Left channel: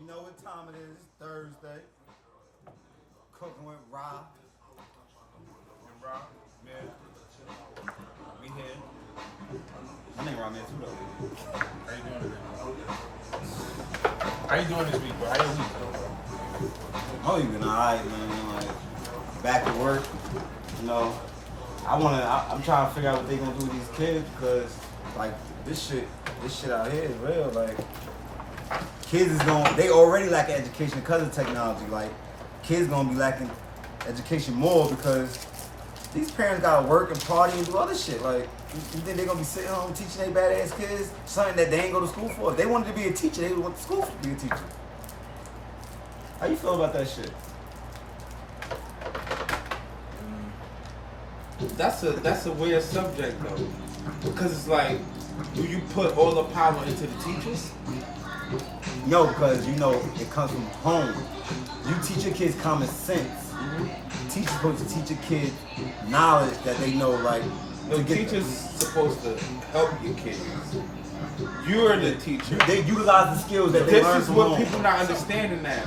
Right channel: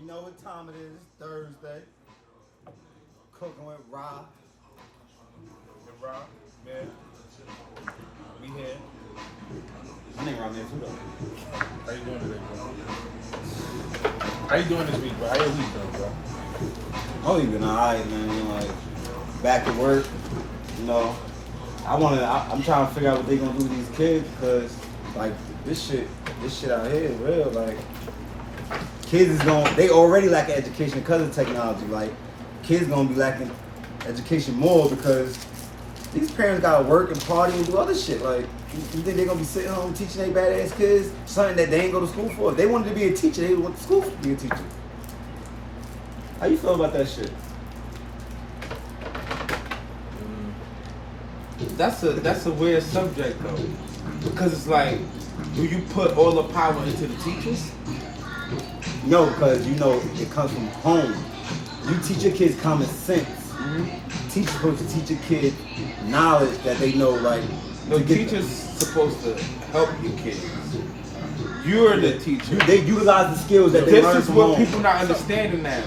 You know what time it is? Thursday. Cooking with Rob. And Rob, man. We here. My name Rob, man, too, though. How you doing today, bro? How you doing this week, bro? How your week going, bro? My week been alright, man. Like, back to work. You know, I'm trying to figure out what they gonna do with these kids because, like, this shit out here is real. Like, kids they already lack education because of technology. Like, kids gonna be lacking education more because these parents gotta work and party and do other shit. Like, you think they're gonna be sitting home teaching their badass kids something that they ain't go to school for? If they wanted to be a teacher, they went to school to be a teacher. How you feel about that shit? That's a weird subject though, because it's like, do you put all the power into the teachers? No, because you know it comes from home. You teach your kids common sense. Teachers supposed to teach your kids knowledge that they know, like. The teacher's supposed to help your kids. You're the teacher. They utilize the skills that they learn from home. This is what people not understanding now.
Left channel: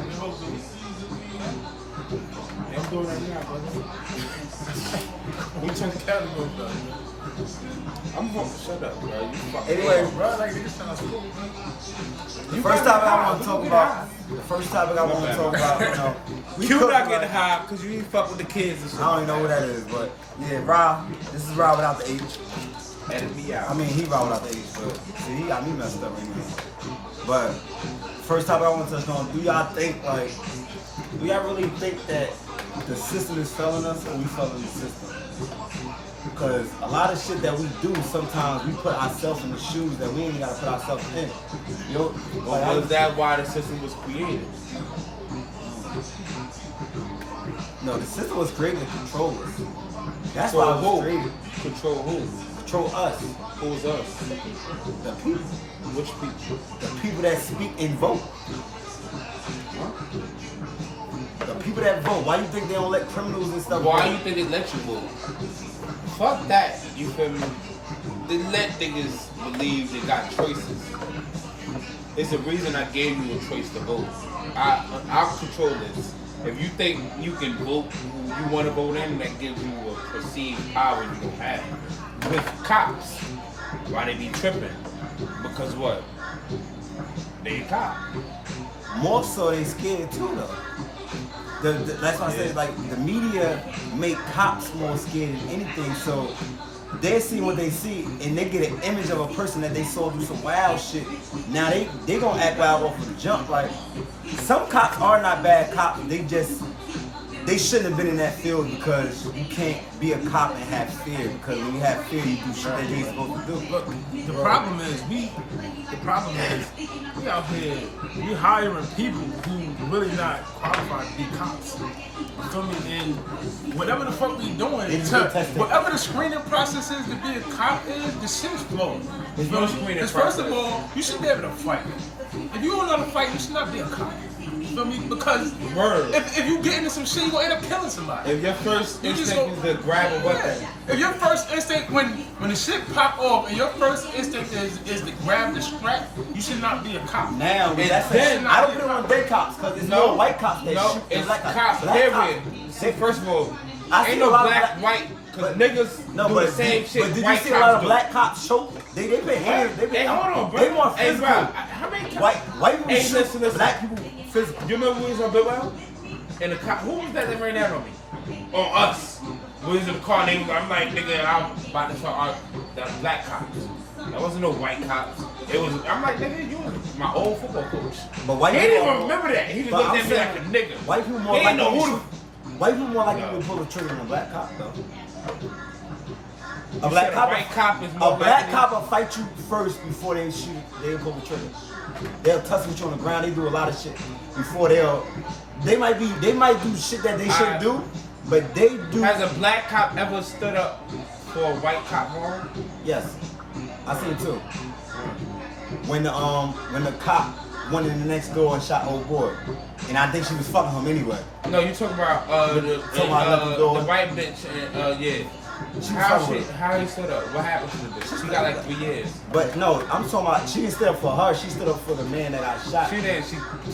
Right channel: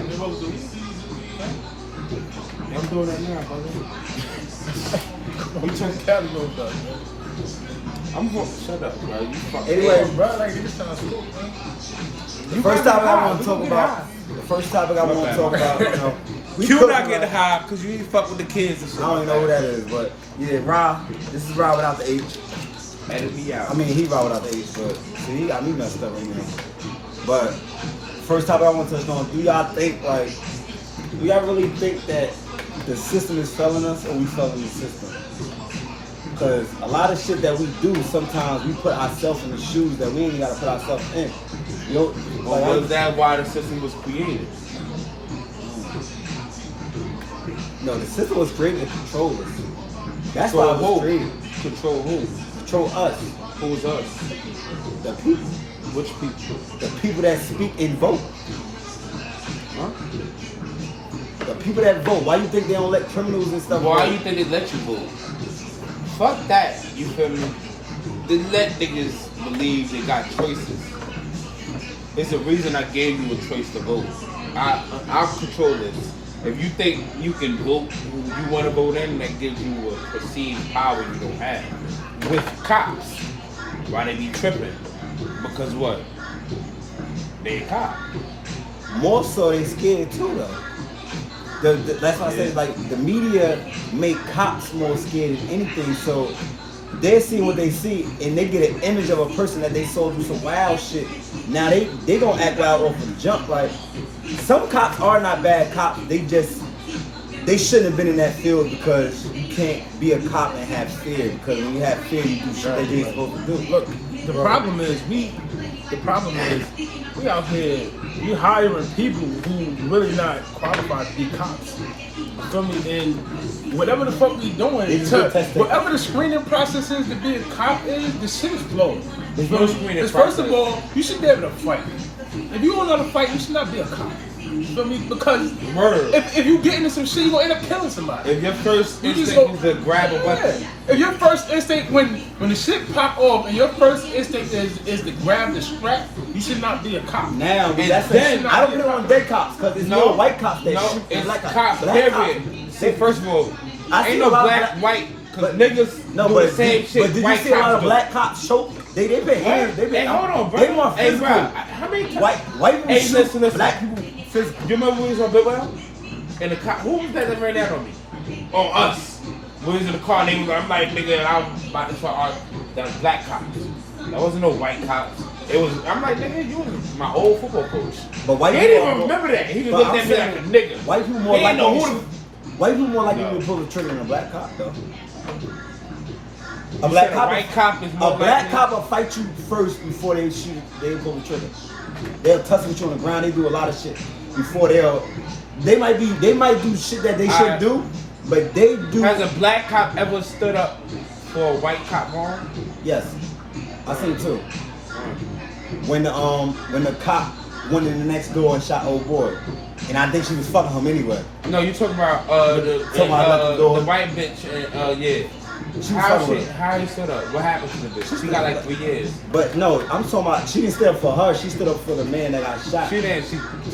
I'm doing it now, brother. I'm trying to category though, man. I'm going to shut up, bro. Anyway, bro, like this sounds cool, bro. The first topic I want to talk about, you know, You not getting high because you ain't fuck with the kids and shit. I don't even know who that is, but yeah, Rob. This is Rob without the H. And me out. I mean, he Rob without the H, but see, he got me messed up right now. But first topic I want to touch on: do y'all really think that the system is failing us, or we failing the system? Because a lot of shit that we do, sometimes we put ourselves in the shoes that we ain't got to put ourselves in. You know, like, was that why the system was created? No, the system was created to control us. That's why it was created. Control who? Control us. Who's us? The people. Which people? The people that speak and vote. Huh? The people that vote. Why you think they don't let criminals and stuff Why vote? you think they let you vote? Fuck that, you feel me? They let niggas believe they got choices. It's the reason I gave you a choice to vote. I'll control this. If you think you can vote who you want to vote in, that gives you a perceived power you don't have. With cops, why they be tripping? Because what? They cop. More so they scared too though. That's why I say like the media make cops more scared than anything. So they see what they see and they get an image of a person that they saw do some wild shit. Now they gonna act wild off of the jump. Like some cops are not bad cops. They shouldn't have been in that field because you can't be a cop and have fear. Because when you have fear, you do shit that you ain't supposed to do. Look, the problem is we out here, we hiring people who really not qualified to be cops. You feel me? And whatever the fuck we doing, whatever the screening process is to be a cop is, the shit is flowing. You feel me? Because first of all, you should be able to fight. If you don't know how to fight, you should not be a cop. You feel me? Because if you get into some shit, you gonna end up killing somebody. If your first you just instinct is to grab a weapon. If your first instinct when the shit pop off and your first instinct is to grab the strap, you should not be a cop. Now that's it. I don't put it on dead cops because there's no white cops that shoot and black cops. Black cops. See, first of all, I see a lot of white. But niggas no, do but the same shit. But did you see a lot of black cops choke? They been hands. They been. Hold on, bro. They more physical. How many white people shoot black people physical. You remember we was on Big Well? And the cop, who was that ran out on me? On us. We was in the car. And I'm like, nigga, I'm about to try the black cops. That wasn't no white cops. It was. I'm like, nigga, you was my old football coach. But white he people didn't even remember that. He was looking at me like a nigga. White people more likely to pull the trigger than a black cop, though. A black cop will fight you first before they shoot. They pull the trigger. They'll tussle you on the ground. They do a lot of shit before They might do shit that they shouldn't do, but they do. Has a black cop ever stood up for a white cop wrong? Yes, I seen it too. When the cop went in the next door and shot old boy, and I think she was fucking him anyway. No, you talking about the white bitch? Yeah. She was fucking with him. How he stood up? What happened to the bitch? She got like 3 years. But no, I'm talking about she didn't stand up for her. She stood up for the man that got shot. She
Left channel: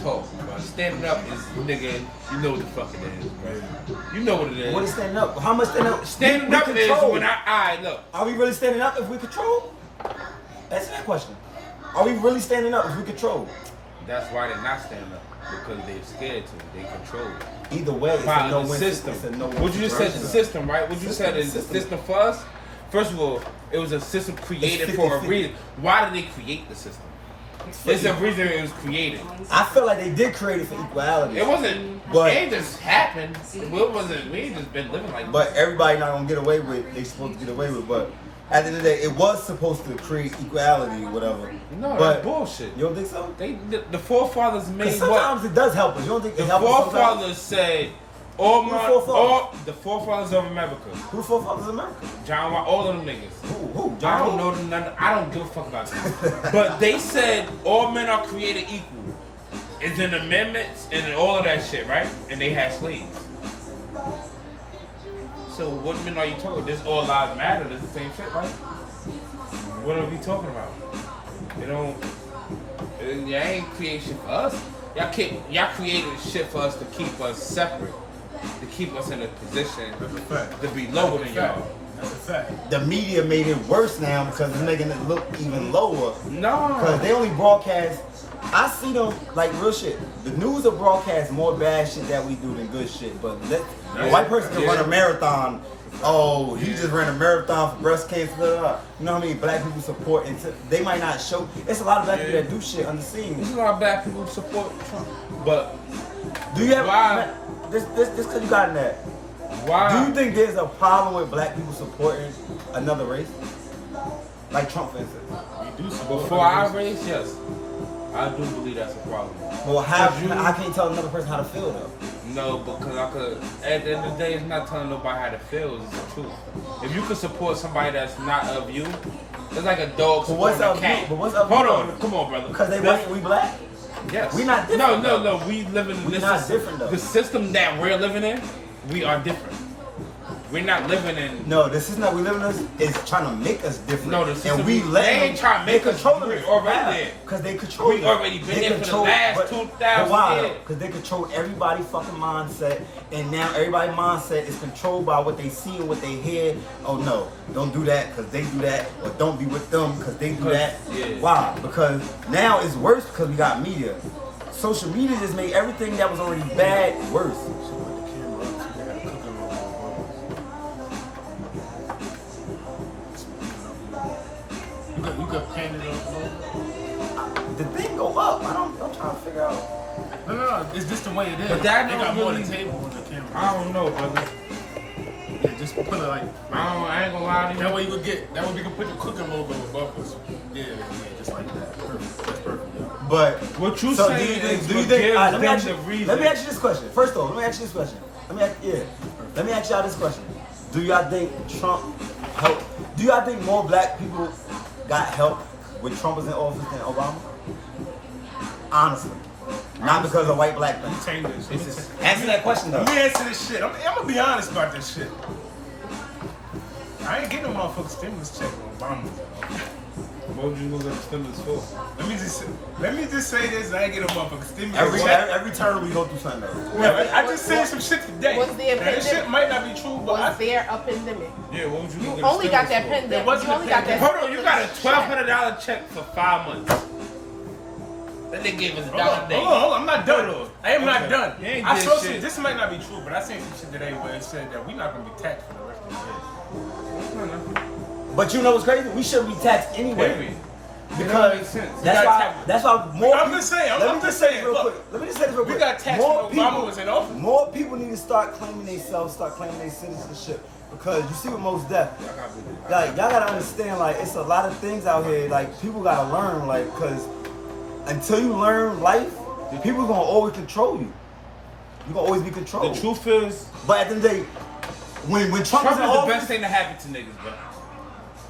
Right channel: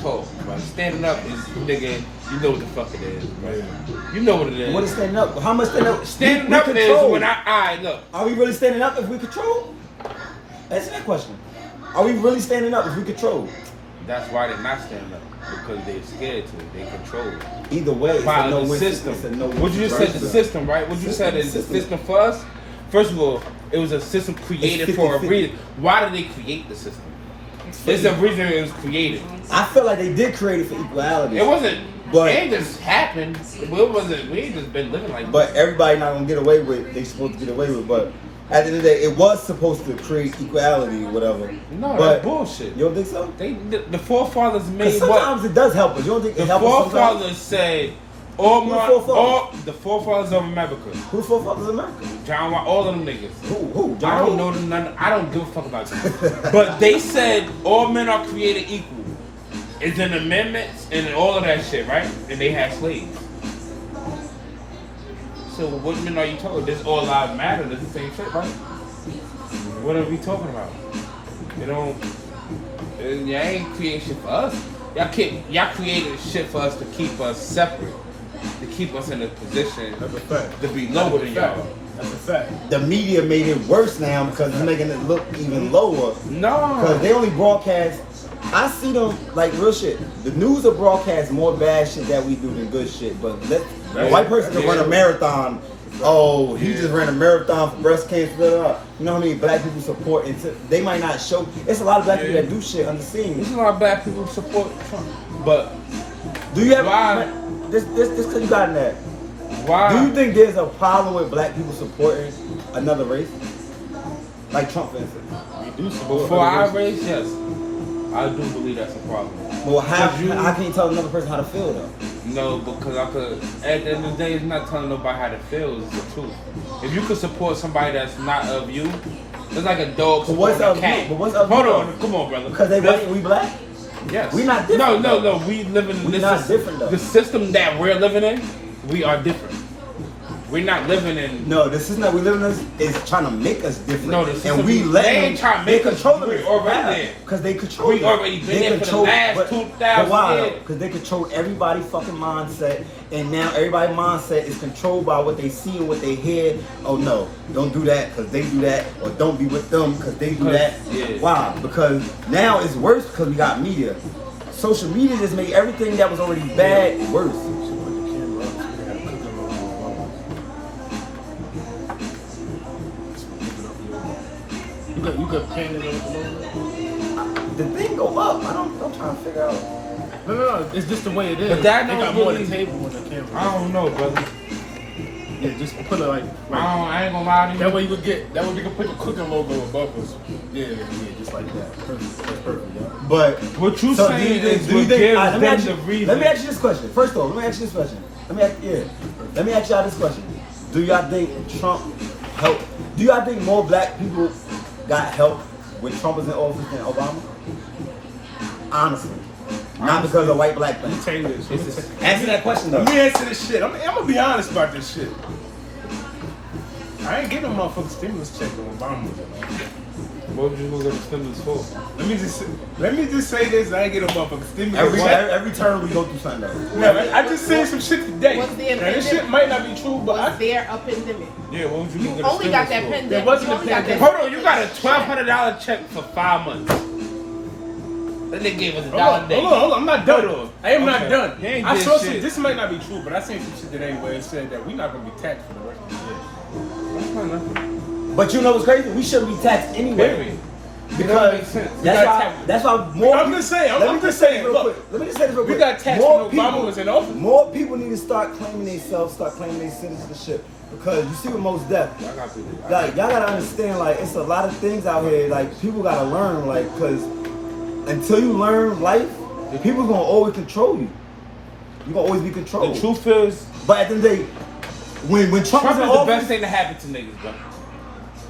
told. But standing up is, nigga, you know what the fuck it is. Man. You know what it is. What is standing up? How much standing up? Standing we up control. is when I look. Are we really standing up if we control? Answer that question. Are we really standing up if we control? That's why they're not standing up. Because they're scared to. They control it. Either way, it's a no-win system. It's a no-win. What you just said, the system, right? What you said is the system for us. First of all, it was a system created for a reason. Why did they create the system? There's a reason it was created. I feel like they did create it for equality. It wasn't. But it just happened. It wasn't. We ain't just been living like. But everybody not gonna get away with. They supposed to get away with. But at the end of the day, it was supposed to create equality or whatever. No, but that's bullshit. You don't think so? The forefathers made. Sometimes it does help us. You don't think it helps us? The forefathers say. The forefathers of America. Who the forefathers of America? John, all them niggas. Who? I don't know none. I don't give a fuck about them. But they said all men are created equal. It's in amendments and all of that shit, right? And they had slaves. So what men are you talking? This all lives matter. That's the same shit, right? What are we talking about? You know, y'all ain't creating shit for us. Y'all created shit for us to keep us separate. To keep us in a position to be lower than y'all. That's a fact. The media made it worse now because it's making it look even lower. No. Because they only broadcast. I see them like real shit. The news will broadcast more bad shit that we do than good shit. But a white person can run a marathon. Oh, he just ran a marathon for breast cancer. You know what I mean? Black people support. And they might not show. It's a lot of black people that do shit on the scene. There's a lot of black people who support Trump. But do you have this because you got in that? Why? Do you think there's a problem with black people supporting another race? Like Trump, for instance. We do support for our race, yes. I do believe that's a problem. Well, how can you tell another person how to feel though? No, because at the end of the day, it's not telling nobody how to feel, it's the truth. If you could support somebody that's not of you, it's like a dog supporting a cat. But what's up? Hold on, come on, brother. Because they white and we black? Yes. We not different. No, we live in this not system. Different though. The system that we're living in, we are different. We're not living in. No, the system that we live in is trying to make us different. No, the system and we let them. They ain't trying to make us. We're already there. Because they control. We already been there for the last 2,000 years. Because they control everybody's fucking mindset, and now everybody's mindset is controlled by what they see and what they hear. Oh no, don't do that because they do that, or don't be with them because they do that. Yeah. Why? Because now it's worse because we got media. Social media just made everything that was already bad worse. You could pan it up a little bit. The thing go up. I'm trying to figure out. No. It's just the way it is. But that they got more than table on the camera. I don't know, brother. Yeah, just put it like I ain't gonna lie to you. That way you can put the cooking logo above us. Yeah, just like that. Perfect. That's perfect, yeah. But what you so saying do you think let me ask you this question. First of all, let me ask you this question. Let me ask y'all this question. Do y'all think Trump helped? Do y'all think more black people got help when Trump was in office than Obama? Honestly. Not because of white black thing. Answer that question though. Let me answer this shit. I'm gonna be honest about this shit. I ain't getting no motherfucking stimulus check when Obama was in office. What would you lose the stimulus for? Let me just say this. I ain't getting no motherfucking stimulus check. Every turn we go through something though. No, I just said some shit today. Now this shit might not be true, but was there a pandemic? Yeah, what would you lose the only got that for? pandemic. There wasn't a pandemic. Hold on, you got a $1,200 check for 5 months. Then they gave us a dollar a day. Hold on, I'm not done. I am not done. I saw some. Shit. This might not be true, but I seen some shit today where it said that we're not gonna be taxed for the rest of the year. But you know what's crazy? We shouldn't be taxed anyway. Because that's why more. I'm just saying. I'm just saying. Look, let me just say this real quick. We got taxed when Obama was in office. More people need to start claiming themselves, start claiming their citizenship. Because you see what most death. Like y'all gotta understand, like it's a lot of things out here. Like people gotta learn, like because until you learn life, people gonna always control you. You gonna always be controlled. The truth is, but at the end of the day, when Trump was in is office, the best thing to happen to niggas, bro.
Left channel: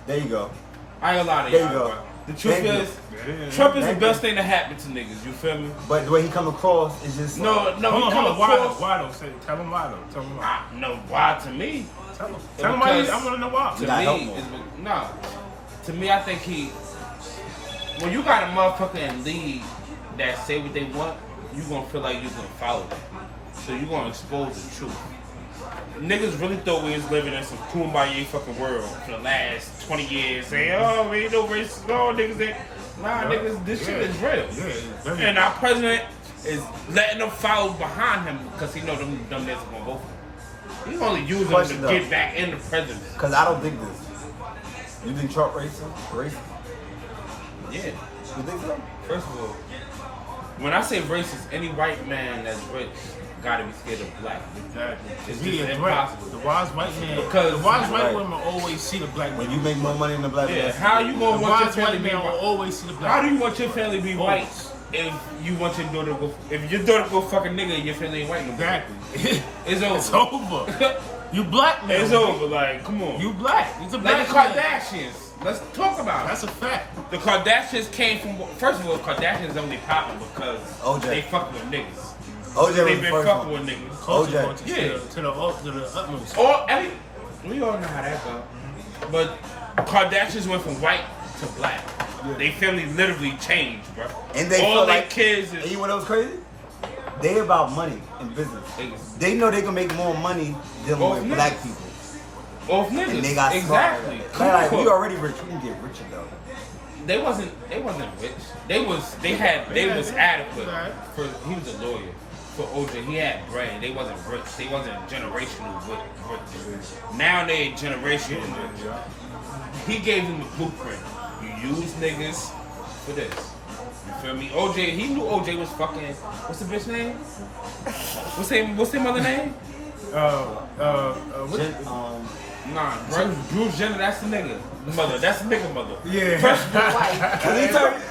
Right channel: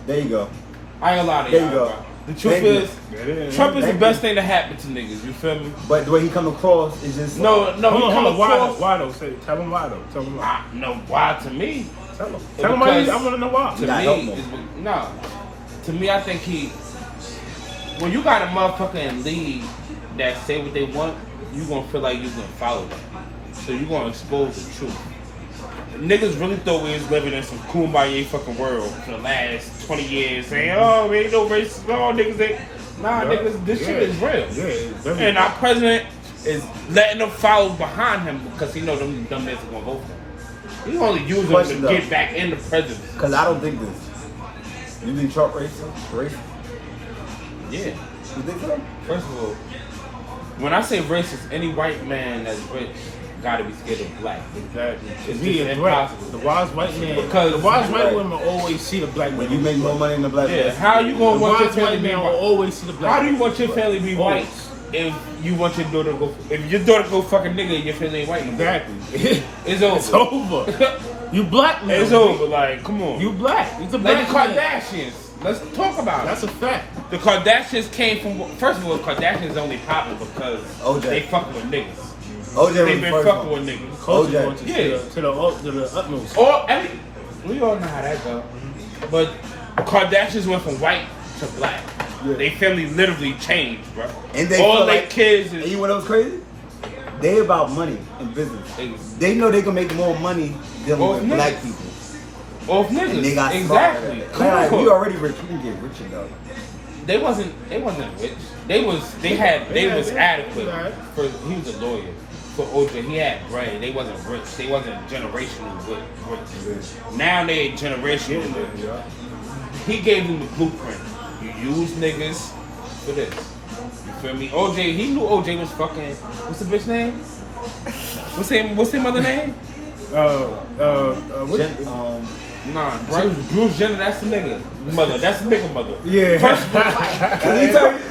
There you go. I ain't gonna lie to there you. You go. The truth is, Trump is the best thing to happen to niggas. You feel me? But the way he come across is just no. Hold on. Why though? Tell him why though. Tell him why. No, why to me? Tell him why. I want to know why. To me, I think when you got a motherfucker in league that say what they want, you gonna feel like you're gonna follow them. So you gonna expose the truth. Niggas really thought we was living in some kumbaya fucking world for the last 20 years, saying, "Oh, we ain't no racist, no niggas ain't." Nah, niggas, this shit is real. Yeah, and our president is letting them follow behind him because he know them dumb niggas gonna vote for him. He only using them to get back in the presidency. Because I don't think this. You think Trump racist? Yeah. You think so? First of all, when I say racist, any white man that's rich gotta be scared of black. Exactly. It's He is right. The wise white man. Because the wise white women always see the black man. When you make more money than the black man. How you gonna the want wise your white family man to will be always see the black How man. do you want your family to be white if you want your daughter to go? If your daughter go fuck a nigga and your family ain't white? Exactly. It's over. It's over. You black man. It's over. Like, come on. You black. It's a Like black the man. Kardashians. Let's talk about it. That's a fact. The Kardashians came from. First of all, Kardashians only popping because they fucking with niggas. OJ They was been the first fucking one. with niggas. Culture OJ. going to the utmost. Or we all know how that go. But Kardashians went from white to black. Yeah. They family literally changed, bro. And they all feel their like kids And is. you know what's crazy? They about money and business. They know they can make more money dealing with black people. Off niggas. And they got exactly. smarter. Like, we already rich. We can get richer though. They wasn't rich. They was adequate. Right. He was a lawyer. For OJ, he had brain. They wasn't rich. They wasn't generationally rich. Now they generationally rich. Yeah. He gave them the blueprint. You use niggas for this. You feel me? OJ, he knew OJ was fucking. What's the bitch name? What's his mother name? What? Nah, Bruce Jenner. That's the nigga mother. That's the nigga mother. Yeah.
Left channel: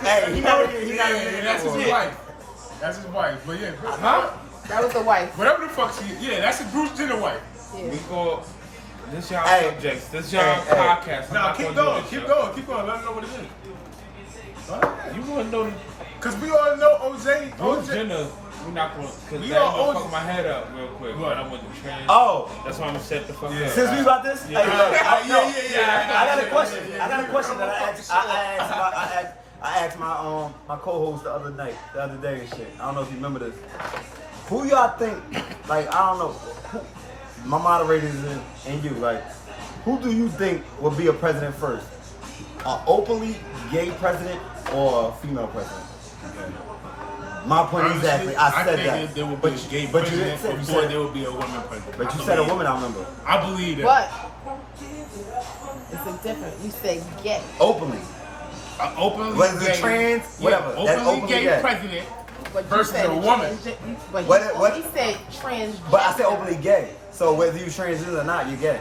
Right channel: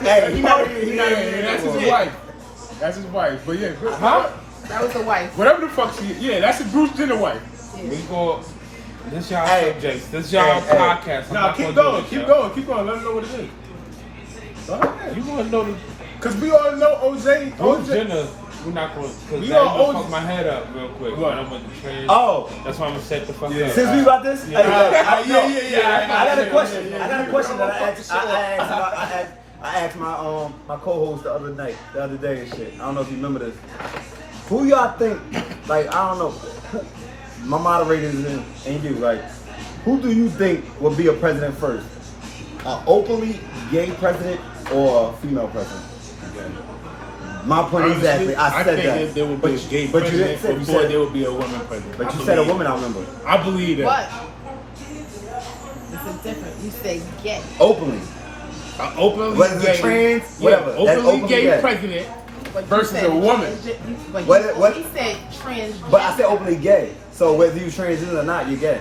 Hey, he not even. That's his wife. That's his wife. But yeah. Huh? That was the wife. Whatever the fuck she is. Yeah, that's the Bruce Jenner wife. We go. This y'all Hey. subjects. This y'all Hey. podcast. Nah, keep going. Keep going. Let them know what it is. Go ahead. You want to know the Because we all know OJ. Bruce Jenner? We're not going to. We We all all OJ. fuck my head up real quick. What? I don't want to trade. Oh, That's why I'm gonna set the fuck Yeah. up. since we about this, hey, Yeah. I got a question. Yeah. I got a question that I asked my co-host the other day and shit. I don't know if you remember this. Who y'all think? Like, I don't know. My moderators and you. Like, who do you think would be a president first? An openly gay president or a female president? My point Honestly, exactly. I said think that. there would be a gay but you president didn't say- before there would be a woman president. But I you said a believe woman. it. I remember. I believe that. But it's a different. You said gay. Openly. Openly Whether gay, it's trans, whatever. Yeah, That's openly gay gay. president But you versus said a woman. What? He said trans. But I said openly gay. So whether you transgender or not, you're gay.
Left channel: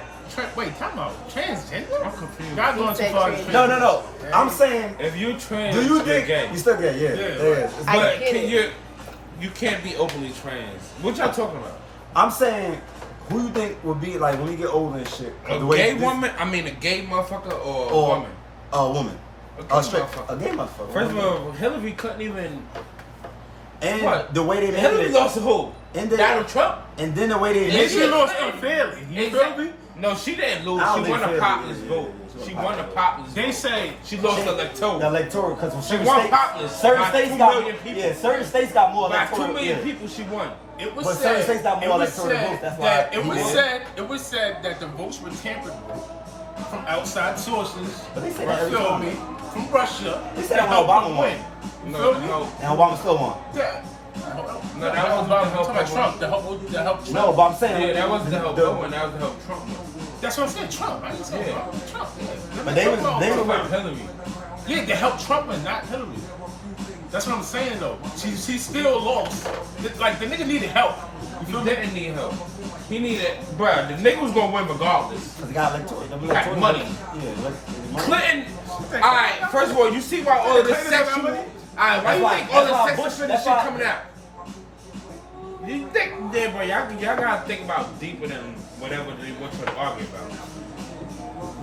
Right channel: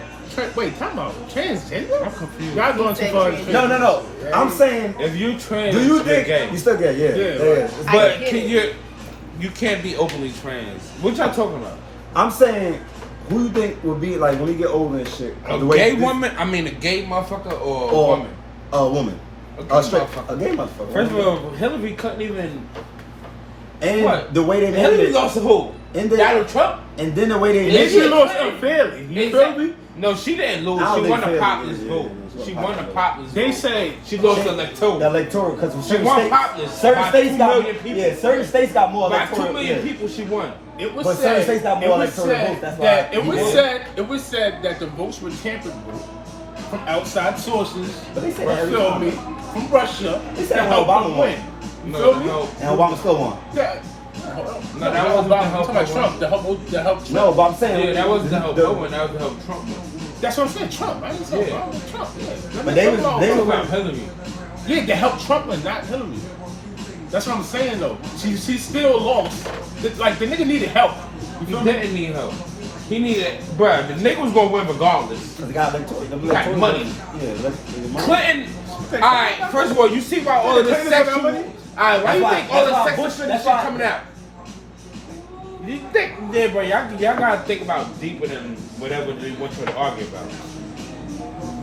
Wait, time out. Transgender? I'm confused. Y'all going too far. as No. transgender. I'm saying, If you trans, do you you're think gay. you're still gay? Yeah. Yeah, Yeah. right. But I get you can't be openly trans. What y'all talking about? I'm saying, who you think would be like when we get older and shit? A the way gay this- woman? I mean, a gay motherfucker or a or woman? a woman? A A straight, motherfucker. a gay motherfucker. First of all, Hillary couldn't even. and What? the way they named Hillary it, lost to who? And then- Donald Trump. and then the way they Yeah, named she it. lost unfairly. You feel me? No, she didn't lose. I don't She think won the fairly, populist yeah, vote. yeah, She won the populist They vote. say She lost the electoral. The electoral, because She won populous. certain By states 2 got million people. yeah, certain states got more By 2 electoral. million Yeah. people, she won. it was But certain said. states got more It was electoral votes, said that's why that he won. it was said that the votes were tampered with from outside sources. But they say You that every feel time. me? From Russia They to said when help Obama them won. win. You No, feel me? no. And Obama still won. That, No, no, that wasn't Obama. the I'm help talking about Obama. Trump. The help Trump. No, but I'm saying Yeah, that wasn't the help the- Obama. That was the help Trump. That's what I'm saying. Trump. I ain't saying Yeah. Trump. Yeah. But they was- I'm they talking was- about Hillary. Yeah, to help Trump and not Hillary. That's what I'm saying though. She still lost. Like the nigga needed help. You He feel me? didn't need help. He needed, bruh, the nigga was gonna win regardless. Because he got electoral. Got money. Yeah, money. Clinton, alright, first of all, you see why all of this Clinton got that sexual, money? alright, why That's you why- think all that's why this Bush- sexual that's shit why- coming out? You think, yeah, bro, y'all gotta think about deeper than whatever they want you to argue about.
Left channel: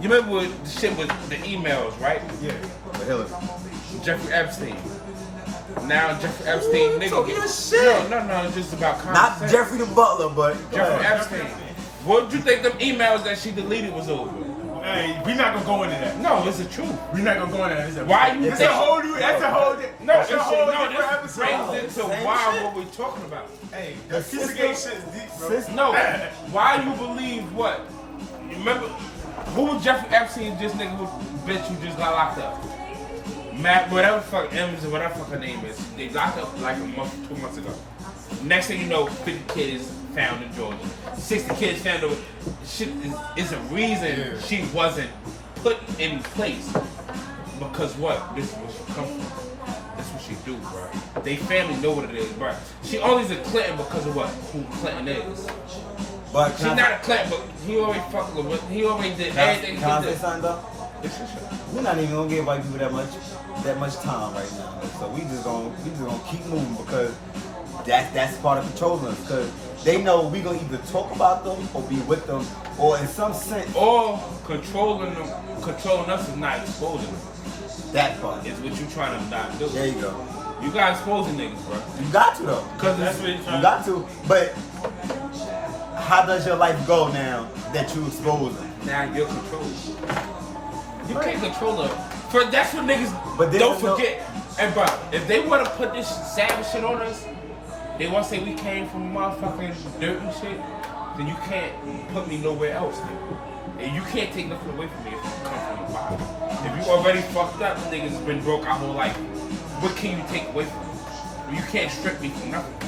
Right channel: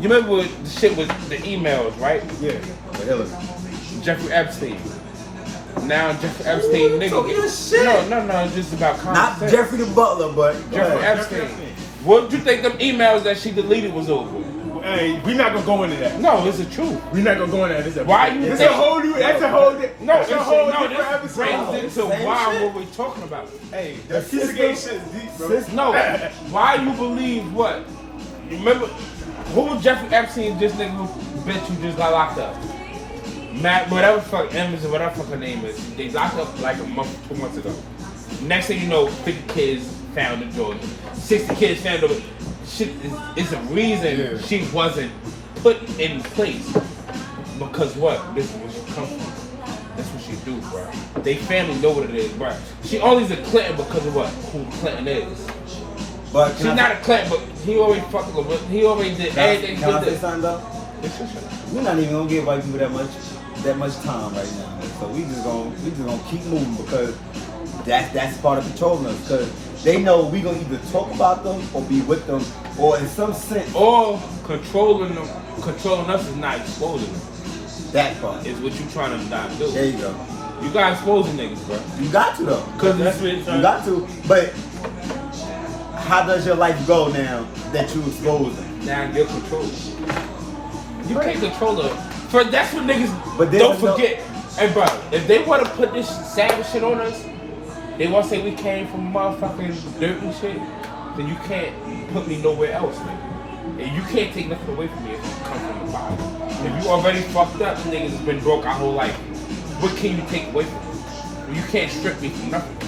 You remember what the shit with the emails, right? Yeah. With Hillary. Jeffrey Epstein. Now Jeffrey Epstein nigga. talking your shit. No, it's just about common Not sense. Jeffrey the Butler, but go Jeffrey ahead. Epstein. What did you think them emails that she deleted was over? Hey, we're not gonna go into that. No, it's the truth. We're not gonna go into that. This Why you? It's a whole new. That's a whole. That's a whole no, different episode. Brings into why what we talking about. Hey, that piece of gay shit is deep, bro. No, why you believe what? You remember who was Jeffrey Epstein? This nigga who bitch who just got locked up. Matt, whatever fuck Emmons or whatever fuck her name is, they locked up like a month, 2 months ago. Next thing you know, 50 kids found in Georgia. 60 kids found over. Shit is a reason she wasn't put in place. Because what? This is where she comes from. That's what she do, bro. They family know what it is, bro. She only's a Clinton because of what? Who Clinton is. But She's not a Clinton, but he already fucking with. He already did everything. Can I say something though? We're not even gonna give white people that much time right now. So we just gonna keep moving because that's part of controlling us. Because they know we gonna either talk about them or be with them, or in some sense. Or controlling them, controlling us is not exposing them. That part is what you trying to not do. There you go. You gotta expose the niggas, bro. You got to though. Cause that's what you got to. But how does your life go now that you expose them? Now you're controlled. You can't control them. So that's what niggas but don't forget. Hey, bro, if they want to put this savage shit on us, they want to say we came from motherfucking dirt and shit, then you can't put me nowhere else, nigga. And you can't take nothing away from me if you come from the bottom. If you already fucked up, niggas has been broke our whole life, what can you take away from me? You can't strip me from nothing.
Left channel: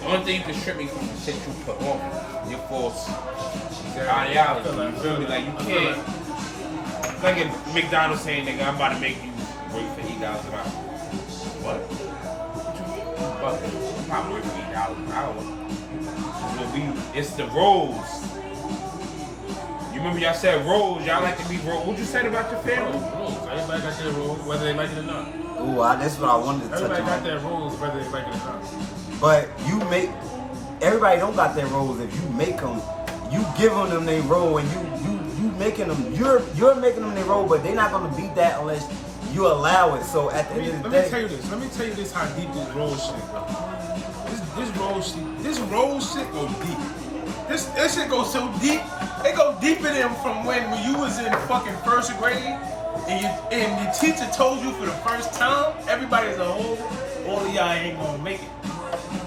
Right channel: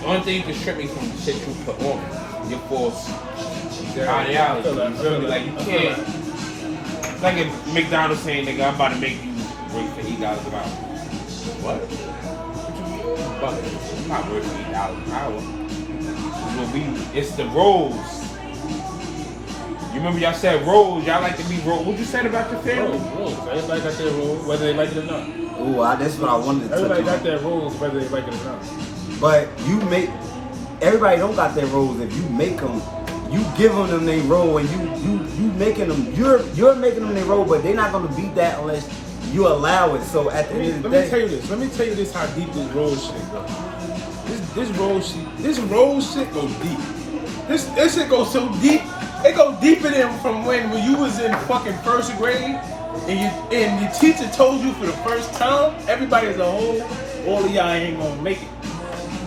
The only thing you can strip me from is the shit you put on me. Your false ideology. You feel me? Like, you can't. Like in McDonald's saying, nigga, I'm about to make you work for $8 an hour. What? What you mean? I'm not working $8 an hour. It's the roles. You remember y'all said roles, y'all like to be roles. What you said about your family? Roles. Everybody got their roles, whether they like it or not. Ooh, that's what I wanted to touch on. Everybody got their roles, whether they like it or not. But everybody don't got their roles. If you make them, you giving them their role, and you making them. You're making them their role, but they're not gonna be that unless you allow it. So at the end of the day, let me tell you this. How deep this role shit go. This role shit go deep. This shit goes so deep. It go deeper than from when you was in fucking first grade and your teacher told you for the first time, everybody as a whole, all of y'all ain't gonna make it.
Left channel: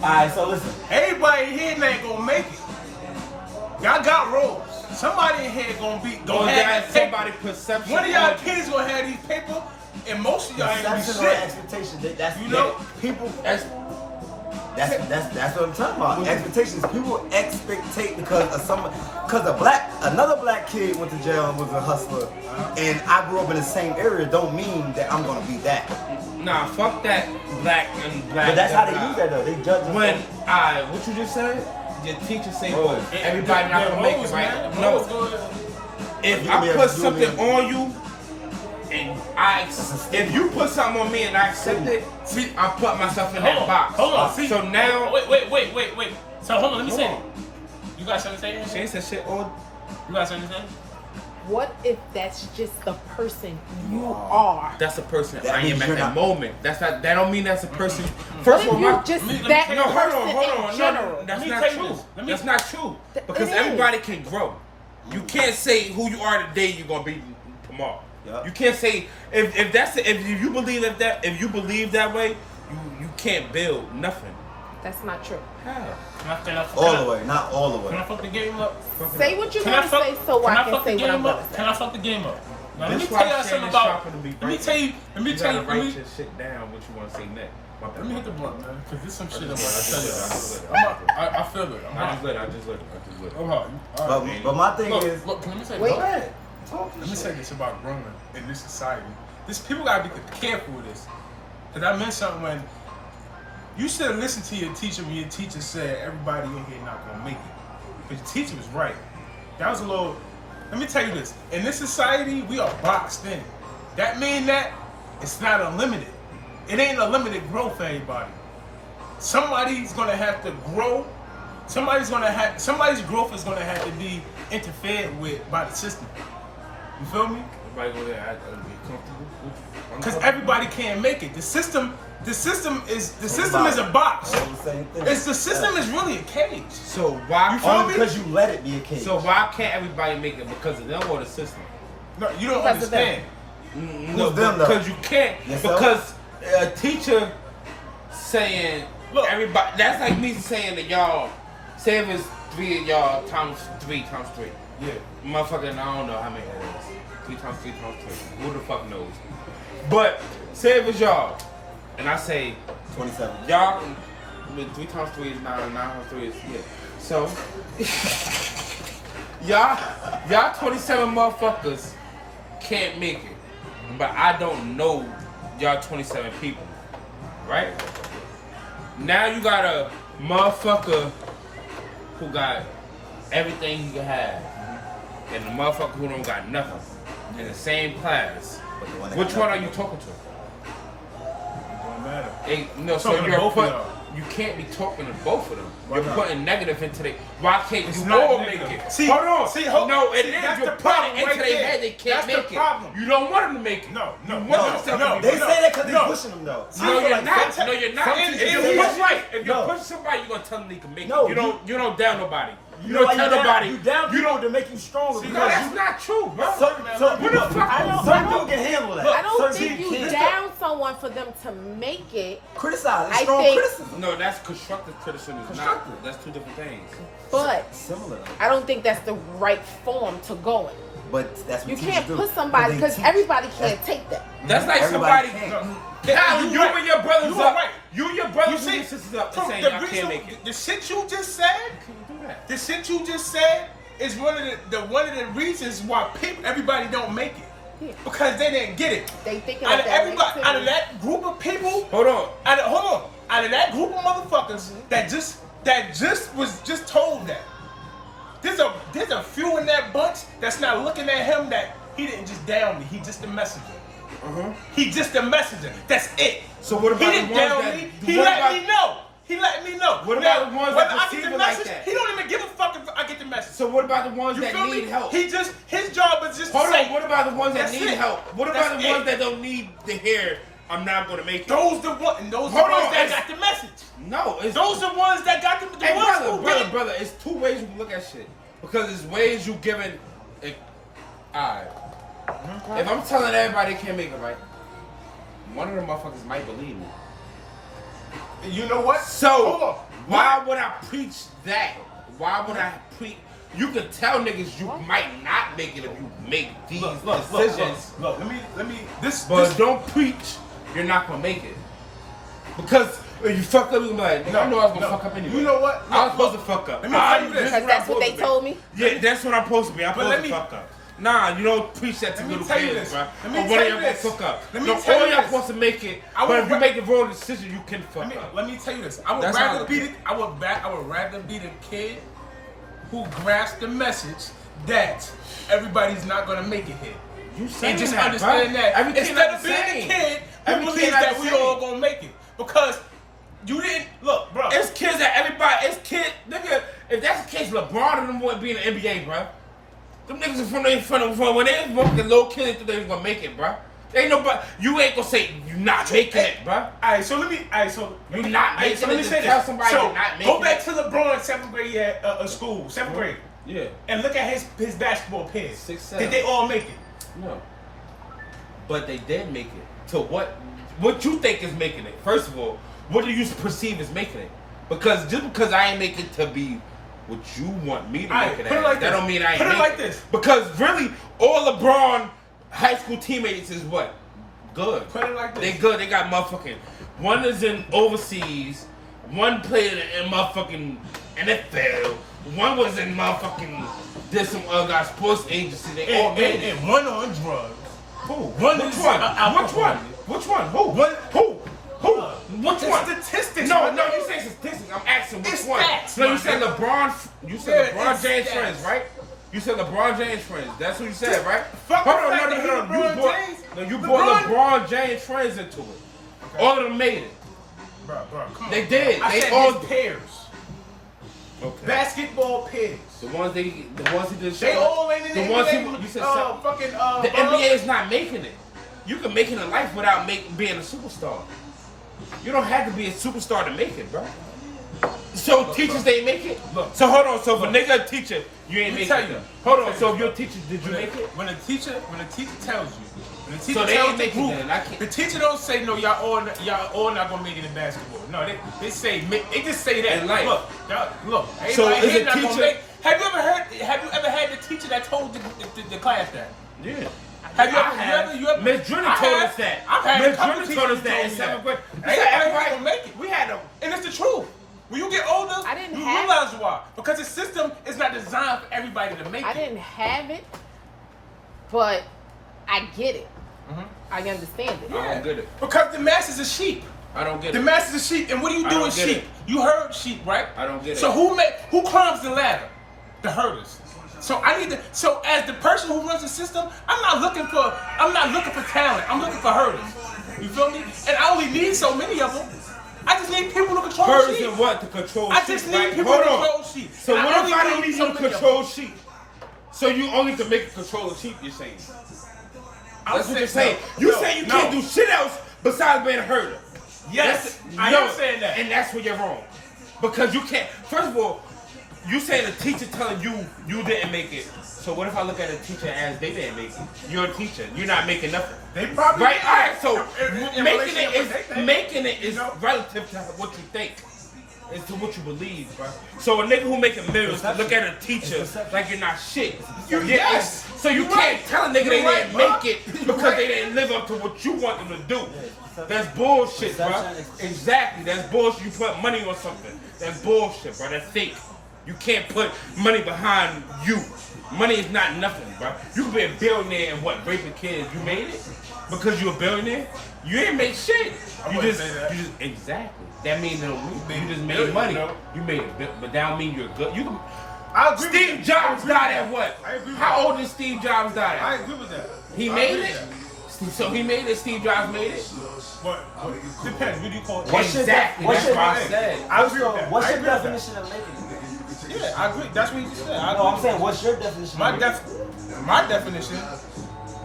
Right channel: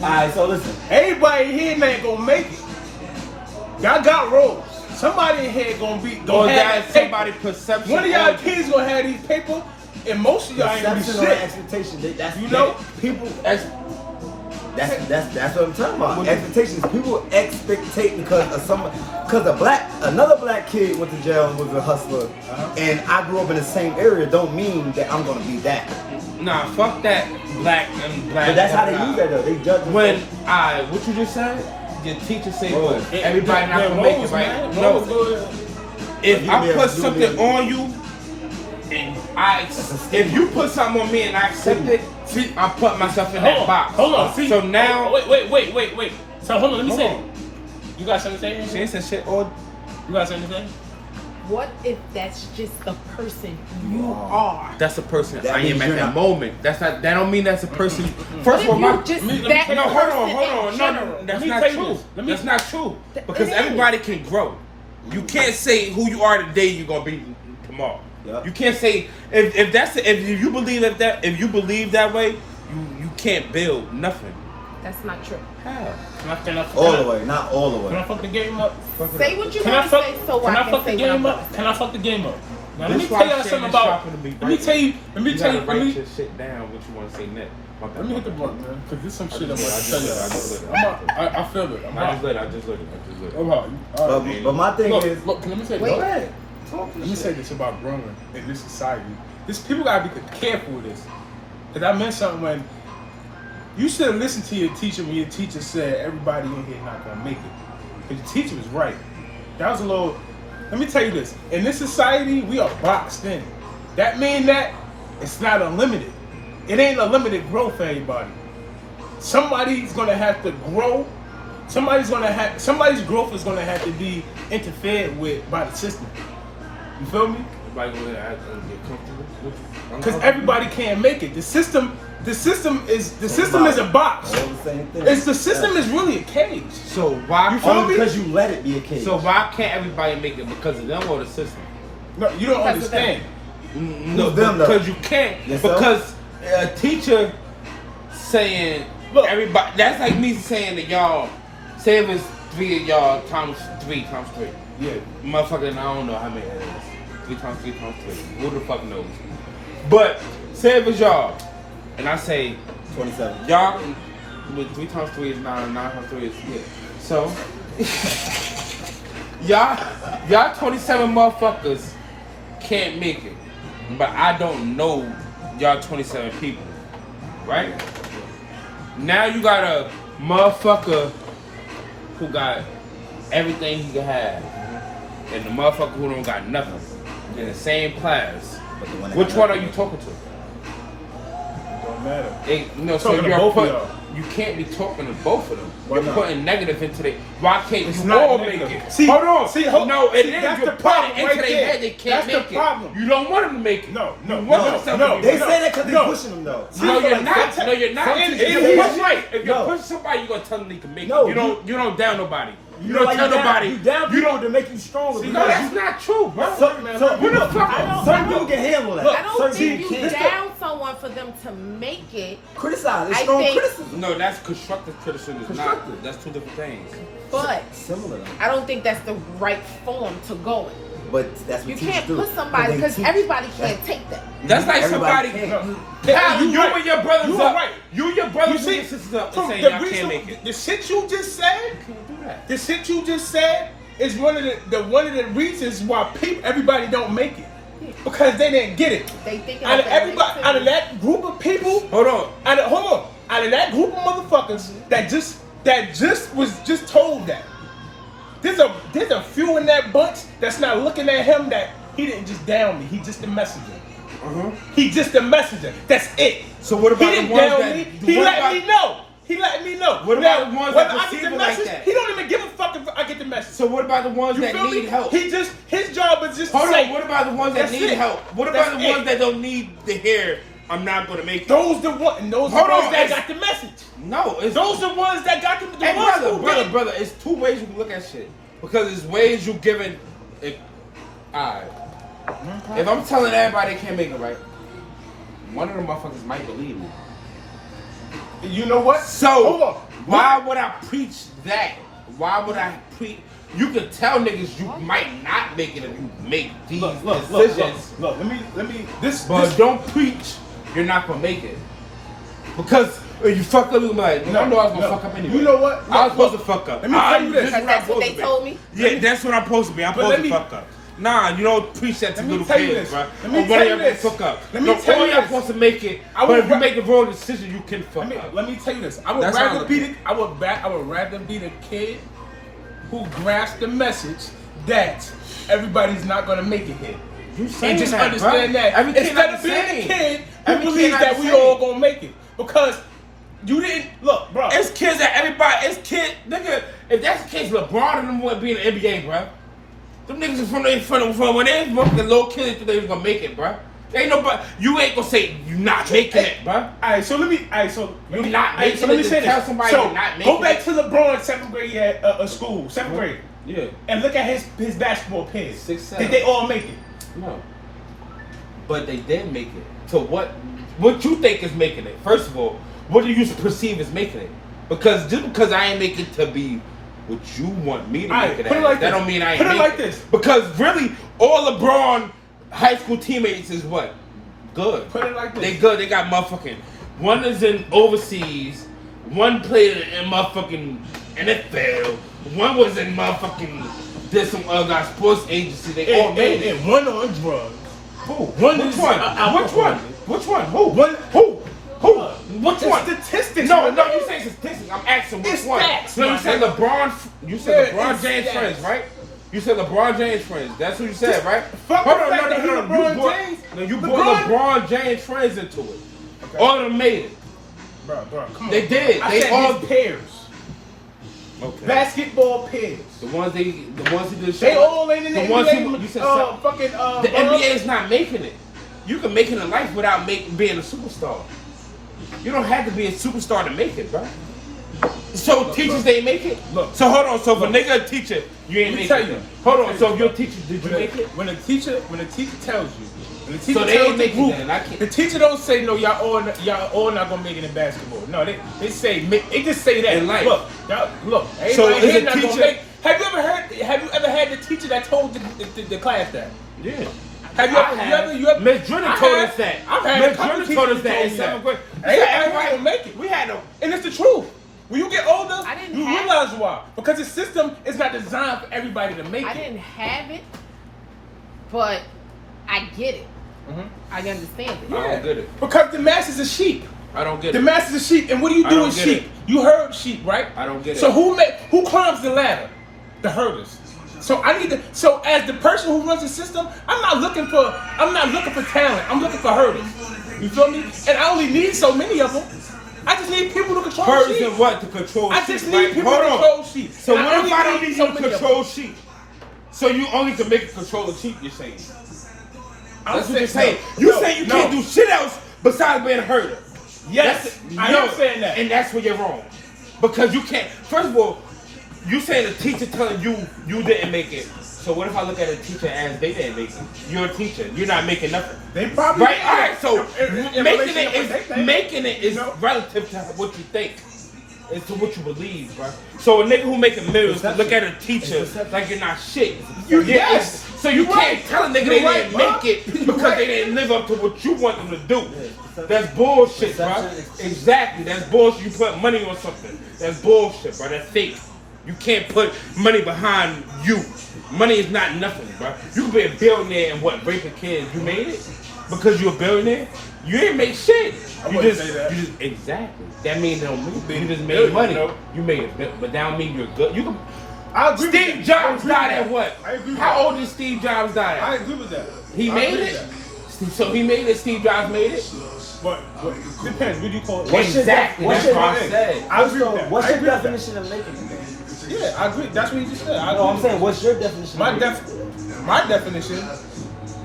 Alright, so listen. Everybody here ain't gonna make it. Y'all got roles. Somebody in here gonna have that paper. Perception. One of y'all kids gonna have these paper, and most of y'all ain't gonna be shit. Expectation. That's you know, people. That's what I'm talking about. Expectations. People expectate because another black kid went to jail and was a hustler, and I grew up in the same area. Don't mean that I'm gonna be that. Nah, fuck that black and black. But that's how they use that though. They judge them. What you just said? Your teacher say what? Everybody not gonna make it right. No. If I put something on you, and if you put something on me and I accept it, I put myself in that box. Hold on. See, so now, wait. So hold on. Let me say. You got something to say? She said shit on. You got something to say? What if that's just the person you are? That's a person I am at that moment. That's not. That don't mean that's a person. First of all, hold on. That's not true. That's not true. Because everybody can grow. You can't say who you are today. You're gonna be tomorrow. Yep. You can't say if you believe that way, you can't build nothing. That's not true. All the way, not all the way. Can I fuck the game up? Say what you want to say so Can I fuck the game up? Can I fuck the game up? Now let me tell y'all something about. Let me tell you. Let me shit down. What you want to say next? Let me hit the blunt, man, because there's some shit I'm about to tell y'all. I feel it. I just lit it. I'm hot. But my thing is, look. Let me say this. Let me say this about growing in this society. People gotta be careful with this, because I meant something when. You should have listened to your teacher when your teacher said everybody in here not gonna make it. Because your teacher was right. That was a little. Let me tell you this. In this society, we are boxed in. That means that it's not unlimited. It ain't unlimited growth for everybody. Somebody's gonna have to grow. Somebody's growth is gonna have to be interfered with by the system. You feel me? Everybody gonna have to get comfortable. Because everybody can't make it. The system the system is a box. All the same thing. The system is really a cage. So why? You feel me? Because you let it be a cage. So why can't everybody make it because of them or the system? No, you don't understand. No, Who's them, though? because you can't. Yourself? Because a teacher saying, Look. everybody. That's like me saying that y'all. Say if it's 3 of y'all times 3 times 3. Yeah. Motherfucker, I don't know how many that is. 3 times 3 times 3. Who the fuck knows? But say if it's y'all, and I say 27. y'all, with 3 times 3 is 9, and 9 times 3 is so. y'all 27 motherfuckers can't make it, but I don't know y'all 27 people, right? Now you got a motherfucker who got everything he can have, and the motherfucker who don't got nothing in the same class. Which one are you talking to? Don't matter. So Talking to you're both of y'all. you can't be talking to both of them. Why You're not? putting negative into it. Why can't It's you not all negative. make it? See, hold on. no, it is. that's You're the problem putting right into their there. head they can't That's the make it. problem. You don't want them to make it. No. They say that because no. they're pushing them, though. No, I feel you're like not. some- No, you're not. some If teachers you're do pushing- right. If you're No. pushing somebody, you're gonna tell them they can make No, it. You don't down nobody. You know why don't you tell down? nobody. You down people to make you stronger. See, no, because that's not true, bro. So, Who the fuck? some people can handle that. I don't Certain think people you can't. down someone for them to make it, Criticize. It's I strong think- criticism. No, that's constructive criticism. Constructive. That's 2 different things. but Similar, though. I don't think that's the right form to go in. But that's what You teachers can't do. put somebody they because teach. everybody That's- can't take that. That's like Everybody somebody. can't. Yeah, You right. and your brothers You up. are right. You and your brothers You and see, your sisters up. from saying the y'all can't reason, make it. the shit you just said, Can't do that. the shit you just said is one of the reasons why everybody don't make it, because they didn't get it. They thinking Out of that everybody, way, out of too. that group of people, Hold on. out of that group of motherfuckers that just was just told that. There's a few in that bunch that's not looking at him that he didn't just down me. He just a messenger. He just a messenger. That's it. So what about he the didn't ones down that- me? He what let about- me know. He let me know. What Now, about the ones whether that I get perceive the it like message, that? he don't even give a fuck if I get the message. So what about the ones You that feel need me? help? His job is just to Hold say. on. What about the ones that That's need it. help? What That's about the it. ones that don't need to hear? I'm not gonna make it. Those the ones Hold that on, got the message. No, it's Those the ones that got the Hey, ones brother, who brother, did. brother, it's 2 ways you can look at shit. Because it's ways you giving it. Alright. If I'm telling everybody they can't make it right, one of them motherfuckers might believe me. You know what? So, hold on. why would I preach that? Why would I preach? You can tell niggas you might not make it if you make these decisions. Look. Let me. This. But don't preach you're not gonna make it. Because if you fuck up, you're like, I know I was gonna fuck up anyway. You know what? I was supposed Look, to fuck up. Let me tell you this. This is what I'm That's what supposed they to be. told me. Yeah, that's what I'm supposed to be. I'm But supposed let to me- fuck up. Nah, you don't preach that to Let me little tell you kids, this. bro. Let me Or tell one you of y'all this. Fuck up. Let me No, tell one you of y'all this. supposed to make it. I But would if you ra- make the wrong decision, you can fuck up. Let me tell you this. I would That's how I rather look be at the. I would rather be the kid who grasps the message that everybody's not gonna make it here. You saying And just that, understand bro. that Every kid instead not of the being same. the kid who Every kid believes not that the we same. all gonna make it, because you didn't look, bro. It's kids that everybody, it's kids, nigga, if that's the case, LeBron and them wouldn't be in the NBA, bro. Them niggas from when they was fucking little kids think they was gonna make it, bro. Ain't nobody, you ain't gonna say you not making it, bro. Alright, so let me You not making so let me it, say tell this. somebody So you're not go making back it. to LeBron's 7th grade at school, 7th grade, Yeah. and look at his basketball peers. 6'7". Did they all make it? No. But they did make it. So what you think is making it? First of all, what do you perceive as making it? Because just because I ain't make it to be what you want me to Alright, make it put it as, like that this. don't mean I ain't Put it make like this. Because really, all LeBron high school teammates is what? Good. Put it like this. They good. They got motherfucking. One is in overseas. One played in motherfucking NFL. One was in motherfucking. Did some other sports agency. They all made it. And one on drugs. Who? One Which is one? alcohol. Which one? Which one? Who? One- Who? Who? Uh, Which the one? statistics, No, man. no, you say statistics. I'm asking which It's one. stats, So you man. said LeBron. You said Yeah, LeBron it's James stats. friends, right? You said LeBron James friends. That's what you said, Just right? fuck Hold the on, fact that he You LeBron brought- James. No, you LeBron- brought LeBron James friends into it. Okay. All of them made it. Bro, come on. They did. I They said all- his pairs. Okay. Basketball pairs. The ones who just They all ain't in the The ones who- you NBA. said Fucking the NBA is not making it. You can make it in life without being a superstar. You don't have to be a superstar to make it, bro. So teachers ain't make it. Look. So hold on. So if a nigga a teacher, you ain't make it. Hold on. So if your teacher, did you make it? When a teacher tells you, when the teacher So they tells ain't the making group, it, and I can't- the teacher don't say no. Y'all all not gonna make it in basketball. No, they say they just say that. In life. Look. Everybody So is here a not gonna teacher- make. Have you ever had the teacher that told the class that? Yeah. Have you ever? Miss Drennan told us that. I've had Miss a couple Drennan teachers told who us that told in me 7th grade. Everybody gonna make it. We had them. And it's the truth. When you get older, I didn't you have realize why. Because the system is not designed for everybody to make I it. didn't have it, but I get it. Mhm. I understand it. I don't get it. Because the masses are sheep. I don't get The it. masses are sheep. And what do you I do don't with get sheep? it. You herd sheep, right? I don't get it. So who climbs the ladder? The herders. So as the person who runs the system, I'm not looking for talent. I'm looking for herders. You feel me? And I only need so many of them. I just need people to control Herders sheep. and what to control? I sheep, just need right? people to Hold on. control sheep. So And what if I don't need need so you to many of them. control sheep? So you only can make a control of sheep, you're saying? That's what you're saying. You say you can't do shit else besides being a herder. Yes, I am saying that. And that's where you're wrong. Because you can't, first of all, you saying the teacher telling you didn't make it. So what if I look at a teacher as they didn't make it? You're a teacher. You're not making nothing. They probably Right? All right. So in relation to what they think. making it is relative to what you think. It's to what you believe, bro. So a nigga who making millions to look at a teacher like you're not shit. Yes. So you You're can't right. tell a nigga You're they right, didn't bro. make it You're because right. they didn't live up to what you want them to do. That's bullshit, bro. Exactly. That's bullshit. You put money on something. That's bullshit, bro. That's fake. You can't put money behind you. Money is not nothing, bro. You can be a billionaire and what, raping kids. You made it? Because you're a billionaire? You didn't make shit. I wouldn't say that. Exactly. That means no mean you just made billionaire, money. no. You made it, but that don't mean you're good. You can. I agree with Steve that. Jobs I agree died with at that. what? I agree with How that. old did Steve Jobs die I at? agree with that. He I made agree it? with that. So he made it, Steve Jobs made it? But depends. What do you call it? Exactly. what's That's your- what I said. I agree with that. What's I your agree with that. definition of making it? Yeah, I agree. That's what you just said. I No, agree I'm with saying, that. what's your definition? My definition,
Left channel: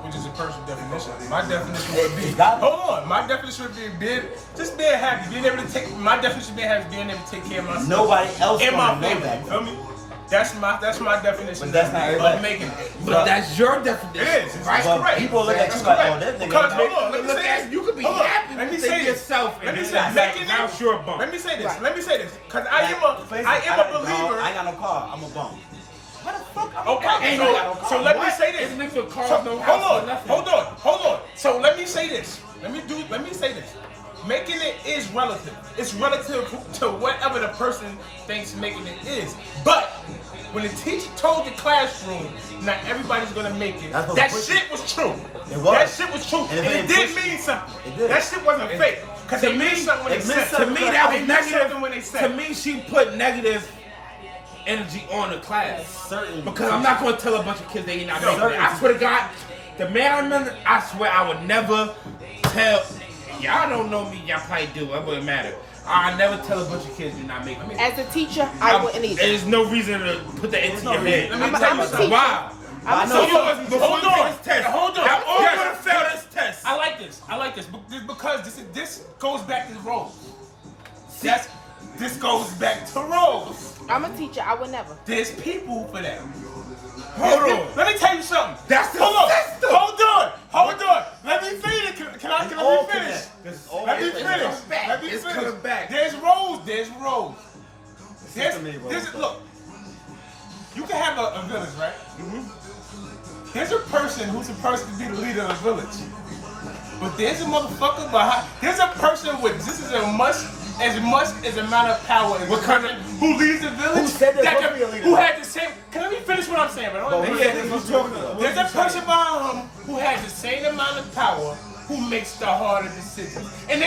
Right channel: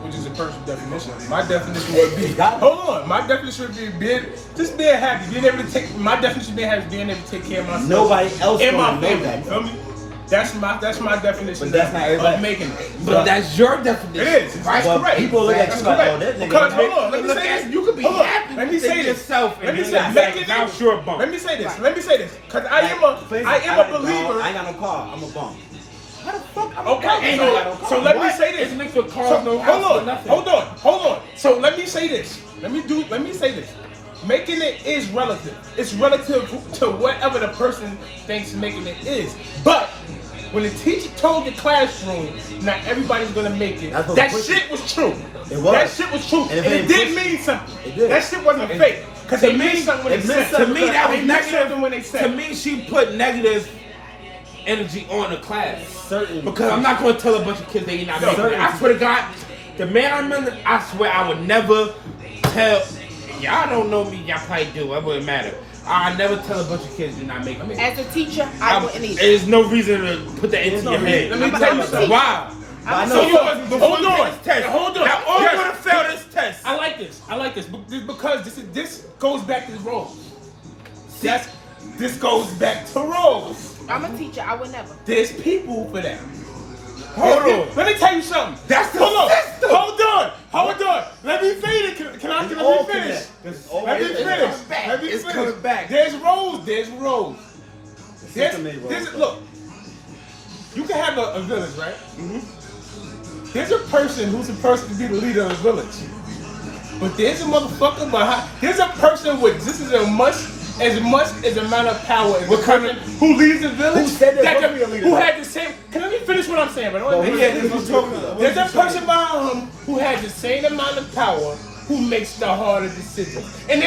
which is a personal definition. My definition would be. Got it. Hold on. My definition would be being happy. Being able to take. My definition of being happy is being able to take care of myself. Nobody else and my gonna know family. that. You feel me? That's my definition But that's not everybody. of making it. But that's your definition. It is. It's Right? But correct. people look at That's you like, correct. oh, that nigga. Because hold on, let me Look say at this. you could be Hold on, happy let me with say this. yourself and Let me you're say not making happy. Now it. you're a bum. Let me say this. Let me say this. Because I am For instance, a I got- believer. I ain't got no car. I'm a bum. How the fuck? I'm a Okay, bum. Ain't so, no- so let me What? say this. It's mixed with cars, So, no house, hold on, nothing. hold on. So let me say this. Let me say this. Making it is relative. It's relative to whatever the person thinks making it is. But when the teacher told the classroom, not everybody's gonna make it. That's what That pushed shit was true. It was. That shit was true, And and if it it did pushed- mean something. it did. That shit wasn't fake. Cause To they me, meant something when it they meant said. To me, that They was meant something when they negative. said. To me, she put negative energy on the class. Certain. Because I'm not going to tell a bunch of kids they not No, making it. certain. I swear to God, the man I remember, I swear I would never tell. Y'all don't know me, y'all probably do. It wouldn't matter. I never tell a bunch of kids they're not making it. As a teacher, I wouldn't either. There's no reason to put that into no your head. Let me tell you something. Why? But I know Hold on, some people- hold on, Test. hold on. Y'all all Yes. want to fail this test. I like this because this goes back to roles. This goes back to roles. I'm a teacher, I would never. There's people for that. Hold on. Let me tell you something. That's the hold on. system. Hold on. Let me finish. Can I all finish? connect. This is all Let me connect. finish. back. Let me It's finish. coming back. There's roles. There's roles. system ain't roles. Look, you can have a village, right? There's a person who's supposed to be the leader of the village. But there's a motherfucker behind. There's a person with this is as much as amount of power as the person who leads the village. Who said they're that supposed to be a leader? who had the same. Can let me finish what I'm saying, bro? But who said they're supposed to be a leader? There's a person behind him who has the same amount of power who makes the harder decisions. And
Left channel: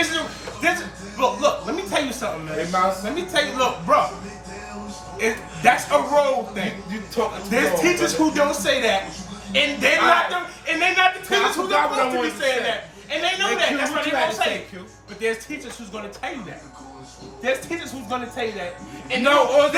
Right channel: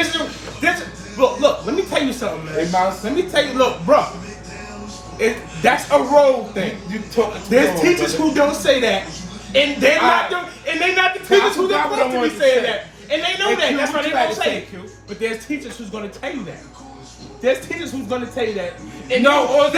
look, let me tell you something, man. Hey, Mouse. Let me tell you, look, bro. That's a role thing. There's teachers who don't say that, and they're not the teachers who are supposed to be saying that, and they know that. That's why they don't say it. But there's teachers who's gonna tell you that. There's teachers who's gonna tell you that, and they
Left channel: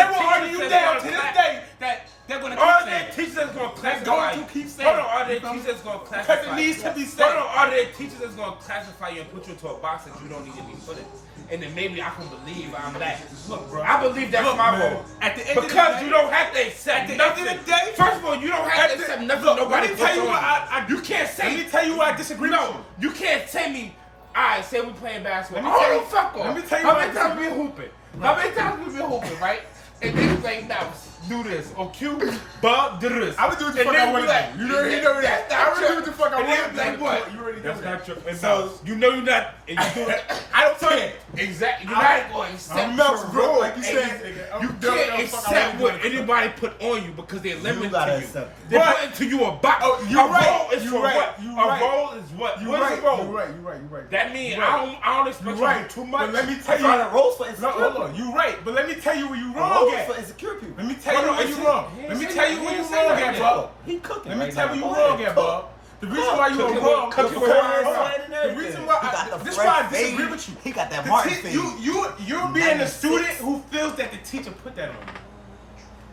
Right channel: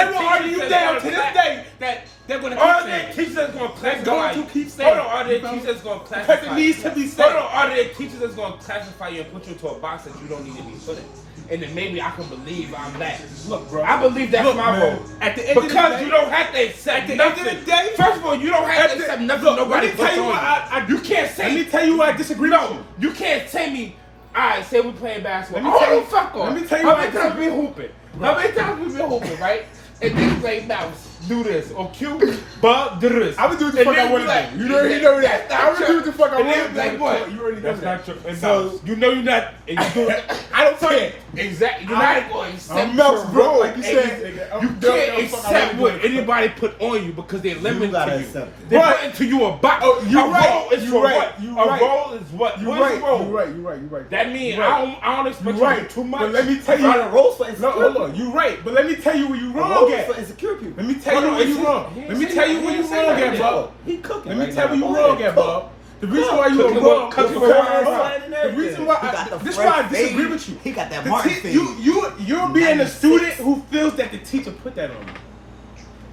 will argue you down to this day that they're gonna keep Are saying there it. teachers that's going to They're classify going you? to keep saying Hold on, are there it. teachers that's going to classify Because it needs to be said. Hold on, are there teachers that's going to classify you and put you into a box that you don't need to be put in? and then maybe I can believe I'm back. Look, bro. I believe that's Look, my man, role. at the end of the Because day- you don't have to accept At the end of the day, First of all, you don't have to accept nothing. Look, Nobody let me tell you puts what on I you can't say. Let me tell you why I disagree with No, you. you can't tell me. Alright, say we playing basketball. Let me tell you- fuck off. let me tell you How what many I times we hooping? How many times we been hooping, right? And niggas like mouse, do this, or Q, but do this. I would do what the fuck I want to do. You know that. I would do what the fuck I want to do. Like what? You already know That's that. not true. So you know you're not. And you do it. I don't care. Exactly. You're I'm- not going to accept I'm Mel's your broke, role. like you said, nigga. I'm You done. can't Fuck, I accept wanna do what it. anybody put on you because they're limited gotta to you. accept it. They But- put into you a box. Oh, you're A right. role is You're for right. what? You're A right. role is what? You're What's right. a role? You're right. You're right. You're right. That means You're right. I don't expect You're you to right. do too much. But let me tell you. Find a roles for No, insecure hold people. on. You're right. But let me tell you where you're A wrong roles at. for insecure people. Let me tell you Hold where on, you're wrong. he Let me said tell you that. where He you're said wrong that. at, Bob. He cooking. Let me right tell now. you Go wrong ahead, at, cook. Bob. The reason why you are Cook. wrong, Cook. because Cook. hold on. Cook. The reason why He got the this is why I fresh disagree fade. with you. He got that The Martin te- fade. You're being a 96. student who feels that the teacher put that on you.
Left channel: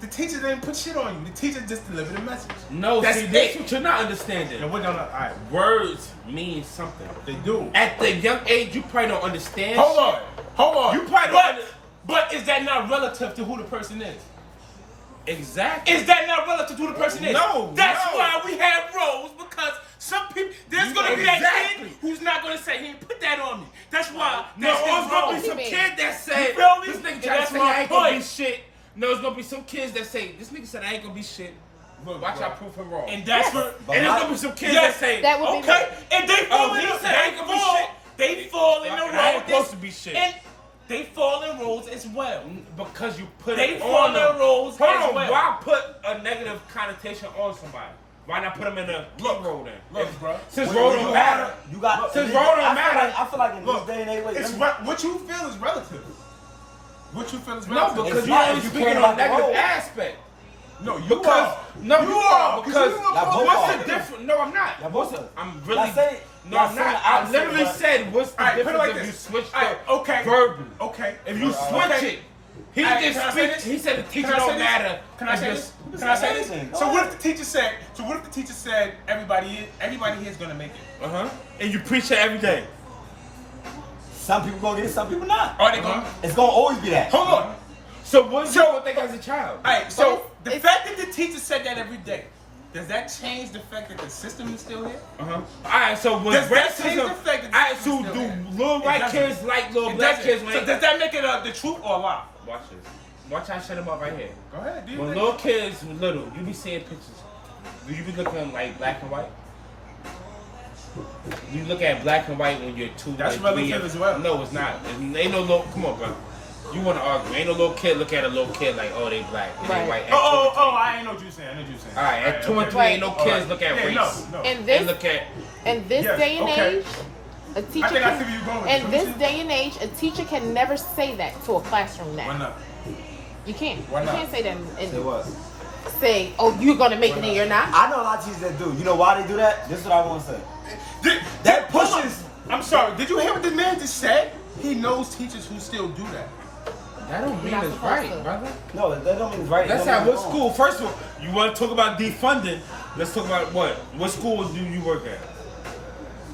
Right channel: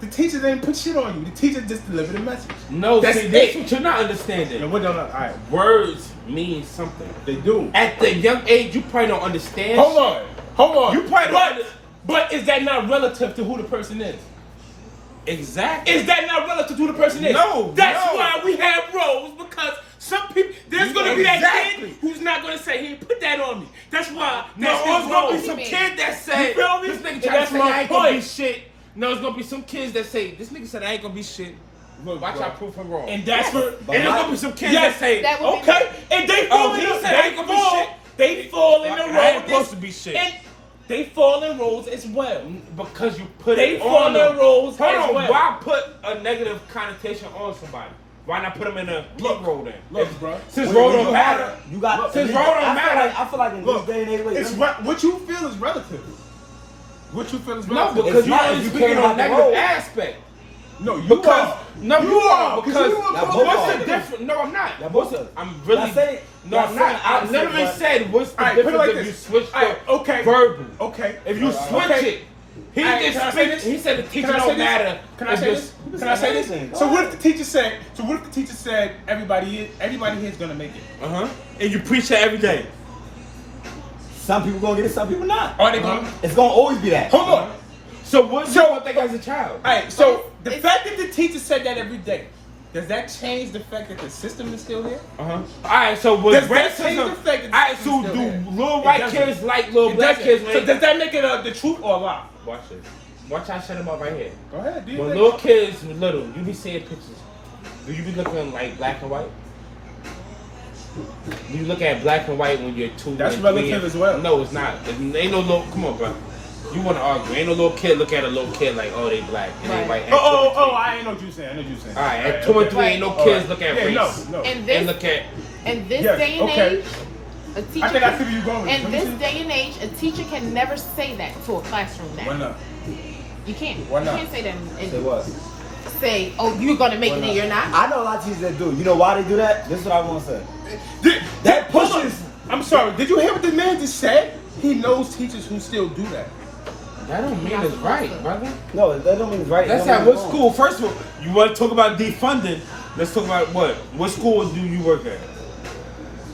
The teacher didn't put shit on you. The teacher just delivered a message. No, That's see, it. that's what you're not understanding. And what don't I? All right, Words mean something. they do. At the young age, you probably don't understand. Hold on. You probably don't. But is that not relative to who the person is? Exactly. Is that not relative to who the person is? No, That's no. why we have roles, because some people, there's going to be that Exactly. kid who's not going to say, he put that on me. That's why, No, that's there's his gonna role. be some kid that say, You feel me? This And nigga try that's to say my I ain't gonna be point. shit. No, there's gonna be some kids that say, this nigga said I ain't gonna be shit. Look, Watch bro. I prove him wrong. And that's for, But and there's my- gonna be some kids yes, that say, That would be okay, and they fall in he the, said I ain't gonna be shit. they fall in the I role. ain't supposed to be shit. And they fall in roles as well. because you put They it fall on in them. roles Hold as on, well. why put a negative connotation on somebody? Why not put them in a good role then? Look, bro. Since When role you don't have- matter. You got. Look, since I role don't feel matter. like I feel like in Look, this day and age, wait, it's let me- what you feel is relative. What you feel is No, relative. because not you're if you speaking care on about the negative role. aspect. No, you Because are. no, you are. because you Y'all are. both what's are. the difference? No, I'm not. Y'all both are. I'm really. Y'all say- no, y'all I'm saying not. I opposite, literally but- said, what's the All right, put it difference like if you this. switch All right, okay. verbally? Okay. If you switch Okay. it, he All right, just can I say switched. this? He said the teacher Can I say don't this? matter. Can I It's say just- this? Can I say this? amazing. So what if the teacher said? So what if the teacher said everybody here is gonna make it? And you preach it every day. Some people gonna get it, some people not. Are they gonna? It's gonna always be that. Hold on. So what you So- don't think as a child? All right. So the fact that the teacher said that every day, does that change the fact that the system is still here? All right, so was Does that change racism? the fact that All right, the so system's do still here? little It white doesn't. kids like little It black doesn't. kids? So Right? does that make it the truth or a lie? Watch this. Watch how I shut him up right here. Go ahead. Do you When think? little kids were little, you be seeing pictures. Do you be looking like black and white? You look at black and white when you're 2. That's and relative 3. as well. No, it's not. It ain't no little. Come on, bro. You want to argue? Ain't no little kid look at a little kid like, oh, they black, and they white. Oh! I ain't know what you saying. I know what you saying. All right, at 2 and 3, ain't no All kids right. look at Yeah, race. no. In They this, look at. in this Yes, day and okay. age, a teacher. I think I see where you're going with this. In Let me this see. day and age, a teacher can never say that to a classroom now. Why not? You can't. Why not? You can't say that. And Say what? say, oh, you're gonna make Why it not? and you're not. I know a lot of teachers that do. You know why they do that? This is what I want to say. That Hold on. pushes. I'm sorry. Did you hear what the man just said? He knows teachers who still do that. That don't mean it's right, brother. No, that don't mean it's right. Let's That have don't what mean it's school. First of all, you want to talk about defunding? Let's talk about what? What school do you work at?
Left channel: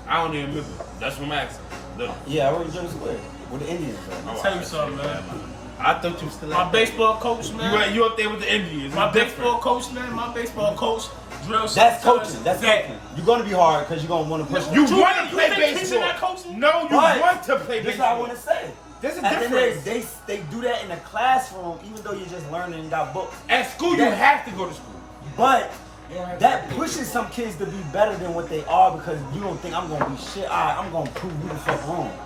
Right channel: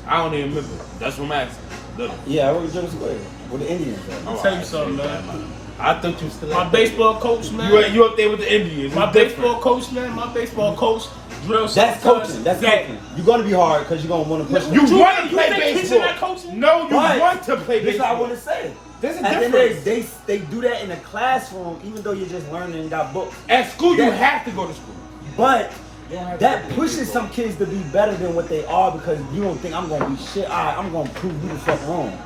I don't even remember. That's what I'm asking. Literally. wrong. Yeah, I work in German Square with the Indians. I'll tell you something, man. I thought you still. My baseball coach, man. You up there with the Indians? My It's different. baseball coach, man. My baseball coach drills. That's sometimes coaching. That's that- coaching. You're gonna be hard because you're gonna want to push. You You want want you to play think teaching baseball? that coaching? No, you But want to play this is baseball. what I want to say. There's a At the end of difference. the day, they do that in the classroom, even though you're just learning and got books. At school, you That- have to go to school. But You don't have that to pushes some kids to be better than what they are because you don't think I'm gonna be shit. All right, I'm gonna prove you the fuck wrong.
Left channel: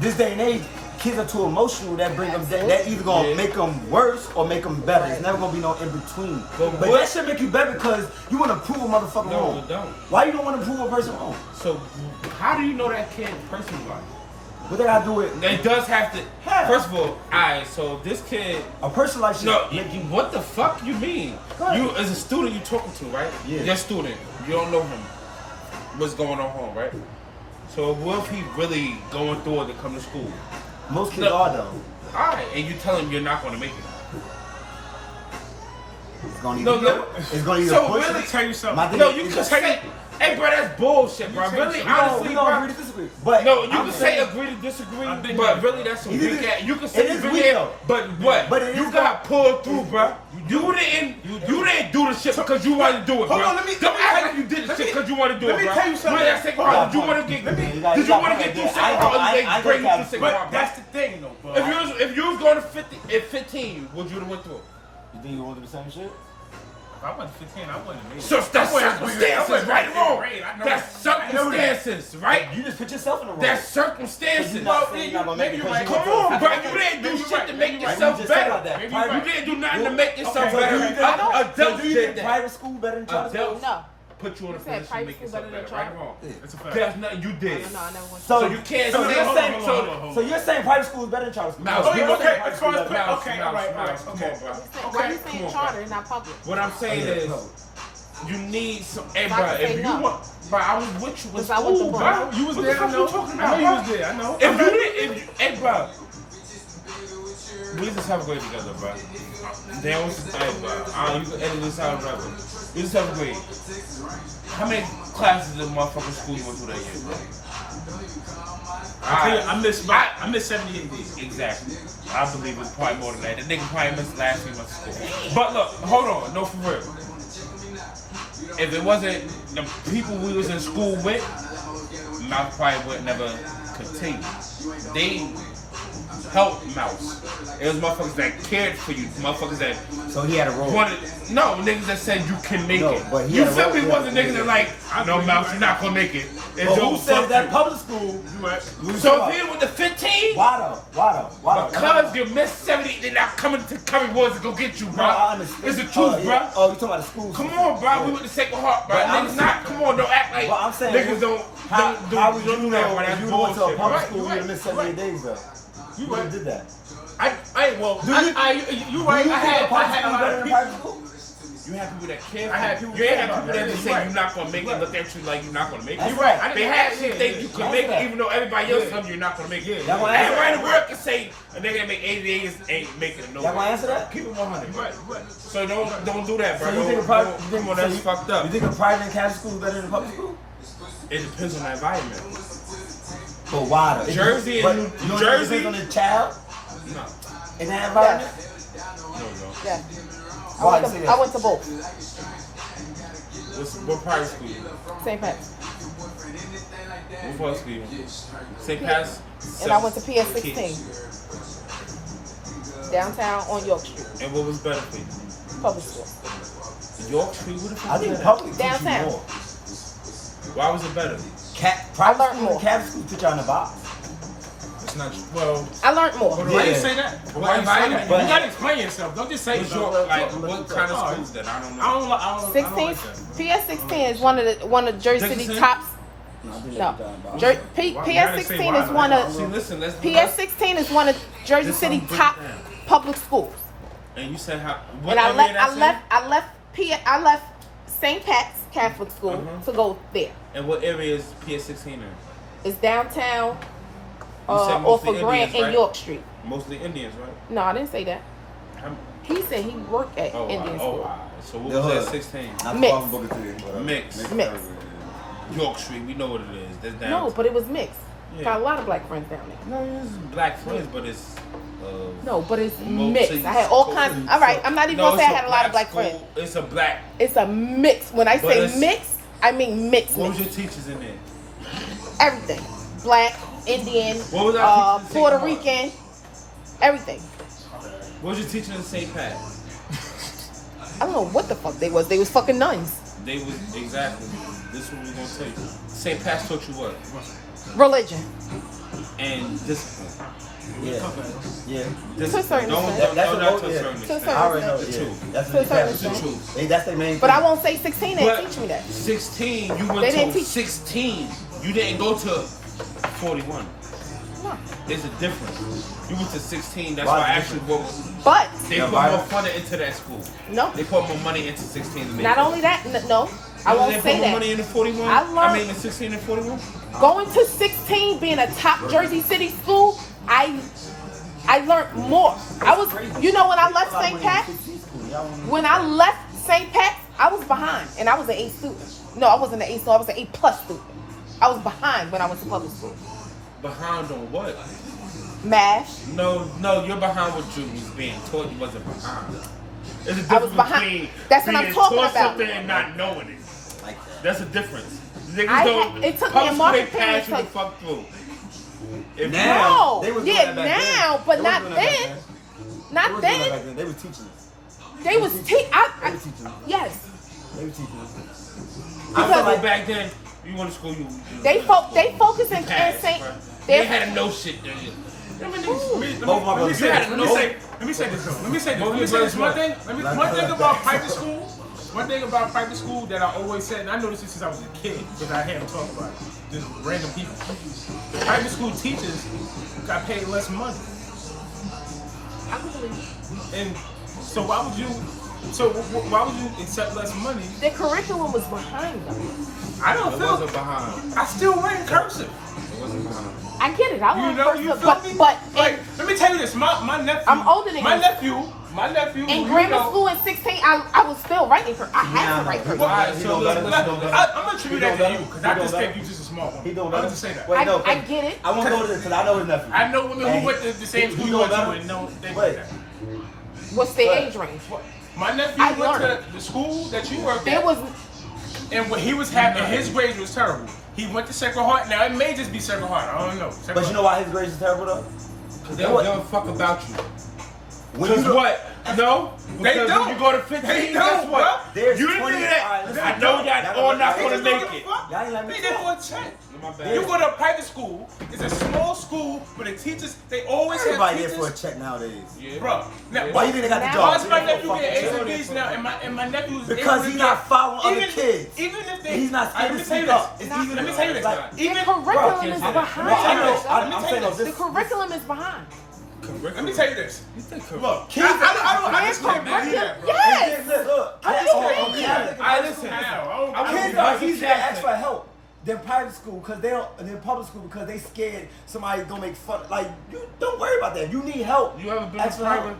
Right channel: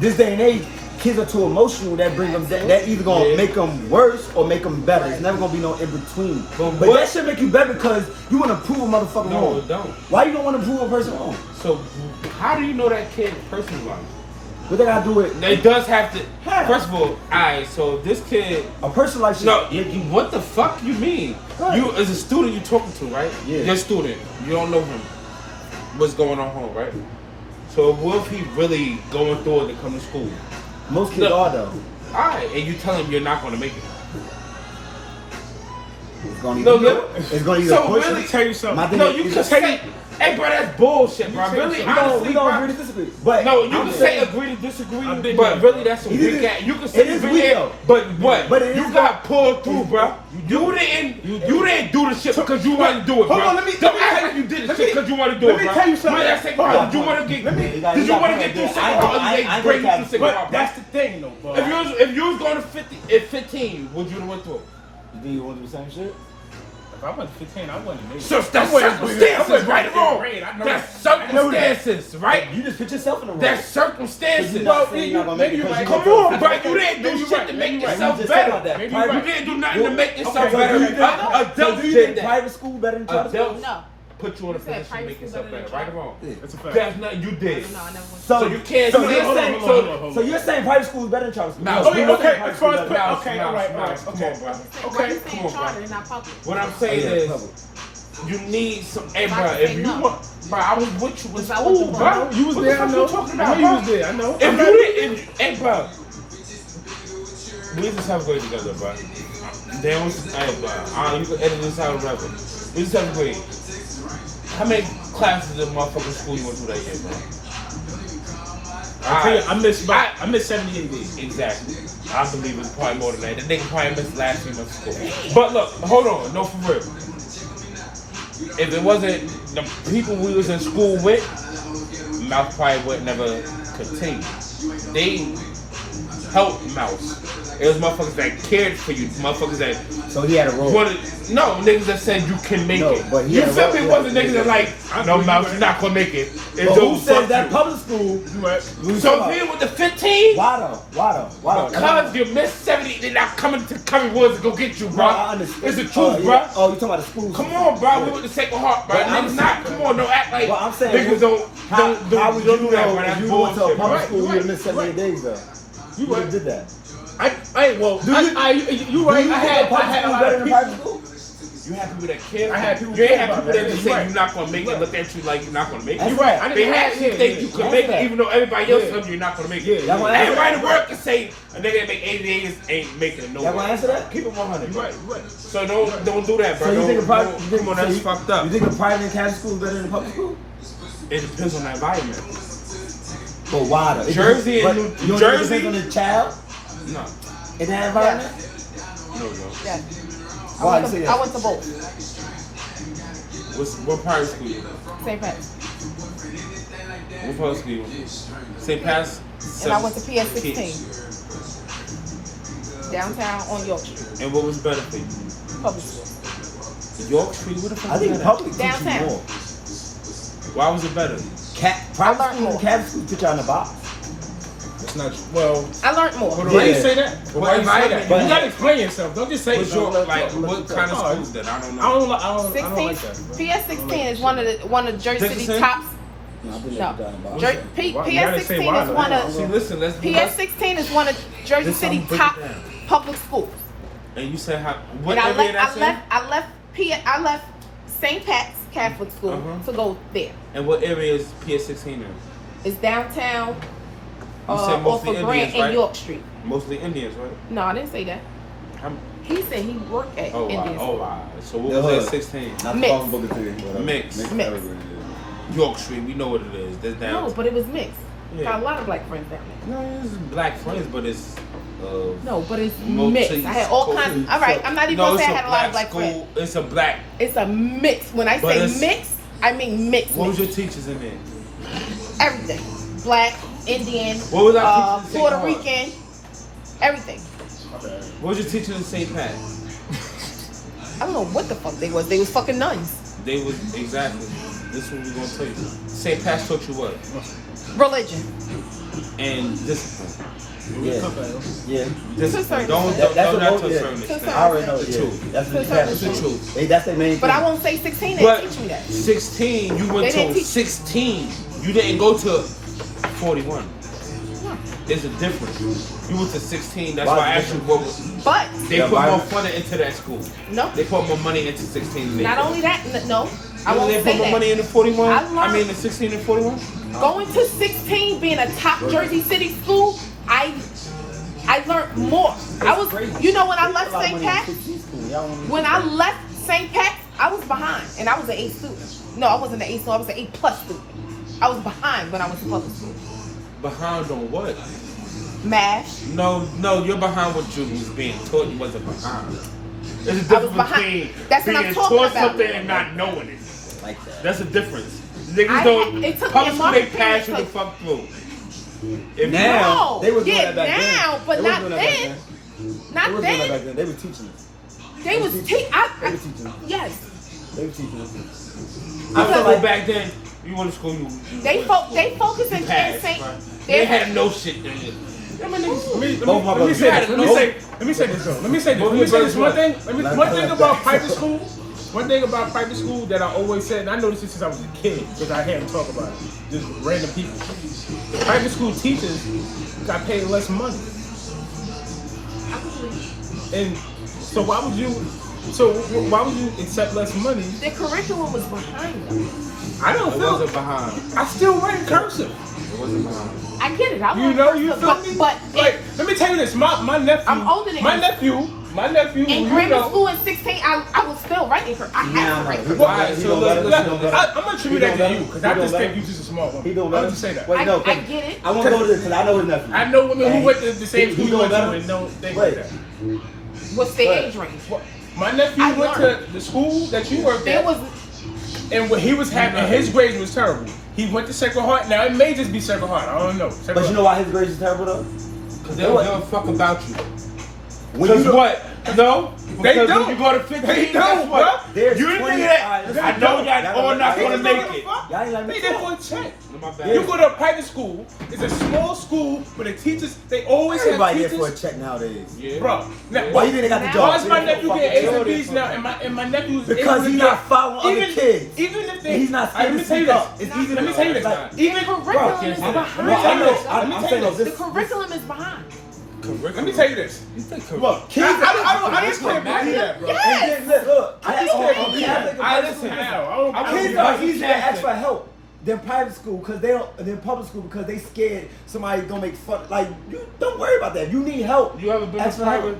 This day and age, kids are too emotional. That bring them. That either gonna Yeah. make them worse or make them better. It's never gonna be no in between. But But what- that should make you better because you wanna prove a motherfucker No, wrong. it don't. Why you don't wanna prove a person wrong? So, how do you know that kid personally? What they gotta do with It does have to. How? First of all, alright. So this kid. a person like shit? No, make you what the fuck you mean? Go ahead. You as a student, you talking to, right? Yeah. You're a student. You don't know him. What's going on home, right? So what if he really going through it to come to school? Most kids No. are though. Alright, and you tell him you're not going to make it. It's gonna No, either no. it's gonna either So push Let really- me tell you something. My thing No, is- you is can that- say, hey, bro, that's bullshit, bro. Really, we honestly, don't bro. agree to disagree. But No, you I'm can saying say agree to disagree, I've been but there. really that's a It weak is- ass. You can it say is you weak, did, though. but what? But it you is got pulled through, it's- bro. You didn't do the shit because you wanted to do it, bro. Hold on, let me Don't tell act you- like you did the let shit me- because you wanted to do let it, me bro. tell you something. Where that second Hold part, on. did you want to get? Let me- You got- Did you you got want to point get through right there. second part? I ain't Break gonna through second But part, that's bro. the thing, though, bro. If you was going to 50 at 15, would you have went through it? You think you want to do the same shit? If I went to 15, I wouldn't have made it. So I that's wouldn't have made it. I circumstances, wouldn't right? have made it. Grade. I know That's that. I know that. circumstances, right? You just put yourself in the wrong. That's circumstances. You Well, not saying you're gonna make maybe it you're right. because Come you on, want bro. to- You didn't do Maybe shit you're right. to Maybe make you're right. yourself We just talked about better. that. Maybe Private- you're You right. didn't do nothing to make yourself Okay. So better. do you think, Adults so do you did think that. private school better than charter school? Adults No. put you in a You said position to make private yourself school better, better right than or wrong? That's a fact. That's nothing you did. No, I never went. So you can't. So no, you're hold on, saying, hold on, hold on. so you're saying private school is better than charter school? No. No, Oh, you're yeah, not saying okay. private As far school as is better. okay, all right, Come on, okay. bro. Okay. You're saying Come on, charter, bro. not public. What I'm Oh, saying yeah, is, public. you need some. Hey, Why bro, you if say you no? want, bro, I was with you in Because I school, went to bro. Bro, you was What there, the I fuck know. you talking I know about, you bro? was there, I know. If I'm you not- didn't, hey, bro, we just have a grade together, bro. Damn, hey, bro, you can edit this out, whatever. We just have a grade. How many classes in motherfucking school you went through that year, bro? I tell you, I missed 78 days. Exactly. I believe it's probably more than that. The nigga probably missed last 3 months of school. But look, hold on, no, for real. If it wasn't the people we was in school with, Mouth probably would never continue. They helped Mouse. It was motherfuckers that cared for you, motherfuckers that So he had a role. wanted, no, niggas that said you can make No, it. but he You had a feel role- me? yeah, Wasn't yeah, niggas yeah. that like, no, agree, Mouse right. is not gonna make it. But who said that Fuck public school? You right. We you. talking So about- being with the 15? Why though? Why though? Why though? Because you missed 70, they're not coming to Curry Woods to go get you, Bro, bro. I understand. It's the truth, Oh, bro. yeah. Oh, you talking about the school? Come system. on, bro. Yeah. We with the Sacred Heart, bro. But I'm Niggas saying- not. Come on, don't act like Well, I'm saying, niggas don't how do would that, you bro. know That's if you went to a bullshit. public Right, school, you you're would have right, missed 78 days though? You You would right. have did that. Well, Do you- you Do right. you I think had a public a school lot better of than people. private school? You have people that care. I had people You care have about people that. that just You're say right. you're not gonna make You're it. right. Look at you like you're not gonna make it. That's You're right. I They didn't have. actually think you can yeah. make it, even though everybody else Yeah. tells you you're not gonna make Yeah, it. yeah. Y'all gonna answer Everybody that? work and say a nigga that make 88 ain't making it no Y'all gonna way. answer that? Keep it 100. You right. You right. So don't do that, bro. So you think a private? Don't- You think, Come on, so that's you, fucked up. you think a private and Catholic school is better than a public school? It depends on the environment. But why though? It Jersey depends- and but New you don't think it Jersey? depends on the child No, in that environment? no. Yeah. Why you say I that? went to both. What private school? St. Pat's. What public school? St. Pat's. And I went to PS16. Downtown on York Street. And what was better for you? Public school. York Street? What the fuck? I was think that? public teach you Downtown. more. Why was it better? Private school and Catholic school put you in the box. That's not true. Well, I learned more. why you Yeah. say that? But why you say that? But- You gotta explain yourself. Don't just say What's it. your, let's like, talk, what let's kind talk. of schools then? I don't know. I don't like 16, that. PS16 is one of Jersey City Pinkerton? tops. No, I think No. they put you in the box. Why- you gotta say PS16 why, is though. one See, of listen, let's PS16 is one of Jersey This City song, break it top down. public schools. And you said how? What And area that's in? I left St. Pat's Catholic School Uh-huh. to go there. And what area is PS16 in? It's downtown You said off mostly of Grant Indians, and right? York Street. Mostly Indians, right? No, I didn't say that. How, He said he worked at oh, wow. Indian Oh, School. wow. So what The was hood. that? 16. Not the Mix. fucking Booker T. whatever. Mix. Mix. whatever it is. York Street, we know what it is. That's down. No, but it was mixed. Yeah. Got a lot of black friends down there. No, it's black friends, but it's. No, but it's Multi- mixed. I had all kinds. All right, I'm not even No, gonna it's say I a had a lot of black black friends. school. It's a black. It's a mix. When I But say it's- mix, I mean mix. What was mix. your teachers in there? Everything. Black, Indian, What was our teachers in Puerto St. Paul? Rican, everything. What was your teacher in St. Pat? I don't know what the fuck they was. They was fucking nuns. They was exactly. This is what we're gonna tell you. St. Pat's taught you what? Religion. And discipline. Yeah. Yeah. Discipline. To a Don't That's don't the not most, to a yeah. certain To a extent. certain I already know, The yeah. truth. That's what That's the Catholic the school. truth. That's their main But thing. I won't say 16. They But teach me that. 16, you went They didn't to teach- 16. You didn't go to 41. There's a difference. You went to 16. That's Why why I is asked it you what was. But They Yeah, put more violence. money into that school. no, They put more money into 16 than they not put. only that, but no, I They won't put say more money that. into 41? I learned- in 16 and 41? Going to 16, being a top Jersey City school, I I learned more. I was, you know, when I left St. Pat, when I left St. Pat, I was behind, and I was an A student. No, I wasn't an A student. I was an A+ student. I was behind when I was in public school. Behind on what? MASH. No, you're behind what you was being taught. You wasn't behind. There's a I was difference behind. between That's what I'm being talking taught about. something and not knowing it. Like that. That's a difference. Niggas don't. it took me Public a school, long they period pass you to- the fuck through. If Now, No, they was doing yeah, that back then. now, but They was not doing that back then. then. They Not was doing that back then. then. They were teaching us. They was They were teaching us. Yes. They were teaching us. I I feel feel like back then, you went to school, you They focus in passed, St. right? They They had no shit then. Let me Both my brothers. say this. Let me say this though. Let me say this. One thing. One thing about private school. One thing about private school that I always said, and I noticed this since I was a kid because I hear them talk about it. Just random people. The private school teachers got paid less money, and so why would you? So why would you accept less money? The curriculum was behind them. I don't It feel. wasn't behind. I still write cursive. It wasn't behind. I get it. I You like know, cursive, you feel me? But Like, let me tell you this. My nephew. I'm older than my you. nephew. in You grammar know. school in 16, I was still writing for. I Nah, had to nah. write He for. don't- he don't let it. He don't let it. I'm gonna attribute that to you because I just think you just a smart He woman. don't I'm let gonna it. just say that. Wait, no, I get it. I want to go to this because I know his nephew. I know women who went to the same He school you don't went to let it. and don't think Wait. like that. What's their Right. age range? My nephew I went to learned. the school that you worked There at, was and when he was having his grades was terrible. He went to Sacred Heart. Now it may just be Sacred Heart. I don't know. Sacred But you know Heart. why his grades is terrible though? They don't give a fuck about you. When you Because what? No, They because don't. when you go to 15, They don't, bro. There's You 20. think Alright, that? listen, I know that y'all all let- not They gonna just don't make give a it. fuck. Y'all ain't let me They there talk. for a check. My bad. You go to a private school. It's a small school, but the teachers they always Everybody have here for a teachers. check nowadays. Yeah. Bro, now, Why you think they got the Why job? why is my They nephew fucking getting A's check. and B's now, and my nephew's Because able to he's get- not following other even- kids. Even if they, He's not Alright, let me tell you speaking this. up. It's easy Let me to- tell you this. like- Even the curriculum is Let behind. me tell you this. I'm Let me tell you saying this. though, The curriculum is behind. Let me tell you this. Look, Kids I just can't believe that, bro. Yes. And then, look, I just can't believe Catholic that. and I private just school, how. I don't kids get are it. easier to ask for help than private school because they don't, and then public school because they scared somebody gonna make fun. Like, you don't worry about that. You need help. You ever been Ask to for help. private?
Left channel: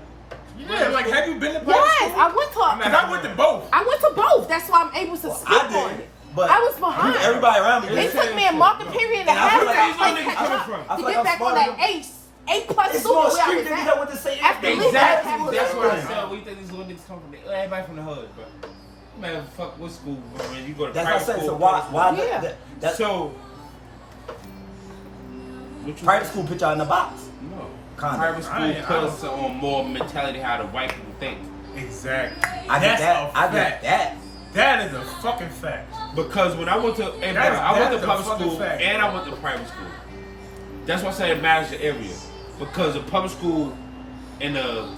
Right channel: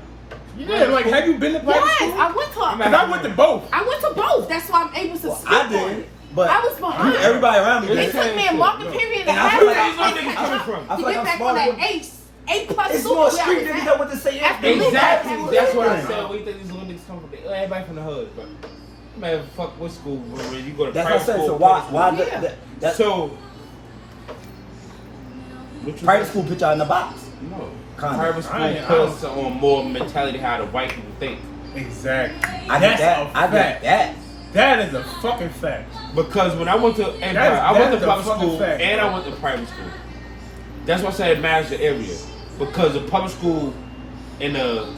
Yeah, like, have you been to private Yes, school? I went to. Because I went to both. I went to both. That's why I'm able to speak I on did, it. but I was behind. everybody around me It did. took me a market period And and a I half feel like to I'm get coming back- from. I feel to like get I'm back smarter on than- that A plus It's super more where I street was niggas at. that what they say. After Exactly. Luke, That's what I I'm was saying. We think these little niggas come from everybody from the hood, bro. Man, fuck what school? Bro. You go to That's what private I said. school. So why public Yeah. that school. So, what you private school put y'all in the box? No. Kinda. Private school I ain't- puts on more mentality how the white people think. Exactly. I get That's that. a I get fact. that. That is a fucking fact. Because when I went to, and That is- I that went is to a public fucking school fact, and bro. I went to private school. That's why I said it matters the area. Because the public school in the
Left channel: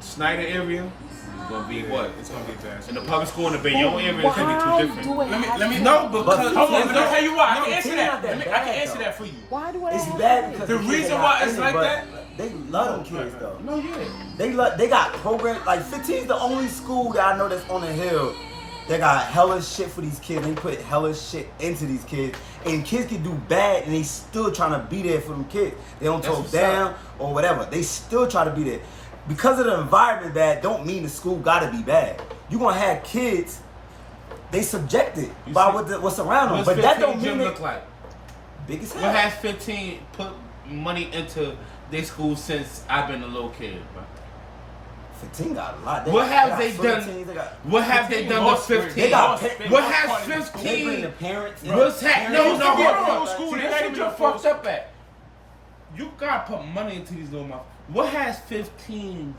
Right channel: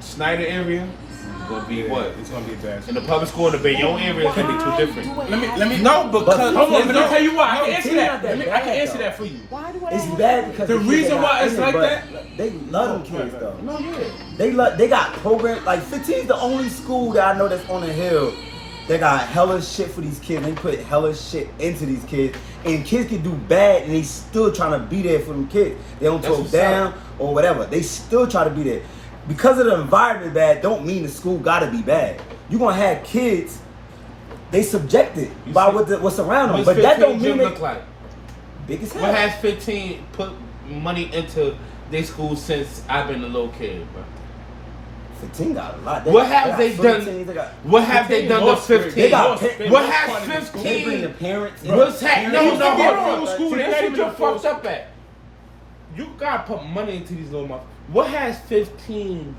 Snyder area is gonna be what? It's gonna be bad. And the public school in the Bayonne area is gonna be two different. Let me. No, because Hold on. Let me tell you why. I No, can answer it's that. not that I can bad, answer though. that for you. Why do I It's have- bad because The kids reason they got why it's in it, like but that- They love them kids though. No, They got programs like 15 is the only school that I know that's on the hill. They got hella shit for these kids. They put hella shit into these kids, and kids can do bad, and they still trying to be there for them kids. They don't That's talk what's down up. or whatever. They still try to be there because of the environment. Bad don't mean the school gotta be bad. You gonna have kids. They subjected by what's around them, but that don't mean they look like. big as hell. What has 15 put money into their school since I've been a little kid, bro? 15 got a lot. What have got they done? 15, they got- What have they done to Most 15? They got most- pa- what most has part of the school. They bring the 15? parents. What's happening? It used to be a hold full on. school. See, They this not what even you're a full fucked up at. You gotta put money into these little motherfuckers. What has 15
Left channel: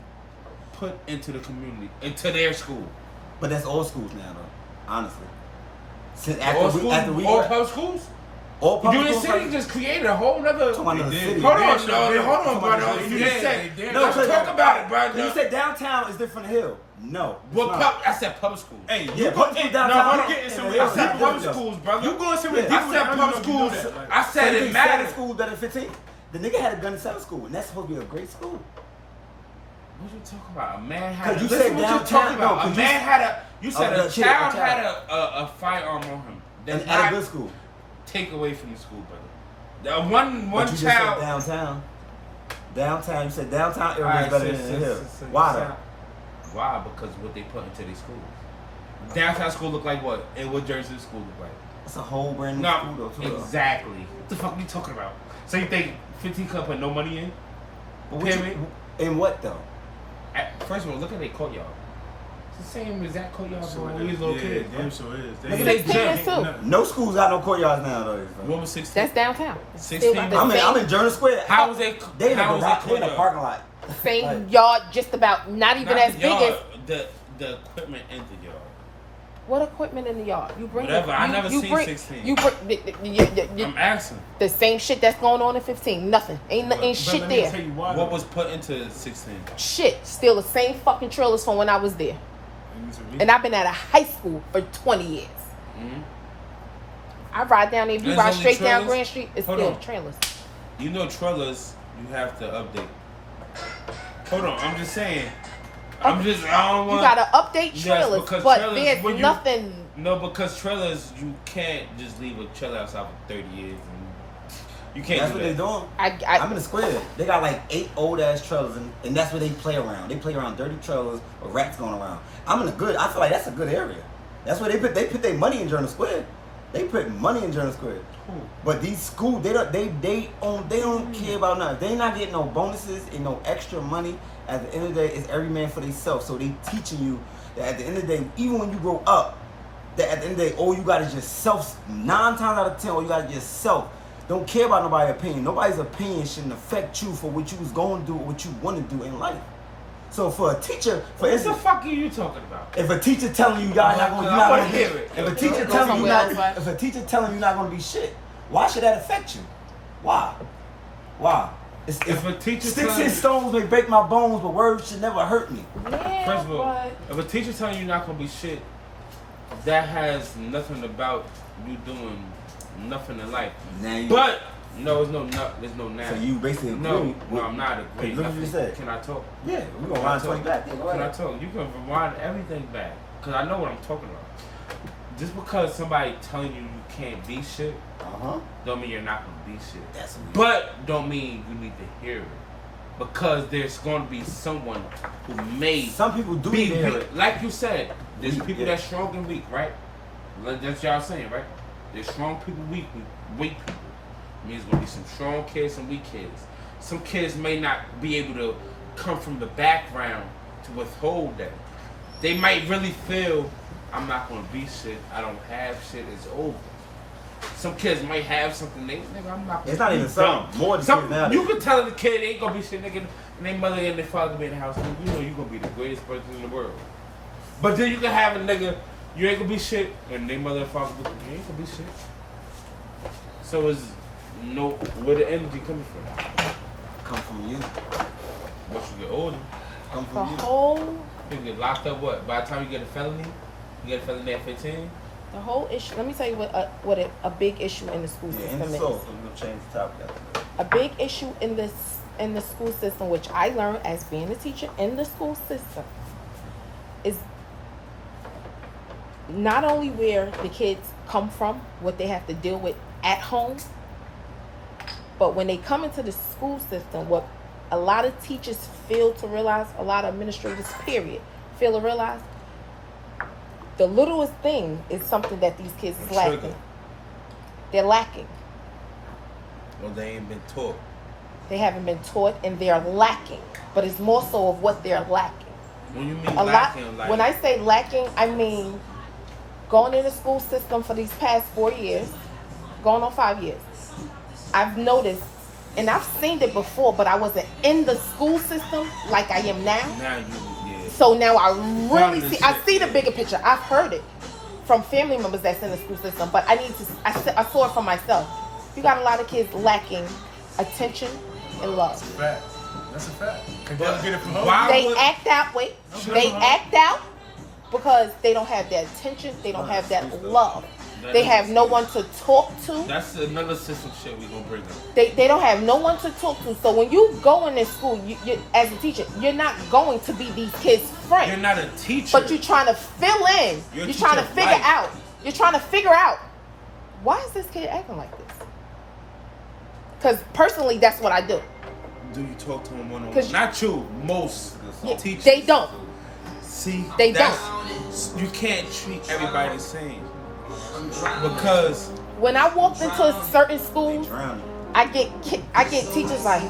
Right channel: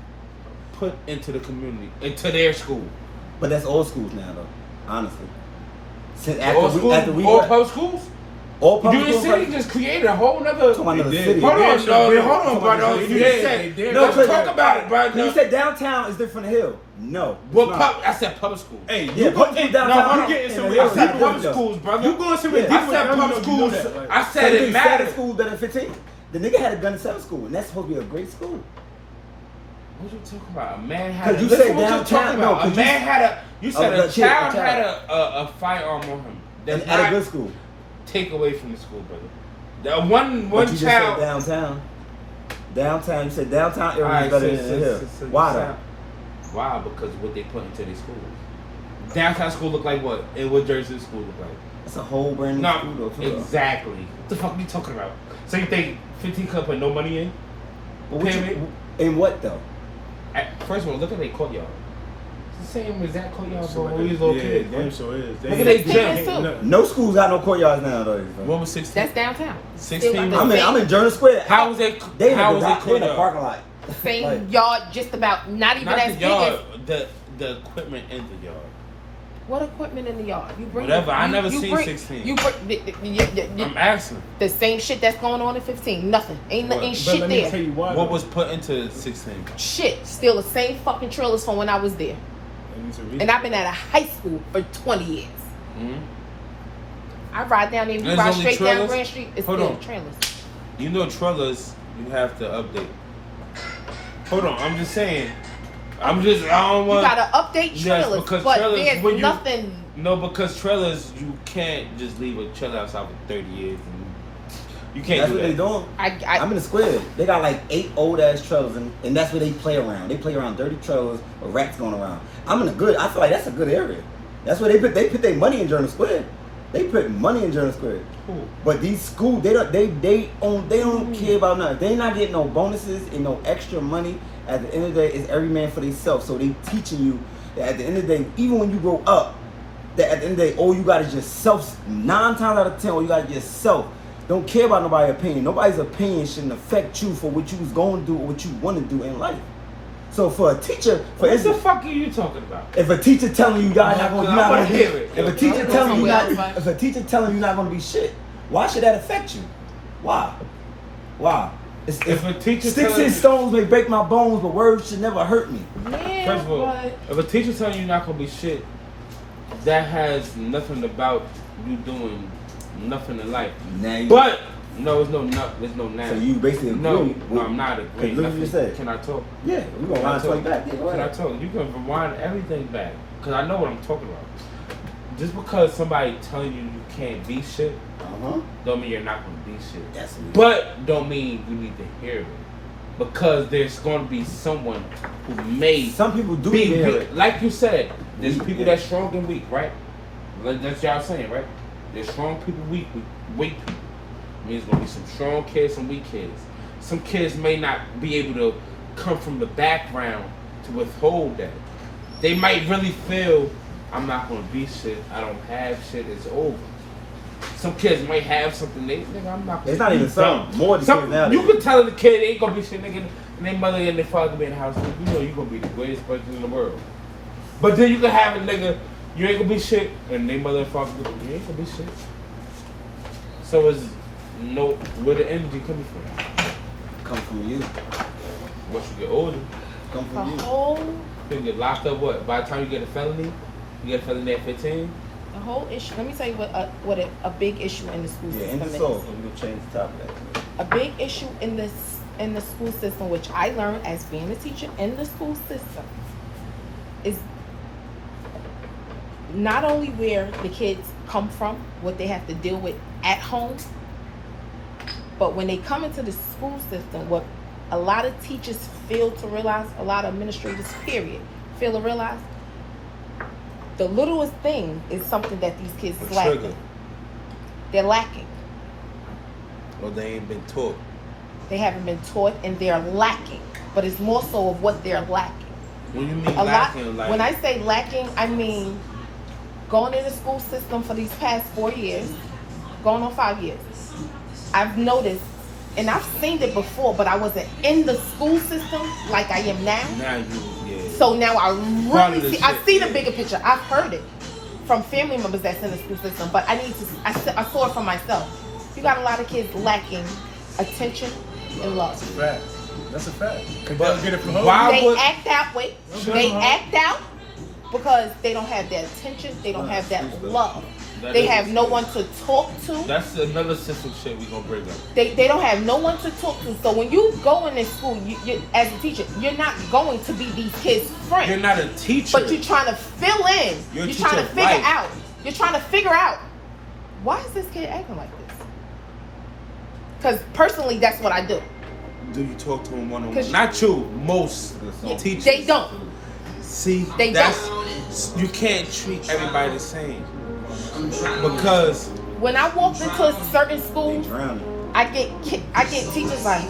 put into the community, into their school? But that's old schools now, though. Honestly, since All after we all public schools? all public Union schools. City just created a whole nother. Talking about another They city. did. Hold They on, did. brother. Hold on, They brother. did. You They said- did. They No, Let's because talk about it, bro. When you said downtown is different than hill. No. What it's not. I said public school. Hey, Yeah, you go public in school downtown. you and getting the somewhere hill I is said not public different, though. schools, brother. You going somewhere Yeah, deeper I with said them, public you know schools. that. Like, I So said you it think Saturday matters. school better than 15? The nigga had a gun in 7 school, and that's supposed to be a great school. What you talking about? A man had. 'Cause you listen said what you're downtown, talking no, about. 'cause A man had a. You said Oh, a shit, a child child. had a firearm on him. And That's at a not good school. take away from the school, brother. The one But you just said child. downtown. Downtown, you said downtown area is better than the hill. Why though? Why? Because of what they put into these schools. Downtown school look like what? And what Jersey school look like? It's a whole brand new school though, too. Exactly. What the fuck are you talking about? So you think 15 couldn't put no money in? In what though? First of all, look at their courtyard. It's the same exact courtyard So when we was little kids. damn sure is. Look at they gym. No schools got no courtyards nowadays. What was 16? That's downtown. 16. I'm in Journal Square. How was they? They in how was the they parking lot. Same Like- yard, just about. Not even Not as the big yard. as. The equipment in the yard. What equipment in the yard? You bring. Whatever. I never you seen bring, 16. You bring I'm asking. the same shit that's going on in 15. Nothing. Ain't What? But shit let me there. tell you why. What was put into 16? Shit. Still the same fucking trailers from when I was there. And I've been at a high school for 20 years. Mm-hmm. I ride down there, we There's ride only straight down trailers? Grand Street. It's Hold still on. trailers. You know trailers, you have to update. Hold on, I'm just saying. I don't You want. gotta update Yes, trailers, because but trailers, there's when you- nothing. No, because trailers, you can't just leave a trailer outside for 30 years. You can't That's do what they that. doing. I I'm in the square. They got like 8 old ass trailers, and that's where they play around. They play around dirty trailers or rats going around. I'm in a good. I feel like that's a good area. That's where they put their money in Journal Square. They put money in Journal Square. Cool. But these schools, they don't care about nothing. They not getting no bonuses and no extra money. At the end of the day, it's every man for themselves. So they teaching you that at the end of the day, even when you grow up, that at the end of the day, all you got is just self. 9 times out of 10, all you got is just self. Don't care about nobody's opinion. Nobody's opinion shouldn't affect you for what you was going to do or what you want to do in life. So for a teacher, for What the instance, fuck are you talking about? if a teacher telling you guys not going, you're not going to be, hear it. if a teacher telling you not, if a teacher telling you not going to be shit, why should that affect you? Why? If a teacher Sticks telling and you- stones may break my bones, but words should never hurt me. Yeah, First of all, but if a teacher telling you you're not gonna be shit, that has nothing about you doing nothing in life. Now you, But no, there's no now. so you basically agree. No, with, I'm not agreeing. Look what you said. Can I talk? Yeah, we're gonna wind twice back. Yeah, go Can I ahead. talk? You can rewind everything back because I know what I'm talking about. Just because somebody telling you you can't be shit, don't mean you're not gonna be shit. That's what But don't mean you need to hear it. Because there's going to be someone who may some people do be hear weak. it. Like you said, there's Weak, people yeah. that's strong and weak, right? Like that's y'all saying, right? There's strong people, weak people. Means going to be some strong kids, some weak kids. Some kids may not be able to come from the background to withhold that. They might really feel, I'm not going to be shit. I don't have shit. It's over. Some kids might have something. I'm not. It's not even some. More than kids nowadays. You can tell the kid they ain't gonna be shit, nigga, and their mother and their father gonna be in the house. You know you gonna be the greatest person in the world. But then you can have a nigga, you ain't gonna be shit, and their mother and father, you ain't gonna be shit. So it's no where the energy coming from? Come from you. Once you get older, Come from you. the whole you get locked up. What? By the time you get a felony, you get a felony at 15. The whole issue. Let me tell you what a big issue in the school Yeah, system in the is. soul. We're gonna change the topic. A big issue in the school system, which I learned as being a teacher in the school system, is not only where the kids come from, what they have to deal with at home, but when they come into the school system, what a lot of teachers fail to realize, a lot of administrators, period, fail to realize, the littlest thing is something that these kids is Trigger. lacking. They're lacking. Or they ain't been taught. They haven't been taught and they're lacking. But it's more so of what they're lacking. What do you mean A lot. lacking? Like, When I say lacking, I mean going in the school system for these past 4 years, going on 5 years. I've noticed, and I've seen it before, but I wasn't in the school system like I am now. now you, yeah. So now I Part of really the I shit. see the bigger picture. I've heard it from family members that's in the school system, but I saw it for myself. You got a lot of kids lacking attention and love. Fact. That's a fact. Cause But they'll get it from home. why- They would- act out. Wait, Okay. they act out because they don't have that attention. They don't have that love. That They is- have no one to talk to. That's another system shit we gonna bring up. They don't have no one to talk to. So when you go in this school, you as a teacher, you're not going to be these kids' friend. You're not a teacher. But you're trying to fill in. You're a You're teacher trying to of figure life. out. You're trying to figure out, why is this kid acting like this? Because personally, that's what I do. do you talk to them one-on-one? 'Cause Not you, most teachers. They don't. See, They you can't treat everybody the same. Because When I walked into certain schools, Drowning. I get teachers like,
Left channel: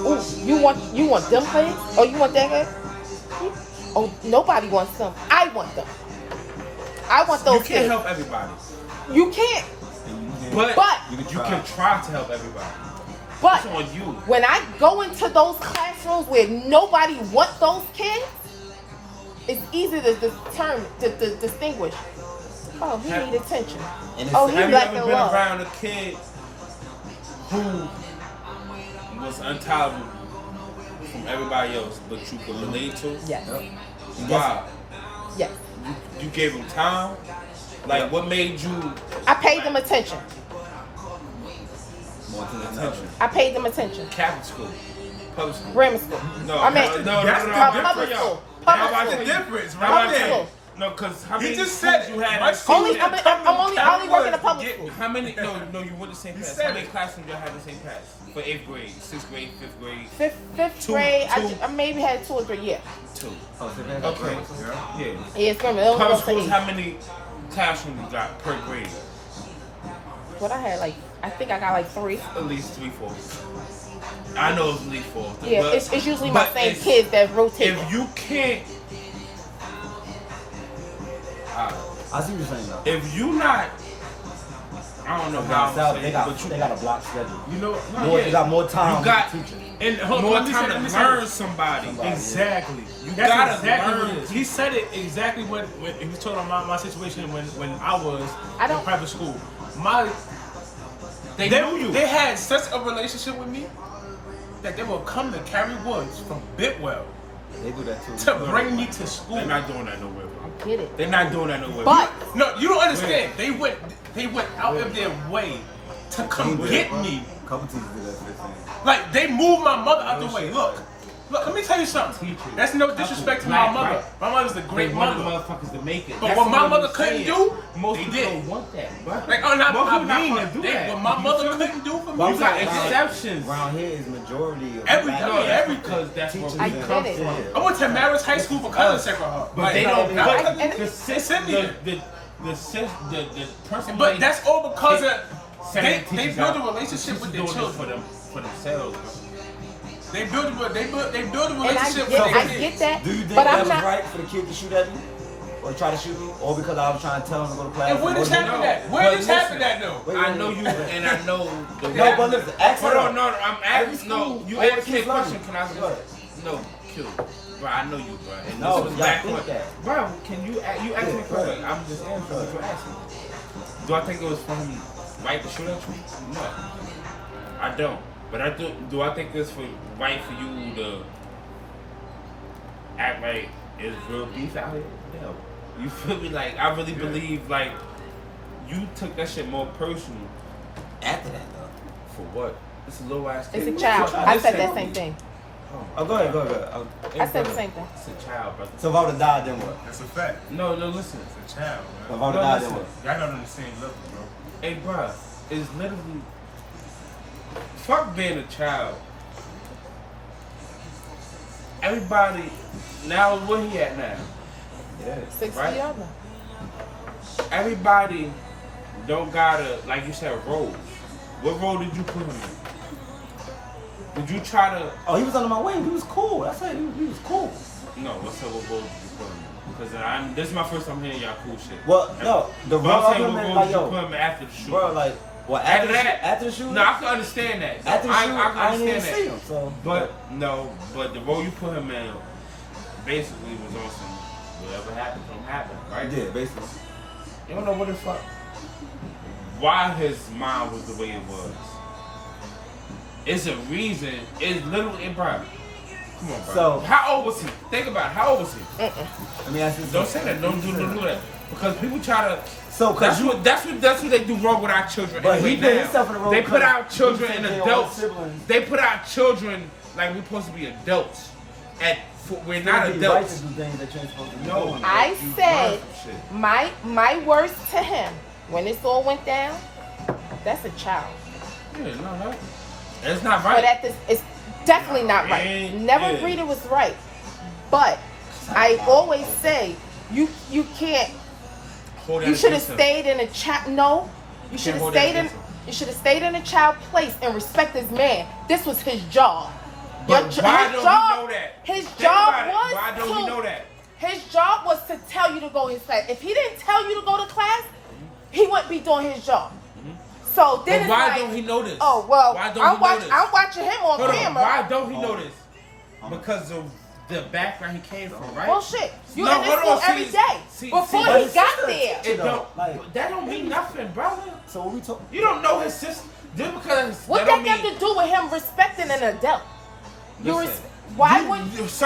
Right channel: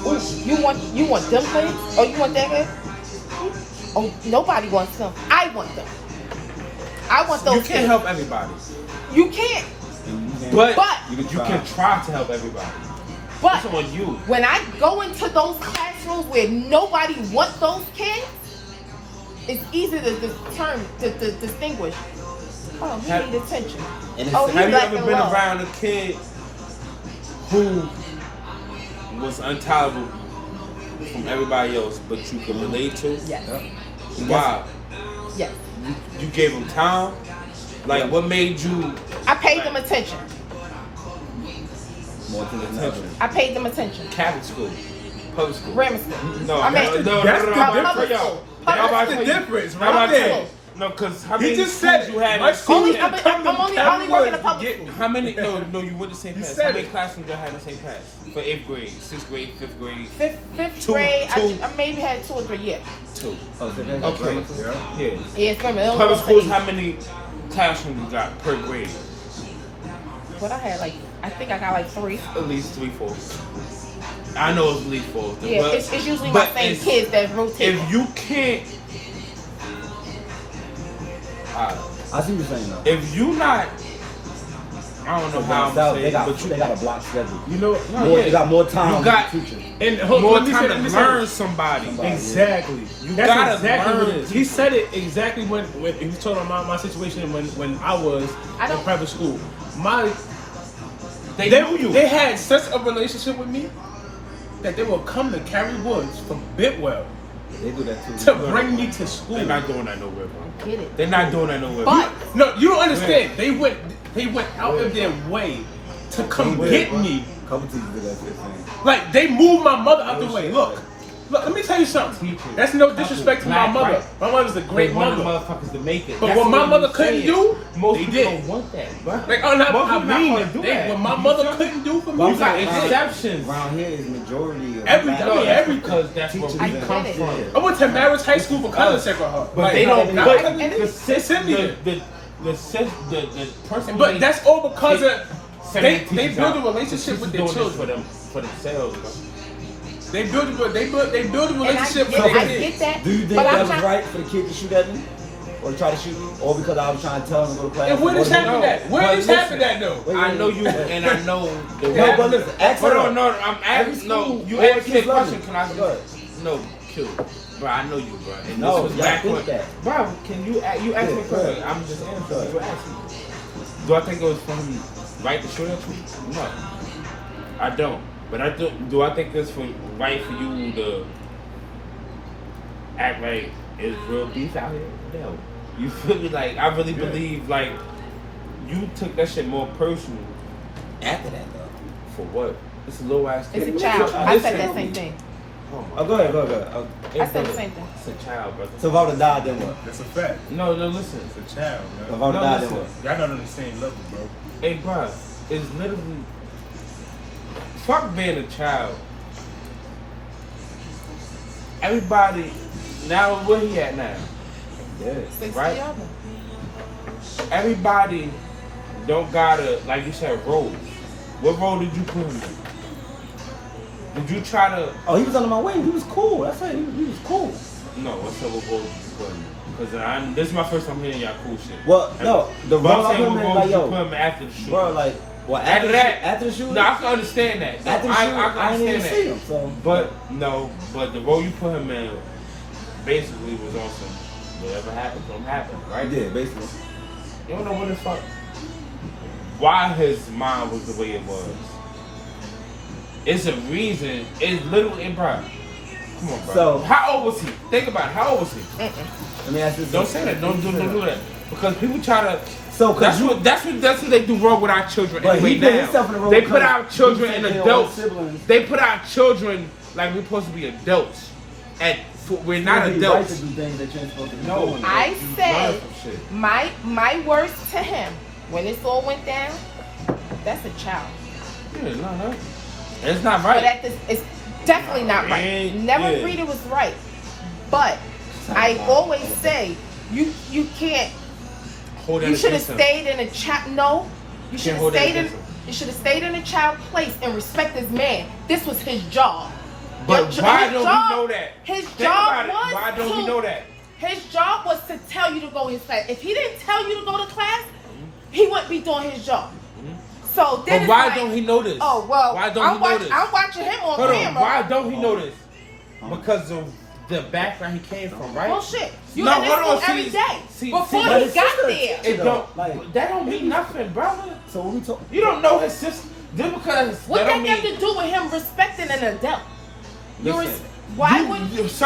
"Ooh, you want them grades? Oh, you want that grade? Oh, nobody wants them. I want them. I want those you can't kids. help everybody. You can't. But, But- you can try to help everybody. But That's on you. when I go into those classrooms where nobody wants those kids, it's easy to distinguish. Oh, he Have- need attention. And it's, Oh, he Have you black ever and been white. around a kid who was intolerable from everybody else, but you could relate to? Yes. Why? Yes. You gave him time? Like, what made you? I paid them attention. more attention than others. I paid them attention. Catholic school, public school. Grammar school. No, I mean, that's the difference. That's the difference right there. No, because how many He just said schools it. My school used to I'm come to only Cali working Woods in to public get me. How many? No, you went the same He class. said How many it. classrooms y'all had the same class for 8th grade, 6th grade, 5th grade? Fifth Two- grade, two. I maybe had 2 or 3 years. 2. Oh, so they got Okay. grammar too? Yeah. Yeah, it's from Public schools, how many classrooms you got per grade? What I had, I think I got 3. At least 3, 4. I know it's at least 4. Yeah, but, it's usually my but same it's- kids that rotate. If you can't, I see what you're saying though. if you not, I don't know So how down I'm south, saying, they got but they got a block schedule. You know, More, yeah. they got more time You got- with the teachers. and hold more on, let time me to say learn this. somebody. Exactly. You That's gotta exactly what it learn. is. He said it exactly when he was talking about my situation when I was in private school. They had such a relationship with me that they would come to Cary Woods from Bidwell They do that too. to bring me to school. They're not doing that nowhere. I get it. They're not doing that nowhere. But No, you don't understand. They went out of their way to come get me. A couple teachers do that shit. Like they moved my mother out the way. Look, let me tell you something. That's no disrespect to my mother. My mother's a great mother. motherfuckers to make it. But That's what my I'm mother saying. couldn't do, Most they people did. don't want that, bro. Like, I Motherfuckers mean not it. gonna do that. What my mother couldn't do for me, Well, they I'm saying, did. exceptions. Around here is majority of Every- black I mean, people. every- Because that's where we Teachers come and- from. I went to Marist High School for color Sacred Heart. But they not don't. every- But but- the send me there. the person. But that's all because of they teachers build a out. relationship with their Doing this children. for themselves. Bro. They build a relationship with I their get kids. that. Do you think but that I'm was not- right for the kid to shoot at me? Or try to shoot me? Or because I was trying to tell him to go to class? And where this happened at? Where But this listen, happened at though? Wait, I wait, know wait. you, and I know. No, but listen, ask Hold her. on, no, I'm Every asking. No, school, you all asked me a kids love question. me. Can I Go ahead. No, kill. Bro, I know you, bro. And No, this was you gotta back think when- that. Bro, can you ask me a Yeah, go question? ahead. I'm just answering Go what you're asking. Do I think it was for him right to shoot at you? No, I don't. But do I think it's right for you to act like it's real beef out here? No. You feel me? Like, I really believe, like, you took that shit more personal. After that, though. For what? It's a low ass kid. It's a child. I Listen. said that same thing. Oh, go ahead, go ahead. I said the same thing. It's a child, brother. So if I would have died, then what? That's a fact. No, listen. It's a child, If I man. would have No, died, then listen. what? Y'all not on the same level, bro. Hey, bro, it's literally. Fuck being a child. Everybody, now where he at now? Yeah. 60 Right. of them. Everybody don't gotta, like you said, role. What role did you put him in? Did you try to? Oh, he was under my wing. He was cool. That's it. He was cool. No, what's up? What role did you put him in? Because this is my first time hearing y'all cool shit. Well, no, the But role I I'm put saying, him what in, role like, did you yo, put him in after the shoot? bro, like, well, after the shooting, No, I can understand that. after the shooting, can I didn't even understand see him. So, But the role you put him in basically was awesome. Whatever happened, don't happen, right? yeah, basically. You don't know what the fuck. Why his mind was the way it was. It's a reason. It's literally, bro. Come on, bro. So- how old was he? Think about it. How old was he? Let me ask this. Don't say that. Don't do that. Because people try to. So, cause That's what they do wrong with our children. But anyway he put now. himself in the role They because put our children he in said they were adults. siblings. They put our children like we're supposed to be adults. We're not it'd be right to adults. do things that you're supposed to be No. doing. I You learn said some shit. my words to him when this all went down. That's a child. Yeah, no. It's not But right. at this, it's Definitely not right. Man, Never yeah. agreed it was right. But I always say you can't. Hold that You should have against him. stayed in a child. No, you should have hold that stayed in. against him. You should have stayed in a child place and respect this man. This was his job. But Your why his don't job- we know that? His Think job about it. was Why don't we know that? His job was to tell you to go to his class. If he didn't tell you to go to class, he wouldn't be doing his job. So then But it's why like, don't he know this? Oh well, Why don't he know this? I'm watching him on Hold on, camera. why don't he know this? Because of the background he came from, right? Bullshit. You No, in this hold school on, every see, day. see, Before see, he but it's got sister. there. It don't. Like- That don't mean nothing, brother. So when we talk, You don't know his sister just because. What that that don't got mean. to do with him respecting an adult? You Listen, res- why would It's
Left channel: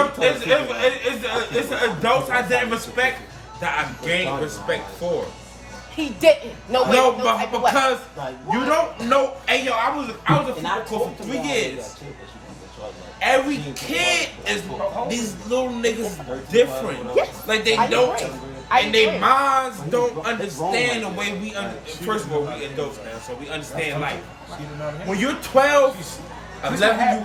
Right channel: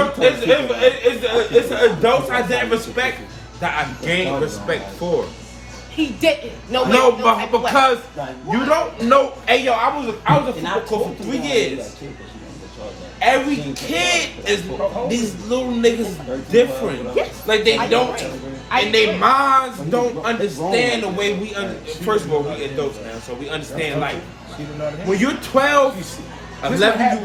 the adults I didn't respect that I gained respect for. he didn't? No, way, No, no but type of way. because Like, you don't know. Hey, yo, I was a and I football coach told for him 3 that I did years. that too, but she gonna get charged like Every 15 kid for is that. these little niggas different. Yes. Like they I don't, agree. I and their agree. minds But don't he's understand the grown way like we. that. First of all, we adults now, so we understand. Like She didn't know that. when you're 12, This is what 11, happens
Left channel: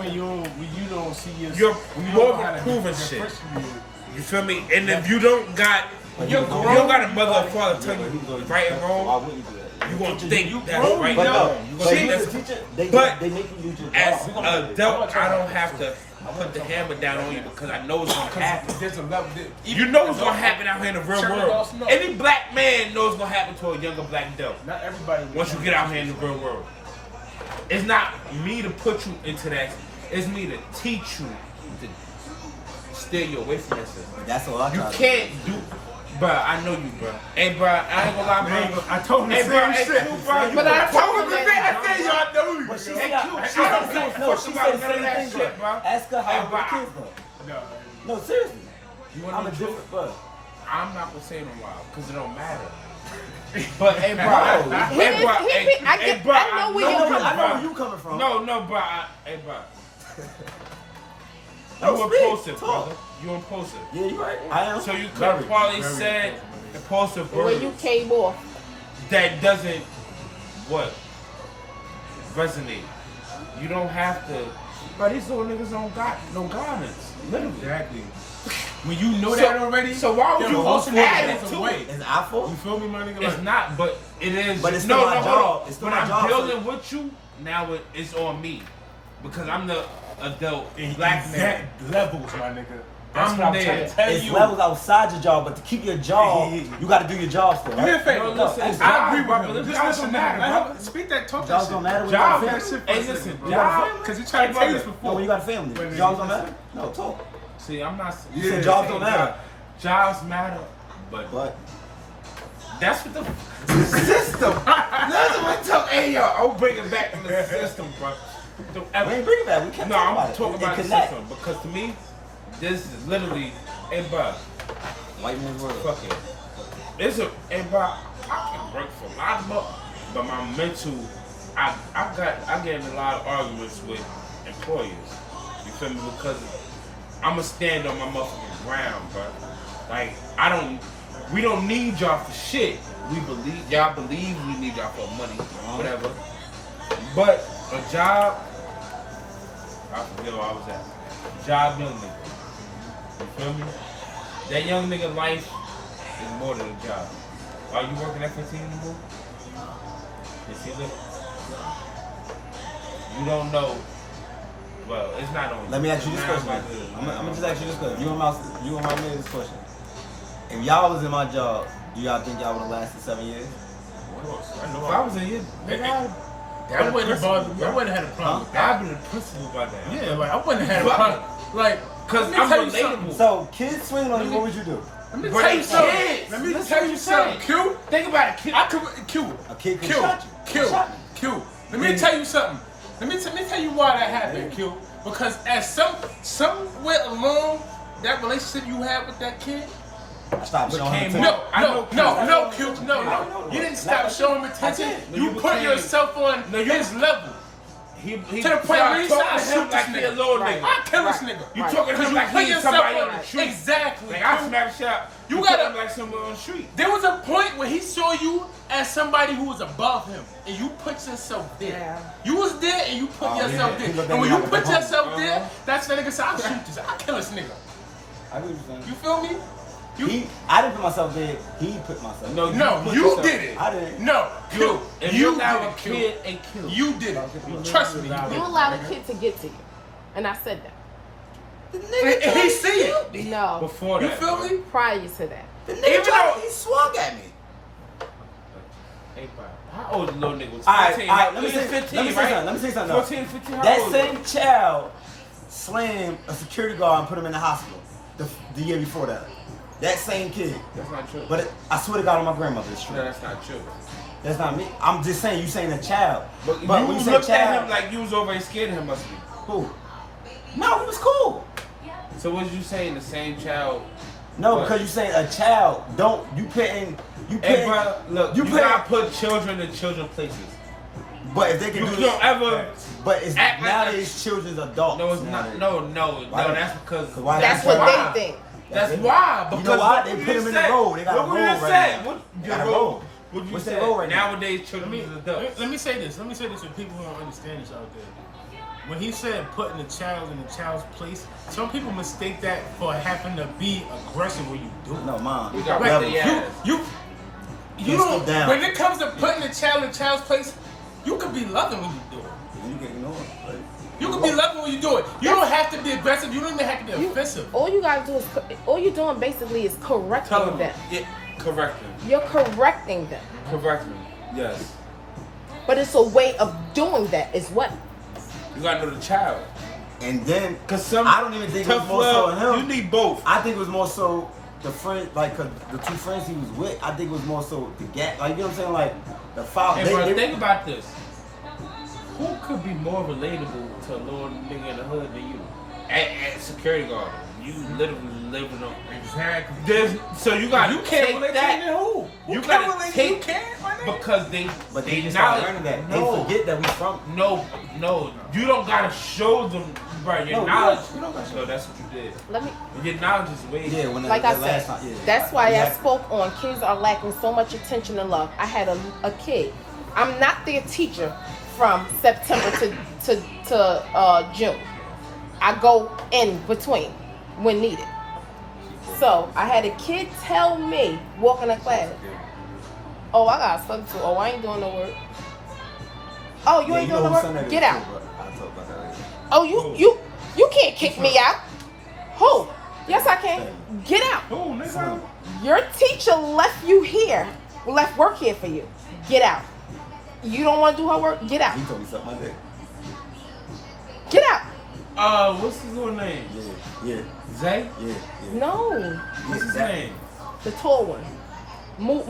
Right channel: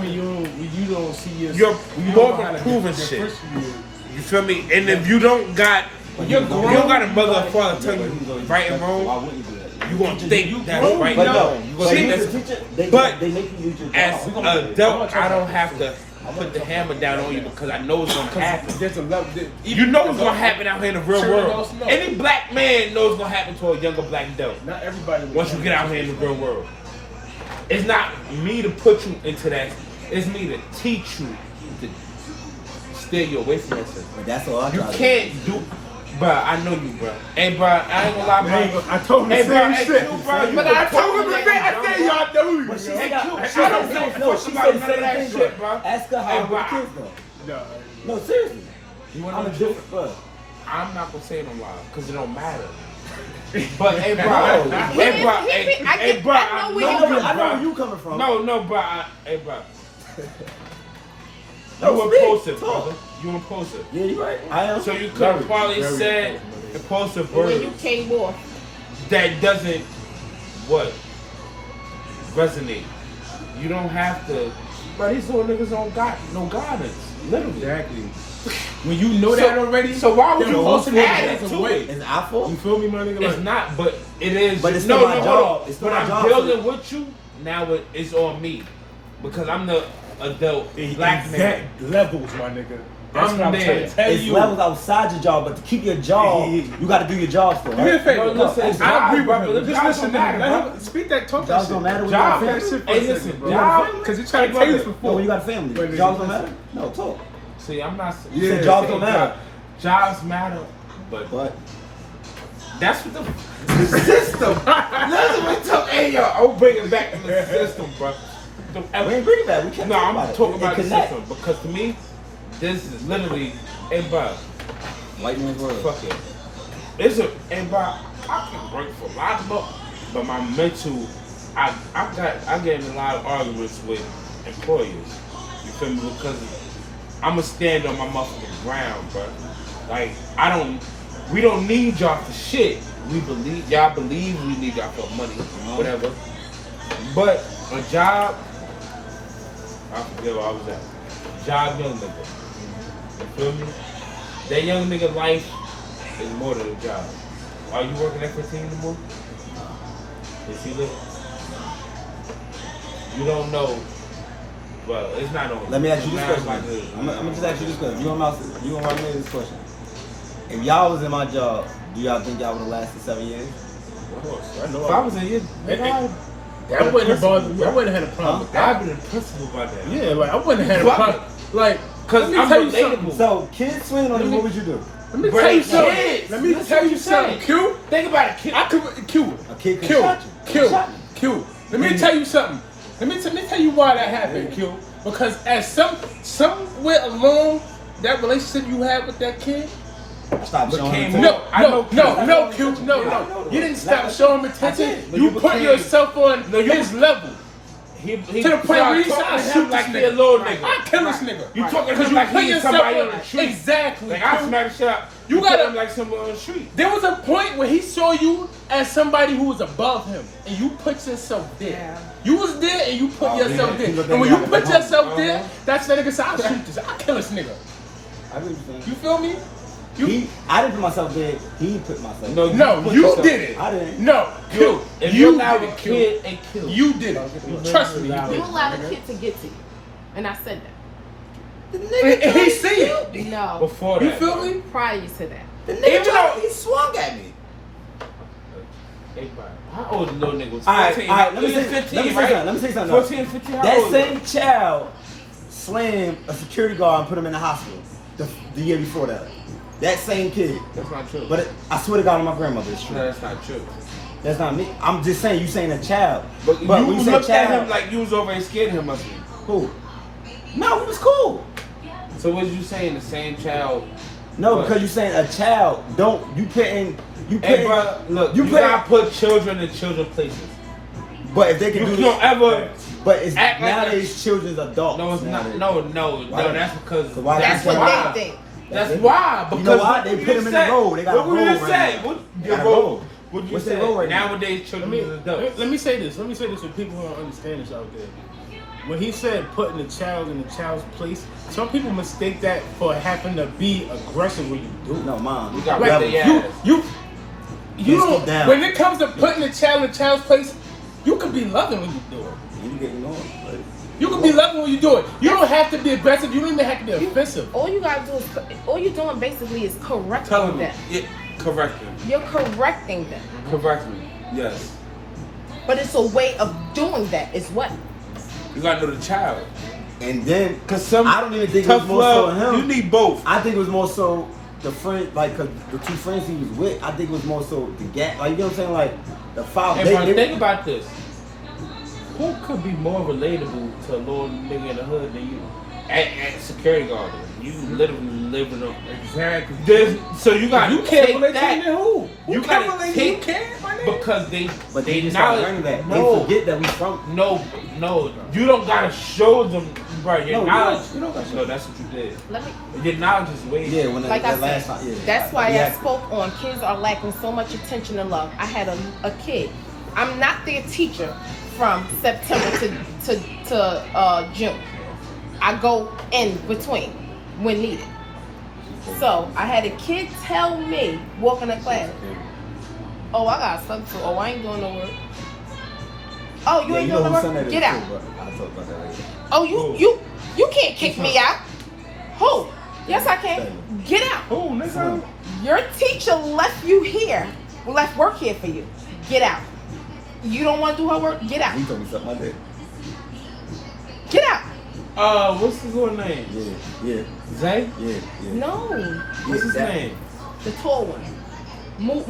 when you don't see your. You're when you more don't know how to proven shit. differentiate. you feel me? And if you don't got, But you're he was grown. already- You got a mother and father Yeah, tell but you he's already right and respectful, so why wrong. wouldn't you do that? You gonna think you that's grown, right But now. no, You but gonna you think as a that's- teacher, but they make you use your as job. an adult, I don't have to put the hammer down on you because I know it's gonna happen. There's a level. You know what's gonna happen out here in the real Cherry world. Blossom, no. Any black man knows what's gonna happen to a younger black adult. Not everybody. will Once you get out here in the real world, it's not me to put you into that. It's me to teach you to steer you away from that shit. But that's all I You try to can't do, bruh. I know you, bruh. Hey, bruh, I ain't gonna lie, bruh. I told him the Hey, same bruh, shit. hey, bruh, But I told him the same. I said y'all know you. But she yo. said, Hey, no, she said the same that thing, shit, bro. bro. Ask her how Hey, with the bro. kids, bro. No, No, seriously. you I'm want a to different, bro. I'm not gonna say it in a while because it don't matter. But hey, bro, Bro. hey, bro, hey, bro, I know where I you know, come I know where you coming from. No, bro, hey, bro. No, You speak, impulsive, talk. brother. You impulsive. Yeah, you right. I am. So you could Very. have probably very said impulsive, impulsive when you words came off. that doesn't what resonate. You don't have to. But these little niggas don't got no guidance. Literally. Exactly. When you know that already, So why would then you most of add it it is to away. it? It's our fault. You feel me, my nigga? It's Like, not, but it is. But it's still my hold job. on. It's still When my I'm job. building with you, now it's on me because I'm the adult black exact man. levels, my nigga. That's I'm what I'm there. trying to tell It's you. levels outside your job, but to keep your job, you got to do your job still. Do me a Right? favor. No, listen, I agree with brother, him. Just jobs listen don't to him. matter, Let bro. him speak that talk. Jobs that don't shit. matter when you Job got that family. shit for Hey, a second, listen, bro. job- Because you trying to Hey, tell this brother. No, when you before. got a family, Wait, jobs don't matter. No, talk. See, I'm not. You said jobs don't matter. Jobs matter, but But that's what the system. Listen, we talk. Hey, yo, I'm bringing back to the system, bro. we ain't bringing that. We can't No, talk I'm about it. talking It about the connect. system because to me, this is literally, hey, bro, White man's world. fuck it. It's a, hey, bro, I can break for a lot, but my mental, I get in a lot of arguments with employers. You feel me? Because I'm going to stand on my motherfucking ground, bro. Like, we don't need y'all for shit. Y'all believe we need y'all for money, whatever. But a job, I forget where I was at. Job, young nigga. You feel me? That young nigga life is more than a job. Are you working at 15 anymore? Is he living? You don't know. Well, it's not on. Let me ask you this it's question. not on my hood. I'm gonna just ask you this question. You and my man this question. If y'all was in my job, do y'all think y'all would have lasted 7 years? Of course, I know. If I was in your, That wouldn't have bothered me. I wouldn't have had a problem with that. I'd be the principal by that. Yeah, like I wouldn't have had a problem. Like, Cause let me I'm tell you relatable. something. So kids swinging on you, what would you do? Let me Bro, tell you something. kids. Let me Listen tell what you you're something. saying. Q. Think about it, kid. I could Q. A kid could Q. shot you. Q. Shot you. Q. Let me tell you something. Let me tell you why that happened, Q. Because as somewhere along that relationship you had with that kid, I stopped showing Became him. more- no, Q, no. You didn't stop showing him attention. did. You put yourself on No, you- his level. He To the point where you talking said, I to shoot him this like he a nigga. little nigga. I kill this nigga. You talking to Because him you like put he's yourself somebody on on the street. exactly. Like I Q. smack a shot. You put gotta- him like somebody on the street. There was a point where he saw you as somebody who was above him, and you put yourself there. You was there and you put yourself yeah. there. And when you put yourself there, that's the nigga said, I'll shoot this. I'll kill this nigga. I really think. You feel me? I didn't put myself there. He put myself there. No, you did it. I didn't. No, Q. If You allow did a it, Q. kid and kill. You did it. Trust me, you did You it. allow a kid to get to you. And I said that. And he see it. No. Before You that, feel me? Prior to that. The nigga he swung at me. How old is little nigga? Was All right, 14, let me say 15, something. right? Let me say something. 14, 15, how That old same child slammed a security guard and put him in the hospital the year before that. That same kid. That's not true. But I swear to God, on my grandmother, it's true. No, that's not true. That's not me. I'm just saying, you saying a child. But you when you say looked at child, him like you was over and scared him of him. who? No, he was cool. So was you saying the same child? No, because you saying a child. You Hey, bro, look, you gotta put children in children places. But if they can You do don't ever. but it's act like nowadays children's adults. No, it's not. nowadays. No. Why not? That's because. Why That's not? what they think. That's why. You Because know why? They put him in the role. They got a what role we just right said. now. What They your got a role? role. What you What's said? their role right now? Nowadays, children Let is adults. me say this. Let me say this for people who don't understand this out there. When he said putting the child in the child's place, some people mistake that for having to be aggressive when you do it. No, mom. You got Like, rid of the you Let's don't. go down. When it comes to putting the child in the child's place, you can be loving when you do it. You getting going. Like, You can be loving when you do it. You don't have to be aggressive. You don't even have to be offensive. All you gotta do is, all you're doing basically is correcting Tell them. them. Yeah, correct them. You're correcting them. Correct them. Yes. But it's a way of doing that as well. You gotta know the child. and then, Cause some I don't even think it was tough more so love, him. You need both. I think it was more so the friend, like, cause the two friends he was with. I think it was more so the gap. Like, you know what I'm saying? Like the foul. Hey, bro, think about this. Who could be more relatable to a little nigga in the hood than you? At security guard. You literally living on. Exactly. So you got You can't take relate that. to who? Who You can gotta relate to take- you? Can't, my nigga. Because they. But they just start learning that. No, They forget that we from. no. You don't gotta show them, bro. Your No, knowledge. you don't gotta show No, that's what you did. Let me, Your knowledge is way. Yeah, when like that I last said, time. Yeah. that's why Yeah. I spoke on kids are lacking so much attention and love. I had a kid. I'm not their teacher from September to June. I go in between when needed. So I had a kid tell me walking in class, "Oh, I got something to. Oh, I ain't doing no work. Oh, you Yeah, ain't you know doing whose no son work. that is Get too, out. but I'll talk about that later. Oh, you can't kick me out. Who? Yes, I can. Get out. Who, nigga? Son. Your teacher left you here, left work here for you. Get out. You don't want to do her work? Get out. He told me something like that. Get out. What's his little name? Yeah. Zay? Yeah. No. What's his that- name? The tall one. Move.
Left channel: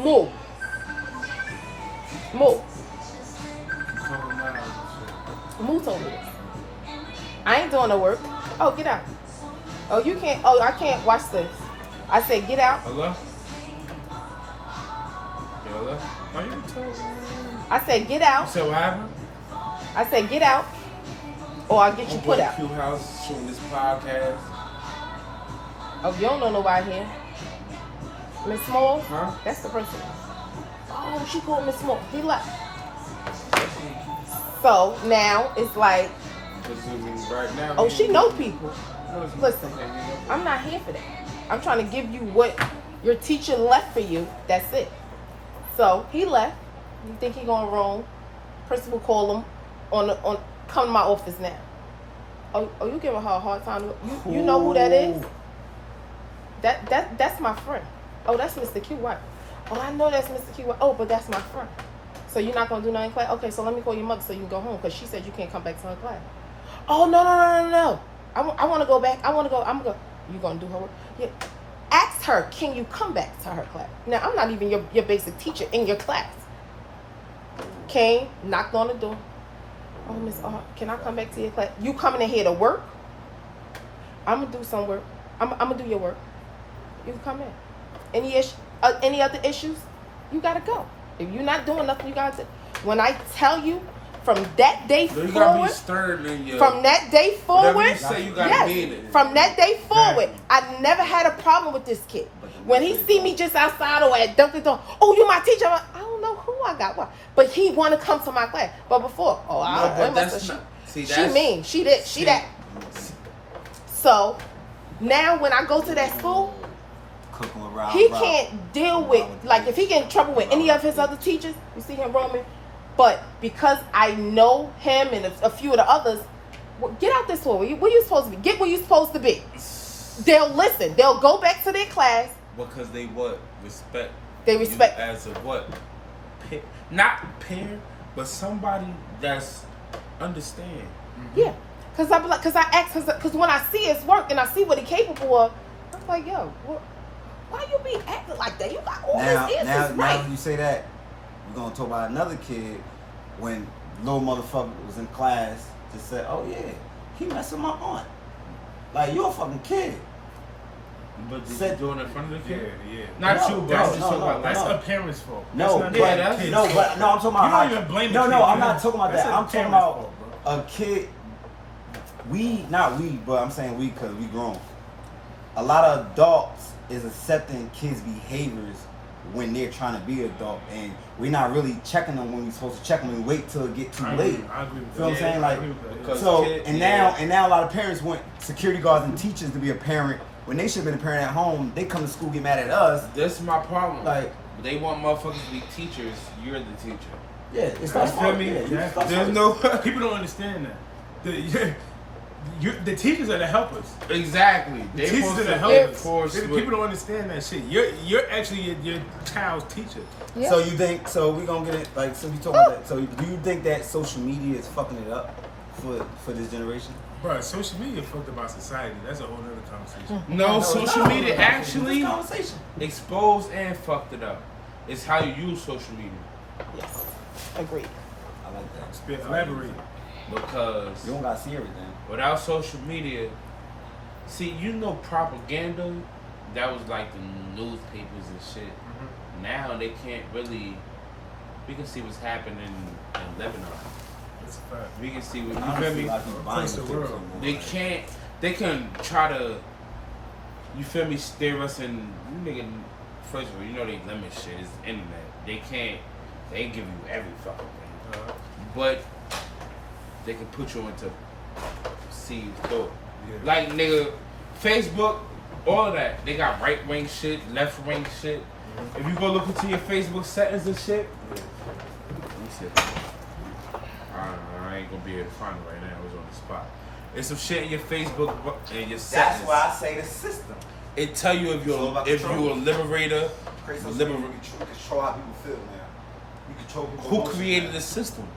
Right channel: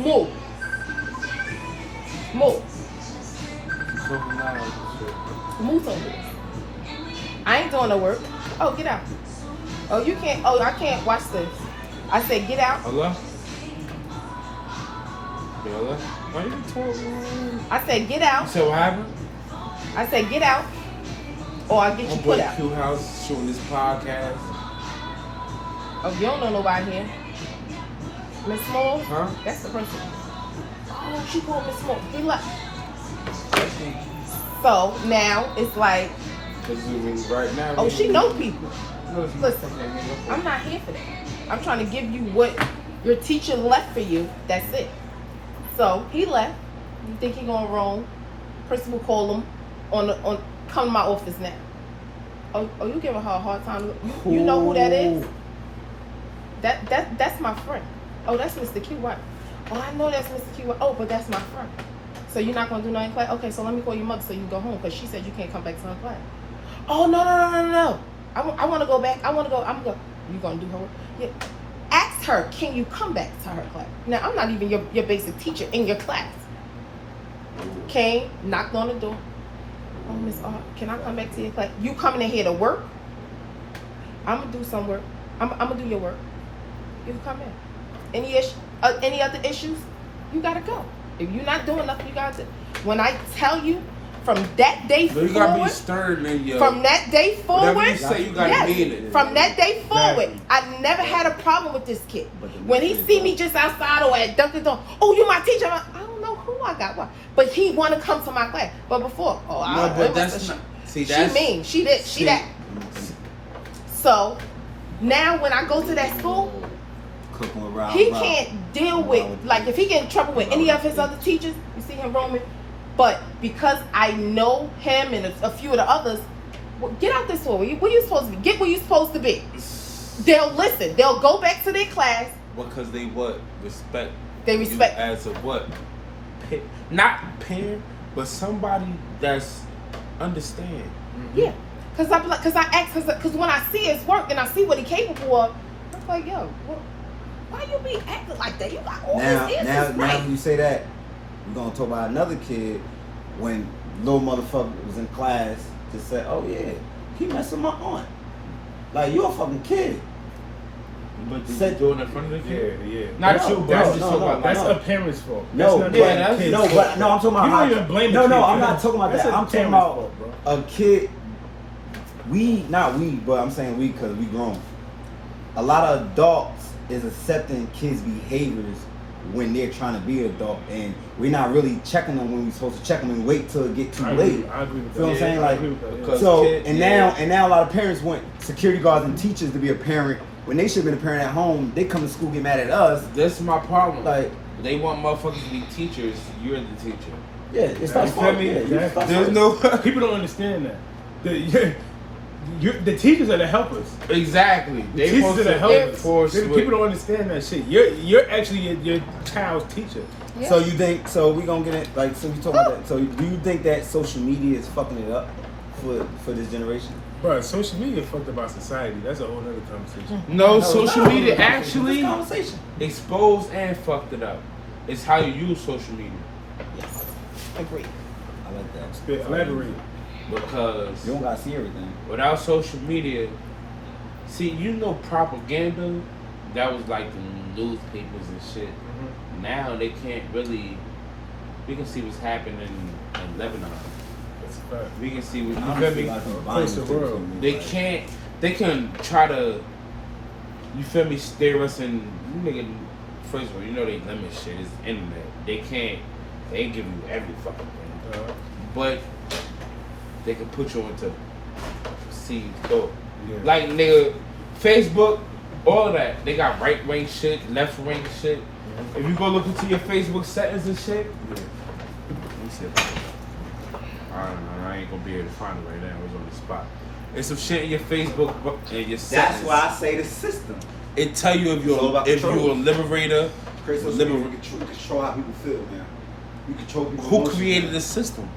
Move over. I ain't doing the work. Oh, get out. Oh, you can't. Oh, I can't watch this. I said, get out. Hello? Hello? Why you talking? I said, get You out. said what happened? I said, get out. Or I'll get you put out. Q House showing this podcast. Oh, you don't know nobody here. Miss Small? Huh? That's the person. Oh, she called Miss Small. He left. So now it's like, Right now. oh, she know people. Listen, I'm not here for that. I'm trying to give you what your teacher left for you. That's it. So he left. You think he gonna roll? Principal call him on come to my office now. Oh, you giving her a hard time? You know who that is? That's my friend. Oh, that's Mr. Q. White. Oh, I know that's Mr. Q. White. Oh, but that's my friend. So you're not gonna do nothing in class? Okay, so let me call your mother so you can go home because she said you can't come back to her class. Oh no. I want to go back. I'm gonna go. You gonna do her work? Yeah. Ask her, can you come back to her class? Now I'm not even your basic teacher in your class. Came, knocked on the door. Oh, Miss can I come back to your class? You coming in here to work? I'm gonna do some work. I'm gonna do your work. You can come in. Any other issues? You gotta go. If you're not doing nothing, you got to. When I tell you, from that day You gotta be forward, stern in your. from that day Whatever forward, you say, you gotta mean it. from that day forward, I never had a problem with this kid. When he see me just outside or at Dunkin' Donuts, oh, you my teacher? I'm like, I don't know cool, I got one. But he want to come to my class. But before, but that's not. See, that's she mean, she did, she that. So now when I go to that school, Cooking with Rob. he can't deal with, like, if he get in trouble with any of his other teachers, you see him roaming. But because I know him and a few of the others, well, get out this way. Where you supposed to be? Get where you supposed to be. They'll listen. They'll go back to their class. because they what respect. They respect you as a what? Not parent, but somebody that's understand. Mm-hmm. Yeah, because I ask, because when I see his work and I see what he capable of, I'm like, yo, why you be acting like that? You got all this answers now right. when you say that, we're gonna talk about another kid when little motherfucker was in class to say, oh yeah, he messed with my aunt. Like, you're a fucking kid. But you Said- doing it in front of the kid. Yeah. Not No, you, no, that's no, That's no. a parent's fault. No, That's but, not that's- the kid's no, fault. but no, I'm talking about You don't even blame the no, kid. I'm for not it. talking about That's that. a I'm talking parent's about fault, bro. a kid. Not we, but I'm saying we because we grown. A lot of adults is accepting kids' behaviors when they're trying to be adult, and we're not really checking them when we're supposed to check them and wait till it get too I late. agree. I agree with that. Feel what I'm saying? I Like, agree with that, yeah. Cause so kids, and now a lot of parents want security guards and teachers to be a parent when they should have been a parent at home. They come to school, get mad at us. This is my problem. Like, They want motherfuckers to be teachers. You're the teacher. yeah, it's not You feel fault. me? Yeah, you Exactly. start There's first. no. People don't understand that. The teachers are the helpers. Exactly. The They teachers are the supposed to helpers. enforce People don't understand that shit. You're actually your child's teacher. Yeah. So you think? So we gonna get it? Like, so we talking about that. So do you think that social media is fucking it up for this generation? Bro, social media fucked about society. That's a whole other conversation. No, it's social not media a conversation. actually It's a conversation. exposed and fucked it up. It's how you use social media. Yes, agreed. I like that. Spit, elaborate. Because You don't gotta see everything. without social media, see, propaganda, that was like the newspapers and shit. Now they can't really, we can see what's happening in Lebanon. That's a fact. We can see what, you feel Honestly, me? like these Across the violent world. things, They like- can't, they can try to, you feel me, stare us in, you nigga, first of all, you know they limit shit, it's internet. They can't, they give you every fucking thing. But they can put you into seed thought. Yeah. Like, nigga, Facebook, all that, they got right wing shit, left wing shit. If you go look into your Facebook settings and shit, let me see. I don't know, I ain't gonna be able to find it right now, it's on the spot. There's some shit in your Facebook and your settings. That's why I say the system. It tell you if It's all about you're control. a liberator. Create social media, you control how people feel, man. You control people's Who emotions, created man. this system?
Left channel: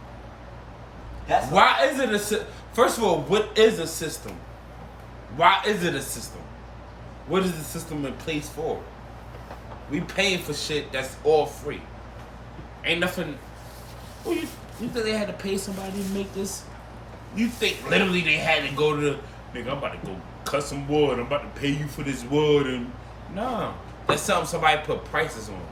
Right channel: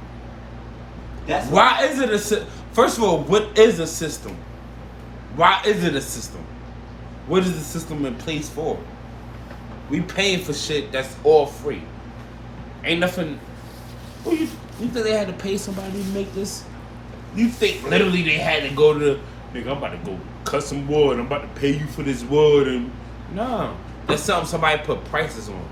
That's Why is it a system? First of all, what is a system? Why is it a system? What is the system in place for? We paying for shit that's all free. Ain't nothing. You think they had to pay somebody to make this? You think literally they had to go to nigga, I'm about to go cut some wood, I'm about to pay you for this wood, and no. That's something somebody put prices on.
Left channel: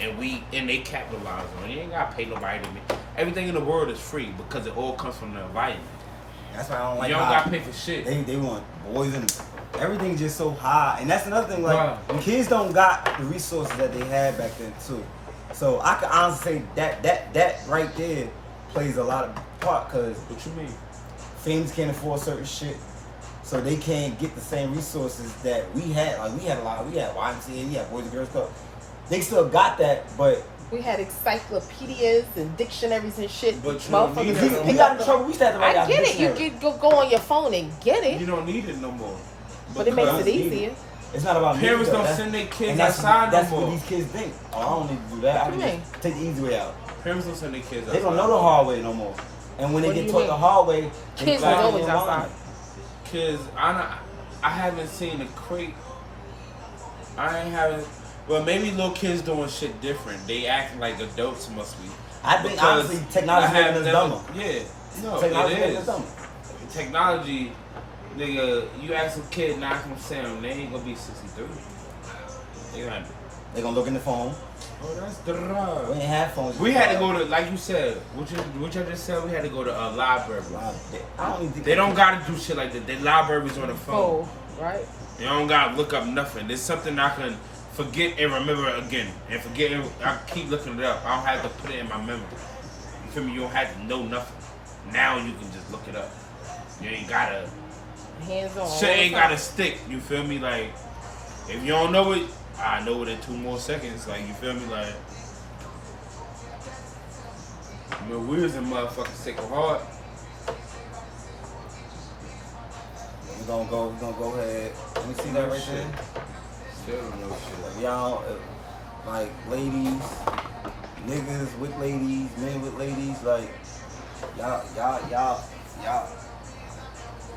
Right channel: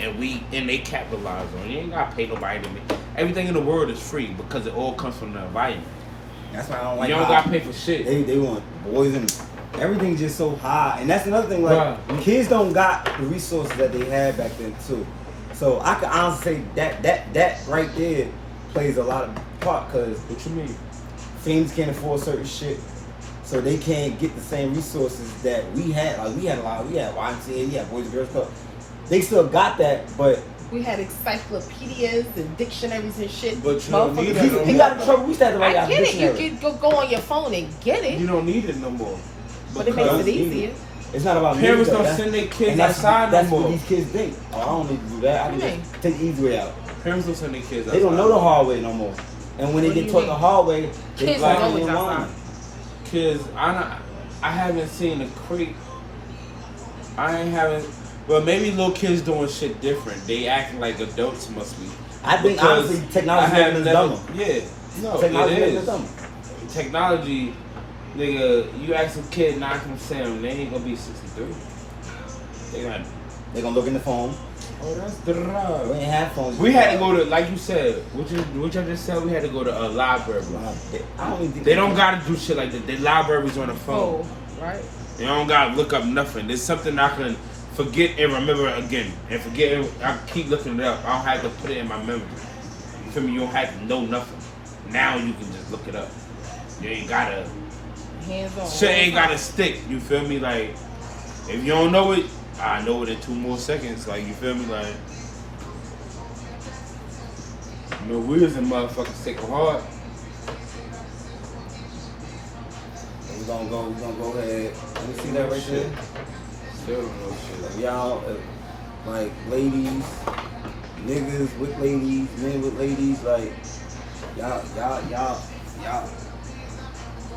And they capitalize on it. You ain't gotta pay nobody to make. Everything in the world is free because it all comes from the environment. That's why I don't like. You don't how gotta pay for shit. They want boys and everything's just so high, and that's another thing. Like, Right. kids don't got the resources that they had back then too. So I can honestly say that right there plays a lot of part because What you mean? teams can't afford certain shit, so they can't get the same resources that we had. Like, we had a lot. We had YMCA, we had Boys and Girls Club. They still got that, but We had encyclopedias and dictionaries and shit. But you don't need if it. he got in trouble, we used to have to write I out the get it. dictionary. You could go on your phone and get it, You don't need it no more. but it Because makes it easier. It's not about Parents me, though. don't That's- send their kids and outside that's no what more. these kids think. Oh, I don't need to do that. I can just take the easy way out. Parents don't send their kids They don't know the hard way no more. And when they What do get you taught mean? the hard way, they Kids cry don't and know what's whine. Kids, I haven't seen a crate. I ain't having. Well, maybe little kids doing shit different. They acting like adults must be. I think Because honestly, technology I have making us never- dumber. Yeah, no, Technology it making us is. dumber. Technology, nigga, you ask some kid 9 from 7, they ain't gonna be 63. They like, They gonna look in the phone. oh, that's We the. ain't have phones. We had to go to, like you said, what you just said, we had to go to a library. I don't even think They don't gotta do shit like that. The library's on the phone. Oh, right. They don't gotta look up nothing. There's something I can forget and remember it again. And forget it, I keep looking it up. I don't have to put it in my memory. You feel me? You don't have to know nothing. Now you can just look it up. You ain't gotta. Hands on. Shit ain't gotta stick. You feel me? Like, if you don't know it, I know it in 2 more seconds. Like, you feel me? Like, the wheels and motherfuckers take hard. We're gonna go ahead. Let me see that right there. Still no shit. Y'all, like ladies, niggas with ladies, men with ladies, like y'all.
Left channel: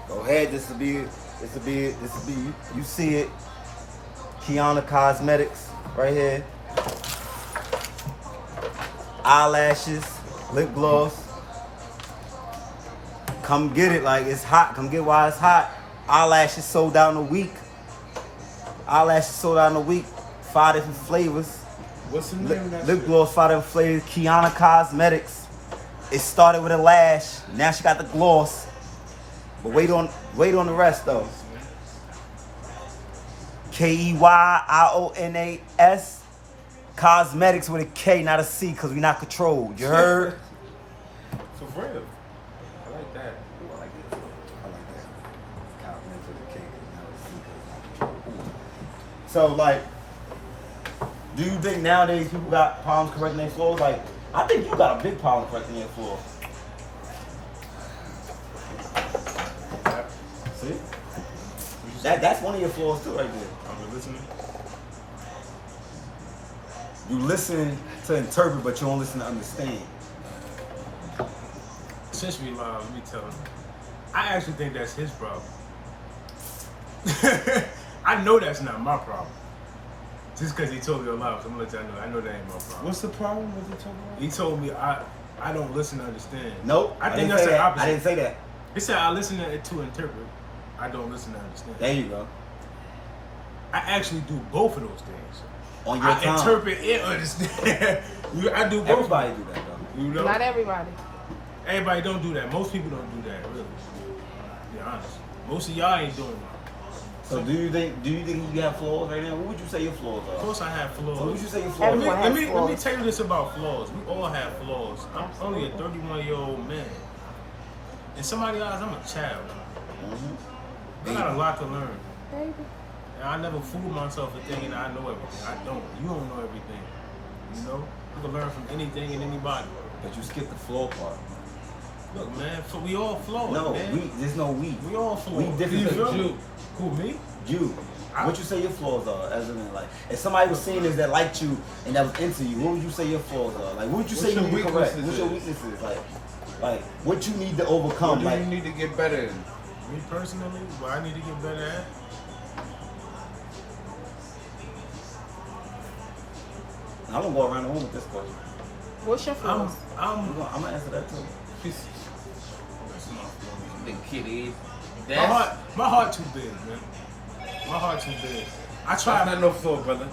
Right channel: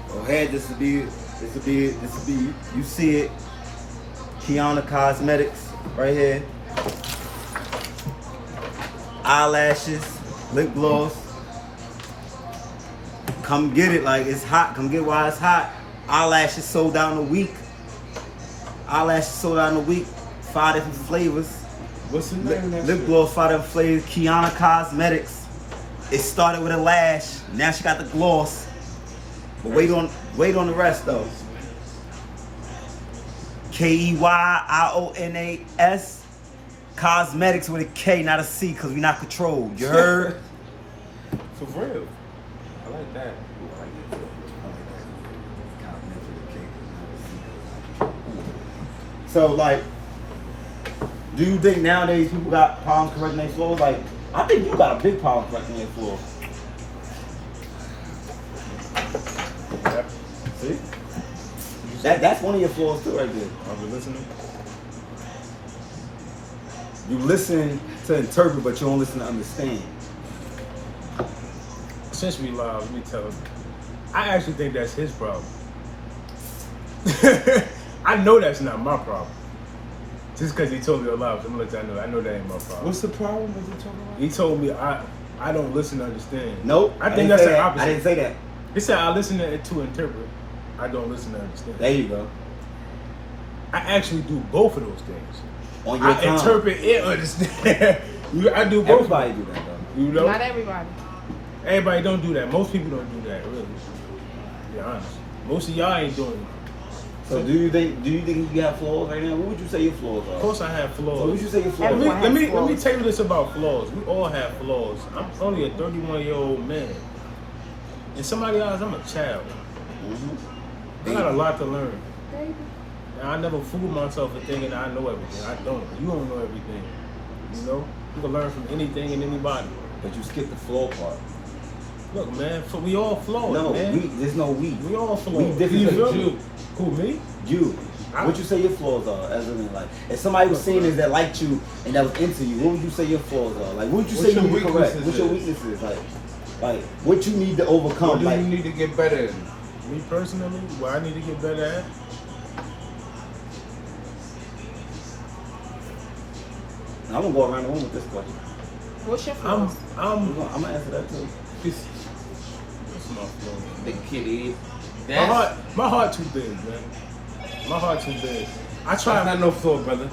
Go ahead. This will be. You see it. Kiana Cosmetics right here. Eyelashes, lip gloss. Come get it, like it's hot. Come get it while it's hot. Eyelashes sold out in a week. 5 different flavors. What's the name of that Lip shit? gloss, 5 different flavors. Kiana Cosmetics. It started with a lash. Now she got the gloss. But wait on the rest though. KEYIONAS. Cosmetics with a K, not a C, because we're not controlled. You heard? For real. I like that. So, like, do you think nowadays people got problems correcting their flaws? Like, I think you got a big problem correcting their flaws. Yep. See? That's one of your flaws too, right there. I've been listening. You listen to interpret, but you don't listen to understand. Since we live, let me tell him. I actually think that's his problem. I know that's not my problem. Just because he told me a lie, I'm gonna let y'all know. I know that ain't my problem. What's the problem with it? He told me I don't listen to understand. Nope. I think that's the opposite. I didn't say that. He said I listen to interpret. I don't listen to understand. There you go. I actually do both of those things. On your I time. interpret and understand. I do both. Everybody do that though. You know? Not everybody. Everybody don't do that. Most people don't do that, really. To be honest. Most of y'all ain't doing it. So do you think you have flaws right now? What would you say your flaws are? Of course I have flaws. So what would you say your flaws are? Let me tell you this about flaws. We all have flaws. I'm only a 31-year-old man. In somebody else, I'm a child. Mm-hmm. I got a lot to learn. And I never fool myself for thinking I know everything. I don't. You don't know everything. You know? You can learn from anything and anybody. But you skipped the flaw part. Look, man, we all flawed, No, man. there's no we. We all flawed. We different You than feel you. me? Who, me? You. What you say your flaws are? As in, like, if somebody was seeing this that liked you and that was into you, what would you say your flaws are? Like, what would you say you need to correct? What's your weaknesses? Like, what you need to overcome? What do like, you need to get better at? Me personally, what I need to get better at? I'm gonna go around the room with this question. What's your I'm flaws? I'm gonna answer that too. That's my flaws. The kid is. My heart too big, man. My heart too big. I try. That's not no flaw, brother.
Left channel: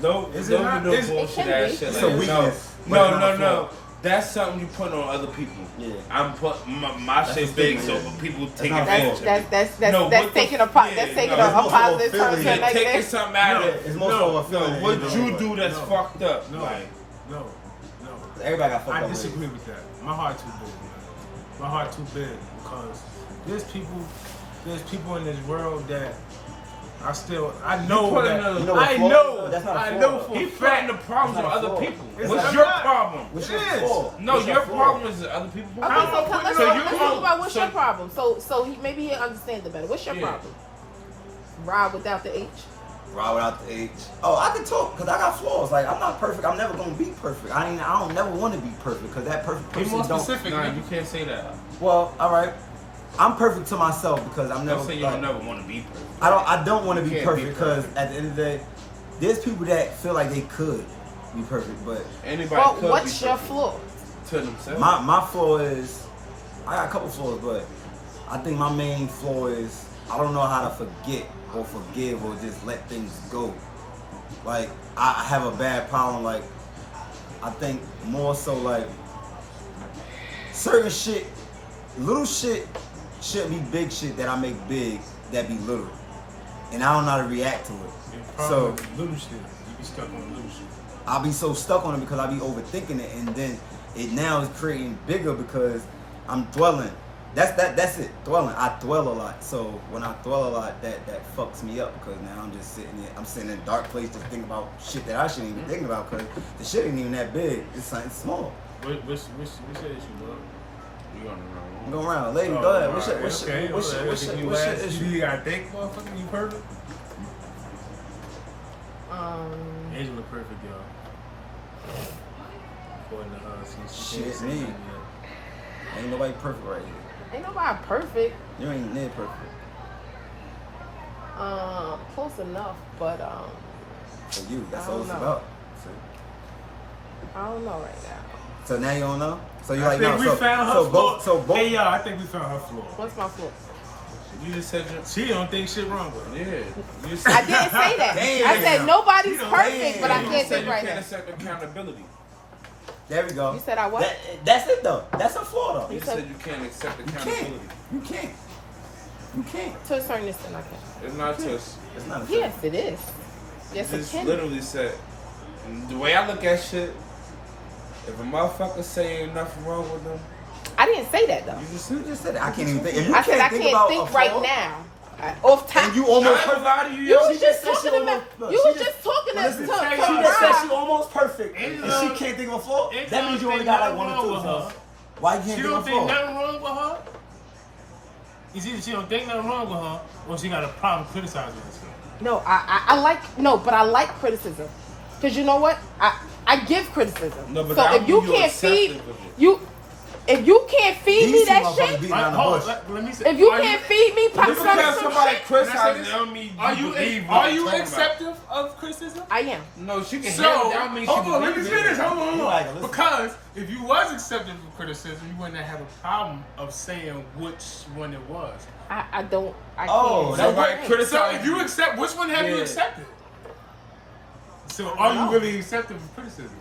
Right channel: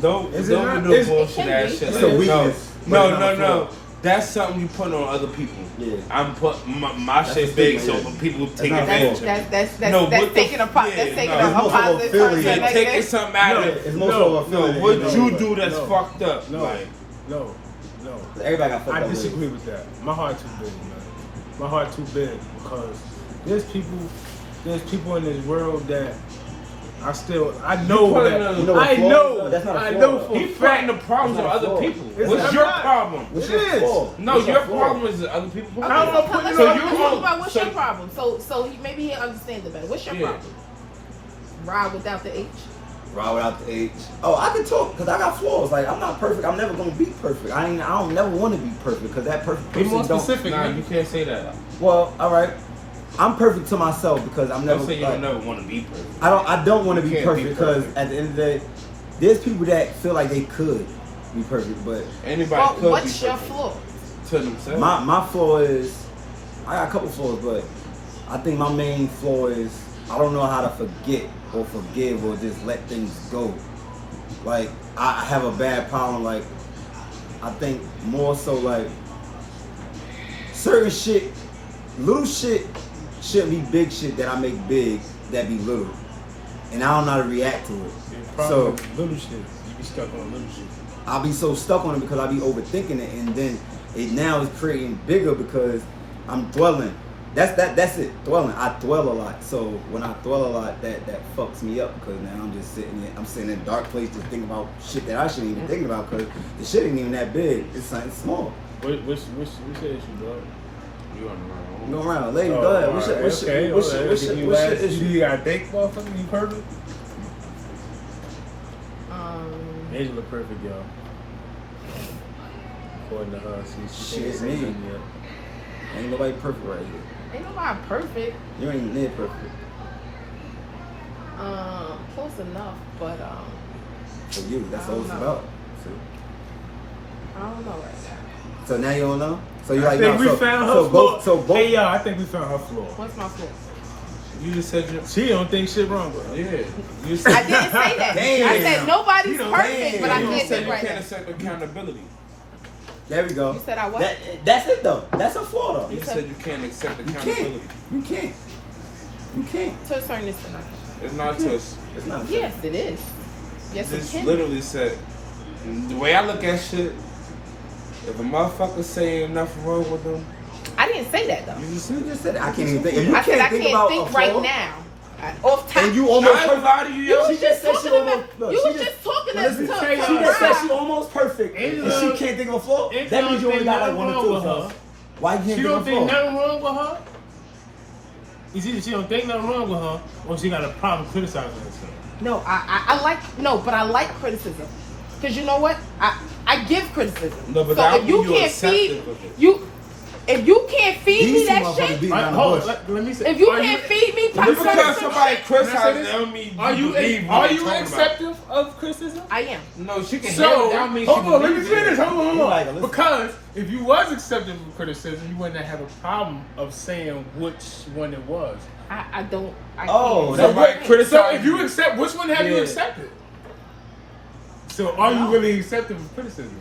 Don't. Is it don't not? do no Is- bullshit ass shit. It's a weakness, but No, it's not a no. flaw. That's something you put on other people. Yeah. I'm put my That's shit a big stigma, so yeah. people That's take not a advantage. flaw. That's No, what the taking a f- that's yeah, taking no. a It's more so a positive feeling. something Yeah, like taking this. something out No. of it. It's more No, so a feeling. No, what than you anything. do that's No. fucked up. No, Like, no. Everybody got fucked I up with disagree it. with that. My heart too big, man. My heart too big because there's people in this world that I know put that another- You know what I flaw know is? That's not a I flaw. know for a he putting fact. the problems on That's not a other flaw. people. It's What's not. your problem? What's It your is. flaw? No, What's your flaw? problem is other people. How am I putting it So on you other know- people? What's so- your problem? So maybe he'll understand it better. What's your Yeah. problem? Ride without the H. Ride without the H. Oh, I can talk because I got flaws. Like, I'm not perfect. I'm never gonna be perfect. I don't never want to be perfect because that perfect Be more person don't. specific, Nah, man. you can't say that. Well, all right. I'm perfect to myself because I'm never. Don't say you like, don't never want to be perfect. I don't want to be You can't perfect be because perfect. at the end of the day, there's people that feel like they could be perfect, but Anybody Well, could what's be your perfect flaw? to themselves. my flaw is I got a couple flaws, but I think my main flaw is I don't know how to forget or forgive or just let things go. Like I have a bad problem. Like I think more so like certain shit, little shit shouldn't be big shit that I make big that be little. and I don't know how to react to it. So little shit, you be stuck on little shit. I'll be so stuck on it because I'll be overthinking it, and then it now is creating bigger because I'm dwelling. That's it. Dwelling. I dwell a lot. So when I dwell a lot, that fucks me up because now I'm just sitting in a dark place just thinking about shit that I shouldn't even think about because the shit ain't even that big. It's something small. Which issue, dog? You on the Go around, lady. Oh, Go ahead. right. What's your issue? You gotta think, motherfucker. You perfect. Angela perfect, y'all. According to her, she Shit, can't say me. nothing yet. Ain't nobody perfect right here. Ain't nobody perfect. You ain't near perfect. Close enough, but For you, that's all it's I don't about. See? I don't know right now. So now you don't know. So you I like think no, we found her flaw. So both. Hey, y'all, I think we found her flaw. What's my flaw? You just said you. She don't think shit wrong with her. Yeah. You I said didn't say that. Damn. I said nobody's You know, perfect, but I damn. you did said it you right can't now. accept accountability. There we go. You said I what? That's it though. That's a flaw though. You said you can't accept You accountability. can't. You can't. You can't. To a certain extent. It's not touch. It's not a Yes, it is. Yes, it Just can. literally said, the way I look at shit, if a motherfucker say ain't nothing wrong with them, I didn't say that though. You just said it. I can't even think. If you I said I can't think can't about think a right flaw, now. Off top. and you almost I ain't perfect. lie to you, You yo. was She just said she almost. Look, You she was just talking well, this listen, to tell She y'all, just said right. she almost perfect. Angela- If she can't think of a flaw, Angela that means you only think got like nothing one or wrong two. with So her. why you can't She think don't of a think flaw? nothing wrong with her. It's either she don't think nothing wrong with her, or she got a problem criticizing herself. No, I like but I like criticism. Cause you know what? I give criticism. No, but so that if you mean you can't feed accepting of it. if you can't feed me These two that motherfuckers shit, beating All right, around the hold on, bush. let me say. if you are can't feed me Just because criticism, somebody Can I say criticizes this? don't mean Are you believe are what you they're talking about. acceptive of criticism? I am. No, she can So, handle that means hold she on, let me believes it. finish. Hold You on. like it, listen. Because if you was accepting of criticism, you wouldn't have a problem of saying which one it was. I don't. I Oh, can't. that's Somebody right. criticize So if you accept, which one have you Yeah. accepted? So are you really accepting of criticism?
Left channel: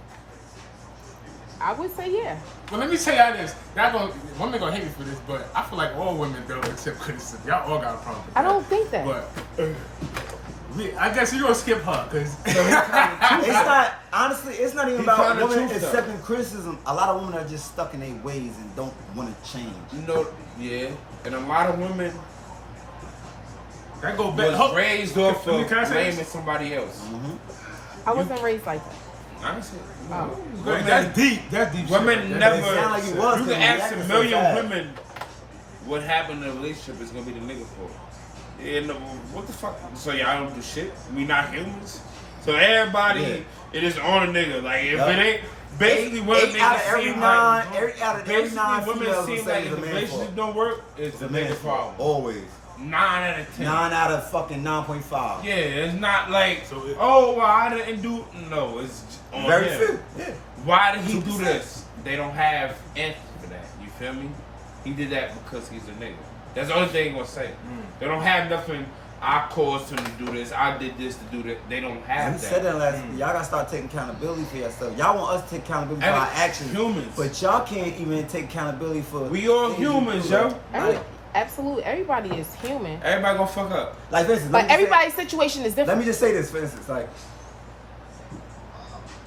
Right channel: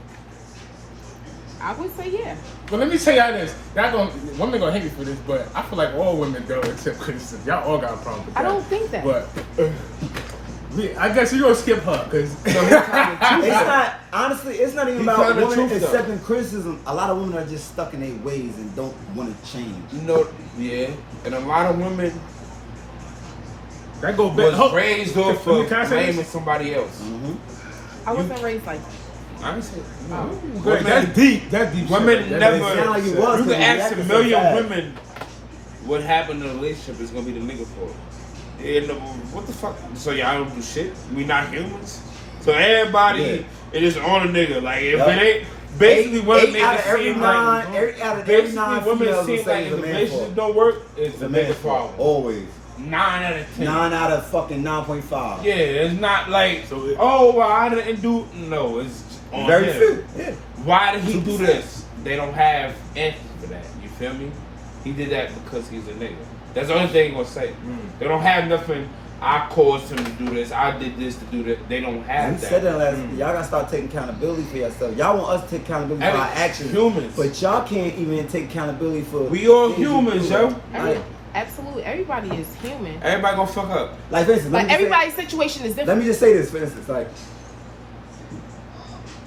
I would say yeah. Well, let me tell y'all this. Women gonna hate me for this, but I feel like all women don't accept criticism. Y'all all got a problem with I that. don't think that. But I guess you gonna skip her, cause It's not honestly. It's not even You about telling the women truth, though. accepting criticism. A lot of women are just stuck in their ways and don't want to change. You know, yeah. And a lot of women that go back. was raised off Can of I say blaming this? somebody else. I wasn't raised like that. Honestly, Good, that's deep. That's deep. Women shit. never. It sound like you was, You because can you ask reacted a so million fast. women what happened in a relationship is gonna be the nigga fault. And what the fuck? So y'all don't do shit? We not humans? So everybody is just on a nigga. Like if Yup. it ain't basically what a Eight out of nigga every seem nine, like. every out of every nine Basically, women females will seem say like it's a if the man's relationship fault. don't work, it's It's the a man's nigga's fault. fault. Always. 9 out of 10. 9 out of fucking 9.5. Yeah, it's not like So it- oh well, I didn't do. No, it's on Very him. few. Yeah. Why did he 2%. do this? They don't have answers for that. You feel me? He did that because he's a nigga. That's the only thing they're gonna say. They don't have nothing. I caused him to do this. I did this to do that. They don't have We that. said that last. Y'all gotta start taking accountability for yourself. Y'all want us to take accountability for And our actions, humans. but y'all can't even take accountability for. We all things you humans, do. yo. Like, Absolutely, everybody is human. Everybody gonna fuck up. like for instance, let But me just say- everybody's situation is Let different. me just say this, for instance, like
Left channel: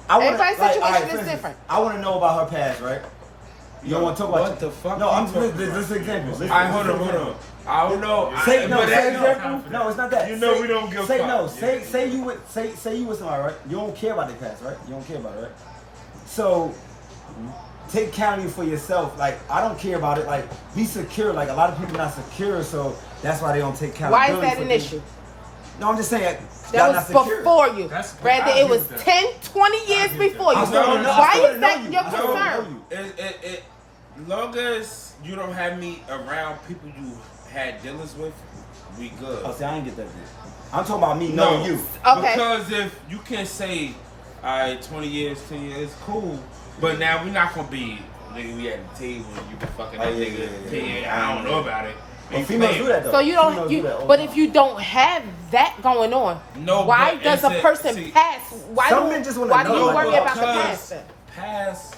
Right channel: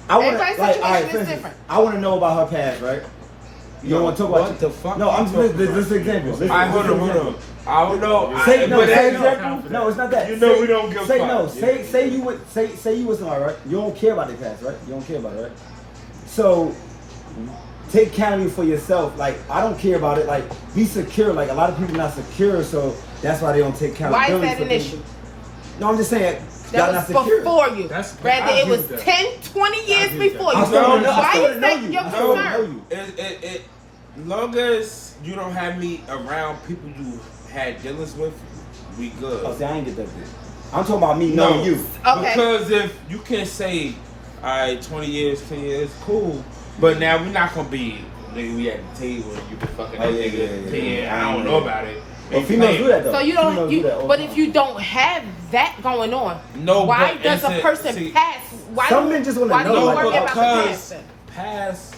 I want to, Everybody's like, situation all right, is for instance, different. I want to know about her past, right? You don't want to talk about What the fuck No, you I'm talking just this example. Listen, I this hold on, hold example. on. I don't know. Say no, but say that's no exactly. time for No, that. it's not that. You know Say- we don't give a say fuck. no. Yeah, Say yeah. you would say you with somebody, right? You don't care about their past, right? You don't care about it, right? So take accountability for yourself. Like I don't care about it. Like be secure. Like a lot of people not secure, so that's why they don't take Why accountability. is that for an things. issue? No, I'm just saying y'all not That was secure. before you. That's- I Rather it agree was with that. 10, 20 years agree with before that. you. I still don't know. I Why still is don't know that you. your I still don't know concern? you. Long as you don't have me around people you had dealings with, we good. Oh, see, I ain't get that bit. I'm talking about me knowing you. Okay. Because if you can't say, all right, 20 years, 10 years, cool, but now we're not gonna be. Nigga, we at the table and you been fucking Oh, that yeah, nigga. yeah, yeah. I don't know about it. Well, females do that though. So you Females don't, do that all the but time. if you don't have that going on, No, why but does it's a a- person see, pass? Why some do- men just wanna why know, do you like, worry about the because past then? past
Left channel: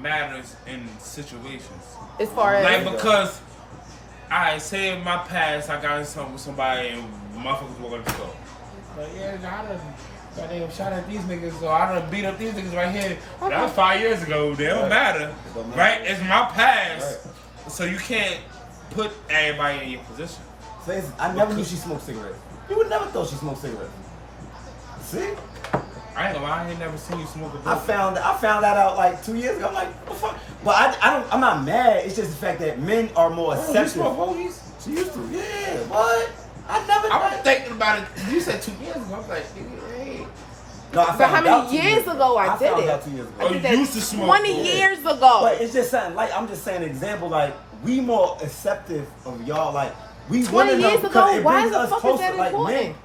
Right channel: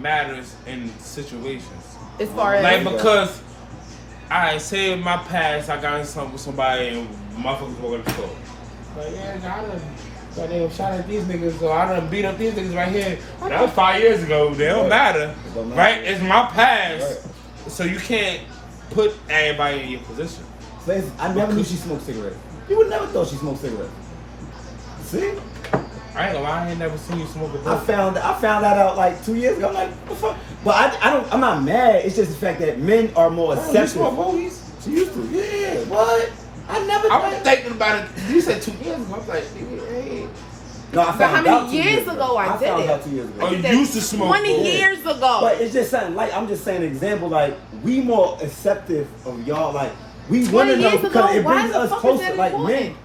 matters in situations. As far as Like because I say in my past I got in something with somebody and motherfuckers walk in the store. Like, yeah, I done goddamn shot at these niggas, or I done beat up these niggas right here. That was 5 years ago. They don't matter, right? It's my past, Right. so you can't put everybody in your position. I never knew she smoked cigarettes. You would never thought she smoked cigarettes. See? I ain't gonna lie, I ain't never seen you smoke a I blunt. found that out like 2 years ago. I'm like, what the fuck? But I'm not mad. It's just the fact that men are more You accepting. smoke movies? She used to. Yeah, what? I never. I was thinking about it. You said 2 years ago. I was like, nigga, hey. No, I But found how out many 2 years ago I did found it? out 2 years ago. Oh, you used to smoke. 20 Yeah. years ago. But it's just something like I'm just saying an example. Like we more acceptive of y'all. Like we 20 want to know years because ago, it why brings the us fuck is closer. that Like men, important?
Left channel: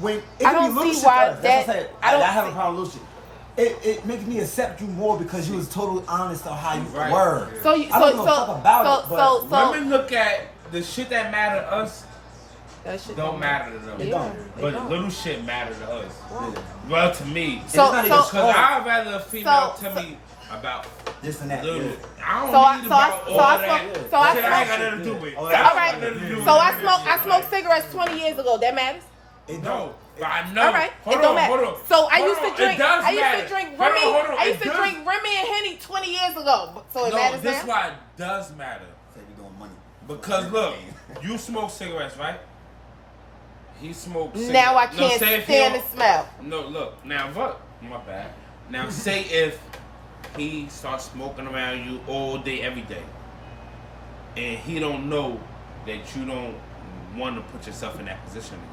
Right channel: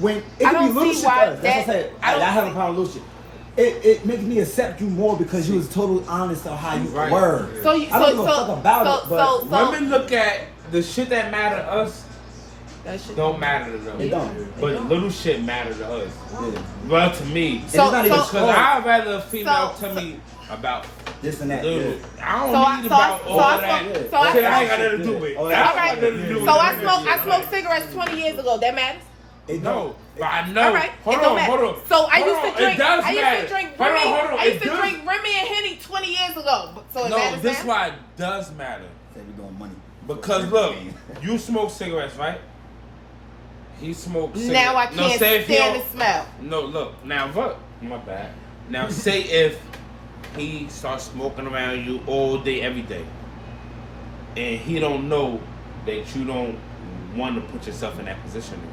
when it I can be don't little see shit to why us. That's what I said. I don't I have a see- problem with little shit. It makes me accept you more because you was totally honest on how you Right. were. So you, I don't so, give a so, fuck about so, it, but so, so, Women look at the shit that matter to us that shit don't matter to them. It don't. But little shit matter to us. Yeah. Well, to me. And it's not even so- Because small. I'd rather a female So- tell me about This and that. little. Yeah. I don't So I- need so I- about so all I of that. smoke- Shit, so I I ain't got nothing to do smoke- with. Oh, That that's ain't got okay. nothing to do with So I it. smoked cigarettes 20 years ago. That matters? It No, don't. but I know. All right. Hold it don't on, matter. hold on. So I Hold used on, to drink. It does I used matter. to drink Hold on, Remy. hold on. I used It to does- drink Remy and Henny 20 years ago. So it No, matters this now? why it does matter. Say we doing money. Because look, you smoke cigarettes, right? He smokes cigarettes. Now I can't say if he stand the don't- smell. No, look. Now, look. My bad. Now, say if he starts smoking around you all day, every day, and he don't know that you don't want to put yourself in that position again.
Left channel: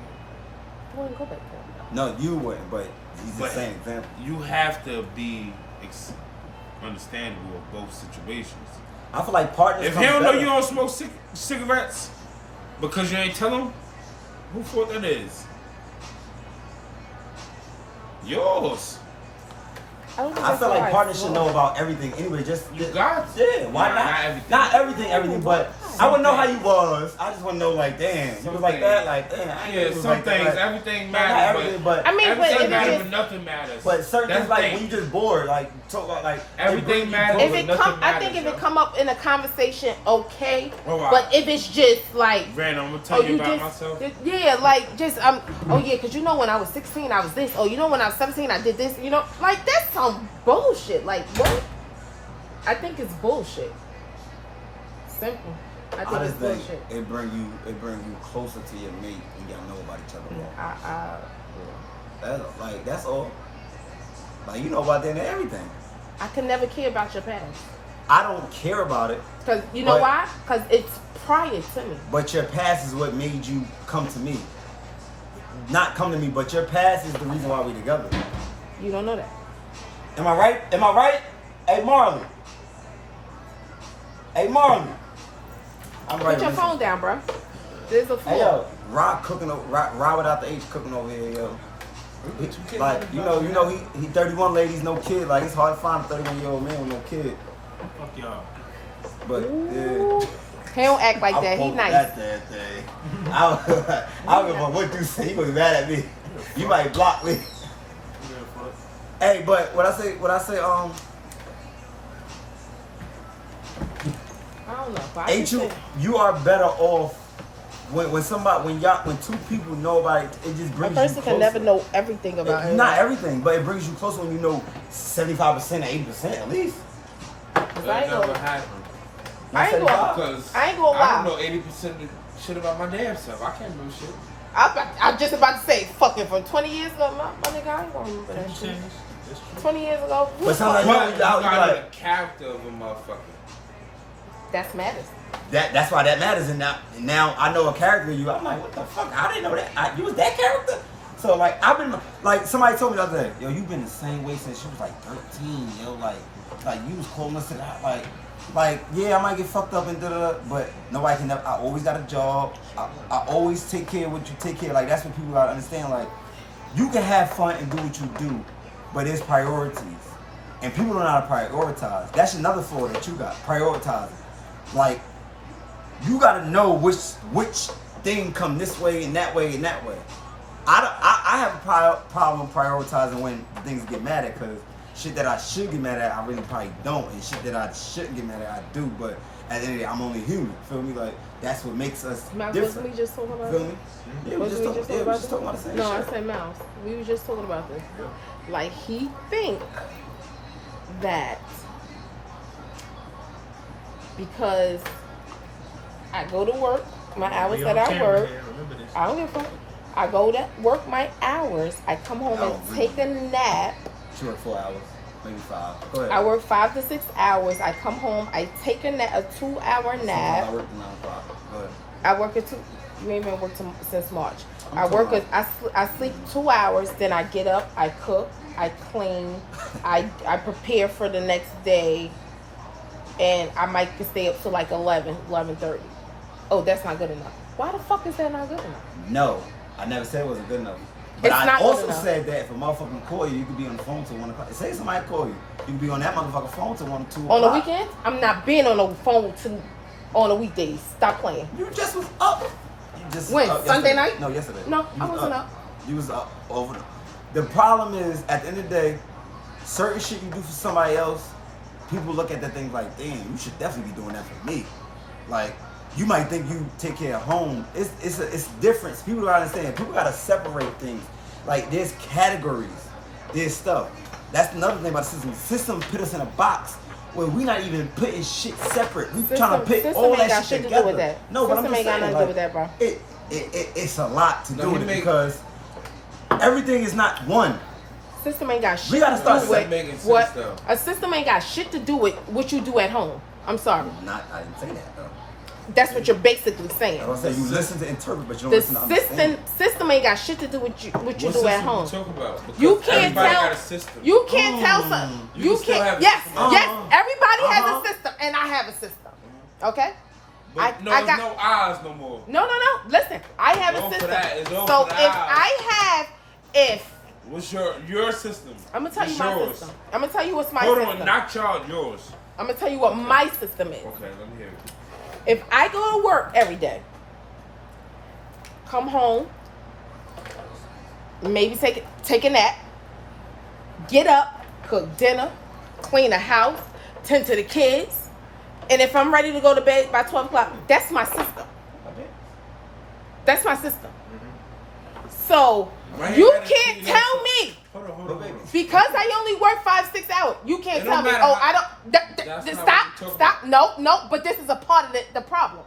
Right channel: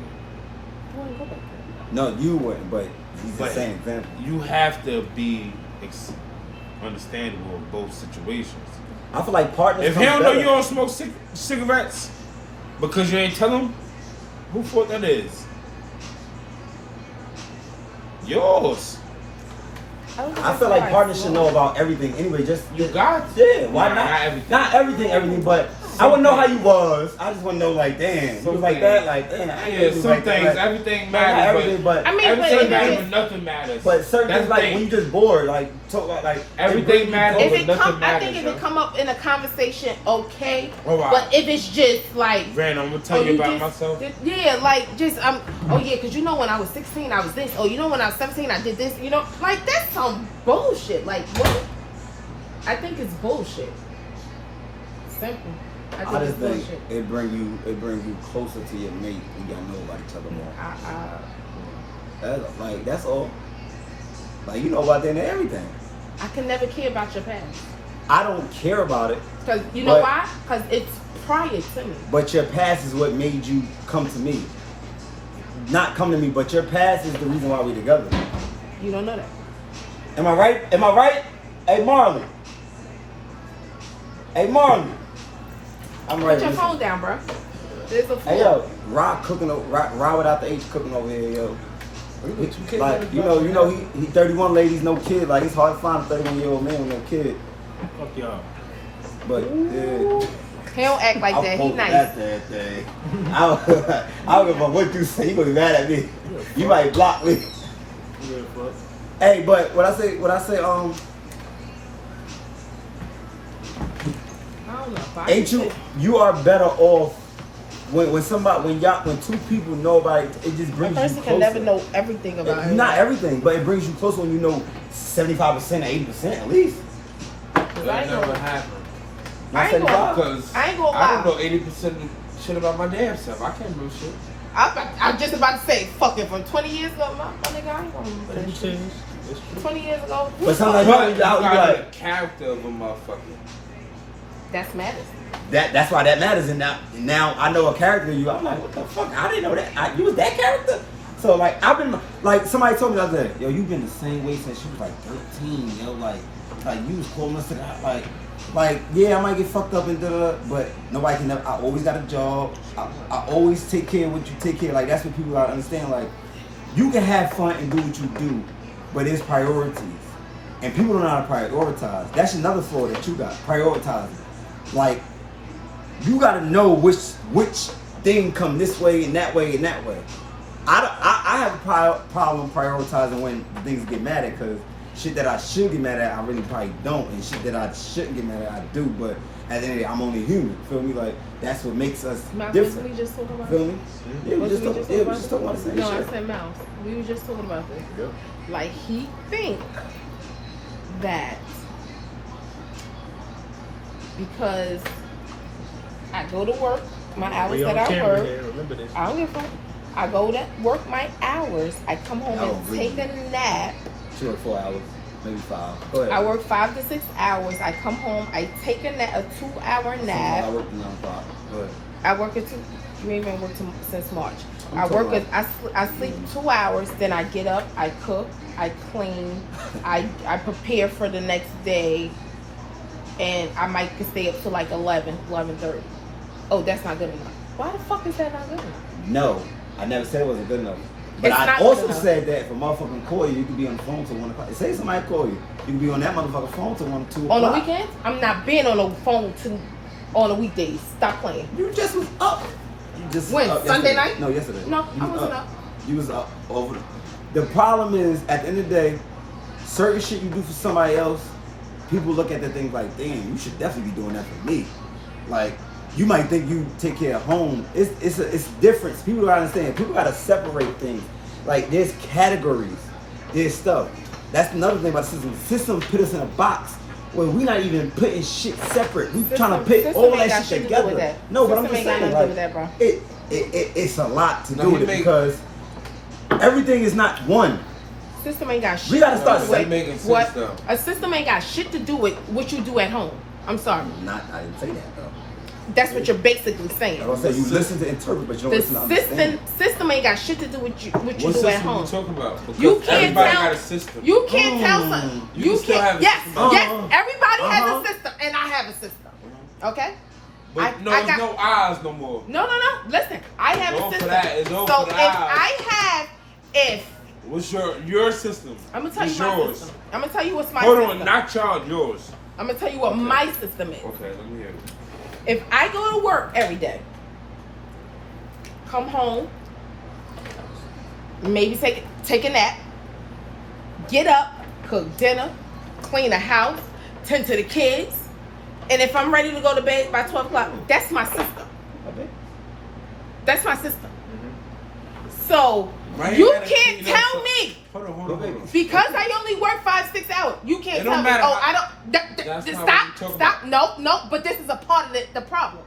I wouldn't go back there. No, you wouldn't, but he's But the same example. You have to be understandable in both situations. I feel like partners If come he don't know better. you don't smoke cigarettes because you ain't tell him, who fault that is? Yours. I feel like partners should know about everything anyway. Just got yeah, why Nah, not? not everything. Not everything, but I would know how you was. I just want to know, like, damn, you Some was like things. that, like, damn. I Yeah, was some like that, things, like, everything not matters. everything, but I mean, everything but matters, if but nothing matters. but certain That's things, the like thing. when you just bored, like talk about, like Everything it brings you matters. closer. If it nothing come, I matters, think if bro. it come up in a conversation, okay. Alright. But if it's just like, Random, I'm gonna tell oh, you about just, myself. yeah, like just oh yeah, because you know when I was 16 I was this. Oh, you know when I was 17 I did this. You know, like that's some bullshit. Like what? I think it's bullshit. Simple. I think I just it's think bullshit. it bring you closer to your mate and y'all know about each other more. That's all. Like you know about them and everything. I can never care about your past. I don't care about it, Because you know But- why? Because it's prior to me. but your past is what made you come to me. Not come to me, but your past is the reason why we together. You don't know that. Am I right? Am I right? Hey Marley. Hey Marley. I'm right. Put your Listen. phone down, bro. There's a phone. Hey yo, Rock cooking, Rock without the H cooking over here, yo. Like you know, he 31 ladies, no kid. Like it's hard to find a 31-year-old man with no kid. Fuck y'all. But yeah, He don't act like I'll that. He poke nice. that damn thing. I don't give a fuck what you say. You gonna be mad at me. You might block me. Yeah, fuck. Hey, but what I say, ain't you are better off when two people know about it. It just A brings you person closer. can never know everything about him. Not everything, but it brings you closer when you know 75% or 80% at least. That never happened. Not I ain't gonna- 75. Because I ain't gonna I don't lie. know 80% of shit about my damn self. I can't know shit. I'm just about to say, fucking from 20 years ago, my nigga, I ain't gonna remember that shit. That's true. 20 years ago, But sometimes you But know, you you out, you gotta like, the character of a motherfucker. that's matters. that's why that matters. And now I know a character in you. I'm like, what the fuck? I didn't know that. You was that character? So like I've been like somebody told me the other day, yo, you've been the same way since you was like 13, yo, like you was coolness to that, like yeah, I might get fucked up and but nobody can never. I always got a job. I always take care of what you take care of. Like that's what people gotta understand. Like you can have fun and do what you do, but it's priorities, and people don't know how to prioritize. That's another flaw that you got, prioritizing. Like you gotta know which thing come this way and that way and that way. I have a problem prioritizing when things get mad at, because shit that I should get mad at, I really probably don't, and shit that I shouldn't get mad at, I do. But at the end of the day, I'm only human. Feel me? Like that's what makes us Mouse, different. we just talking about. Feel me? Yeah, we What just we talking. just Yeah, we talking just talking about the same No, shit. I said Mouse. We were just talking about this. Yep. Like he think that because I go to work, my hours We on that I camera work, here. Remember this. I don't give a fuck. I go to work my hours. I come home Oh, and really? take a nap. 2 or 4 hours, maybe 5. Go ahead. I work 5 to 6 hours. I come home. I take a nap, a 2-hour Sometimes I nap. work around 5. Go ahead. I work at 2. You ain't been working since March. I'm I talking work. about- I sleep 2 hours. Then I get up. I cook. I clean. I prepare for the next day, and I might stay up to like 11:30. Oh, that's not good enough. Why the fuck is that not good enough? No, I never said it wasn't good enough. But It's I not also good enough. said that if a motherfucker call you, you could be on the phone till 1 o'clock. Say somebody call you, you can be on that motherfucker phone till 1 or 2 o'clock. On the weekends, I'm not being on the phone on the weekdays. Stop playing. You just was up. You just When? up Sunday yesterday. night? No, yesterday. No, You I was wasn't up. You was up over the problem is at the end of the day, certain shit you do for somebody else, people look at that thing like, damn, you should definitely be doing that for me. Like, you might think you take care of home. It's different. People don't understand. People gotta separate things. Like there's categories. There's stuff. That's another thing about the system. The system put us in a box where we not even putting shit separate. We trying to put System all ain't that got shit shit to do together. with that. No, but I'm System just ain't got saying, nothing to like, do with that, it's a lot to No, do you with it make- because everything is not one. System ain't got shit. We gotta to start do with saying- making sense what though. a system ain't got shit to do with what you do at home. I'm sorry. I didn't say that though. That's what you're basically saying. I was saying you listen to interpret, but you don't The listen to understand. system ain't got shit to do with what you What do at system home. you talking about? Because You can't everybody tell. got a system. You can't tell some. You You can still can't. have a Yes, system. yes. Everybody has Uh-huh. a system, and I have a system. Okay. But I there's got- no eyes no more. No. Listen, I have It's a over system. for that. It's over So for if that. if What's your system? I'm gonna tell It's you my yours. system. I'm gonna tell you what's my Hold system. on, not y'all, yours. I'm gonna tell you what my system is. Okay, let me hear it. If I go to work every day, come home, maybe take a nap, get up, cook dinner, clean the house, tend to the kids, and if I'm ready to go to bed by 12 o'clock, that's my system. Okay. That's my system. So Why you gotta can't clean up tell so- me Hold on, Go hold baby. on. because I only work 5-6 hours. You can't It tell don't me. matter Oh, how- I don't. That's not what Stop. we're talking Stop. No. But this is a part of the problem.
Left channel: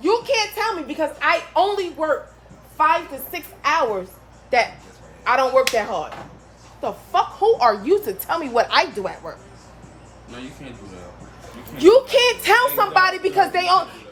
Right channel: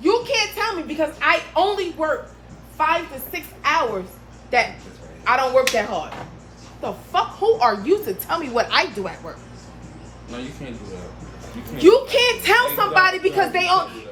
You can't tell me because I only work 5 to 6 hours that I don't work that hard. The fuck? Who are you to tell me what I do at work? No, you can't do that. You can't tell somebody because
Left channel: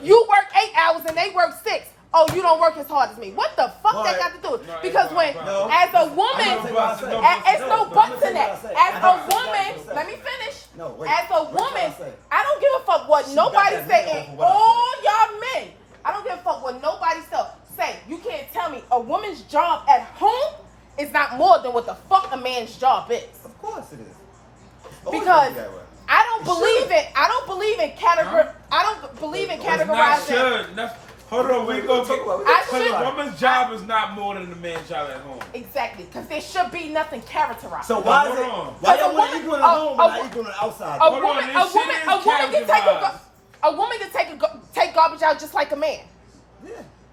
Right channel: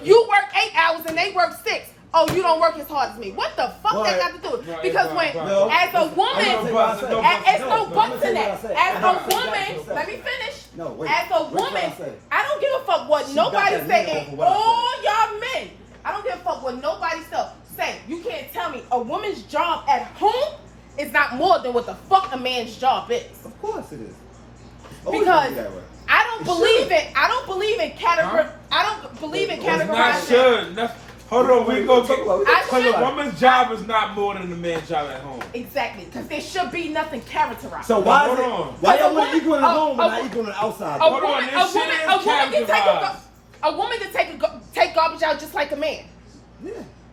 you work 8 hours and they work 6. Oh, you don't work as hard as me. What the fuck Right. that got to do with it? Right, Because right, when, right. No. as a I'm gonna tell you woman, what I said. No, There's no I'm gonna buts tell in you what I that. said. As I'm a gonna tell you woman, what I said. let me finish. No, wait. As a Wait till I woman, say. I don't give a fuck what She got nobody that say. nigga And for what I all y'all men, I don't give a fuck what nobody say. You can't tell me a woman's job at home is not more than what the fuck a man's job is. Of course it is. It's always Because gonna be that way. I don't It believe should. it. I don't believe in category. Huh? I don't believe in It's not It's not categorizing. should. Hold on, we gonna talk about it. I because should- a woman's job is not more than a man's job at home. Exactly, because there should be nothing characterized. So why is Hold it? on. Why y'all A want woman- equal in the home but a- not equal on the outside? A Hold woman, on, a this woman, shit a is woman can take categorized. a woman can take garbage out just like a man. Yeah.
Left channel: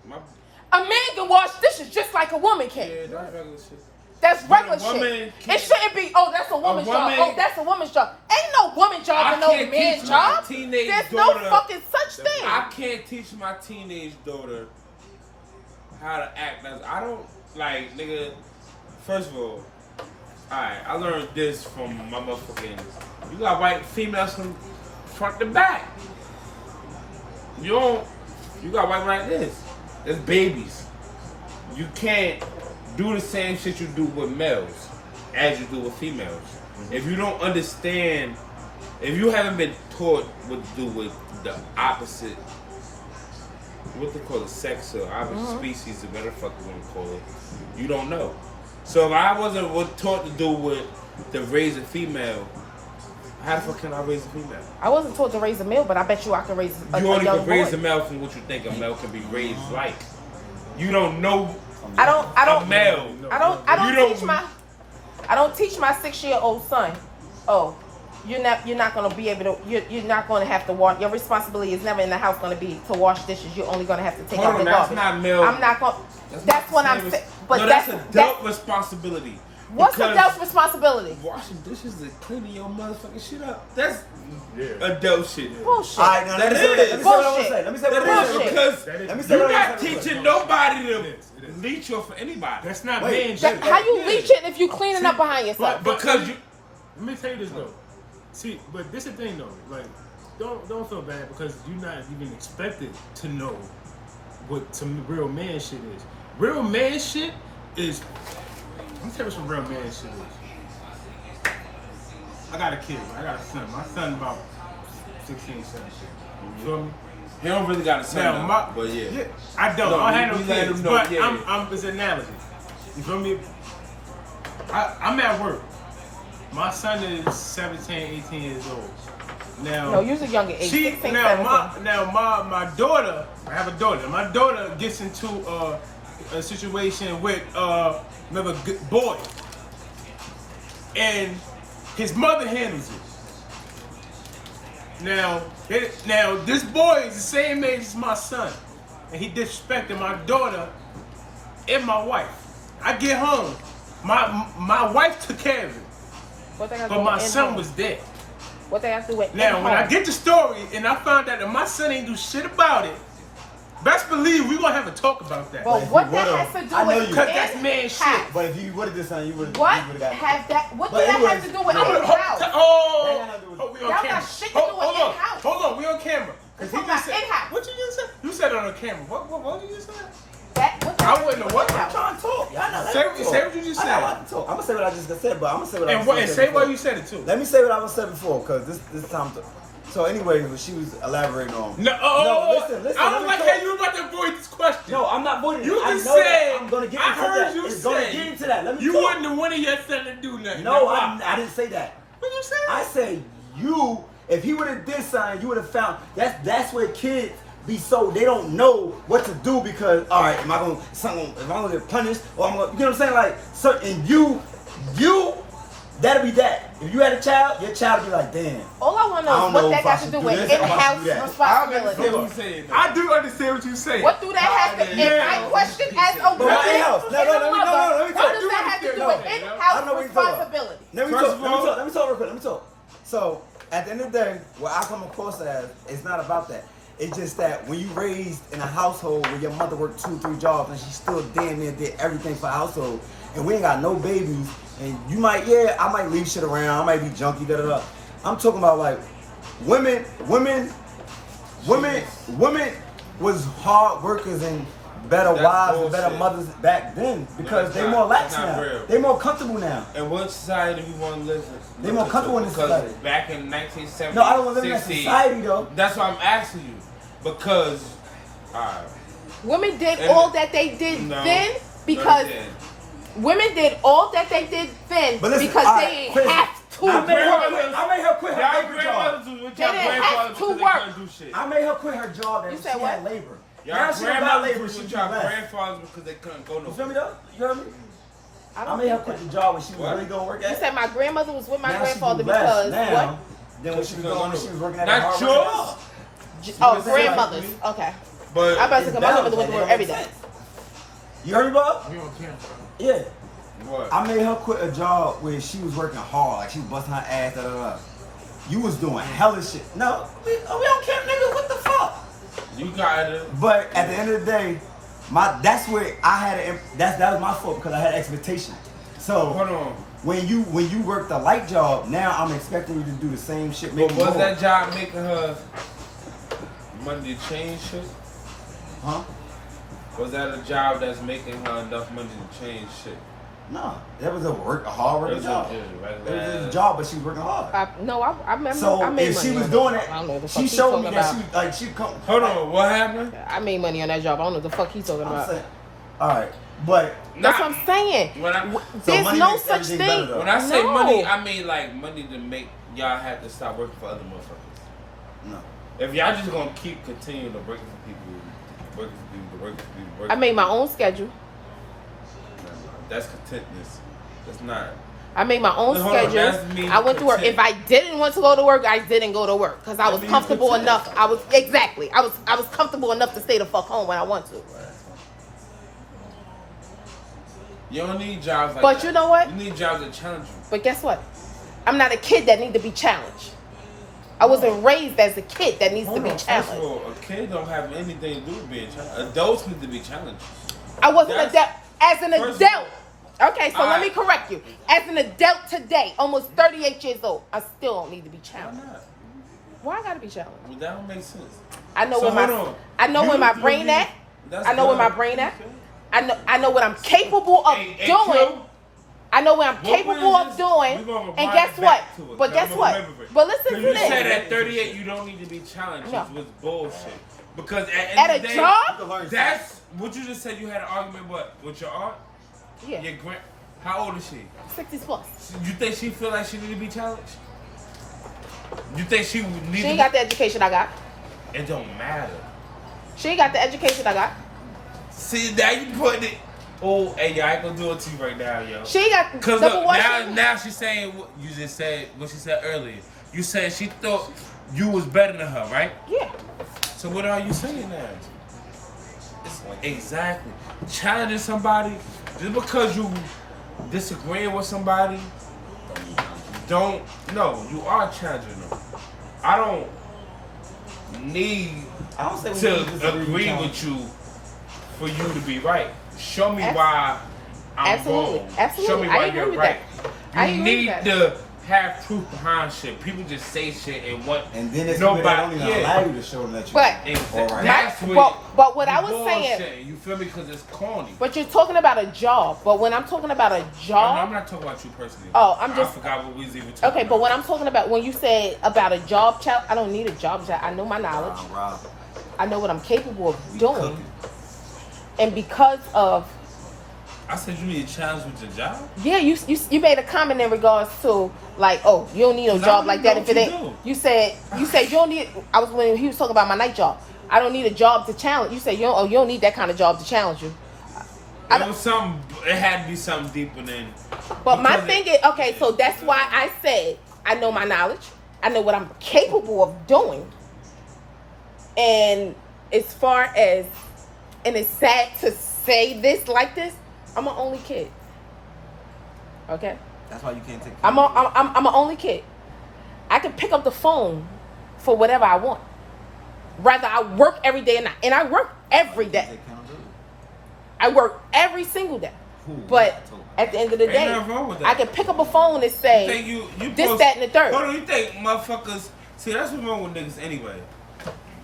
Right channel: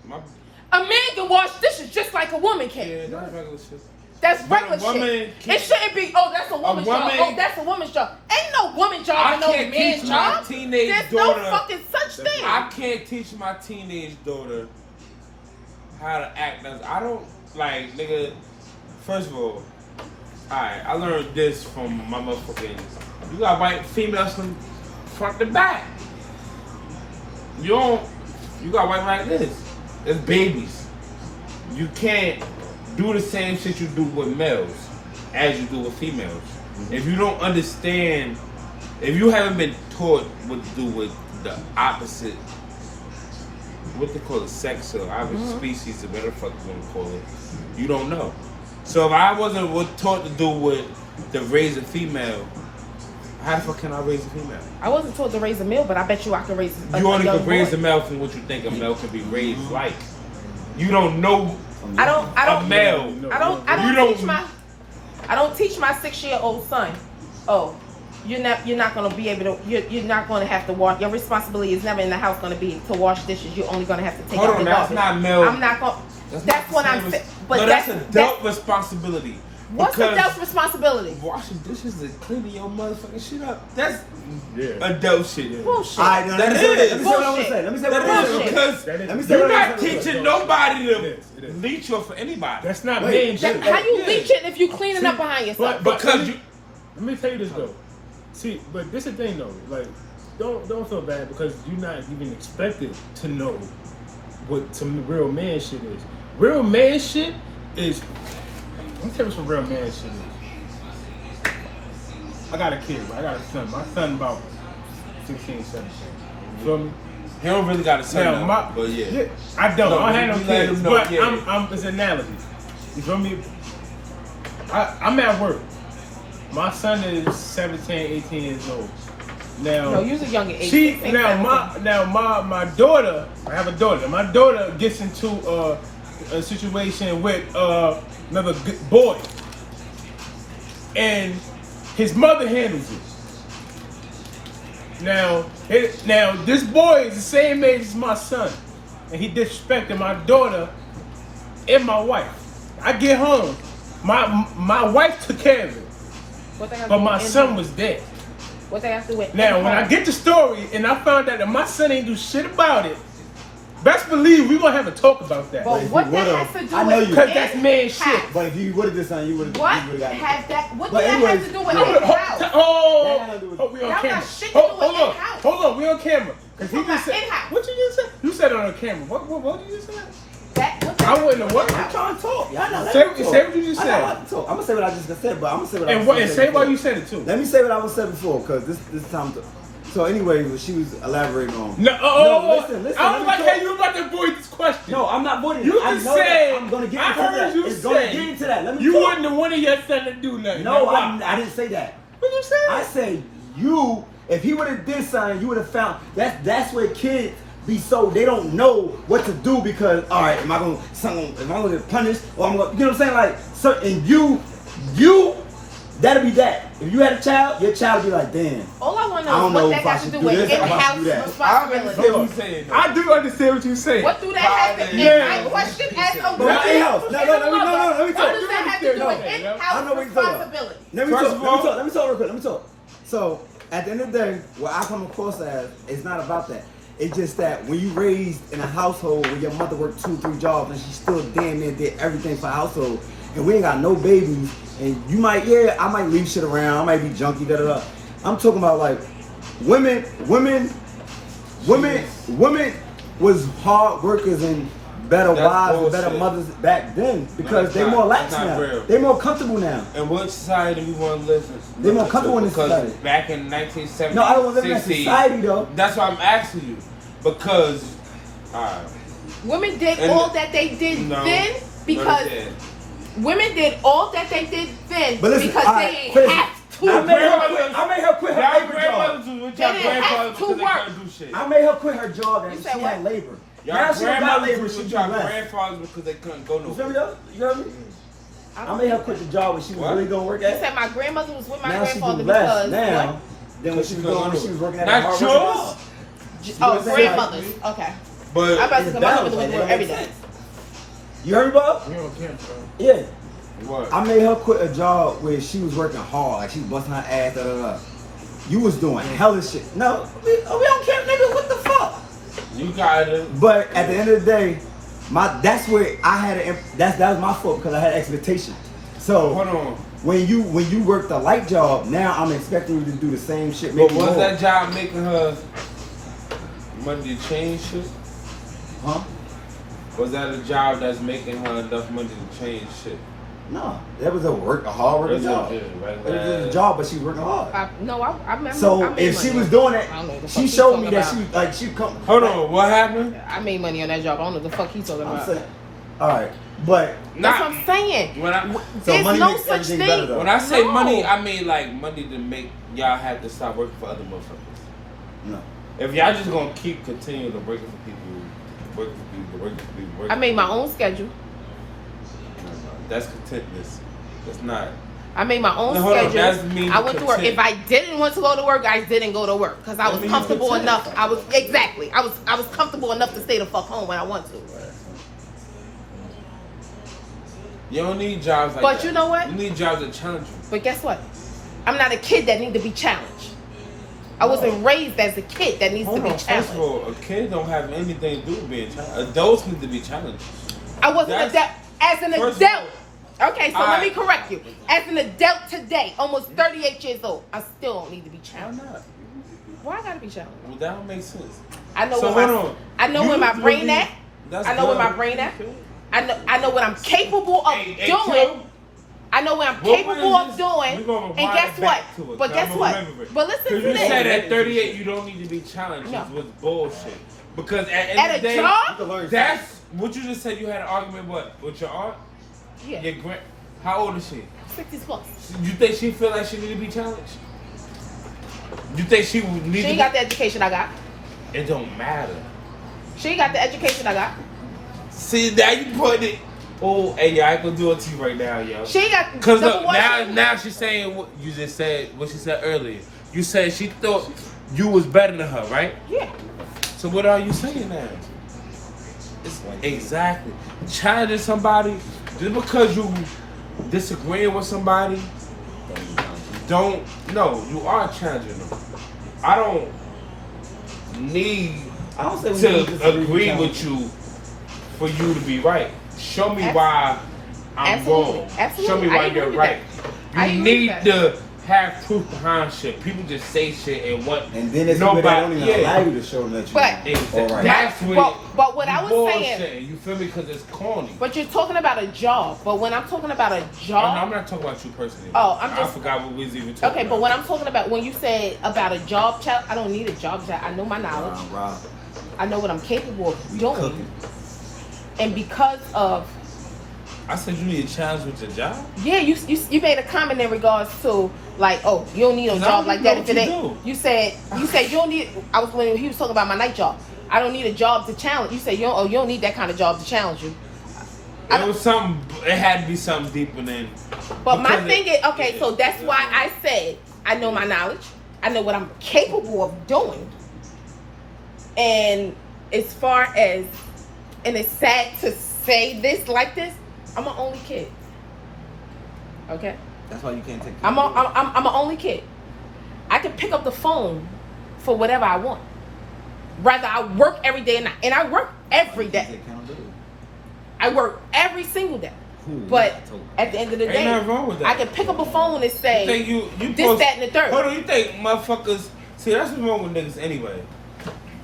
My, A man can wash dishes just like a woman yeah, can. that's regular shit. That's But a regular woman shit. can't- It shouldn't be. Oh, that's a woman's job. woman- Oh, that's a woman's job. Ain't no woman job I and no can't man's teach my job. teenage There's daughter- no fucking such thing. I can't teach my teenage daughter how to act as I don't like, nigga. First of all, alright, I learned this from my motherfucking. You got white females from front to back. You don't. You got white like this. It's babies. You can't do the same shit you do with males as you do with females. If you don't understand, if you haven't been taught what to do with the opposite, what they call it, sex or opposite species, or whatever the fuck you want to call it, you don't know. So if I wasn't taught to do with the raise a female, how the fuck can I raise a female? I wasn't taught to raise a male, but I bet you I can raise a You only young can raise boy. a male from what you think a male can be raised like. You don't know I don't a male. I don't You teach my 6-year-old son. Oh, you're not gonna be able to. You're not gonna have to wash. Your responsibility is never in the house gonna be to wash dishes. You're only gonna have to take out the That's garbage. not male. I'm not gonna. That's what I'm saying. But no, that's adult responsibility. What's Because adult responsibility? washing dishes and cleaning your motherfucking shit up. That's Yeah. adult shit. Bullshit. All right, now let me say what That let me is say what I want to say. Let me say what I want to say. Bullshit. Because Let me say you're what I not want to say. teaching nobody to It is. leech you for anybody. That's not Wait, man shit. How you Yeah. leeching if you cleaning up behind yourself? But Because you- let me tell you this though. See, but this is the thing though. Like, don't feel bad because you're not even expected to know what some real man shit is. Real man shit is. Let me tell you what some real man shit is. I got a kid. I got a son. My son about 16, 17. You feel me? He don't really got to say Now, nothing, but yeah. I don't. No, I don't have we no let kids, him know, but yeah. it's an analogy. You feel me? I'm at work. My son is 17, 18 years old. Now, No, you're a younger age. my daughter. I have a daughter. My daughter gets into a situation with another good boy, and his mother handles it. Now this boy is the same age as my son, and he disrespected my daughter and my wife. I get home, my wife took care of it, What they have to but do my with son in-home? was there. What they have to do with Now, when I in-home? get the story and I found out that my son ain't do shit about it, best believe we gonna have a talk about that. But if what you that would've- has to do I know with you- 'Cause that's man in-house? shit. But if you would have did something, you would have What got it. have that? What But does that have anyways, to do with yeah. in-house? That got nothing to do with- We on That camera. got shit to do with in-house. Hold on, we on camera. Cause he Talking just said, about in-house. what you just said? You said it on camera. What did you just say? What I wouldn't have what? I'm trying to talk. Y'all not Say letting me talk. what you just I said. don't like to talk. I'm gonna say what I just said, but I'm gonna say what I And was and saying say why before. you said it too. Let me say what I was saying before, because this time. So anyway, what she was elaborating on. No, listen, I let don't me like talk. how you about to avoid this question. No, I'm not voting. You I just know that. said. I'm gonna get I into heard that. you It's say. gonna get into that. Let me You talk. wouldn't have wanted your son to do nothing. No, Now, why? I didn't say that. What you say? I say you. If he would have did something, you would have found that's where kids be so they don't know what to do because am I gonna get punished or I'm gonna, you know what I'm saying, like, so, and you that'll be that. If you had a child, your child would be like, damn, All I want to I know don't is know what if that I has to should do do with this or if I should in-house do that. I responsibility. understand what you're saying. I do understand what you're saying. What do that have to do? Yeah. My question as a But woman. my in-house. No, let me What talk. does that have to do No. with I know in-house what you're talking about. responsibility? Let me First talk of real quick. Let me talk. So at the end of the day, what I come across as, it's not about that. It's just that when you raised in a household where your mother worked 2-3 jobs and she still damn near did everything for the household, and we ain't got no babies, and you might, I might leave shit around, I might be junky, da da da. I'm talking about like women was hard workers and better That's wives and better bullshit. mothers back then because That's they more not- lax that's not now. real. They more comfortable now. And what society we want to live in? They more comfortable in this Because society. back in 1970, No, I don't want to live in that society though. That's why I'm asking you. Because, Women did And- all that they did no, then because no, they didn't. women did all that they did then But listen, because all they right, ain't listen, have to I made her work. quit. I made her quit her Y'all labor job. grandmothers was with They y'all didn't have grandfathers to because they work. couldn't do shit. I made her quit her job and You said she what? had labor. Y'all Now she don't got grandmothers labor, was she with do y'all less. grandfathers because they couldn't go no. You feel me though? You heard me? I made her quit the job when she was What? really gonna work You at. said my grandmother was with my Now she do grandfather less because now what? than when she was doing when she was working at a Not hard working yours. job. Oh, what I'm saying? grandmothers. Okay. But I'm about to It's go balanced. with Like, it don't make everything. sense. You heard me, Bob? We on camera. Yeah. what? I made her quit a job where she was working hard, like she busting her ass, da da da. You was doing hella shit. No, we don't care, nigga. What the fuck? You gotta. But at the end of the day, that's where I had that was my fault because I had expectation. So Hold on. when you work the light job, now I'm expecting you to do the same shit. But Maybe was more. that job making her money to change shit? Huh? Was that a job that's making her enough money to change shit? No, that was a hard working That's job. it, It right? was a job, but she was working hard. I remember. So I made if she money was on doing that. it, I don't know what the she fuck he showed me talking that about. she come. Hold on, what happened? I made money on that job. I don't know what the fuck he's talking I'm about. saying, all right, but That's what I'm saying. When I so There's money no makes such everything thing. better though. when I say No. money, I mean like money to make y'all have to stop working for other motherfuckers. No. If y'all just gonna keep continuing to working for people, working for people, working for people, working I made my own schedule. That's contentness. That's not. I made my own No, hold on, that's schedule. me I went to work. content. If I didn't want to go to work, I didn't go to work because I was comfortable enough. I was comfortable enough to stay the fuck home when I want to. You don't need jobs like But that. you know what? You need jobs that challenge you. But guess what? I'm not a kid that need to be challenged. I wasn't raised as a kid that needs to be First challenged. of all, a kid don't have anything to do with being challenged. Adults need to be challenged. I wasn't That's- as an first of adult. Okay, so let me Alright. correct you. As an adult today, almost 38 years old, I still don't need to be Why challenged. not? Why I gotta be challenged? Well, that don't make sense. I know So where hold my on. I know You where my really- brain at. That's I know where good. my brain at. I know what I'm capable of Hey, doing. Q, I know what I'm what capable was of this? doing. We gonna And rewind guess it what? back to it. But guess I'ma what? remember it. But listen Because to you said this. at 38 you don't need to be challenged. No. It was bullshit. Because at At end a of the day, job? that's what you just said. You had an argument with your aunt. Yeah, Your how old is she? 60 plus. You think she feel like she need to be challenged? You think she would need She to? ain't got the education I got. It don't matter. She ain't got the education I got. See, now you put it. Oh, hey, yo, I ain't gonna do it to you right now, yo. She ain't got. Cause number look, one, now she's saying what you just said. What she said earlier. You said she thought you was better than her, right? Yeah. So what are you saying now? Exactly. Challenging somebody just because you disagreeing with somebody. Don't no. You are challenging them. I don't need I don't say we to need to disagree agree with with you for you to be right. Show me why I'm Absolutely. wrong. Absolutely. Show me I why agree you're with right. I You agree need with to have proof behind shit. People just say shit and what. And then there's people that don't even allow you to show them that you're But- all right. That's what. But what I was bullshit. saying. You feel me? Because it's corny. But you're talking about a job. But when I'm talking about a I'm job. not talking about you personally. Oh, I'm I just- forgot what we was even talking Okay, about. but when I'm talking about when you said about a job challenge, I don't need a job challenge. I know my knowledge. Rob, I know what I'm capable of we doing. cooking. And because of I said you need a challenge with your job. yeah, you made a comment in regards to like, oh, you don't need a No, job like no, that if it you ain't. do. You said you don't need. I was when he was talking about my night job. I don't need a job to challenge. You said you don't need that kind of job to challenge you. It was something. It had to be something deeper than. But my because thing is, okay, so that's why I said I know my knowledge. I know what I'm capable of doing. And as far as, and it's sad to say this like this, I'm an only kid. Okay? That's why you can't take. I'm an only kid. I can pick up the phone for whatever I want. Rather, I work every day and I work every day. I work every single day. But at the end of the Ain't day, nothing wrong with that. I can pick up a phone and say, You think you this, post- that, and the third. Hold on, you think motherfuckers? See, that's what's wrong with niggas anyway.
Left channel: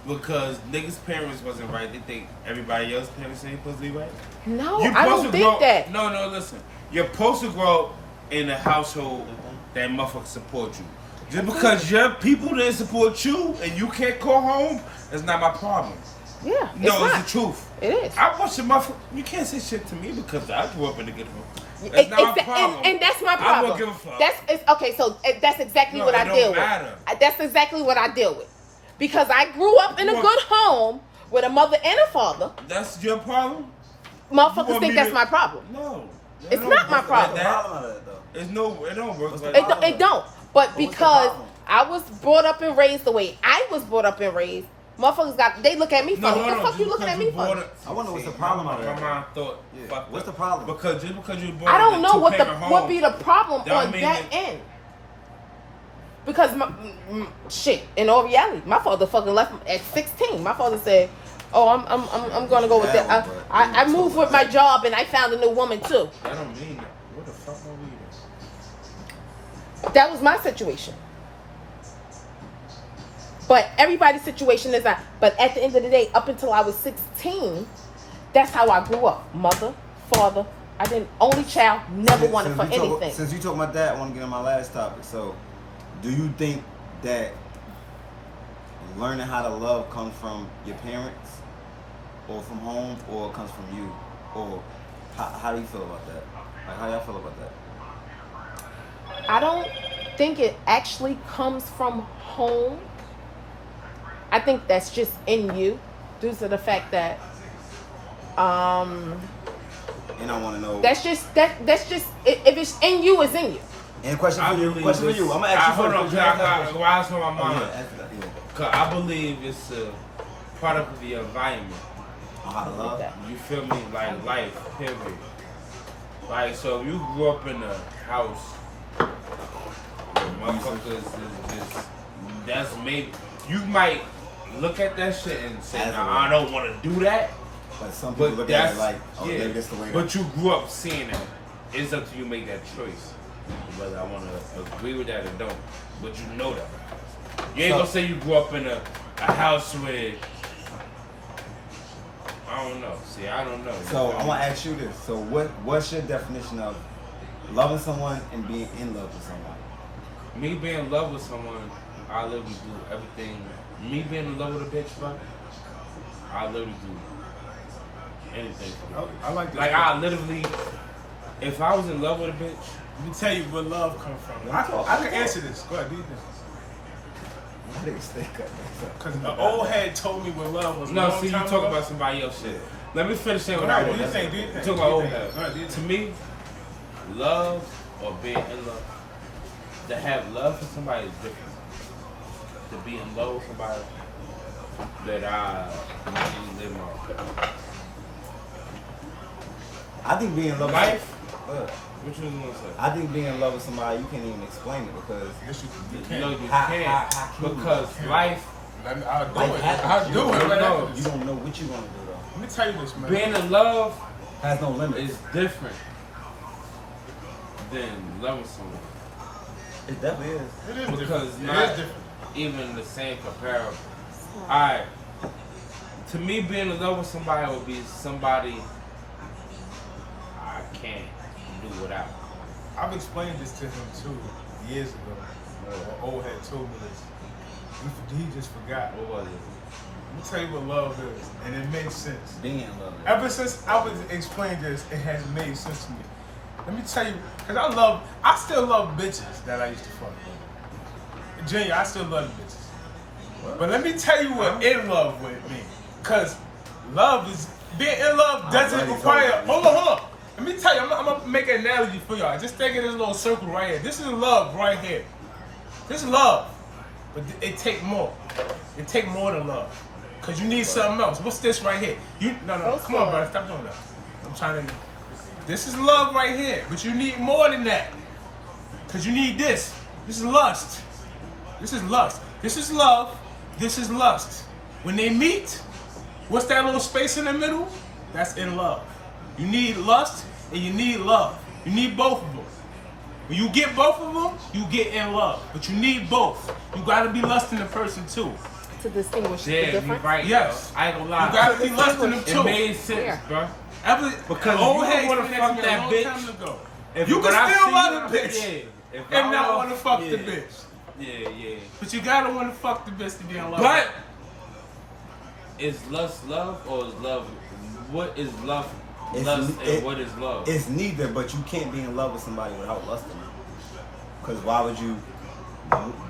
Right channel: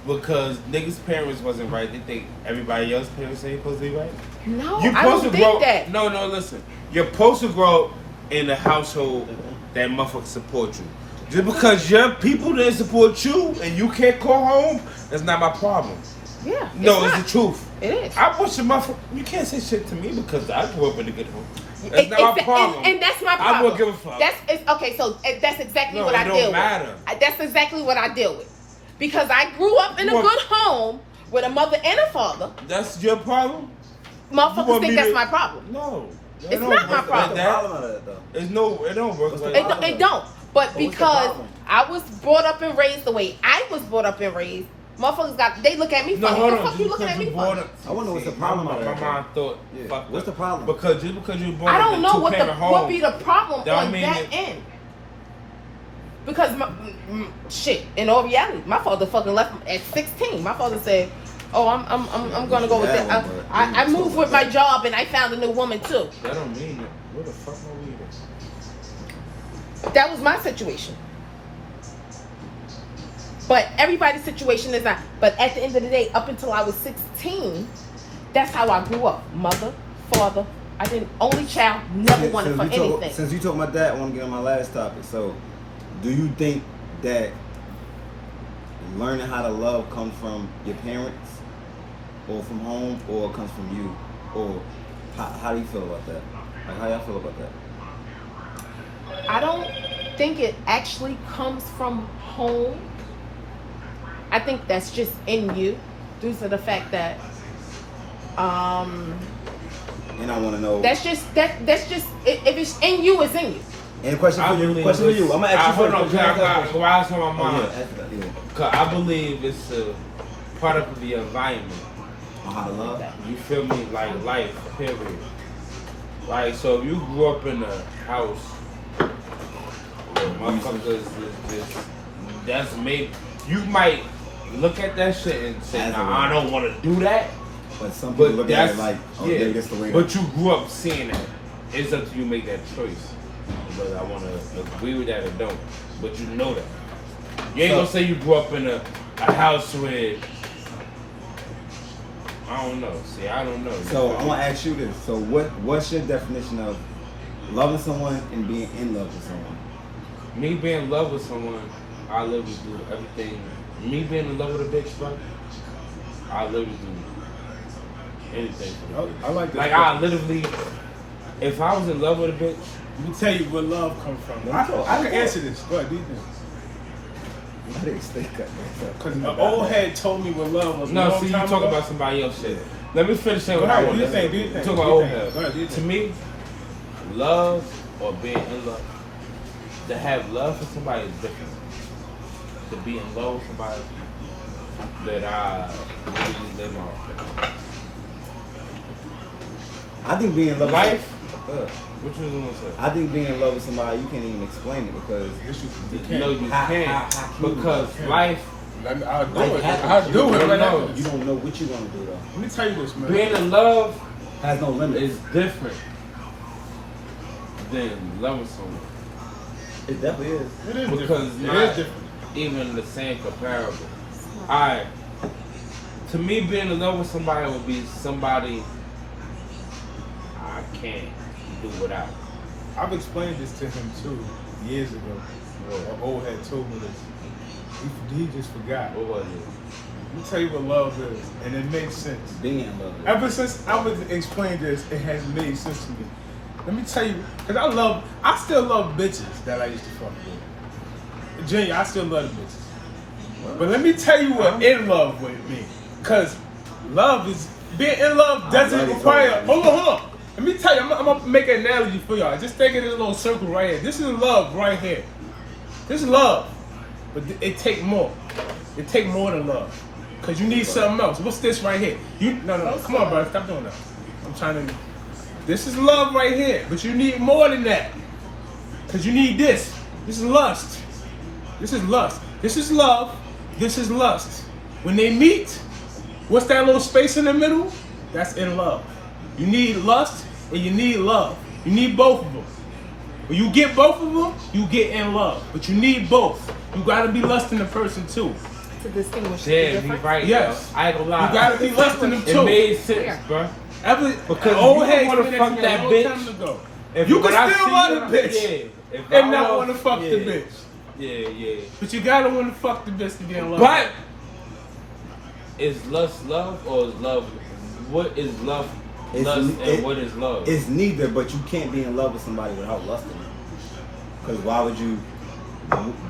Because niggas' parents wasn't right. They think everybody else's parents ain't supposed to be right. No, You're I don't supposed to think grow. that. No, listen. You're supposed to grow up in a household that motherfuckers support you. Just because your people didn't support you and you can't call home, that's not my problem. Yeah. No, not. it's the truth. It is. I push a motherfucker. You can't say shit to me because I grew up in a good home. That's not my problem. And that's my problem. I won't give a fuck. Okay, so that's exactly No, what it I don't deal matter. with. That's exactly what I deal with. Because I grew up in a You want- good home with a mother and a father. That's your problem? You Motherfuckers want think me that's to- my problem. No. It's It don't not my work like problem. that. problem of that though? It's no, it don't work What's like the It that. don't, it don't. But what's the because problem? I was brought up and raised the way I was brought up and raised, motherfuckers they look at me No, funny. hold What the on. fuck you looking at me for? I wonder what's the problem out of My that. mind thought, Yeah. fuck What's that. the problem? Because just because you born I in don't a know what two-parent home, be the problem Don't on mean that it- end. Because shit, in all reality, my father fucking left at 16. My father said, "Oh, I'm gonna go with That that." one, but I we moved talk with about my that. job and I found a new woman too. That don't mean that. What the fuck are we doing? That was my situation. But everybody's situation is not. But at the end of the day, up until I was 16, that's how I grew up. Mother, father. I didn't only child, never wanted for anything. Since you talking about that, I want to get on my last topic. So, do you think that learning how to love comes from your parents, or from home, or comes from you, or how do you feel about that? Like, how y'all feel about that? I don't think it actually comes from home. I think that's just in you, due to the fact that And I want to know. that's just if it's in you, it's in you. And question for you. Question for you. I'm gonna ask you first. Hold on, I ask on my mind. Yeah. Cause I believe it's a product of the environment. On how to love. You feel me? Like life, period. Like, so if you grew up in a house where motherfuckers is just, that's maybe, you might look at that shit and say, nah, I don't want to do that. But some people look at it like, oh, yeah, maybe that's the way. But you grew up seeing it. It's up to you to make that choice. Whether I want to agree with that or don't. But you know that. You ain't gonna say you grew up in a house where, I don't know. See, I don't know. So I'm gonna ask you this. So what's your definition of loving someone and being in love with someone? Me being in love with someone, I literally do everything. Me being in love with a bitch, bro, I literally do anything for the bitch. I like this. Like, I literally, if I was in love with a bitch, Let me tell you where love comes from. I can answer this. Go ahead, do you think? I didn't expect that. Because an old head told me what love was. no, see, you talk about somebody else shit. Let me finish saying Go what I ahead, want. do you think? You talk about old head. Go ahead, do you To think? me, love or being in love, to have love for somebody is different. To be in love with somebody that I really live on. I think being in love Life? with What you gonna say? I think being in love with somebody, you can't even explain it because Yes, you No, can't. you How- can't. how Because you can't. life, I'll do life it. happens. I'll do You it don't right know. after you this. don't know what you're gonna do though. Let me tell you this, man. being in love Has no limits. is different than loving someone. It definitely is. It is Because different. It not is different. even the same comparable. Alright. To me, being in love with somebody would be somebody I can't do without. I've explained this to him too years ago. An old head told me this. He just forgot. What was it? Let me tell you what love is, and it makes sense. Being in love. Ever since I was explained this, it has made sense to me. Let me tell you, because I still love bitches that I used to fuck with. Junior, I still love the bitches. But let me tell you what in love with me. Because being in love doesn't already require, told you. hold on. Let me tell you, I'm gonna make an analogy for y'all. Just think of this little circle right here. This is love right here. This is love. But it take more. It take more than love. Because you need something else. What's this right here? No, come on, bro. Stop doing that. I'm trying to. This is love right here. But you need more than that. Because you need this. This is lust. This is lust. This is love. This is lust. When they meet, what's that little space in the middle? That's in love. You need lust and you need love. You need both of them. When you get both of them, you get in love. But you need both. You gotta be lusting the person too. To distinguish the Yeah, you difference. right. Yes. Bro. I ain't gonna lie. You gotta be lusting them It too. made sense, bro. Because you old don't head wanna explained fuck that to me that a long bitch. time ago. If You can when I still see love her, the bitch yeah. If I and not don't- want to fuck the yeah. bitch. Yeah. But you gotta want to fuck the bitch to be in love. But is lust love or is love? What is love? What is love? It's neither, but you can't be in love with somebody without lusting them. Because why would you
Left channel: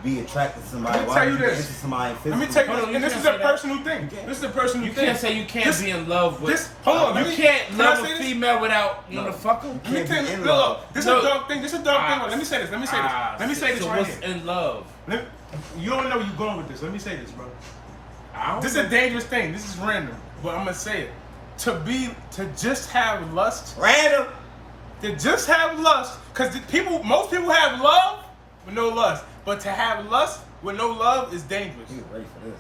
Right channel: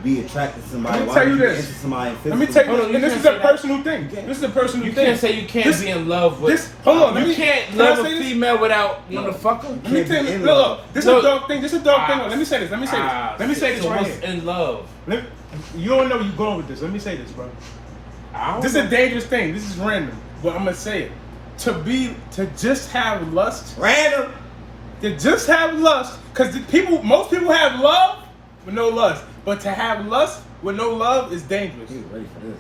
be attracted to somebody? Let me Why tell would you you this. be into somebody Let me physically? tell you, Hold on, and you this is can't a say that. personal thing. This is a personal You thing. can't say you can't be in love with. Hold on, let You me. can't Can I love say a this? female without motherfucker. Let me tell Can't be you. in Look, love. this is a Look. dark thing. This is a dark thing. Let me say this. Let me say this. Let me say this So right what's here. in love? You don't know where you're going with this. Let me say this, bro. I don't This is know. a dangerous thing. This is random, but I'm gonna say it. To just have lust, Random. to just have lust, because most people have love with no lust, but to have lust with no love is dangerous. He's ready for this.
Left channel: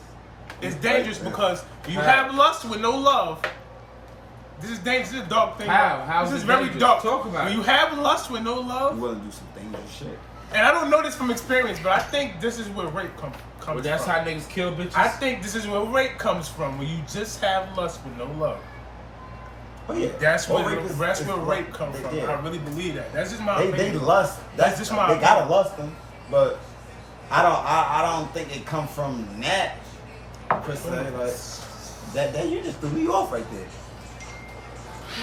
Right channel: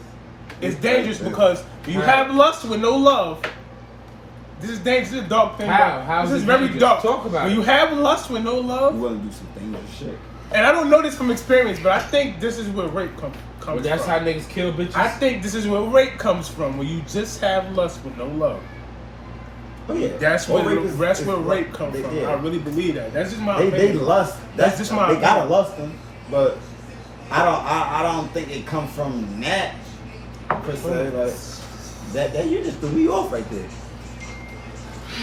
It's He's dangerous ready for because when you have lust with no love, this is dangerous. This is a dark thing. How? How This is is it very dangerous? dark. Talk about when it. you have lust with no this. love, You want to do some dangerous shit. and I don't know this from experience, but I think this is where rape comes Well, that's from. how niggas kill bitches. I think this is where rape comes from, when you just have lust with no love. Oh yeah. That's Well, where rape is- that's is where what rape comes they from. did. I really believe that. That's just my They opinion. lust. That's just my They gotta opinion. lust them, but I don't think it comes from that per se. Like that you just threw me off right there.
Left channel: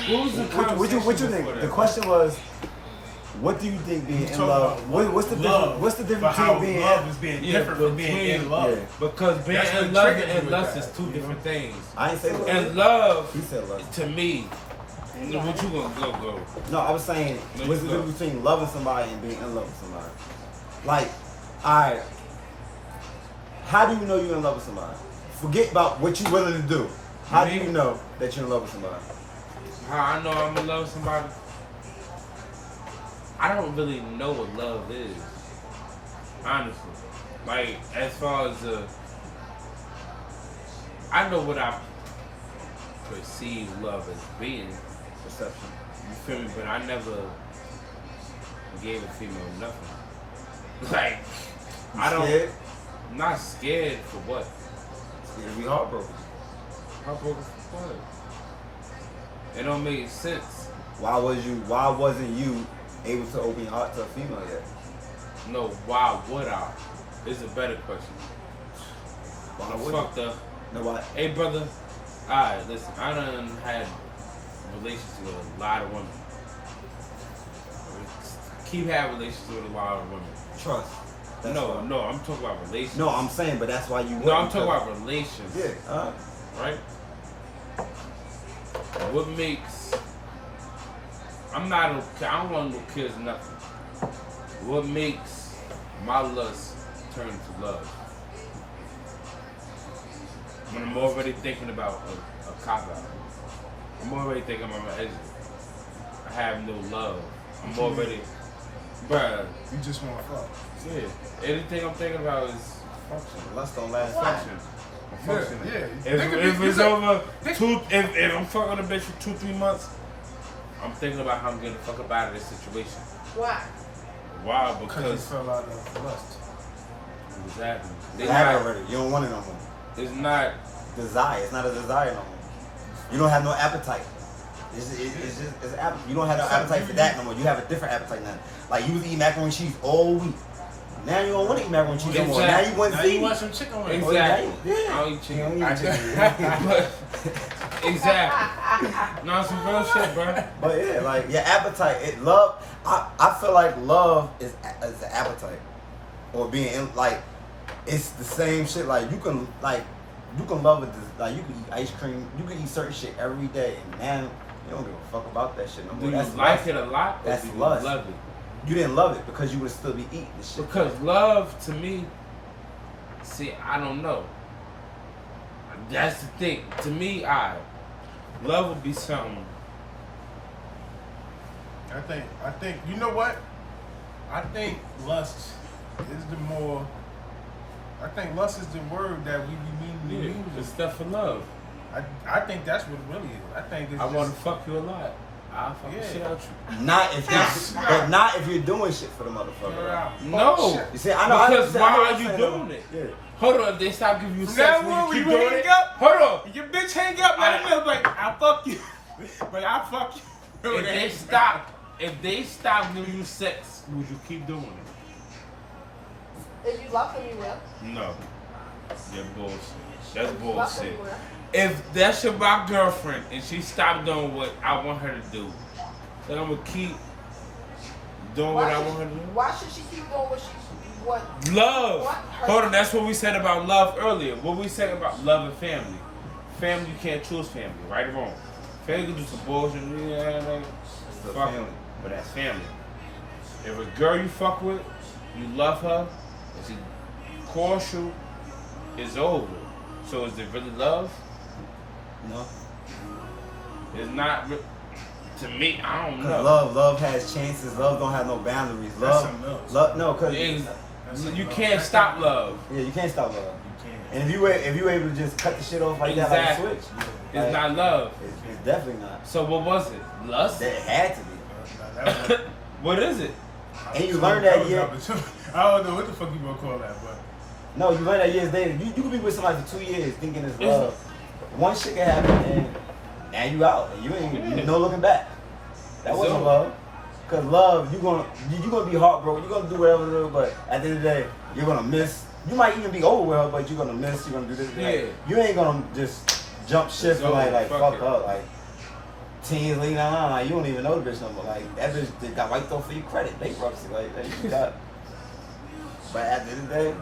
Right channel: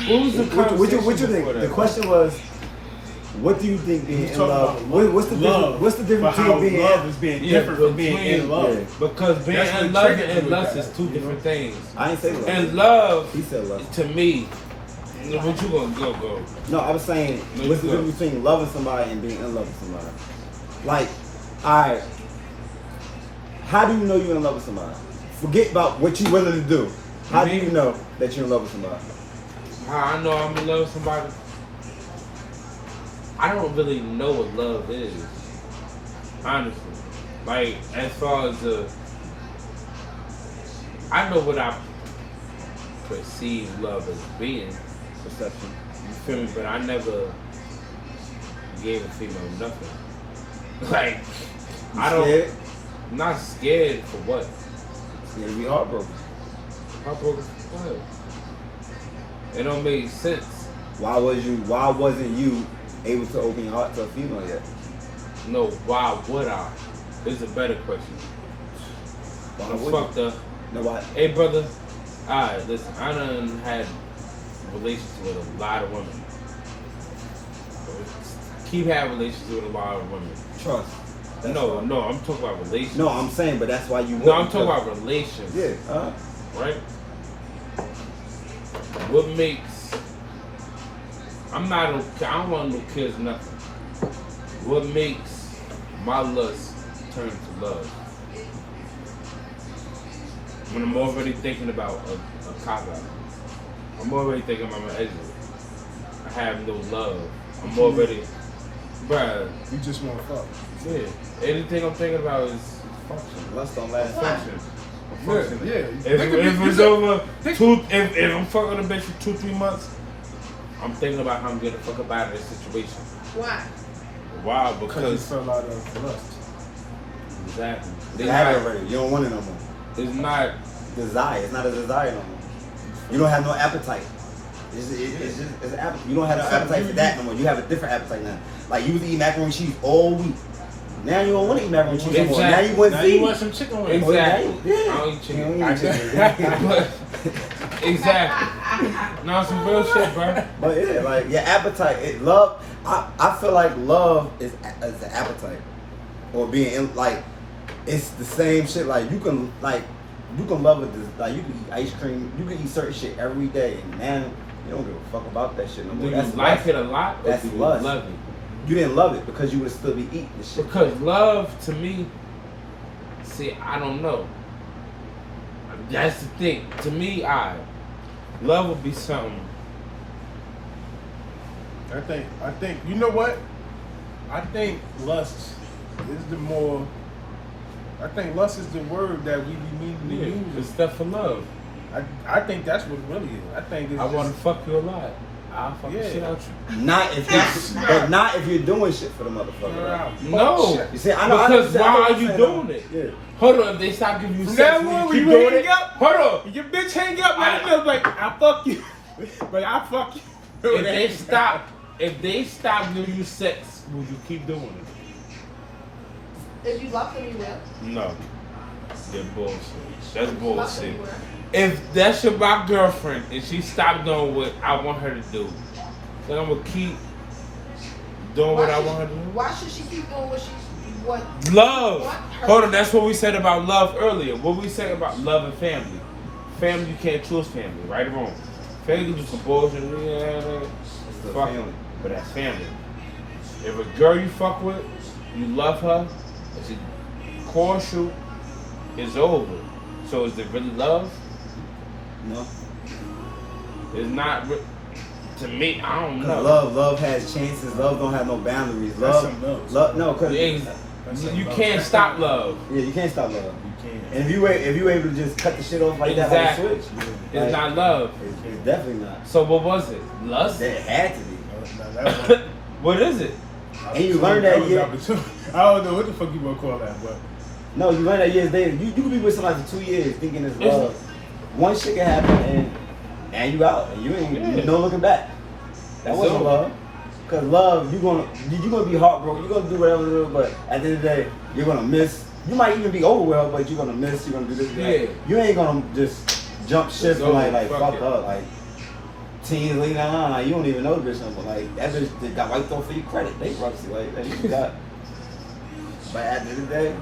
What was the What you conversation think? before The that? question was, what do you think being in Talking love? about What's the love, difference? What's the difference but how between being love is being Yeah, different from being in love? Yeah. Because being That's what in love triggered me and with lust that, is two you know? different things. I ain't say lust. And love, He said lust. to me, What you gonna go? No, I was saying, what's the difference between loving somebody and being in love with somebody? Like, alright, how do you know you're in love with somebody? Forget about what you're willing to do. How do you know that you're in love with somebody? How I know I'm in love with somebody? I don't really know what love is, honestly. Like, as far as I know what I perceive love as being. Perception. You feel me? But I never gave a female nothing. Like, I don't. Scared? I'm not scared for what? Scared to be heartbroken. Heartbroken for what? It don't make sense. Why wasn't you able to open your heart to a female yet? No, why would I? It's a better question. Why I'm would you? fucked up. No, why? Hey, brother. Alright, listen. I done had relations with a lot of women. Keep having relations with a lot of women. Trust. That's No, why. no, I'm talking about relations. No, I'm saying, but that's why you. No, I'm wouldn't, talking about relations. Yeah. Right? What makes... I'm not okay. I don't want no kids, nothing. What makes my lust turn to love? When I'm already thinking about a cop out. I'm already thinking about my exit. I have no love. I'm already... Bruh. You just want to fuck. Yeah. Everything I'm thinking about is function. Lust don't last. Function. Yeah. If it's over if I'm fucking a bitch for 2-3 months, I'm thinking about how I'm getting the fuck up out of this situation. Why? Wow, Because you because fell out of lust. exactly. You have it already. You don't want it no more. It's not. Desire. It's not a desire no more. You don't have no appetite. It's just it's an appetite. You don't have no appetite for that no more. You have a different appetite now. Like you was eating macaroni and cheese all week. Now you don't want to eat macaroni and cheese anymore. Now you want Now to you eat. want some chicken wings. Oh, yeah. Exactly. I don't eat chicken. You don't eat chicken. Exactly. No, some real shit, bro. But yeah, like your appetite, love. I feel like love is an appetite, or being in, like it's the same shit. Like you can love it. Like you can eat ice cream. You can eat certain shit every day, and now you don't give a fuck about that shit no more. Do you That's like lust. it a lot? Or That's do you lust. love it? You didn't love it because you would still be eating the shit. Because love to me, see, I don't know. That's the thing. To me, love would be something. I think, you know what? I think lust is I think lust is the word that we be needing to The use. stuff for love. I think that's what it really is. I think it's I want to fuck you a lot. I'll fuck the Yeah. shit out you. But not if you're doing shit for the motherfucker. Like. No. You see, I know. Because why are you doing it? Yeah. Hold on, if they stop giving you From sex, now on, will when you you keep doing hang it? up, Hold on. your bitch hang up, let them know, like, I'll fuck you. But I'll fuck you. If they stop giving you sex, would you keep doing it? If you love them, you will. No. You're bullshit. That's bullshit. If that's my girlfriend and she stopped doing what I want her to do, then I'm gonna keep doing what I want her to do. Why should she keep doing what? Love. What her- Hold on, that's what we said about love earlier. What we said about love and family. Family, you can't choose family, right or wrong. Family can do some bullshit. It's still Fuck family. it, but that's family. If a girl you fuck with, you love her, and she courts you, it's over. So is it really love? No. It's not. To me, I don't know. Cause love has chances. Love don't have no boundaries. That's Love, something else. no, cause You can't stop love. yeah, you can't stop love. You can't. And if you able to just cut the shit off like that, like a Exactly. switch, It's not love. It's definitely not. So what was it? Lust? That it had to be. No, that was- What is it? And you learn that was year. opportunity. I don't know what the fuck you gonna call that, but No, you learn that years later. You could be with somebody for 2 years thinking it's love. One shit can happen and now you out and you ain't no looking back. That It's wasn't over. love. Cause love, you're gonna be heartbroken. You're gonna do whatever, but at the end of the day, you're gonna miss. You might even be over with her, but you're gonna miss. You're gonna do this. That. Yeah. You ain't gonna just jump ship and like Fuck fuck it. her. Like 10 years later, like you don't even know the bitch no more. Like that bitch that got wiped off for your credit, bankruptcy. Like you got. But at the end of the day,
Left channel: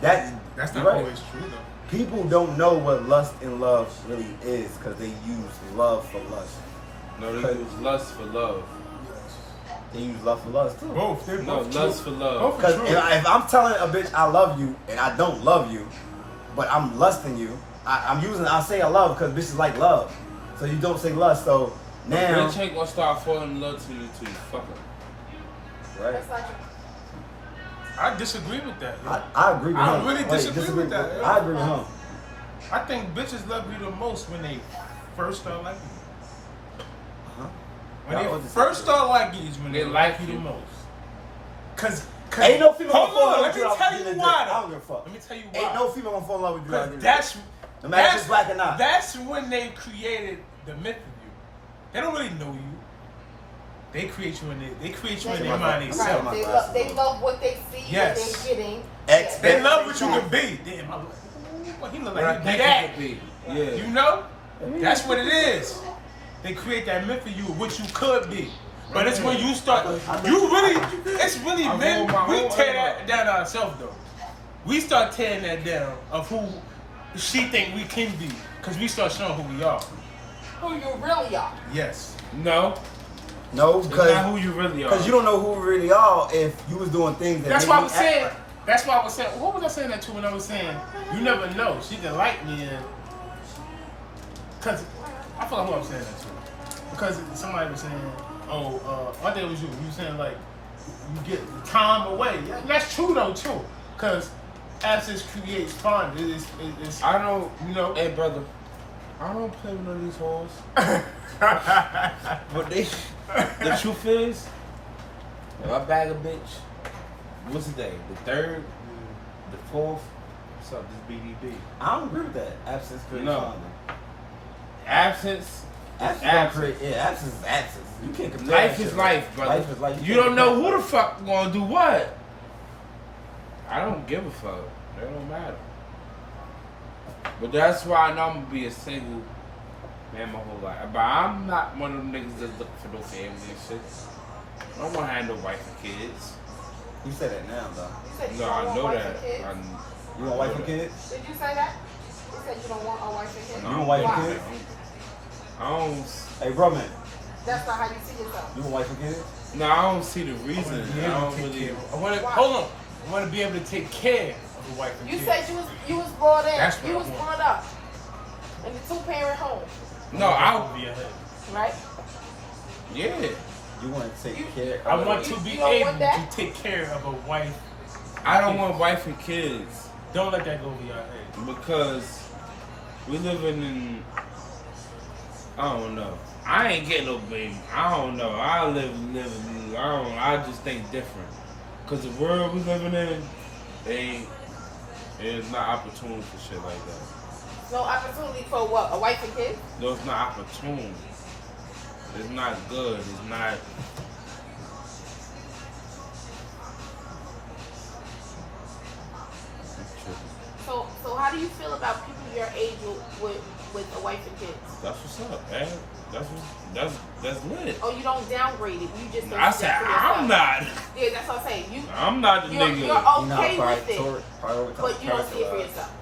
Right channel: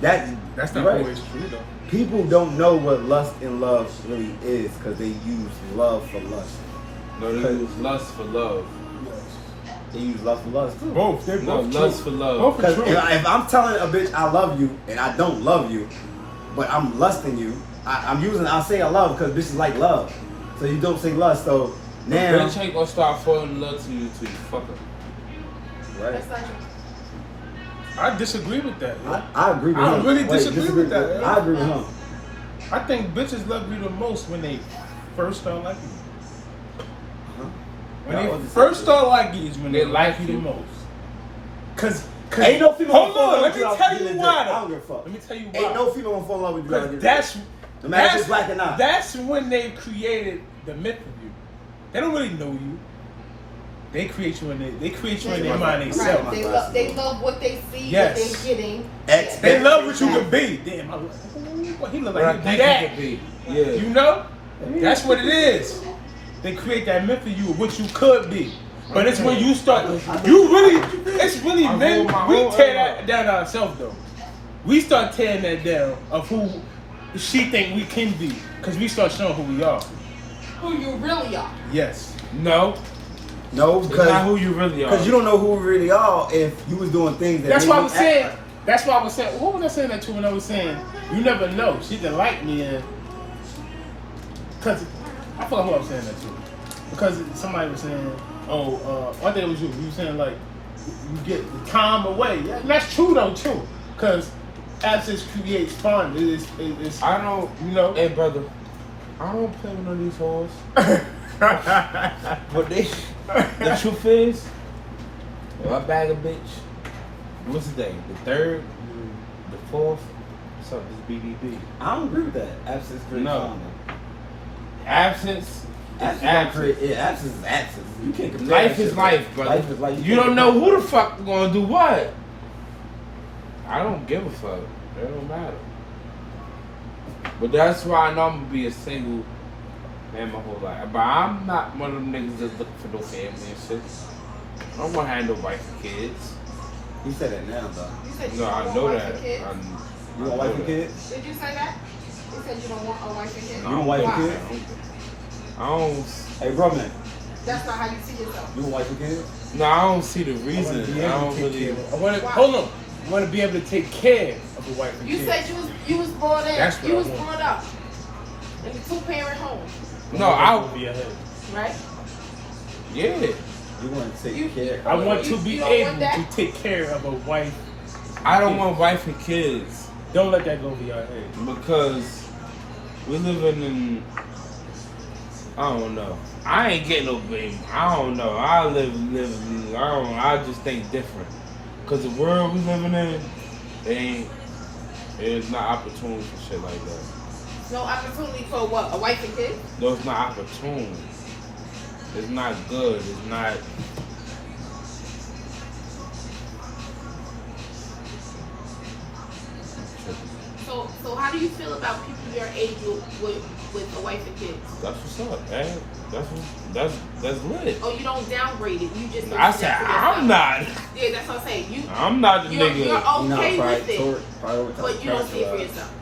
that's not right. always true though. People don't know what lust and love really is because they use love for lust. No, they use lust for love. They use lust for lust too. Both. They're No, both true. lust for love. Both are Because true. if I'm telling a bitch I love you and I don't love you, but I'm lusting you, I'm saying I love because bitches like love. So you don't say lust. So now, Bitch ain't gonna start falling in love to you until you fuck her. right? That's like, I disagree with that. Yo. I agree with I him. really Wait, disagree with that, yo. I agree with him. I think bitches love you the most when they first start liking you. When Yeah, I they was just first saying. start liking you is when they They like like you the you. most. Cause Ain't no female hold gonna fall in on, love let with me you tell without you getting why. I though. don't give a fuck. Let me tell you why. Ain't no female gonna fall in love with you without Because getting that's no matter if it's black or not. That's when they created the myth of you. They don't really know you. They create you in their mind themselves. right. They love what they see, Yes. what they're getting. They love what you can be. Damn, he look like he be that. Yeah. You know? That's what it is. They create that myth of you of what you could be. But it's when you start, it's really men, we tear that down ourselves though. We start tearing that down of who she think we can be. Because we start showing who we are. Who you really are. Yes. No. No, It's not because who you really are. you don't know who we really are if you was doing things that That's made why I me was act saying, like- that's why I was saying, what was I saying that to when I was saying, you never know. She can like me and, because, I forgot who I was saying that to. Because somebody was saying, I think it was you. You were saying like, you get the time away. Yeah, and that's true though too. Because absence creates fun. It's I don't, you know. Hey, brother, I don't play with none of these hoes. But the truth is, if I bag a bitch, what's the day? The 3rd, the 4th. What's up? This BBB. I don't agree with that. Absence creates No. fun. Absence. Absence, Is absence. absence is absence. You can't compare Life that is shit. life, brother. Life is life. You can't don't know compare who the fuck gonna do what. I don't give a fuck. It don't matter. But that's why I know I'm gonna be a single man my whole life. But I'm not one of them niggas that's looking for no family and shit. I don't wanna have no wife and kids. You said that now, though. You said you No, don't I want know wife that. and kids? You want wife and kids? Did you say that? You said you don't want a wife and kids? You want wife and Why? kids? I don't. Hey, bro, man. That's not how you see yourself. You want wife and kids? No, I don't see the I want reason. to be I able don't to take really. care of. I want to hold on. I want to be able to take care of a wife and You kid. said you was brought in. That's what you I was want. brought up in a 2-parent home, No, I. Over your head. right? Yeah. You want to You- take care I of want her. to be You don't able want that? to take care of a wife. I don't want wife and kids. Don't let that go over your head. Because we're living in, I don't know. I ain't getting no baby. I don't know. I I just think different. Because the world we living in, there's not opportunity for shit like that. No opportunity for what? A wife and kids? No, it's not opportune. It's not good. It's not. So how do you feel about people your age with a wife and kids? That's what's up, man. That's lit. Oh, you don't downgrade it. You just. Don't I see said that for yourself. I'm not. Yeah, that's what I'm saying. I'm not the You're nigga. okay with it, Prioritize but you don't see it for yourself.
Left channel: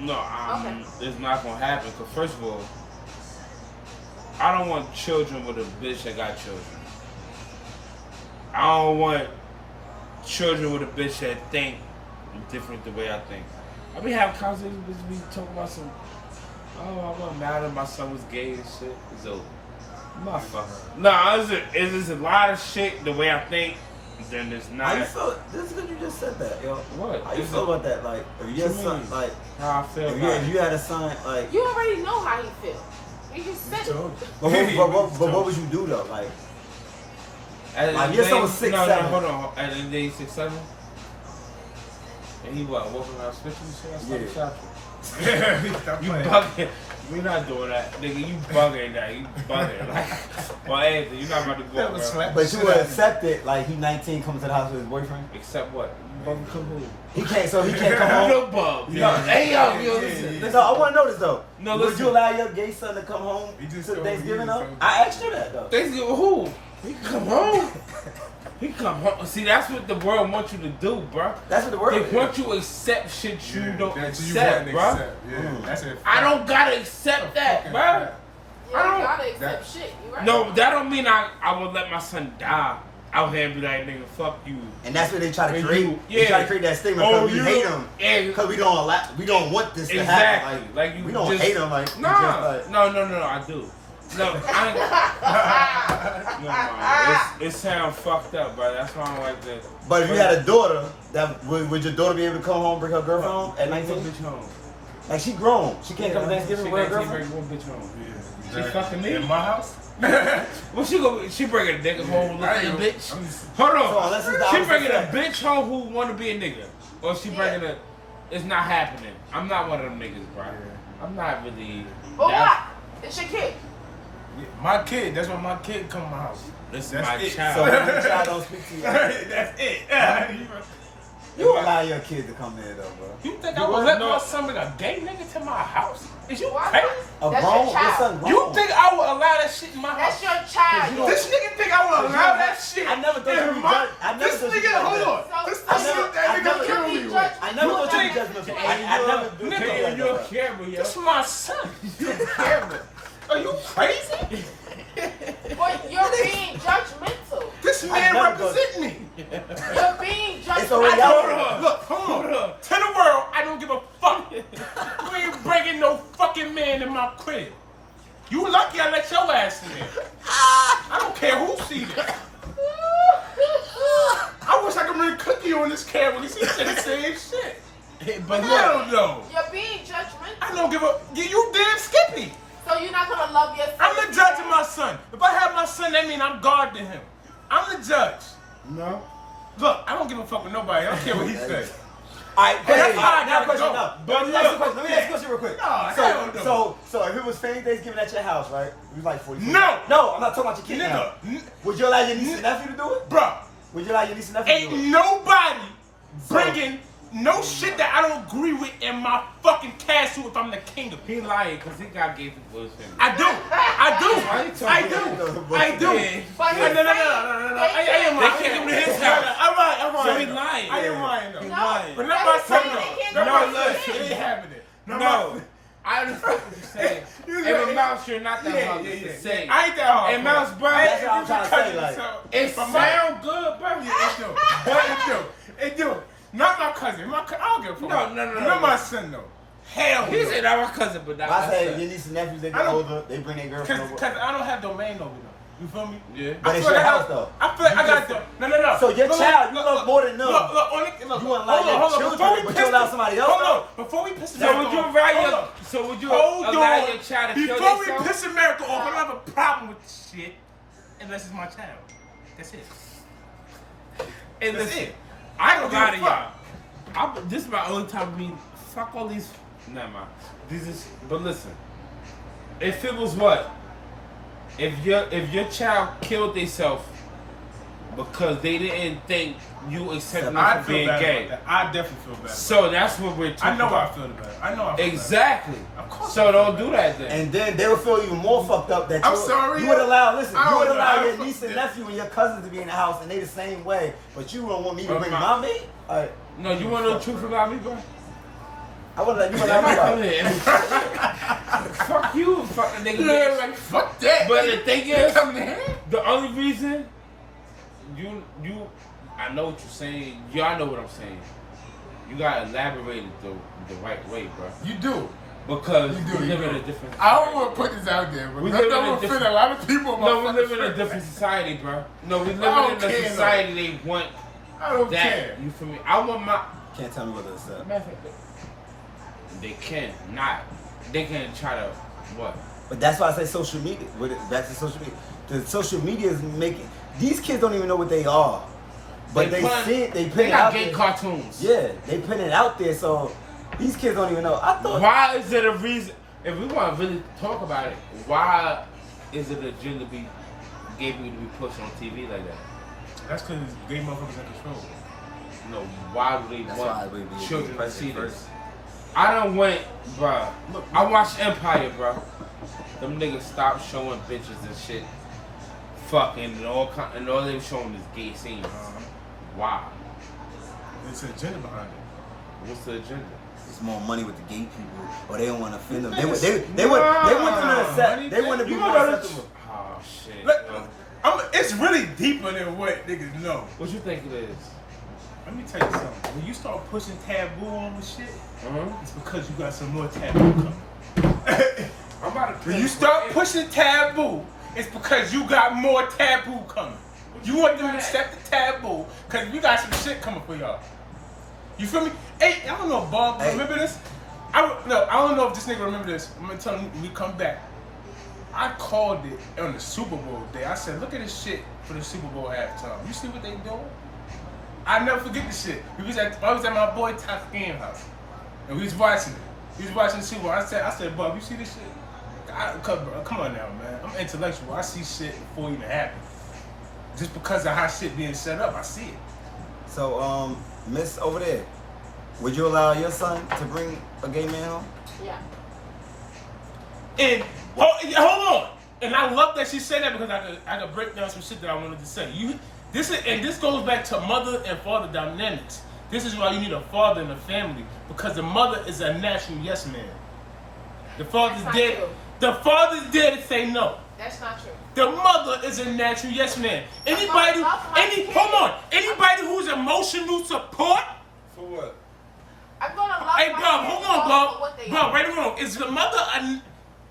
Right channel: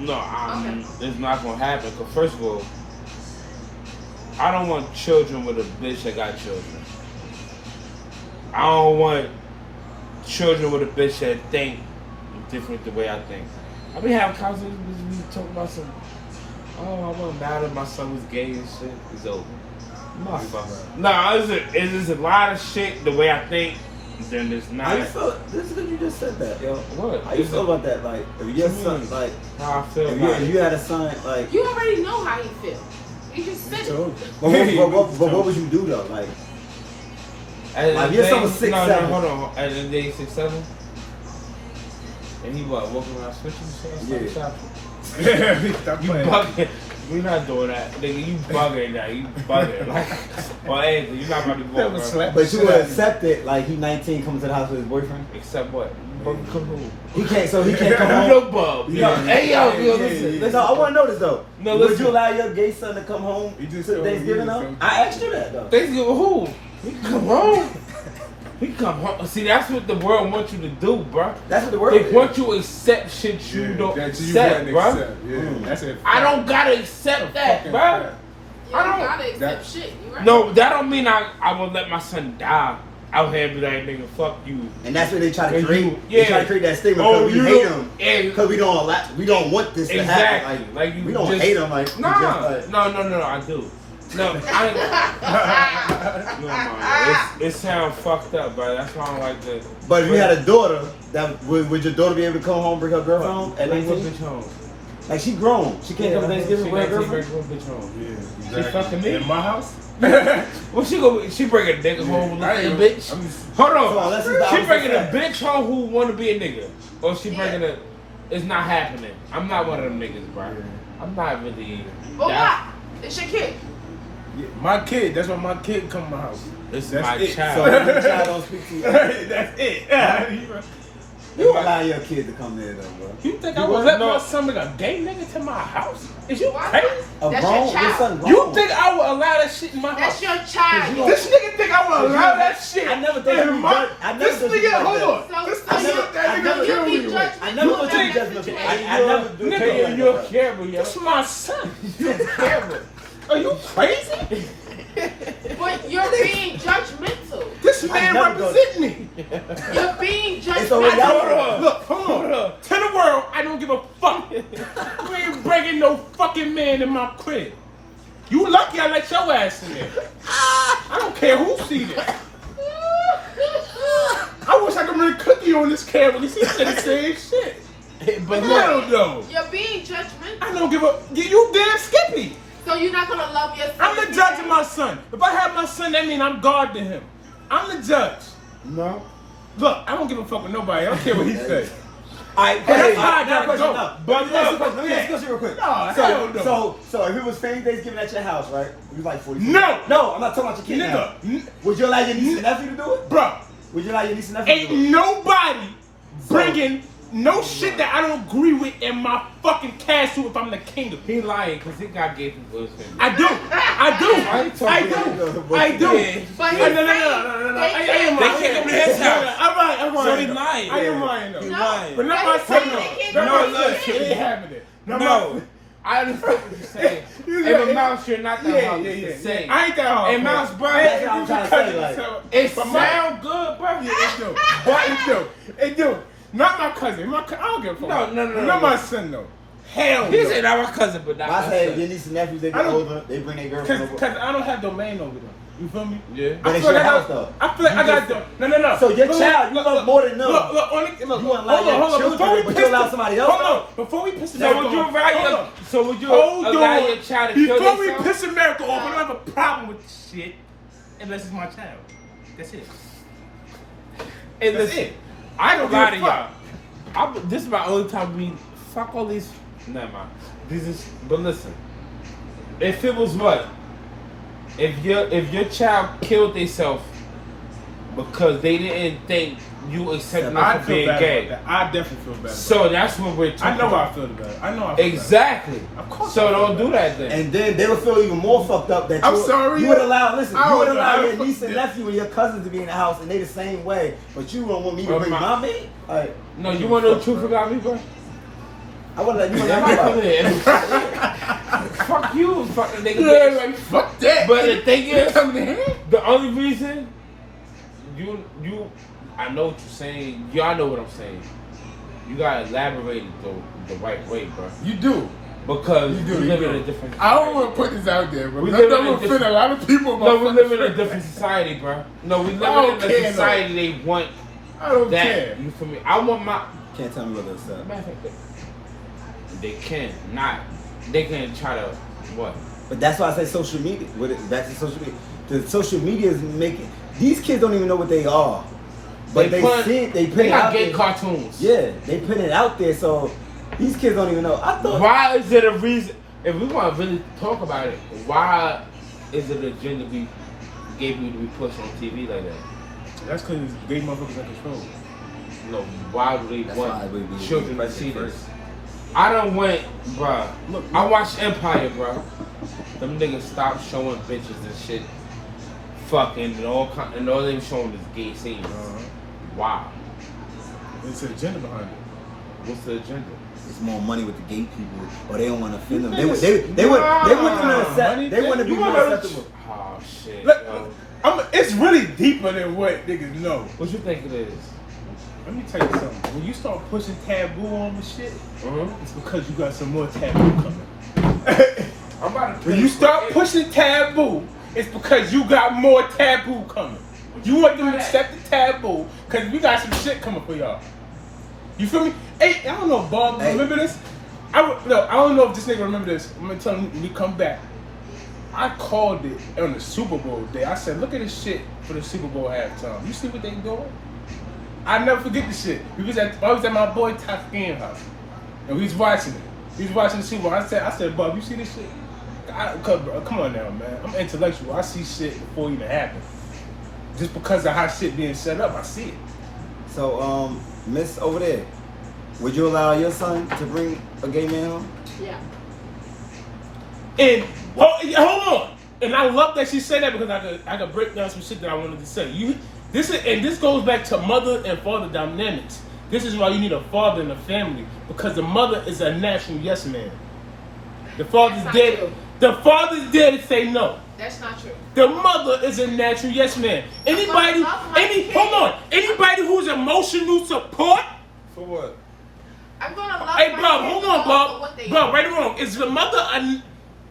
No, it's not gonna happen. Cause first of all, I don't want children with a bitch that got children. I don't want children with a bitch that think different the way I think. I be having conversations with me talking about some. Oh, I wasn't mad at my son was gay and shit. It's over. Motherfucker. Nah, it's a lot of shit the way I think. Then there's not. How you feel? This is good you just said that, yo. What? How you feel about that? Like, if your son, like, How I feel if about you had a son, like, You already know how he feels. You just said it. Told you. but what would you do though? Like, Like, your son was 6'7". Hold on. At the day 6'7". And he what? Walking around switching and shit? Yeah. Stop You playing. bugging. We not doing that. Nigga, you bugging that. You bugging. Like, well, Anthony, you're not about to be That walking was around. slap. but you would accept it. Like, he 19, coming to the house with his boyfriend. Except what? Bug come home. He can't. So he can't come home. No bug. Yeah. Hey, yo, listen. Listen, I want to know this though. No, Would listen. you allow your gay son to come home He just to told me Thanksgiving he though? was I asked you that though. Thanksgiving who? He come home. He come home. See, that's what the world wants you to do, bro. That's what the word They is. want you to accept shit you don't that you accept, wouldn't bro. accept. Yeah, that's it. I don't gotta accept that, bro. You don't gotta accept shit. You right. No, that don't mean I will let my son die out here and be like, nigga, fuck you. And that's what they try to And create. you- They try to create that statement because we hate them. And Because we don't want this to happen. Like you we don't just, hate them. Like we just, like, no, I do. No, it sounds fucked up, bro. That's why I'm like that. But if you had a daughter, that would your daughter be able to come home, bring her girlfriend home at Bring 19? bitch home. Like she grown. She can't come to Thanksgiving with her girlfriend. Bitch home. Yeah, She fucking me in my house. Well, she bring a nigga home with a bitch. Hold So unless it's the on. She opposite bringing a sex. bitch home who want to be a nigga, or she bringing a. It's not happening. I'm not one of them niggas, bro. I'm not really. Well, what? It's your kid. Yeah, my kid. That's why my kid come to my house. It's That's my it. child. So if your child don't speak to you, That's it. you allow your kid to come there though, bro. You think I would let my son bring a gay nigga to my house? Is you crazy? A That's grown, your child. your son grown. You think I would allow that shit in my That's house? your child. This nigga think I would allow that shit? I never thought you in would my. judge- I never This thought you nigga, would hold like on. that. This I nigga, never- that I nigga never- kill me with. I never thought you think- judgmental. I never do Nigga, you're a camera, yo. This my son. You're a camera. Are you crazy? But you're being judgmental. This I man never go- represent me. You're being It's already judgmental. out there. Look, hold on. To the world, I don't give a fuck. You ain't bringing no fucking man in my crib. You lucky I let your ass in there. I don't care who see this. I wish I could bring Cookie on this camera. He said the same shit. But hell no. You're being judgmental. I don't give a. You damn Skippy. So you're not gonna love your son. I'm the judge of my son. If I have my son, that means I'm God to him. I'm the judge. No. Look, I don't give a fuck with nobody. I don't care what he says. Alright, That's how I now gotta question, go. no. But let me ask you a question. Let me ask you a question real quick. No, hell no. So if it was same Thanksgiving at your house, right? We was like 40. No. No, I'm not talking about your kid now. Nigga, Would you allow your niece and nephew to do it? bro, Would you allow your niece and nephew to ain't do it? nobody bringing no shit that I don't agree with in my fucking castle if I'm the king of it. He lying because he got gay people with him. I do. I do. I I do. But No. I am lying. I'm So lying. he though. lying. I am lying though. No. But not my son They though. can't Not do my it. son. It ain't happening. Not No. my. I understand what you're saying. You In know, the mouse, you're not that Yeah. hard to say. I ain't that hard. And Mouse, bro, That's what I'm trying to say, like, it But sound good, bro. Yeah, it do. But it do. Not my cousin. I don't give a fuck. No. Not my son though. Hell He no. said not my cousin, but not I my say son. your niece and nephews, they I get don't- older, they bring their girlfriend over. Cause I don't have domain over them. You feel me? Yeah. But I it's feel your like house, though. I feel like I got them. No. So your Look, child, you love more than them. Look, only, look. You wouldn't hold allow on, your hold on. children, Before we but piss you allow the- somebody else Hold off? on. Before we piss So America would you off. allow Hold your, on. so would you Hold allow on. your child to kill Before we their son? piss America off, I don't have a problem with this shit unless it's my child. That's it. And That's listen, it. I don't give lie a to fuck. y'all. This is my only time we fuck all these. Never mind. But listen, if it was what, if your child killed themselves because they didn't think you accepted I them for feel being bad gay, about that. I definitely feel bad about so that. that's what we're talking I know about. I feel bad. I know I feel Exactly. Of course So I feel don't bad. do that then. And then they would feel even more fucked up that I'm you, sorry, you would yo. allow, listen, I you would don't know. allow I your don't niece and fuck- nephew and your cousins to be in the house and they the same way, but you don't want me to But bring my- my me? Like, No, you want to know the truth about me, bro? I would let you let me about it. Fuck you, fuck the nigga. Yeah, bitch. like fuck that. But the thing is, coming in here. the only reason you I know what you're saying. Y'all know what I'm saying. You gotta elaborate it the right way, bro. You do. Because You do. we You live in a do. different. I don't want to put this out there, but We I'm live in a gonna offend different- a lot of people. No, we live in a about different society, bro. No, we live don't in a care, society they want I don't that. care. You feel me? I want my. Can't tell me what it's up. Matter of fact, they can not. They can try to what? But that's why I say social media. With it, back to social media. The social media is making these kids don't even know what they are, but they put see it. They put They it got out gay there. cartoons. Yeah, they put it out there, so these kids don't even know. I thought. Why is it a reason? If we want to really talk about it, why is it a agenda to be gay people to be pushed on TV like that? That's because they motherfuckers in control. No, why would they That's why want we be children to present see first. this? I done went, bruh. Look, I watched Empire, bruh. Them niggas stopped showing bitches and shit, fucking, and all they were showing is gay scenes. Wow. It's an agenda behind it. What's the agenda? It's more money with the gay people, or they don't want to offend them. They want them to accept. They want to be more acceptable. Oh shit. Look, it's really deeper than what niggas know. What you think it is? Let me tell you something. When you start pushing taboo on the shit, it's because you got some more taboo coming. When you start pushing taboo, it's because you got more taboo coming. You want them to accept the taboo because we got some shit coming for y'all. You feel me? Hey, I don't know, Bob. Remember this? I don't know if this nigga remember this. I'm gonna tell him when we come back. I called it on the Super Bowl day. I said, look at this shit for the Super Bowl halftime. You see what they doing? I never forget this shit. I was at my boy Todd's game house, and we was watching it. He was watching the Super Bowl. I said, Bob, you see this shit? Come on now, man. I'm intellectual. I see shit before it even happens. Just because of how shit being set up, I see it. So, Miss over there, would you allow your son to bring a gay man home? Yeah. And hold on. And I love that she said that because I could break down some shit that I wanted to say. This goes back to mother and father dynamics. This is why you need a father in a family, because the mother is a natural yes man. The father's dead. The father's there to say no. That's not true. The mother is a natural yes man. Anybody who's emotional support. For what? I'm gonna love Hey, my Bob, kids hold on, for Bob. what they Bob, are. right or wrong? Is the mother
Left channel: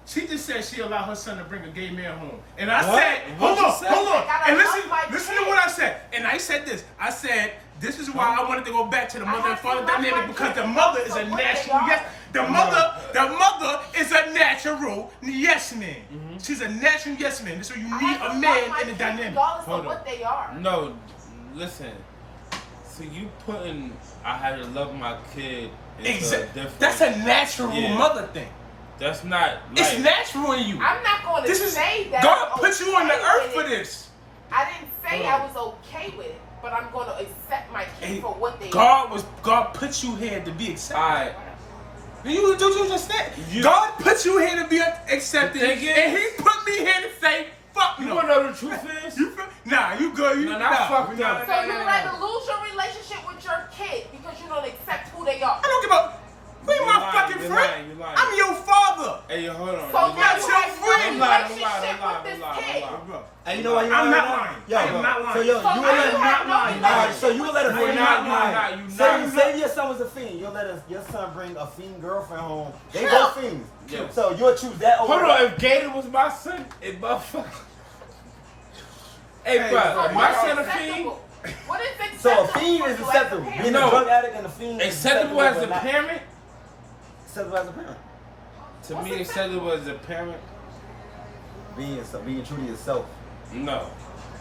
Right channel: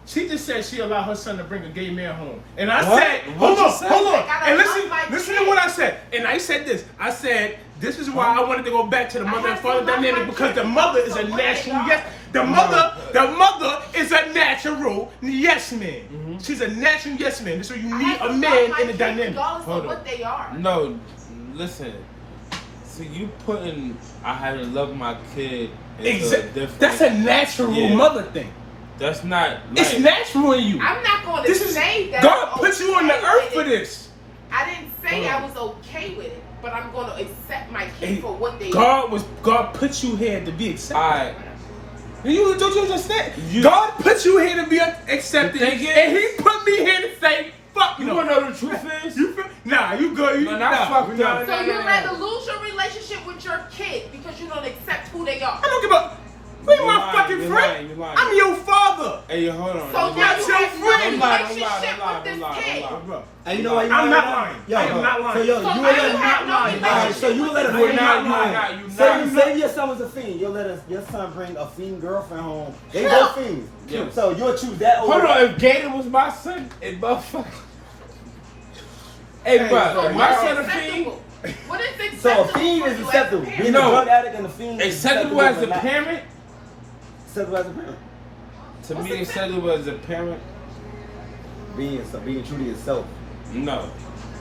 she just said she allowed her son to bring a gay man home. And I What? said, What hold you said? on. I gotta And love my listen to kids. what I said. And I said this. I said, this is why I wanted to go back to the mother and father dynamic, because the mother is a natural yes. The mother is a natural yes man. She's a natural yes man. This is why you need a man in the dynamic. Regardless of what they are. No, listen. See, you putting I had to love my kid. Exactly. That's a natural mother thing. That's not. It's natural in you. I'm not going to say that. God put you on the earth for this. I didn't say I was okay with it, but I'm going to accept my kid for what they God put you here to be accepted. Alright. Don't you understand? God put you here to be accepted, and He put me here to say, "Fuck You no." wanna know the truth is? You good? No, not fuck no. So you'd rather lose your relationship with your kid because you don't accept who they are. I don't give a. Be You're my lying, fucking you're friend. lying, you're lying. I'm your father. Hey, yo, hold on. So not you your have friend. no I'm lying, relationship I'm with this lying, kid. I'm lying. And you know why you I'm know not that? lying. Yo, I am not lying. So yo, So you now would you let have no Alright, so you would let a You're fiend not lying. You're Say your son was a fiend. You'll let your son bring a fiend girlfriend home. They both fiends. Yeah. So you'll choose that over. Hold on, if Gator was my son, and motherfucker. Hey, bro, So my what's son a fiend. acceptable? What is acceptable? So a fiend for is you as a acceptable. parent? Being a No. drug addict and a fiend is Acceptable as a but not parent? acceptable as a parent. To me, acceptable as a parent? Being true to yourself. No.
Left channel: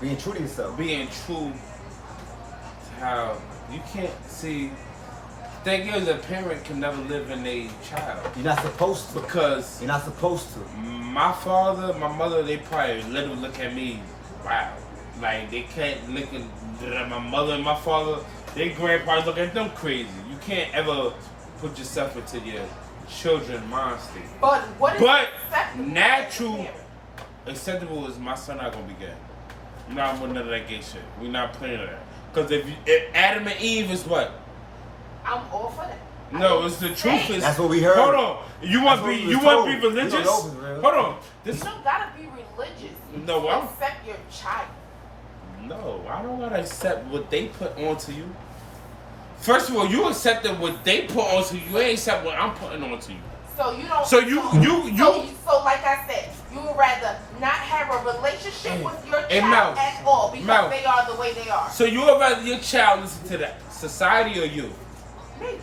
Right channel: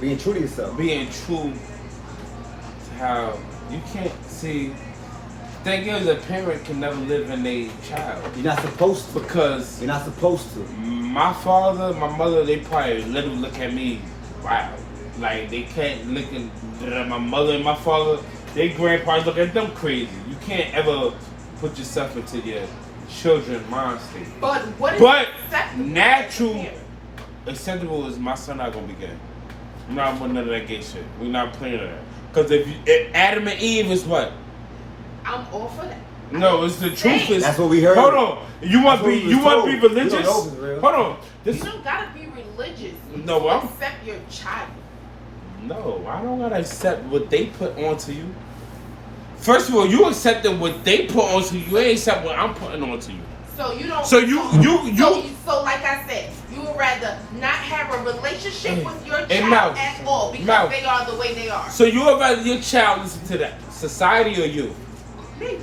Being true to yourself. Being true to how you can't see. Thing is, a parent can never live in a child. You're not supposed to. Because You're not supposed to. my father, my mother, they probably literally look at me, wow. Like, they can't look at my mother and my father, their grandparents look at them crazy. You can't ever put yourself into your children's mind state. But what is But acceptable? natural, acceptable is my son not gonna be gay. We're not putting none of that gay shit. We're not playing that. Because if Adam and Eve is what? I'm all for that. No, it's the truth is. That's what we heard. Hold on. You want That's what to we was be told. We religious? don't know if it's real. Hold on. You This don't gotta be religious. No, to I'm- accept your child. No, I don't gotta accept what they put onto you. First of all, you accepted what they put onto you. You ain't accept what I'm putting onto you. So you don't. So you So like I said, you would rather not have a relationship with your child Mouth. at all because Mouth. they are the way they are. So you would rather your child listen to that society or you? Me.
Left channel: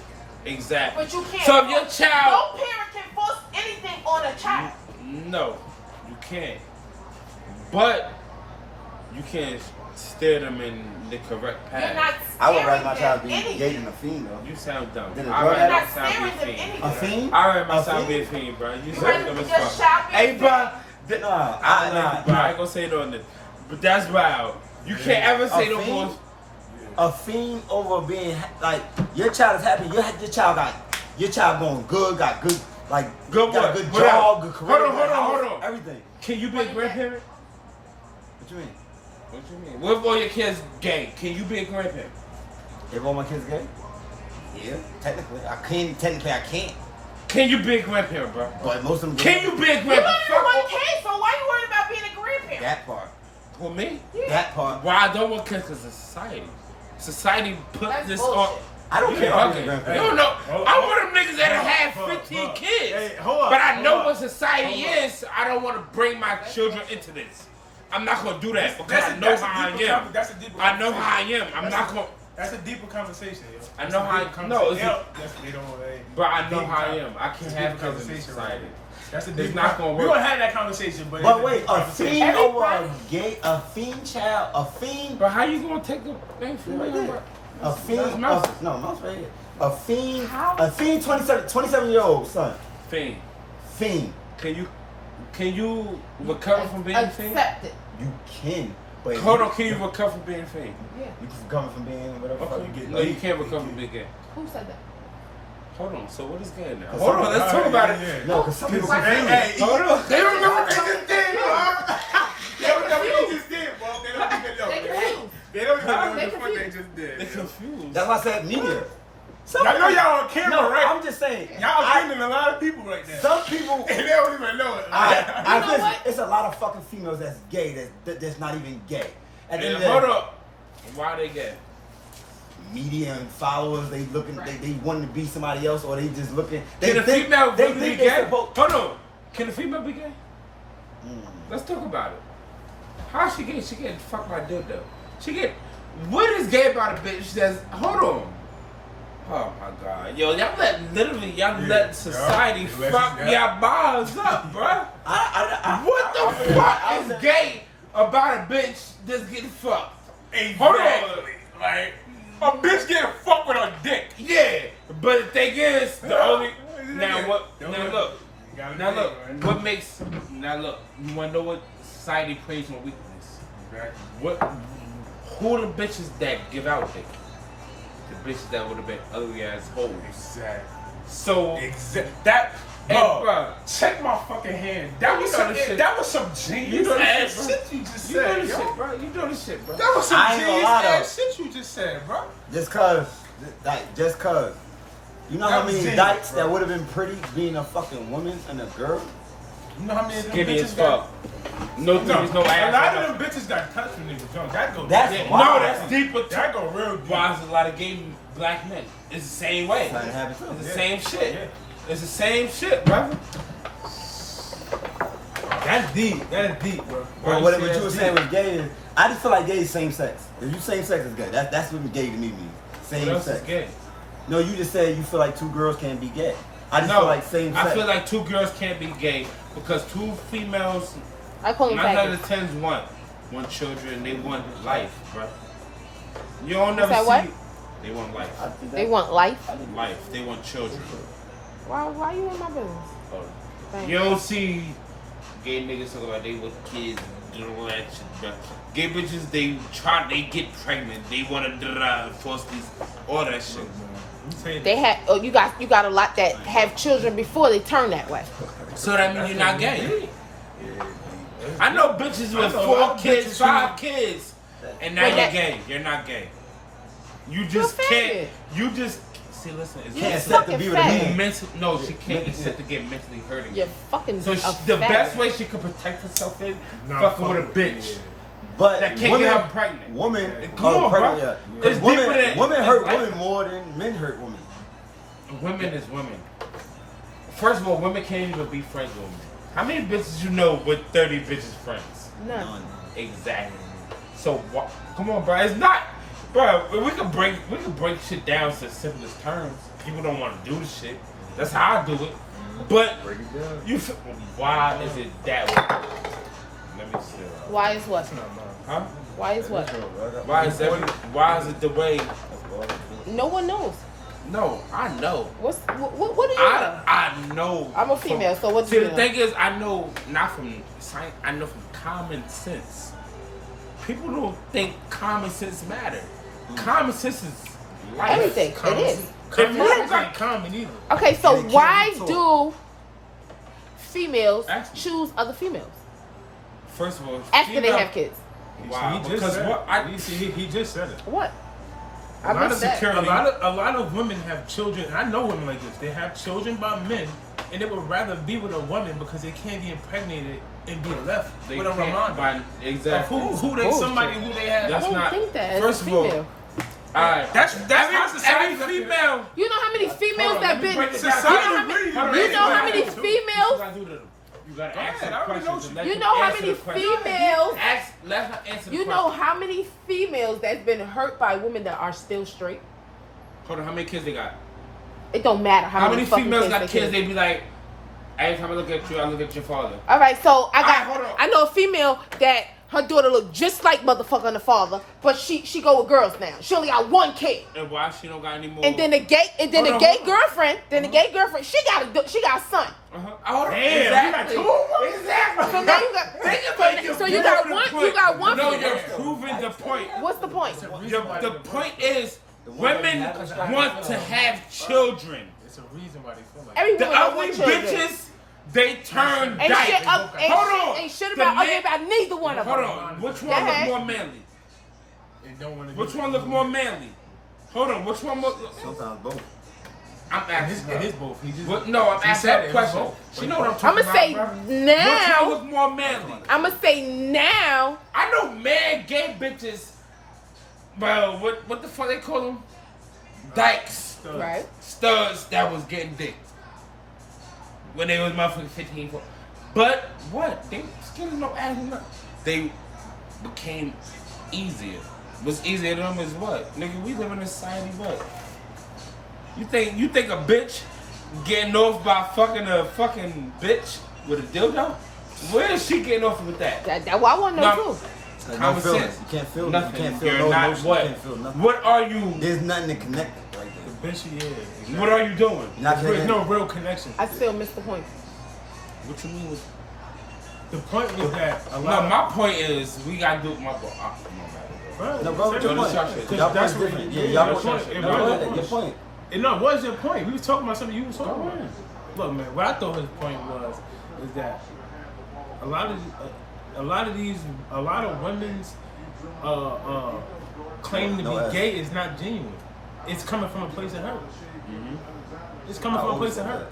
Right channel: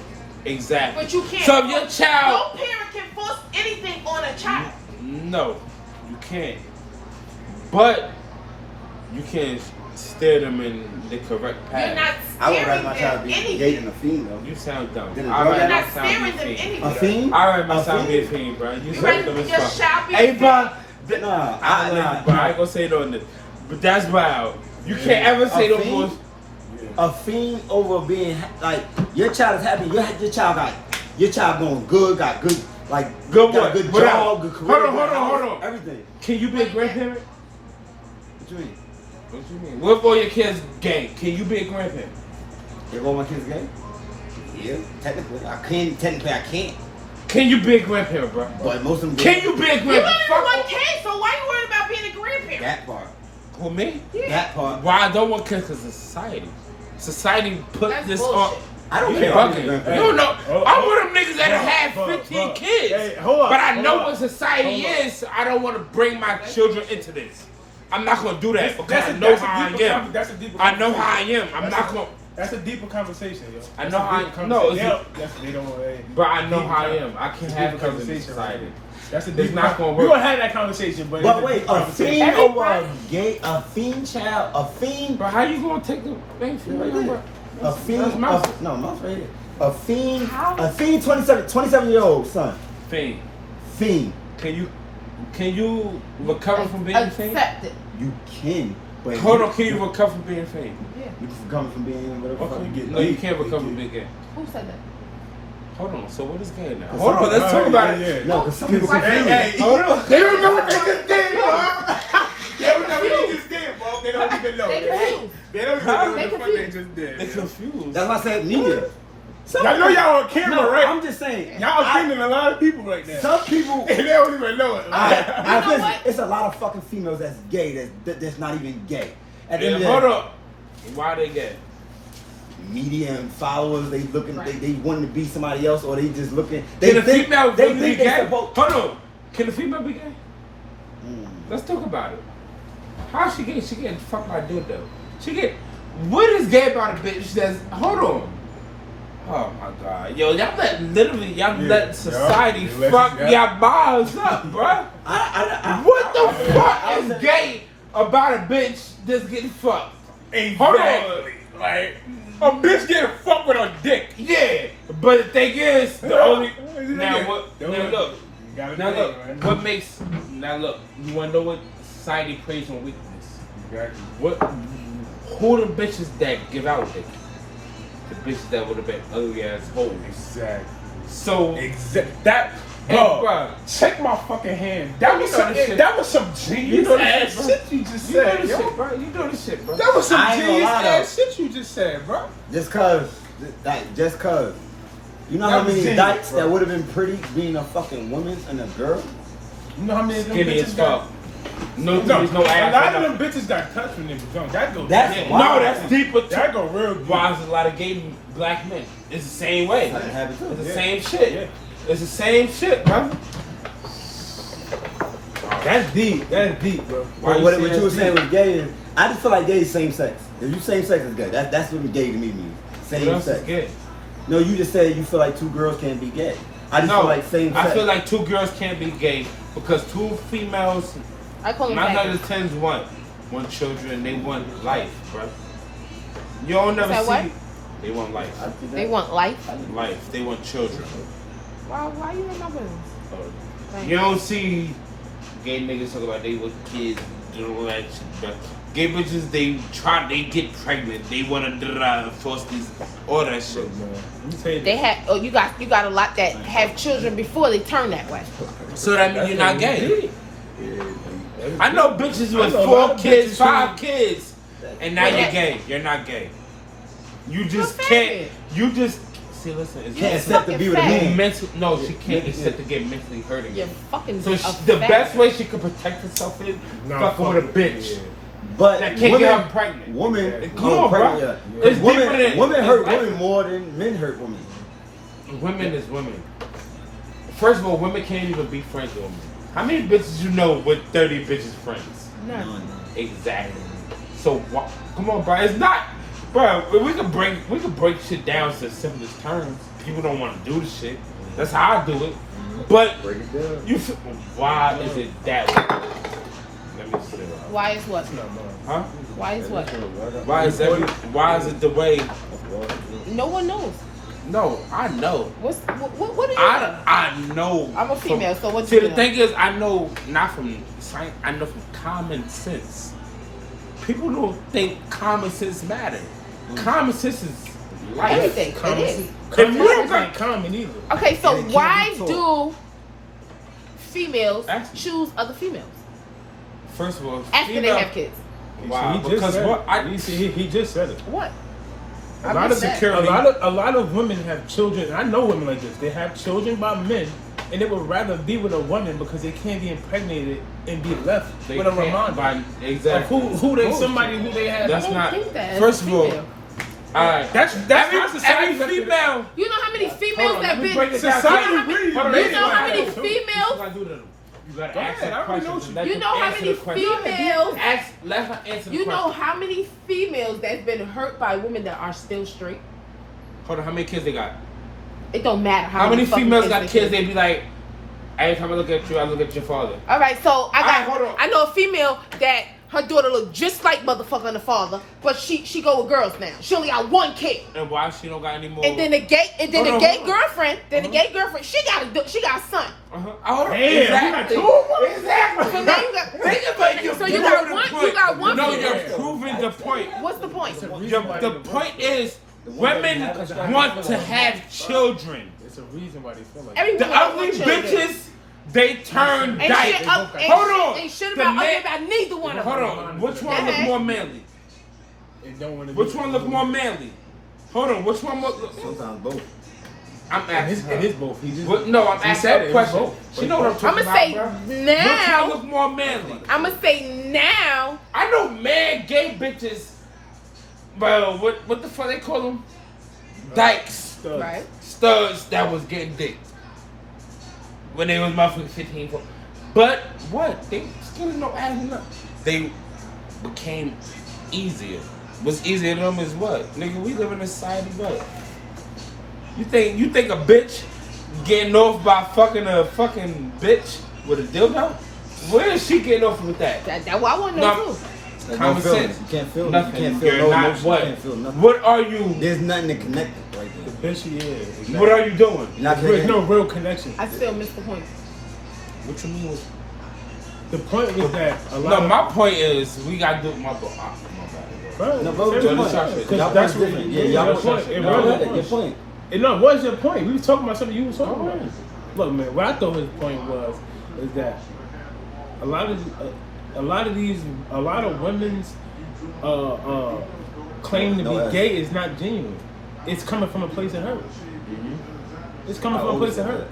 Exactly. But you can't. So if your child, No parent can force anything on a child. no, you can't. But you can steer them in the correct path. You're not I would rather steering my child them be anything. engaged in a fiend though. You sound dumb. Then a I drug rather You're my not son steering be them a fiend. A anything. fiend? I rather my A son be a fiend? fiend, bro. You You sound rather dumb as your fuck. child be Hey, a bro. Nah, I ain't gonna say no, but that's wild. You can't ever say A those fiend? words. A fiend over being like your child is happy. Your child going good, got good Good got what? a good What job, else? good career, Hold on, good hold on, house, everything. Can you be a grandparent? What you mean? What you mean? What if all your kids gay? Can you be a grandparent? If all my kids gay? Yeah, technically I can. Technically I can't. Can you be a grandparent, bro? But most of them. Can you be a You grandparent? only want kids, so why you worried about being a grandparent? That part. With me? That part. Why I don't want kids? Because of society. Society put That's this bullshit. on. I don't You care about being bugging. a No, grandparent. no. I'm one of them niggas that have 15 kids. Hey, hold on. But I know hold on. what society Hold on. is. So I don't want to bring my children into this. I'm not going to do that because That's I a know how I am. That's a deeper I know conversation. how I am. I'm That's not a- going to. That's a deeper conversation, yo. I That's know a how deeper I- no, conversation. it's They don't want to. But I know how I am. I can't It's a have deeper kids in conversation right society. there. That's a It's deeper not gonna We're work. gonna have that conversation, but But it's wait, deeper a conversation. fiend over a gay, a fiend child, a fiend, But how you going to take the thing from right right there. there? A fiend, That's mouse. no, mouse right here. A fiend, 27-year-old son, Fiend. fiend. Can you recover from being a fiend? Accept it. You can, but Hold on, can you recover from being a fiend? You can come from being whatever. Okay, fuck you you get get. No, you can't recover from being gay. Who said that? Hold on, so what is good now? Cause Hold on, some- let's talk about it. Yeah. No, because some people Hey, confused. Hey, Hold on. They don't know what they just did, bro. They don't know what they just did, bro. They don't even know. They confused. They don't even know what They the fuck they just They're did. confused. That's why I said media. Some Y'all know people- y'all on camera, No, right? I'm just saying. Y'all I- offending a lot of people right now. Some people. And they don't even know it. I know listen, what? it's a lot of fucking females that's gay that's not even gay. At the end Yeah, of hold the day, up. Why they gay? media and followers, they looking, they wanting to be somebody else, or they just looking. They Can a think female they really think be they gay? supposed. Hold on. Can a female be gay? Mm. Let's talk about it. How she get? She getting fucked by a dildo. She get. What is gay about a bitch that's? Hold on. Oh my god, yo, y'all let Yeah. society You let- fuck yeah. y'all balls up, bruh. What the fuck is gay about a bitch that's getting fucked? Exactly. Like, a bitch getting fucked with her dick. Yeah, but the thing is, the only now Yeah. what? Don't Now let- look, You gotta now think, look. man. What makes? Now look. You wanna know what society prays on weakness? Exactly. What? Who the bitches that give out dick? The bitches that would have been ugly ass hoes. Exactly. So That, Hey, bro, bruh. check my fucking hand. That was You some, know this shit. that was some genius know this ass shit, shit you just you know said, this yo. shit, bro. You know this shit, bro. That was some I ain't gonna genius lie, ass shit you just said, bro. Just cause, just cause. You know That how was many genius, dykes bro. that would have been pretty being a fucking woman and a girl? You know how many of them Skinny as bitches got? fuck. No, No, there's no a ass. lot no of them bitches got touched when they was young. That go That's deep. why. No, that's deeper. That go real deep. Why is a lot of gay black men? It's the same way. That's how it happened too. It's the Yeah. same shit. Yeah. It's the same shit, bro. That's deep. That's deep, bro. Why What you you say were it's saying deep? was gay is, I just feel like gay is same sex. If you same sex is gay, that's what gay to me means. What Same else is sex. gay? No, you just said you feel like two girls can't be gay. I just feel like same sex. I feel like two girls can't be gay because two females, I call him 9 out faggot. of 10's want children, they want life, bro. You don't never Say see. what? They want life. They want life. Life. They want children. Why you in my business? You don't see gay niggas talk about they want kids, doing all that shit, bro. Gay bitches, they get pregnant, they want to force these, all that shit, bro. They have. You got a lot that have children before they turn that way. So that means you're not gay. I know bitches I with know a 4 lot of kids, bitches 5 who- kids, and now Yeah. you're gay. You're not gay. You just You're can't. faggot. You just see. Listen, it's Can't You're accept to be with a fucking man. mental. No, she can't accept to get mentally hurt You're again. fucking. So a the faggot. best way she could protect herself is fucking with a bitch. But That can't women, get her pregnant. Women, Come on, pregnant, bro. yeah. It's Women, deeper than- women it's hurt life. women more than men hurt women. Women is women. First of all, women can't even be friends with women. How many bitches you know with 30 bitches friends? None. Exactly. So come on, bro. It's not, bro. We can break shit down to simplest terms. People don't want to do this shit. That's how I do it. But Break it down. you, why is it that way? Let me see. Why is what? Huh? Why is what? Why is it the way? No one knows. No, I know. What are you? I know. I'm a female, so what See, you the do? thing is, I know not from science. I know from common sense. People don't think common sense matter. Common sense is life. Anything. It is. Common you don't sense got- ain't common either. Okay, so And it can't why be taught. do females Ask me. choose other females First of all, after they female- have kids? Wow, he just because said what? it. He just said it. What? A lot of women have children. I know women like this. They have children by men, and they would rather be with a woman because they can't be impregnated and be left with a reminder. Exactly. Who they somebody who they have. That's not. That First of all, that's not society. Female. You know how many females that been Society really You know how many females? You gotta ask ahead, I already know what you- You know how many females? Let her answer the You know question. how many females that's been hurt by women that are still straight? Hold on, how many kids they got? It don't matter How many fucking females got kids? they They be like, every time I look at you, I look at your father. All right, so hold on. I know a female that her daughter look just like motherfucking the father, but she go with girls now. She only got one kid. And why she don't got any more? And then the gay girlfriend, she got a son. Damn, Exactly. Exactly. So now you got one. No, female. you're proving the point. What's the point? The point is, women want to have children. It's a reason why they feel like Every The woman ugly wants children. bitches, they turn Ain't dyke. shit Hold about neither one of them. Hold on. Which one look more manly? they don't want to. Which one look more manly? Hold on. Which one look? Sometimes both. I'm asking. It is both. He just. No, I'm He asking said a it, question. it's both. She know what I'm I'm talking gonna say about, bro. Which one now. look more manly? I'm gonna say now. I know mad gay bitches. Bro, what the fuck they call them? Dykes. Right. Studs that was getting dick. When they was motherfucking 15. But what? They still no adding up. They became easier. What's easier to them is what? Nigga, we live in a society what? You think a bitch getting off by fucking a fucking bitch with a dildo? Where is she getting off with that? That's what I want to know too. Like, Common no feelings. sense. You can't feel Nothing. You can't feel You're no not emotion. what? You can't feel nothing. What are you? There's nothing to connect it right The there. bitch he is. Exactly. What are you doing? You're not There's connecting. no real connection. I still missed the point. What you mean? The point was that a lot No, of my point is we gotta do my bro. No, bro, what's your point? Because Y'all that's point's what different. your y'all point. It no, was your your point. point. No, it was your point. We was talking about something you was talking about. Look, man, what I thought his point was is that a lot of women's claim to be gay is not genuine. It's coming from a place of hurt. It's coming from a place of hurt.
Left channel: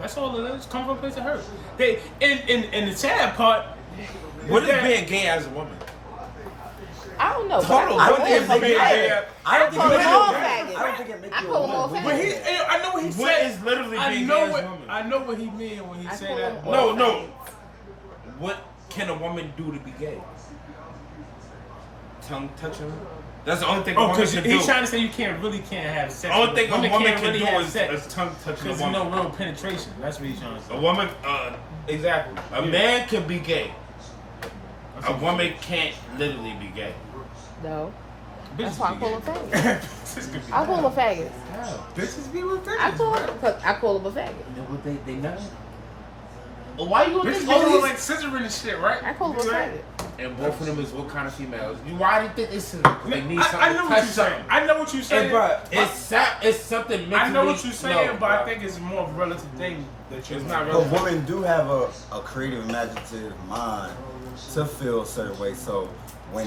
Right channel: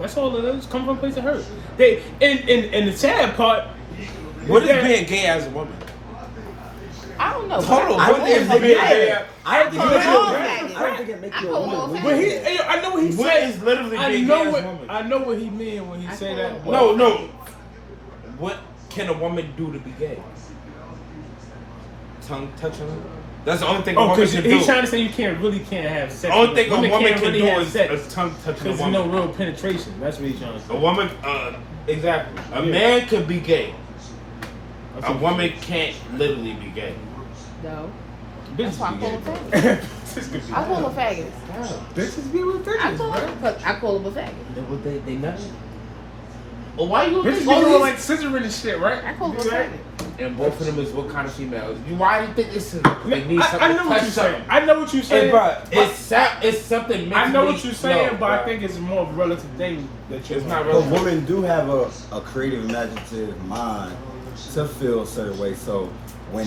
That's all it is. It's coming from a place of hurt. They and the sad part. What is that, being gay as a woman? I don't know. Hold on. I don't think it makes you. Yeah. I don't think it makes you a I woman. I don't think it makes you a woman. When he, I know what he What said. is literally I being know gay what as a woman? I know what he mean when he say that. No. What can a woman do to be gay? Tongue touching her? That's the only thing a Oh, woman because can do. he's trying to say you can't have sex. The only thing a women woman can't can really do have is sex tongue touching a because there's woman. no real penetration. That's what he's trying to say. A woman, exactly. A Yeah. man could be gay. That's A what woman can't literally be gay. No. bitches That's be gay. why Bitches could be I call them gay. faggots. Bitches be with I bitches, call bro. them a faggot. They not. Well, why you Bitches be doing like scissoring and shit, right? I call them a faggot. And both of them is what kind of females? Why do you think this is? They need something I know to what touch you're saying. something. I know what you're Hey, saying. bro, it's something. I know what you're saying, no, but I bro. think it's more of a relative thing that you're It's not But really. women do have a creative, imaginative mind to feel a certain way. So when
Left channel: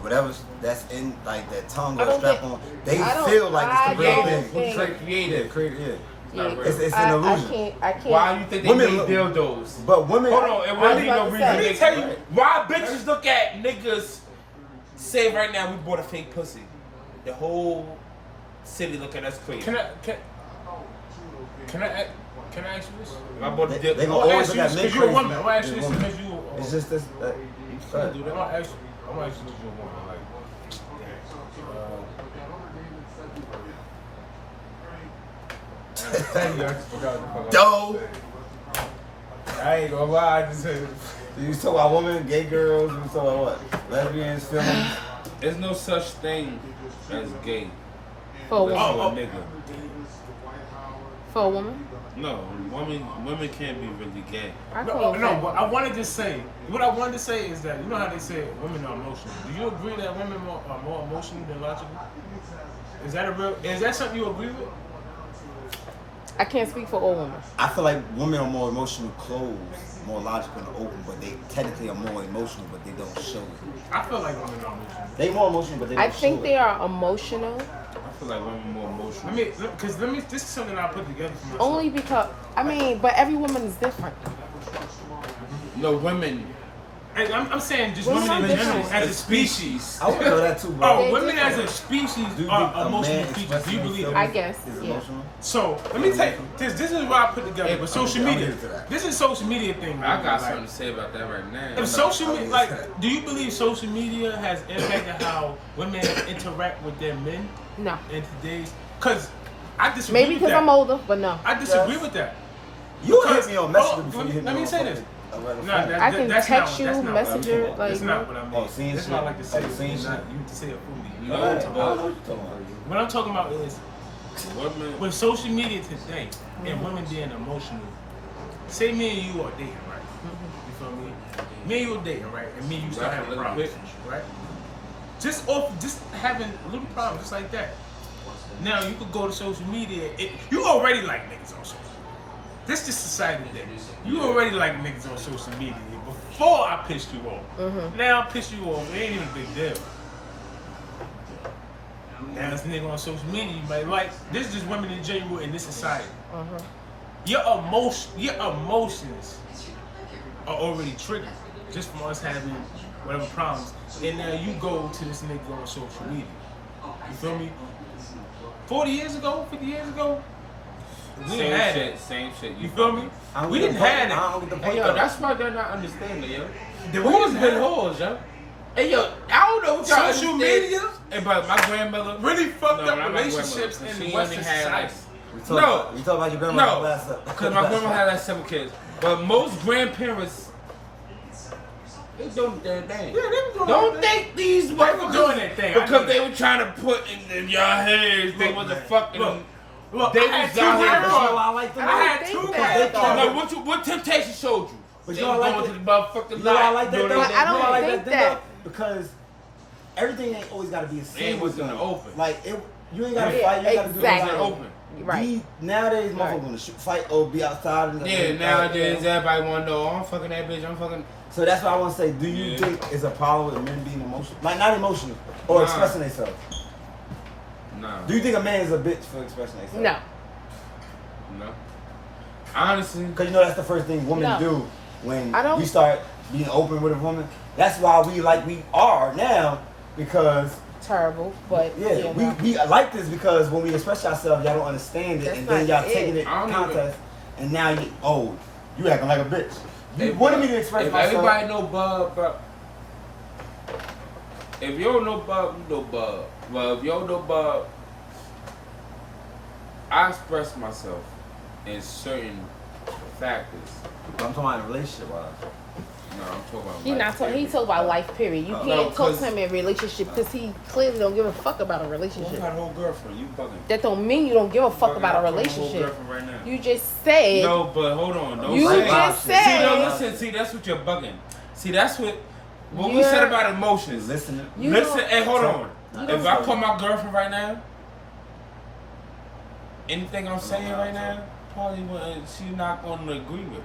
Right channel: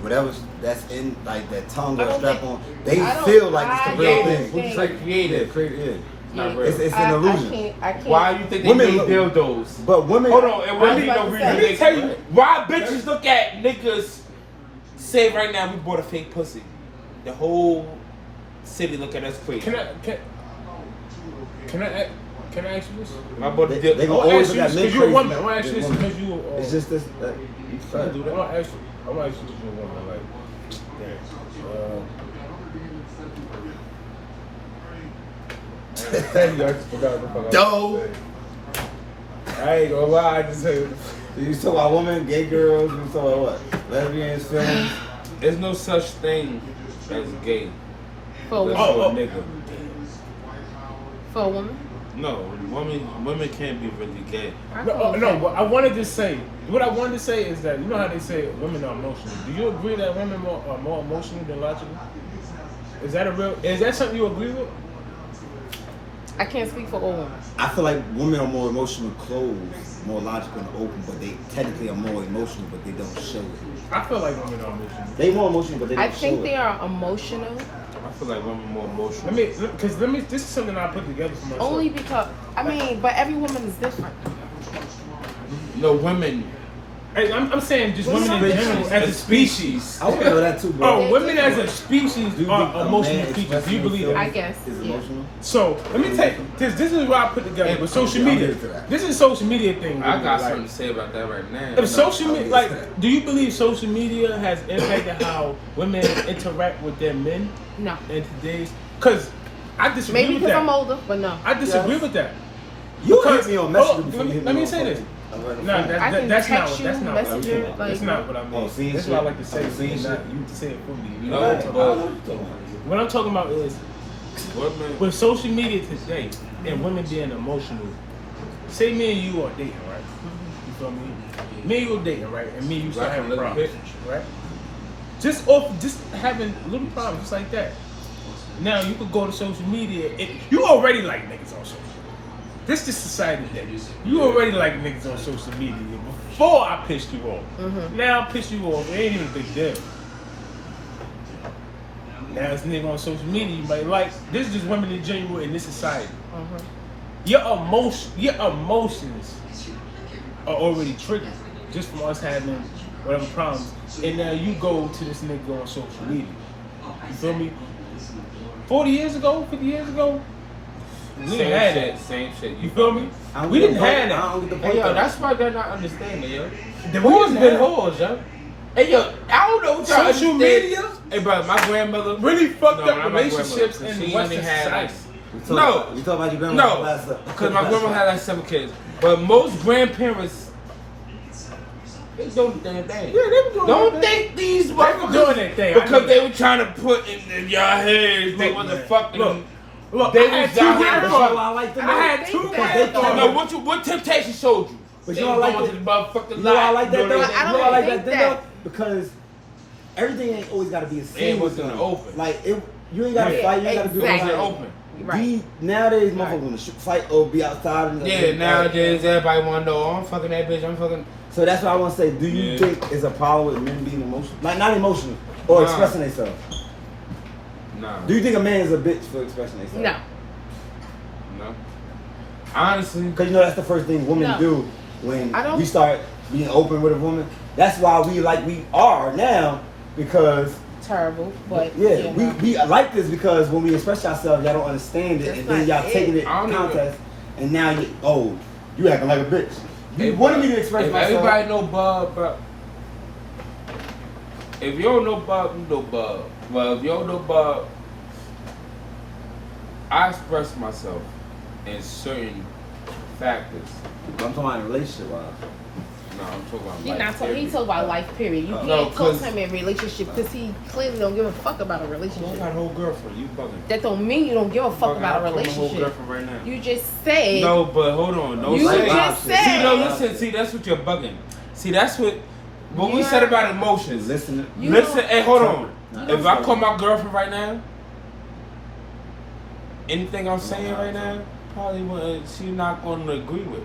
whatever that's in like that tongue or strap on, they feel like it's the real Creative. thing. It's like creative. Creative. Not real. It's an illusion. I can't. Why you think they Women need look- dildos? But women. Hold on, it wouldn't be no reason. let me they- tell you why bitches look at niggas. Say right now we bought a fake pussy. The whole city look at us crazy. Can I ask you this? I bought the They dildo. gonna I'll always ask look you at this men because you're a crazy. woman. I'll ask you this They're women. because you. It's just this. I want to ask you because you're a woman. Like, I just forgot what the fuck I was Dope. gonna say. I ain't gonna lie, I just say You talk about women, gay girls, you talk about what? Lesbians, feelings. There's no such thing as gay. For a That's woman. for a nigga. For a woman. No, women can't be really gay. no. What I wanted to say is that you know how they say women are emotional. Do you agree that women are more emotional than logical? Is that something you agree with? I can't speak for all women. I feel like women are more emotional closed, more logical and open, but they technically are more emotional, but they don't show it. I feel like women are emotional. They more emotional, but they don't I show think it. they are emotional I feel like women are more emotional. This is something I put together for myself. only because, but every woman is different. No, women. Hey, I'm saying just women in general as a species. I want to know that too, bro. Oh, women as a species Do you think are a emotional man creatures. Do expressing you believe himself that? I guess, is yeah. emotional? So let me tell you, this is what I put together with social I'm media. here for that. This is social media thing. I got like, something to say about that right now. if social I'm media, here like, for that. do you believe social media has impacted how women interact with their men No. in today's? Because I disagree Maybe with because that. I'm older, but no. I disagree Yes. with that. You Because- hit me on hold Messenger on, before you hit let me me on say this. fucking- No, I can that's not text what you, that's not what I'm messenger, talking about. That's like- not what I mean. Oh, seeing That's shit? what I like to say. Oh, seeing You shit? say it for me. You No, know what I'm I talking don't about. know what you're talking about. What I'm talking about is Women- with social media today and women being emotional. Say me and you are dating, right? You feel me? Me and you are dating, right? And me and you start having Little problems, bit. right? Just having little problems, just like that. Now you could go to social media. You already like niggas on social media. This is society that you already like niggas on social media before I pissed you off. Now I pissed you off. It ain't even a big deal. Now this nigga on social media, you might like. This is just women in general in this society. Your emotions are already triggered just from us having whatever problems. And now you go to this nigga on social media. You feel me? 40 years ago, 50 years ago, we didn't have that. Same shit. You feel me? I don't We get didn't the point. have I that. don't get the Hey, point. yo, though. that's why they're not understanding, yo. The Who's reason been that hoes, yo? Hey, yo, I don't know what y'all social understand. media Hey, bro, my grandmother really fucked No, up not my relationships grandmother. in She Western only had, society. We talking No. about, you talking about your grandma No, last up. because my grandma had like 7 kids. But most grandparents, they don't do their thing. Yeah, they were doing Don't their thing. think these They were motherfuckers doing their thing. I know because they that. were trying to put in your heads. They Look, wasn't man. fucking. Look, They I had was two out here. That's why I grandfathers. like them. I had They two think grandfathers. No, what Temptation showed you? But They you was don't like going it? to the motherfucking You know why I like that lot. though? I You don't know why I like think that thing that. though? Because everything ain't always gotta be a It scene with wasn't them. open. Like you ain't gotta Yeah, fight. You ain't gotta do exactly. that. Open. Right. Nowadays, motherfuckers wanna fight or be outside. And Yeah, nowadays everybody want to know, oh, I'm fucking that bitch, I'm fucking. So that's what I want to say. Do you Yeah. think it's a problem with men being emotional? Like not emotional or Nah. expressing themselves? Nah. Do you think a man is a bitch for expressing themselves? No. No. Honestly, Because you know that's the first thing women No. do when I don't- we start being open with a woman. That's why we are now because Terrible, but yeah, we like this because when we express ourselves, y'all don't understand it, That's and then not y'all taking it. it I don't contest, and now you acting like a bitch. You Hey, wanted bro, me to express if myself. everybody know Bub, bro. If you don't know Bub, you know Bub. Well, if you don't know Bub, I express myself in certain factors. I'm talking about relationship wise. No, I'm talking about He life. not talking. He talk about life. Period. You No, can't talk 'cause- to him in relationship because he clearly don't give a fuck about a You relationship. got a whole girlfriend. You fucking. That don't mean you don't give a fuck Fucking, about a I'm fucking whole relationship. girlfriend right now. You just said. No, but hold on. Don't You say just See, said. no, listen. See, that's what you're bugging. See, that's what we said about emotions. Listen, You Listen, don't- hey, hold on. No, If I sorry. call my girlfriend right now, anything I'm saying right now, probably wouldn't, she not going to agree with,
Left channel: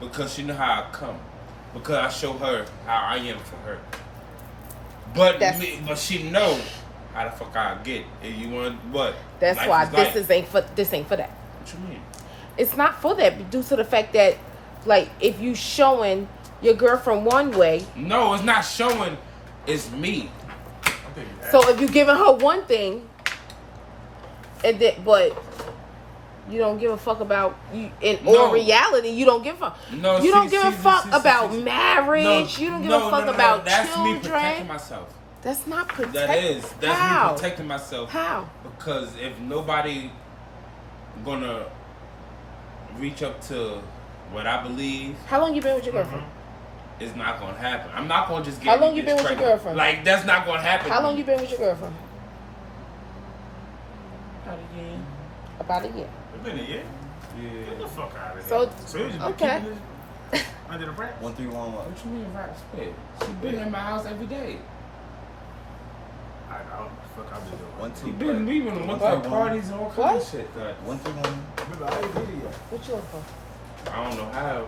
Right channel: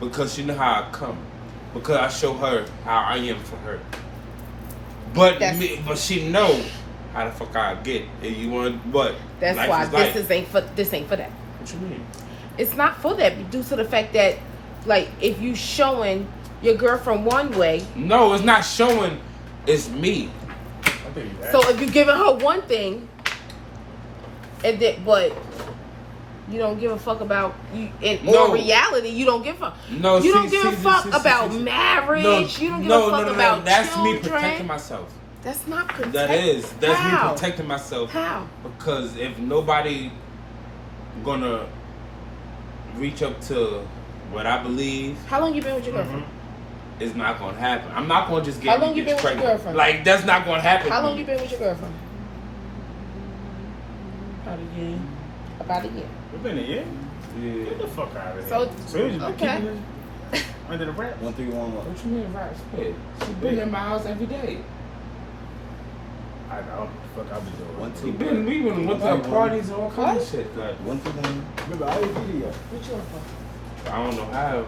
because she know how I come, because I show her how I am for her. But but she know how the fuck I get. If you want what? That's Life why is life. this ain't for that. What you mean? It's not for that due to the fact that, like, if you showing your girlfriend one way, No, it's not showing. It's me. I think that. so if you giving her one thing, and that, but you don't give a fuck about you in No. all reality, you don't give a No, you don't see, give a see, fuck see, about see. marriage. You don't give a fuck about That's children. me protecting myself. That's not protect. That's How? me protecting myself. How? Because if nobody gonna reach up to what I believe, How long you been with your girlfriend? it's not gonna happen. I'm not gonna just get. How long you bitch been with your pregnant. girlfriend? Like that's not gonna happen. How long you been with your girlfriend? About a year. About a year. It's been a year. Yeah. Get the fuck out of So- here. So you just been okay. keeping this under the wraps. 131 What you mean, right? She been in my house every day. I know. fuck I've been doing. One, two, We even went to parties and all kinds of shit. That one, two, one. Remember, I did video. What you want for? I don't know how.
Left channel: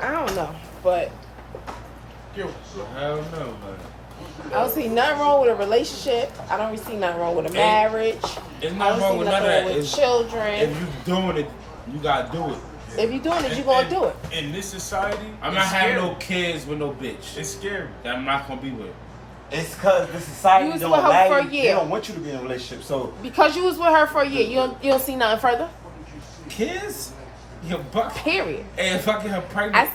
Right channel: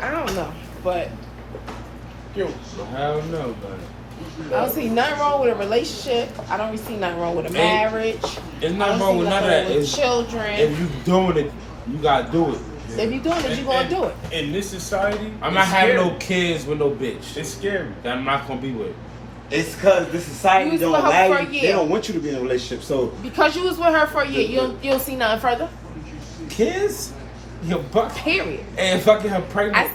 I don't know, but Yo, I don't know, I don't see nothing wrong with a relationship. I don't see nothing wrong with a marriage. It's I not don't wrong see with none of nothing that. with It's, children. if you doing it, you gotta do it. If you doing it, you gonna do it. In this society, I'm it's not having scary. no kids with no bitch. It's scary. That I'm not gonna be with. It's because the society You was don't with her allow for a you. year. They don't want you to be in a relationship. So Because you was with her for a year, you don't see nothing further. Kids? Your buck. Period. And fucking her pregnant.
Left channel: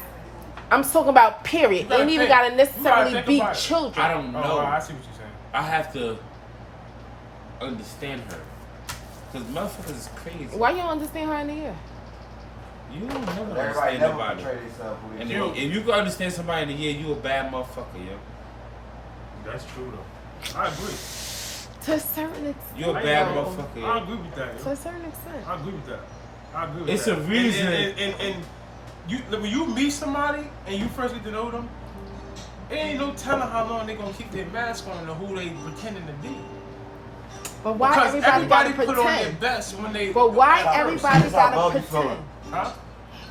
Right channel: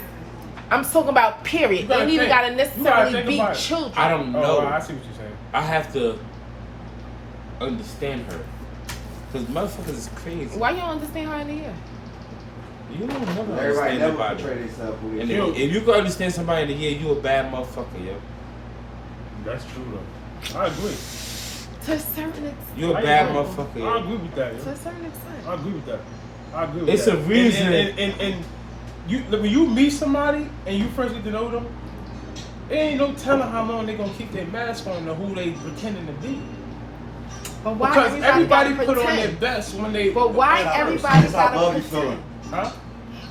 I'm talking about period. You gotta Ain't even think. gotta You gotta necessarily think be about it. children. I don't know. Oh, I see what you're saying. I have to understand her. Because motherfuckers is crazy. Why you don't understand her in the year? You don't never everybody understand never nobody. portray themselves. And Yo. if you can understand somebody in a year, you a bad motherfucker, yo. That's true though. I agree. To a certain extent. You a I bad agree. motherfucker, I yo. agree with that, To yo. a certain extent. I agree with that. I agree with It's that. a reason. And you, when you meet somebody and you first get to know them, it ain't no telling how long they gonna keep their mask on or who they pretending to be. But why Because everybody gotta put on their pretend? best when they. But why That's how everybody that's how gotta love you pretend? feeling. Huh?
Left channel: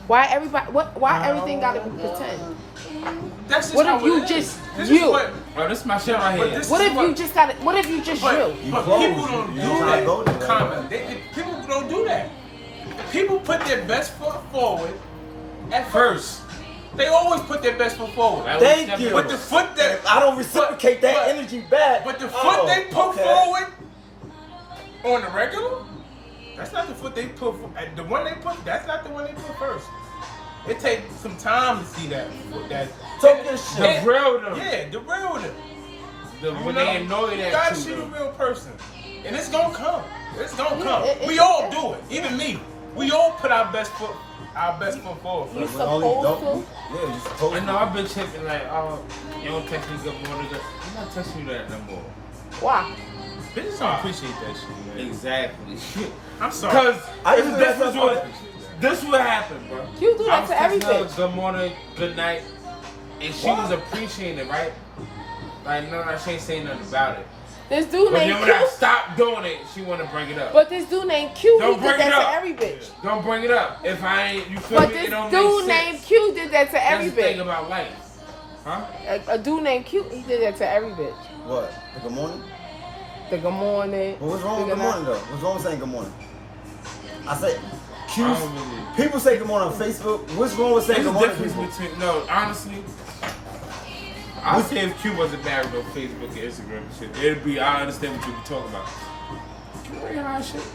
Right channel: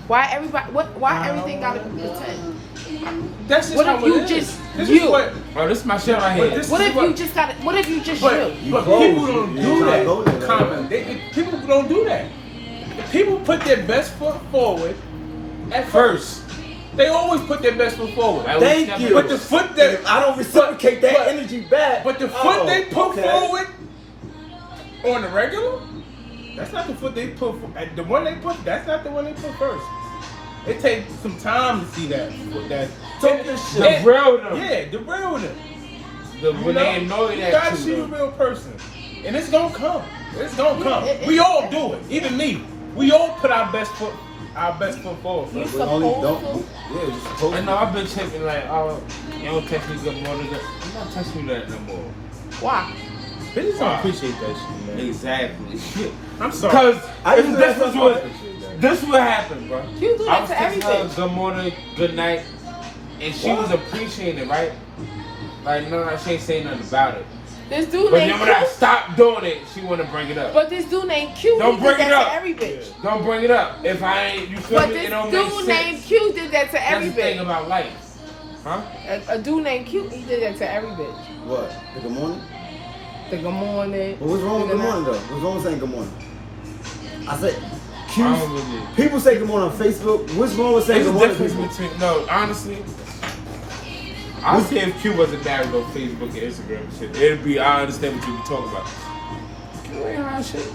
Why everybody? Why everything gotta be pretend? That's just What how if you it is. just This you? is what. Oh, this is my shit right But here. this What is if what. you just got? What if you just But, you? but close. people don't You do trying to go that. there. Common. People don't do that. People put their best foot forward at first. They always put their best foot forward. Thank you. But the foot that If I don't reciprocate that but- energy back. But the foot they put okay. forward on the regular, that's not the foot they put. The one they put, that's not the one they put first. It takes some time to see that. Talk this shit. The real them. Yeah, the real them. When they ain't know You that gotta too, see the though. real person, and it's gonna come. It's gonna come. We all do it. Even me. We all put our best foot forward first. We only don't. Yeah, you're supposed I to. know I've been checking like, oh, you don't text me good morning. I'm not texting you that no more. Why? Bitches don't appreciate that shit, man. Exactly. Shit. I'm sorry. Because I used to do this that was sometimes. what this what happened, bro. You do I that was to texting everything. her good morning, good night, and she was appreciating it, right? Like, no, she ain't saying nothing about it. This dude But named then when I Q. stopped doing it, she wanna bring it up. But this dude named Q. Don't he bring did it that up. to every bitch. Don't bring it up. If I ain't, you feel But me? this It don't dude make sense. named Q did that to That's every the thing bitch. about life. Huh? A dude named Q, he did that to every bitch. What? The good morning? The good morning. But what's wrong with good morning though? What's wrong with saying good morning? I said, I Q. don't really. People say good morning on Facebook. What's wrong with saying There's good a morning? difference People? between, no, honestly, I'll say if Q wasn't married on Facebook and Instagram and shit, it'd be, I understand what you be talking about. Q ain't hard shit.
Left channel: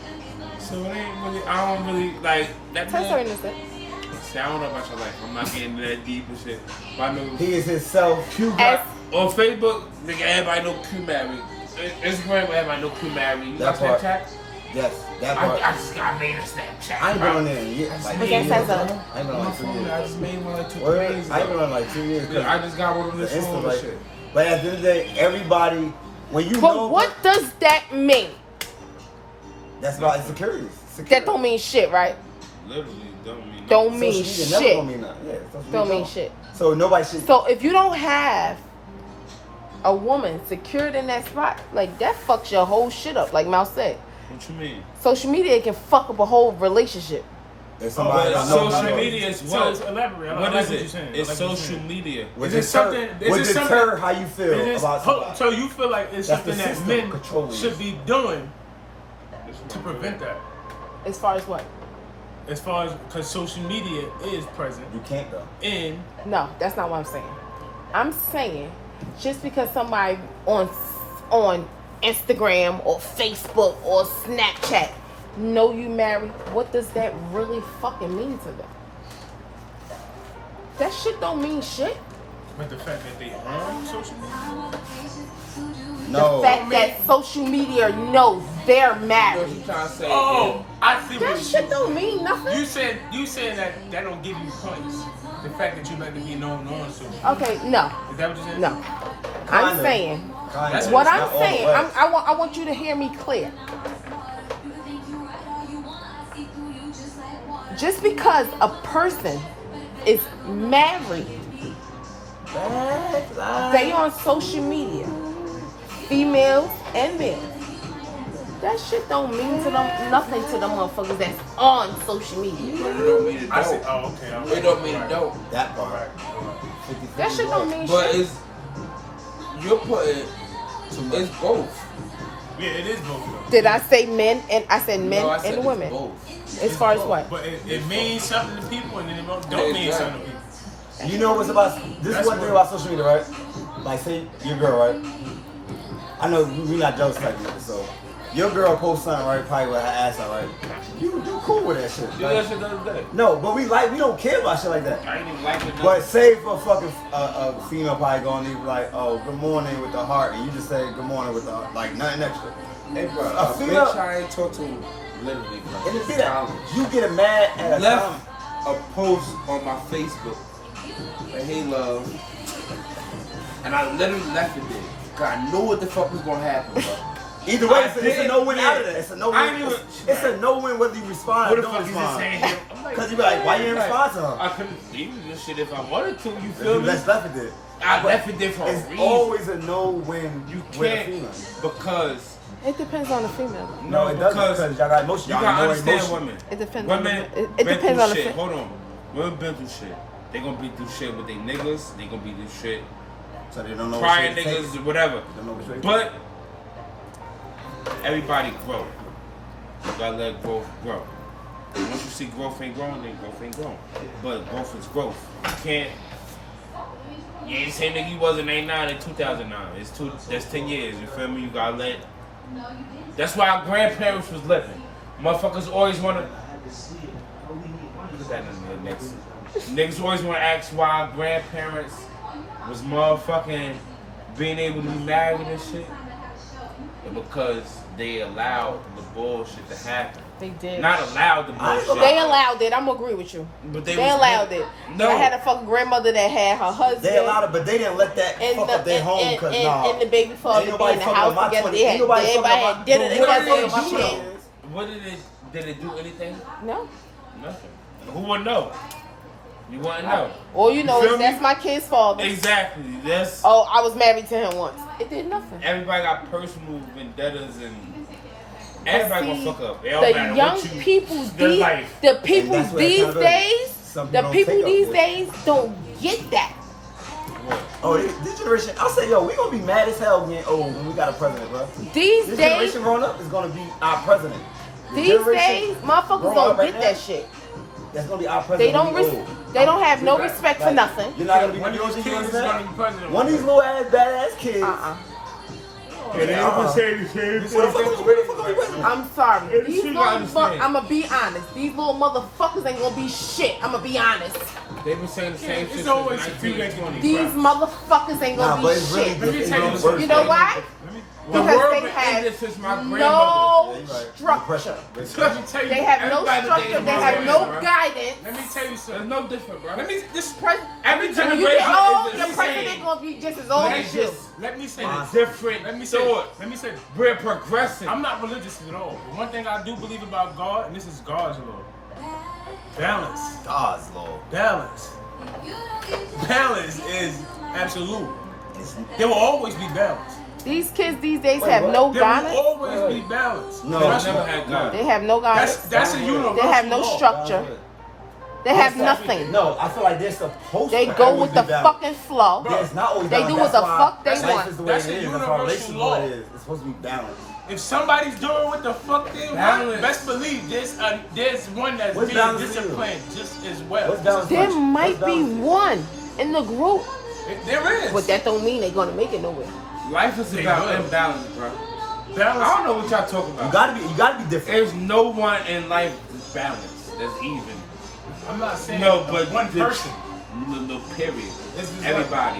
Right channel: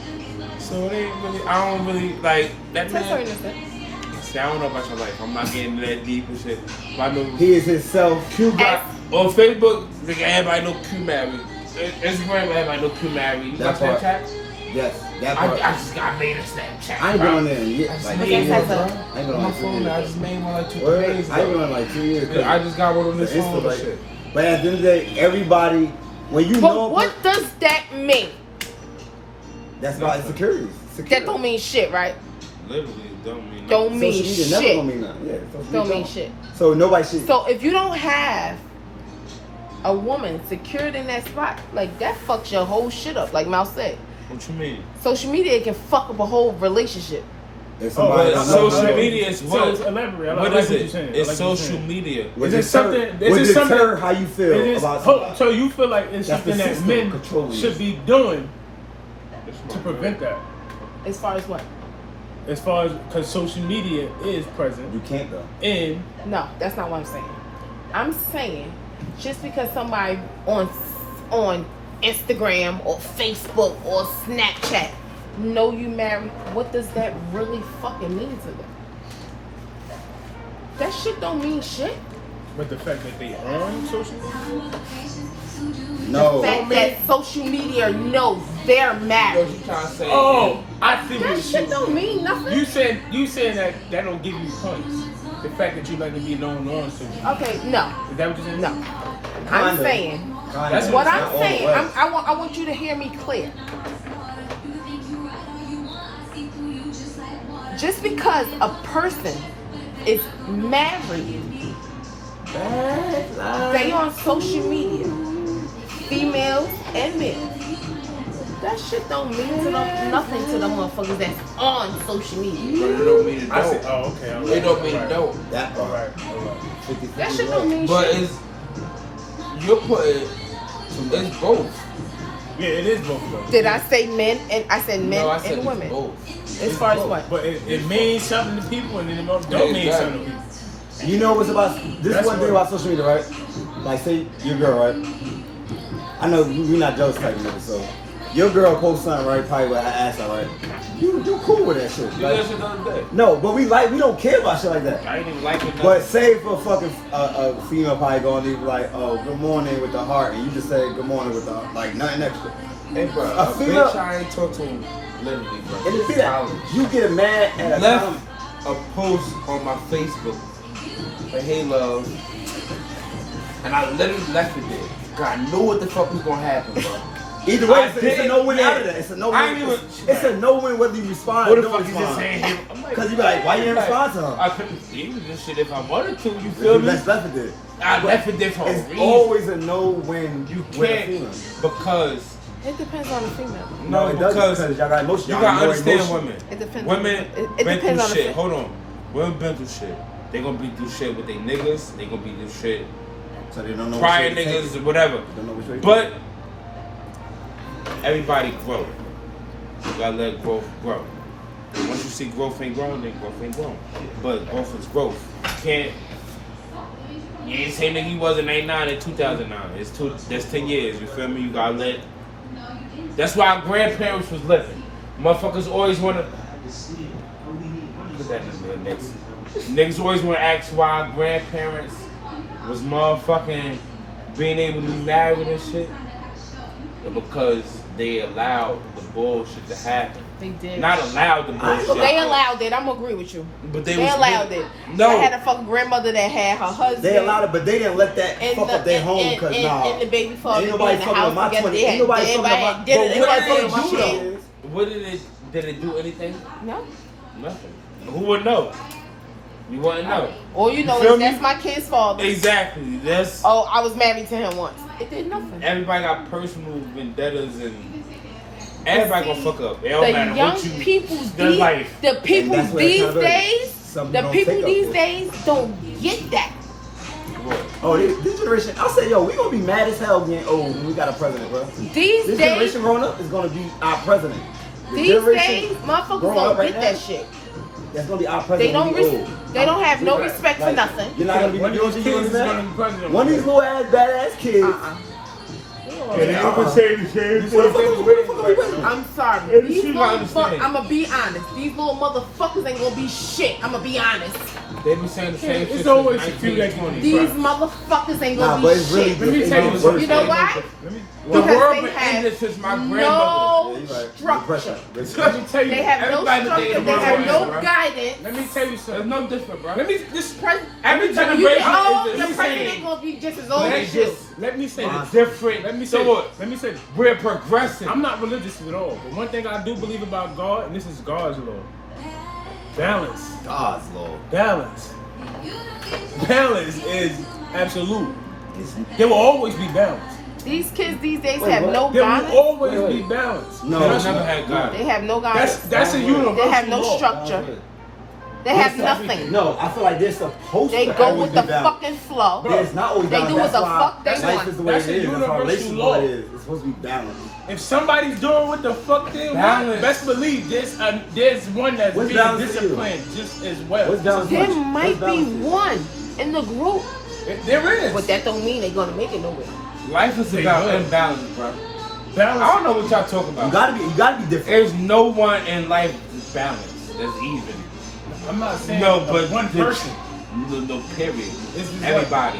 So it ain't really, I don't really, like, that Tell her man, in a second. see, I don't know about your life. I'm not getting into that deep and shit. But I know He is himself. Q got, on Facebook, nigga, everybody know Q married. Instagram, everybody know Q married. You That got part. Snapchat? Yes, that part. I just got made a Snapchat. I ain't been on there in years. I just Like 2 made years. one, bro. I ain't been on My like 2 phone, I years. just made one like 2 Word? days I ain't been ago. on like 2 years. I just got one on this The phone Insta, and like, shit. but at the end of the day, everybody, when you But know, what does that mean? that's about insecurities. That don't mean shit, right? Literally, don't mean Don't nothing. mean Social media never shit. gonna mean nothing. Yeah, social media Don't mean shit. So nobody should. So if you don't have a woman secured in that spot, like that fucks your whole shit up. Like Mal said, What you mean? social media can fuck up a whole relationship. If somebody but don't social know, media is So what? elaborate. I What like is what it? you're saying. I It's like what you're social saying. media. would Is it deter, something- is would it something- deter how you feel It is- about oh, something. so you feel like it's That's the something that system men controlling you. should be doing to prevent that? As far as what? As far as, because social media is present You can't though. in, No, that's not what I'm saying. I'm saying just because somebody on Instagram or Facebook or Snapchat know you married, what does that really fucking mean to them? That shit don't mean shit. but the fact that they on social media, No. The fact that social media knows they're What married. you trying to say? oh, I see That what shit don't mean nothing. you saying that don't give you points. The fact that you like to be known on social media. Okay, no, Is that what you're saying? no. I'm Kinda. saying That's what Not I'm all the saying. way. I want you to hear me clear. Just because a person is married, they on social media. Females and men. That shit don't mean to them nothing to them motherfuckers that's on social media. It don't mean it I see. don't. Oh, okay. I'm It don't mean it right. don't. That All part. right. All right. 50, That shit don't mean But shit. you're putting, it's both. Yeah, it is both though. Did I say men? And I said men No, I said and it's women. both. As far as both. what? But it means something to people, and then it don't mean something to people. You know what's about this That's one thing what- about social media, right? Like, say your girl, right? I know you're not jealous type of nigga, so your girl posts something, right? Probably with her ass out, right? You cool with that shit. You Like, that shit the other day. no, but we don't care about shit like that. I ain't even like it. But say for a fucking a female probably going to be like, oh, good morning with the heart, and you just say good morning with the heart, like nothing extra. Hey, bro, a a female- bitch I ain't talked to him literally, bro. And it's Since that college. you get mad at a Left comment. a post on my Facebook for hey love, and I literally left it there. Cause I knew what the fuck was gonna happen, bro. Either way, I it's a didn't no-win care. out of that. It's a I no-win. ain't even- It's a no-win whether you respond What or the don't fuck you just respond. saying here? I'm like, Because you be like, why you didn't respond to her? I couldn't do this shit if I wanted to. You If feel you me? left it there. I left it there for a It's reason. always a no-win You with a can't female. because It depends on the female. No, it doesn't because because y'all got emotion. you Y'all gotta got more understand emotion. women. It depends on- Women it been depends through on the shit. fit. Hold on. Women been through shit. They gonna be through shit with their niggas. They gonna be through shit. So they don't know Prior which way to take niggas it. or whatever. They don't know which way to But take it. everybody grow. You gotta let growth grow. Once you see growth ain't growing, then growth ain't growing. But growth is growth. You can't. You ain't saying that he was in '89 and 2009. That's 10 years. You feel me? You gotta let. That's why our grandparents was living. Motherfuckers always wanna. Put that in there next. Niggas always wanna ask why our grandparents was motherfucking being able to be married and shit. But because they allowed the bullshit to happen. They did. Not allowed the bullshit. They allowed it. I'm gonna agree with you. But They was allowed it. No. I had a fucking grandmother that had her husband. They allowed it, but they didn't let that and fuck the- up their home and- because and- nah. and the baby father Ain't nobody be in the fucking house up my together. 20. They Ain't had- nobody they fucking up my. had- Bro, ain't nobody fucking up my What did 20 they years. What did it do anything? No. Nothing. Who would know? You wouldn't know. All you know feel is me? that's my kid's father. Exactly. That's Oh, I was married to him once. It did nothing. everybody got personal vendettas and everybody gonna fuck up. It don't The matter young what you. people, There's these, life. the people that's where these accountability- days, some the people don't people take up these for it. days don't get that. What? Oh, this generation, I'll say, yo, we gonna be mad as hell getting old when we got a president, bro. These This days, generation growing up is gonna be our president. The these generation days, motherfuckers growing don't up right get now, that shit. That's gonna be our They president. don't. when we old. They don't have no Right. respect for Like, nothing. You're not gonna be One of you these know kids what is I'm gonna saying? be president. One of these little ass badass kids. And they gonna say the same What the fuck thing. are we waiting? I'm sorry. And These you little gotta understand. I'm gonna be honest. These little motherfuckers ain't gonna be shit. I'm gonna be honest. They been saying the same It's shit. always since a few that 1920. These motherfuckers ain't Nah, gonna but be it's really shit. Let me it's tell you even something. worse. You know why? Let me The Because world they been have ended since my grandmother. Yeah, no you're right. structure. Depression. let me tell you. They have no Everybody structure. think They it's have no right? guidance. Let me tell you It's something. no different, bro. Let me this Every You generation get old, is the the president same. gonna be just as old Let as you. just let me say this. Different. Let me say thought. this. Let me say this. We're progressing. I'm not religious at all, but one thing I do believe about God, and this is God's law: balance. God's law. Balance. Balance is absolute. It's- There will always be balance. These kids these days Wait, have what? no There will guidance. always Wait, be wait. balance. No, They Trust never me. had God. They have no guidance. That's a universal They have no law. structure. They There's have nothing. No, I feel like they're supposed They to go always with be the down. fucking flow. There's not always They balance. do what That's the why fuck they life want. is the way That's it a is. That's how universal relationship law. it is. It's supposed to be balanced. If somebody's doing what the fuck they want, Balance. best believe there's one that's What's being balance to you? disciplined just as well. What's Just as balance to you? much. There might What's be balance? one in the group, There is. but that don't mean they're gonna make it nowhere. Life is They about good. imbalance, bro. Balance. I don't know what y'all talking about. You gotta be different. There's no one in life that's balanced. That's even. I'm not saying No, but one the- person. No, period. This is Everybody.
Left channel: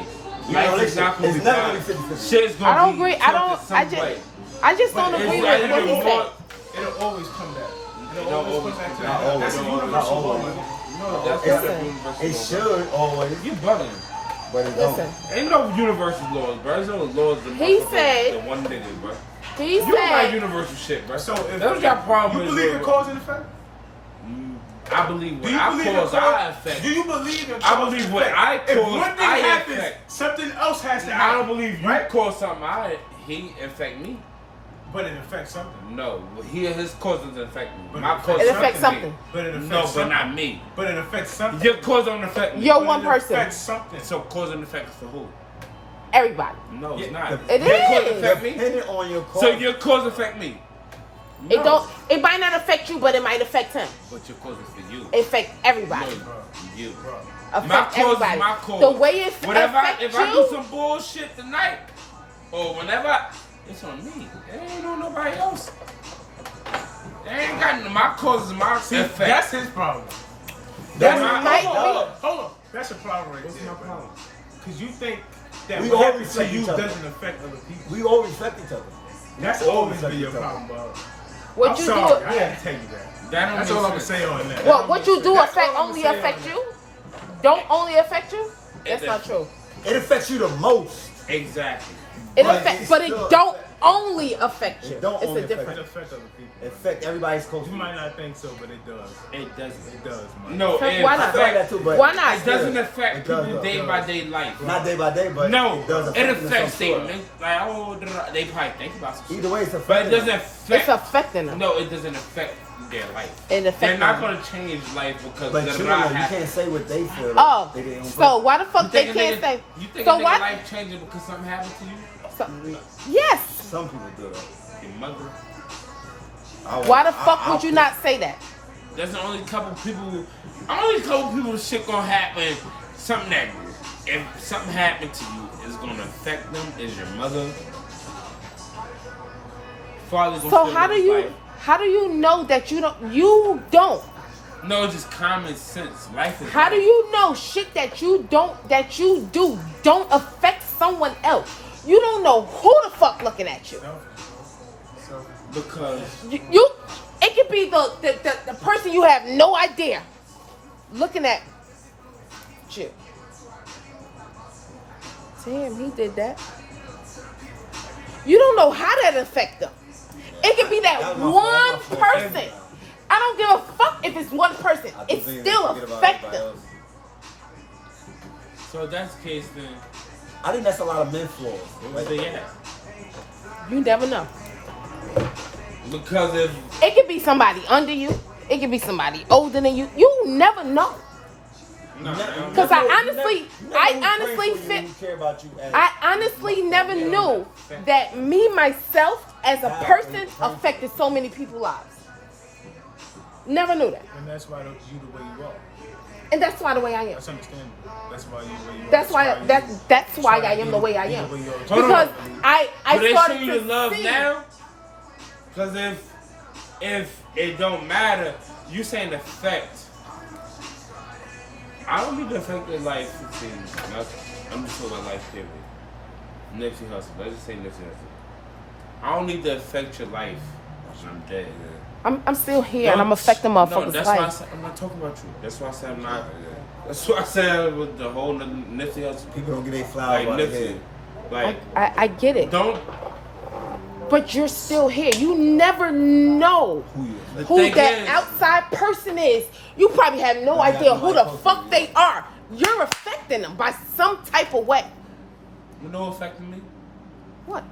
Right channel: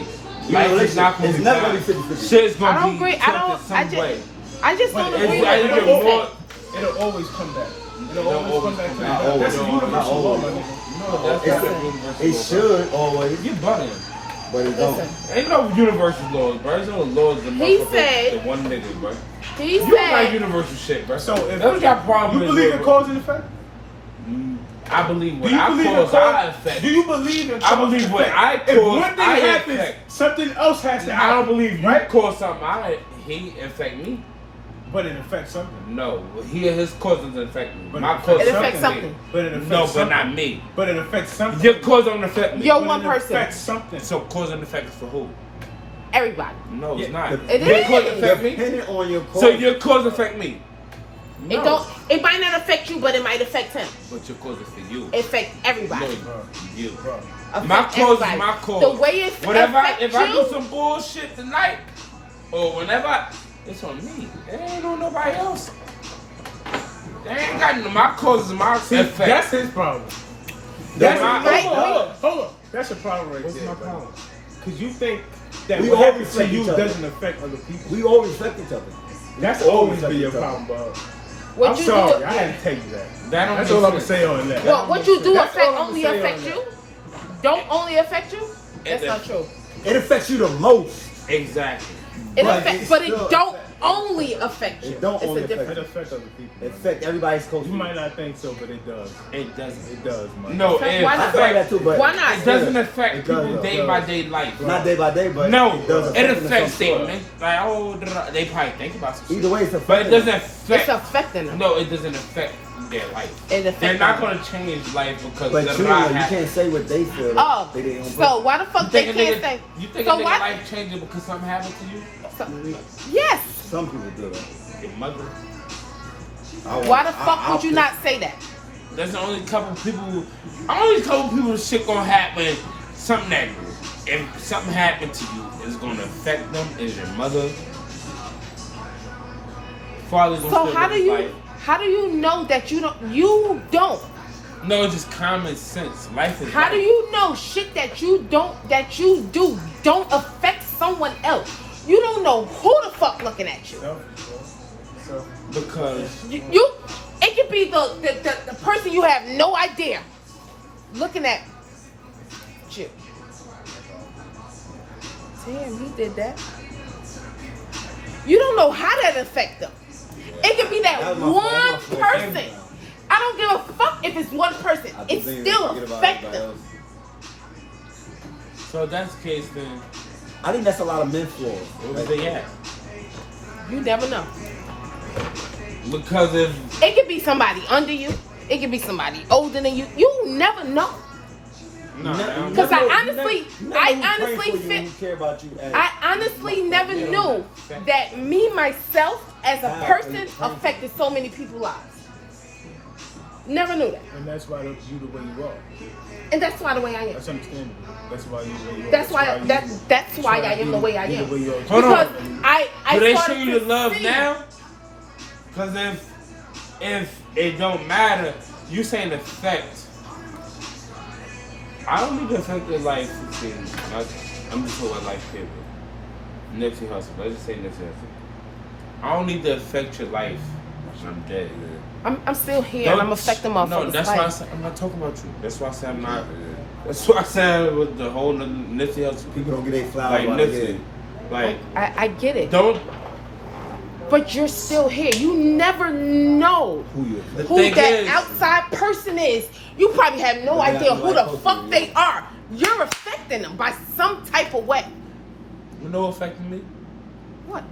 You Life know, is not gonna it's be never balanced. gonna be 50-50. Shit's I gonna don't be agree. tilted I don't. some way. I just But don't it's agree with like what you're you more- said. It'll always come back. It'll It'll always come back to Not that. That's a always. universal Not law, my always. nigga. That's It should always, You bugging. but it don't. Listen, Ain't no universal laws, bro. There's no laws that He motherfucker- said- the one nigga, bro. he You don't like said. universal shit, bro. So if That's what your problem you is, believe in bro. cause and effect? I believe Do what you I believe in cause, I cause? affect. Do you believe in I cause believe and what effect? I If cause, one thing I happens, affect. something else has to I happen. don't believe you right? cause something. He affect me. But it affects something. No, his cause doesn't affect me. But My it cause It affects something. But it affects No, something. but not me. But it affects something. Your cause don't affect me. Yo, But one it person. affects something. So cause and effect is for who? Everybody. No, it's not. It Your cause is. affect me. Depending on your cause. So your cause affect me. It don't. It might not affect you, but it might affect him. But your cause is for you. It affects everybody. No, Bro, you. bro. Affect My cause everybody. is my cause. The way it Whatever, affects if I you, do some bullshit tonight, or whenever, it's on me. It ain't on nobody else. It ain't got my cause is my See, effect. that's his problem. That's That's my hold on. That's your problem right What's there, my bro. problem? Because you think that We what all happens to respect you each other. doesn't affect other people. We all respect each other. That's all always respect been your each other. problem, bro. what I'm you sorry, do, I had to tell you that. That don't That's make all I'm gonna sense. say on that. well, what you do That's affect all I'ma only say on affect that. you. Don't only affect you. That's It not does. true. It affects you the most. Exactly. It But affects, it but it still don't affect- only affect you. It don't It's only a affect It difference. affects other people. It man. affects everybody's close. You might not think so, but it does. It doesn't. It does, man. No, So it, why I not? feel like that too, but Why not? it doesn't affect It does, people's though. day by day life. not day by day, but No, it does affect it them in affects some sort. them. Like, oh, they probably think about some shit. Either way, it's But it affecting doesn't them. It's affect. affecting them. No, it doesn't affect their life. It affects They're not them. gonna change life because But the you know, lie you happened. can't say what they feel. Like Oh, they did on so purpose. why the You fuck they think a can't nigga, say? you think So a nigga why? life changing because something happened to you? Yes. Some people do that. Your mother. Why the fuck would you not say that? There's only a couple people shit gonna happen. Something that if something happened to you, it's gonna affect them. Is your mother? Father's gonna So still how live do his you life. how do you know that you don't? No, it's just common sense. Life is. How do life. you know shit that you do don't affect someone else? You don't know who the fuck looking at you. So, Because You it could be the person you have no idea looking at you. Damn, he did that. You don't know how that affect them. It could be that That was my fault. one That was my fault. person. I don't give a fuck if it's one person. I It just think still forget about affects everybody them. else. so if that's the case, then I think that's a lot of men flaws. where Like, they at? You never know. Because if It could be somebody under you. It could be somebody older than you. You never know. no, Because I honestly feel. fit. Care about you as I honestly never knew that me myself as a person affected so many people's lives. Never knew that, and that's why you the way you are. and that's why the way I am. That's understandable. That's why you the way you are. That's why I am the way I am. Hold on. Because I do they show started you the to love see- now? Because if it don't matter, you saying affect. I don't need to affect your life. I'm just talking about life period. Nipsey Hussle. Let's just say Nipsey Hussle. I don't need to affect your life. I'm dead. I'm still here and I'm affecting No, motherfuckers' that's why I life. said, I'm not talking about you. That's why I said I'm not. That's why I said with the whole Nipsey Hussle. people don't get their flowers Like while they're Nipsey. here. Like, I get it, don't. but you're still here. You never know Who you affect. The who thing that is- outside person is. You probably have no They got idea the who right the person, fuck yeah. they are. You're affecting them by some type of way. You know what affected me? What?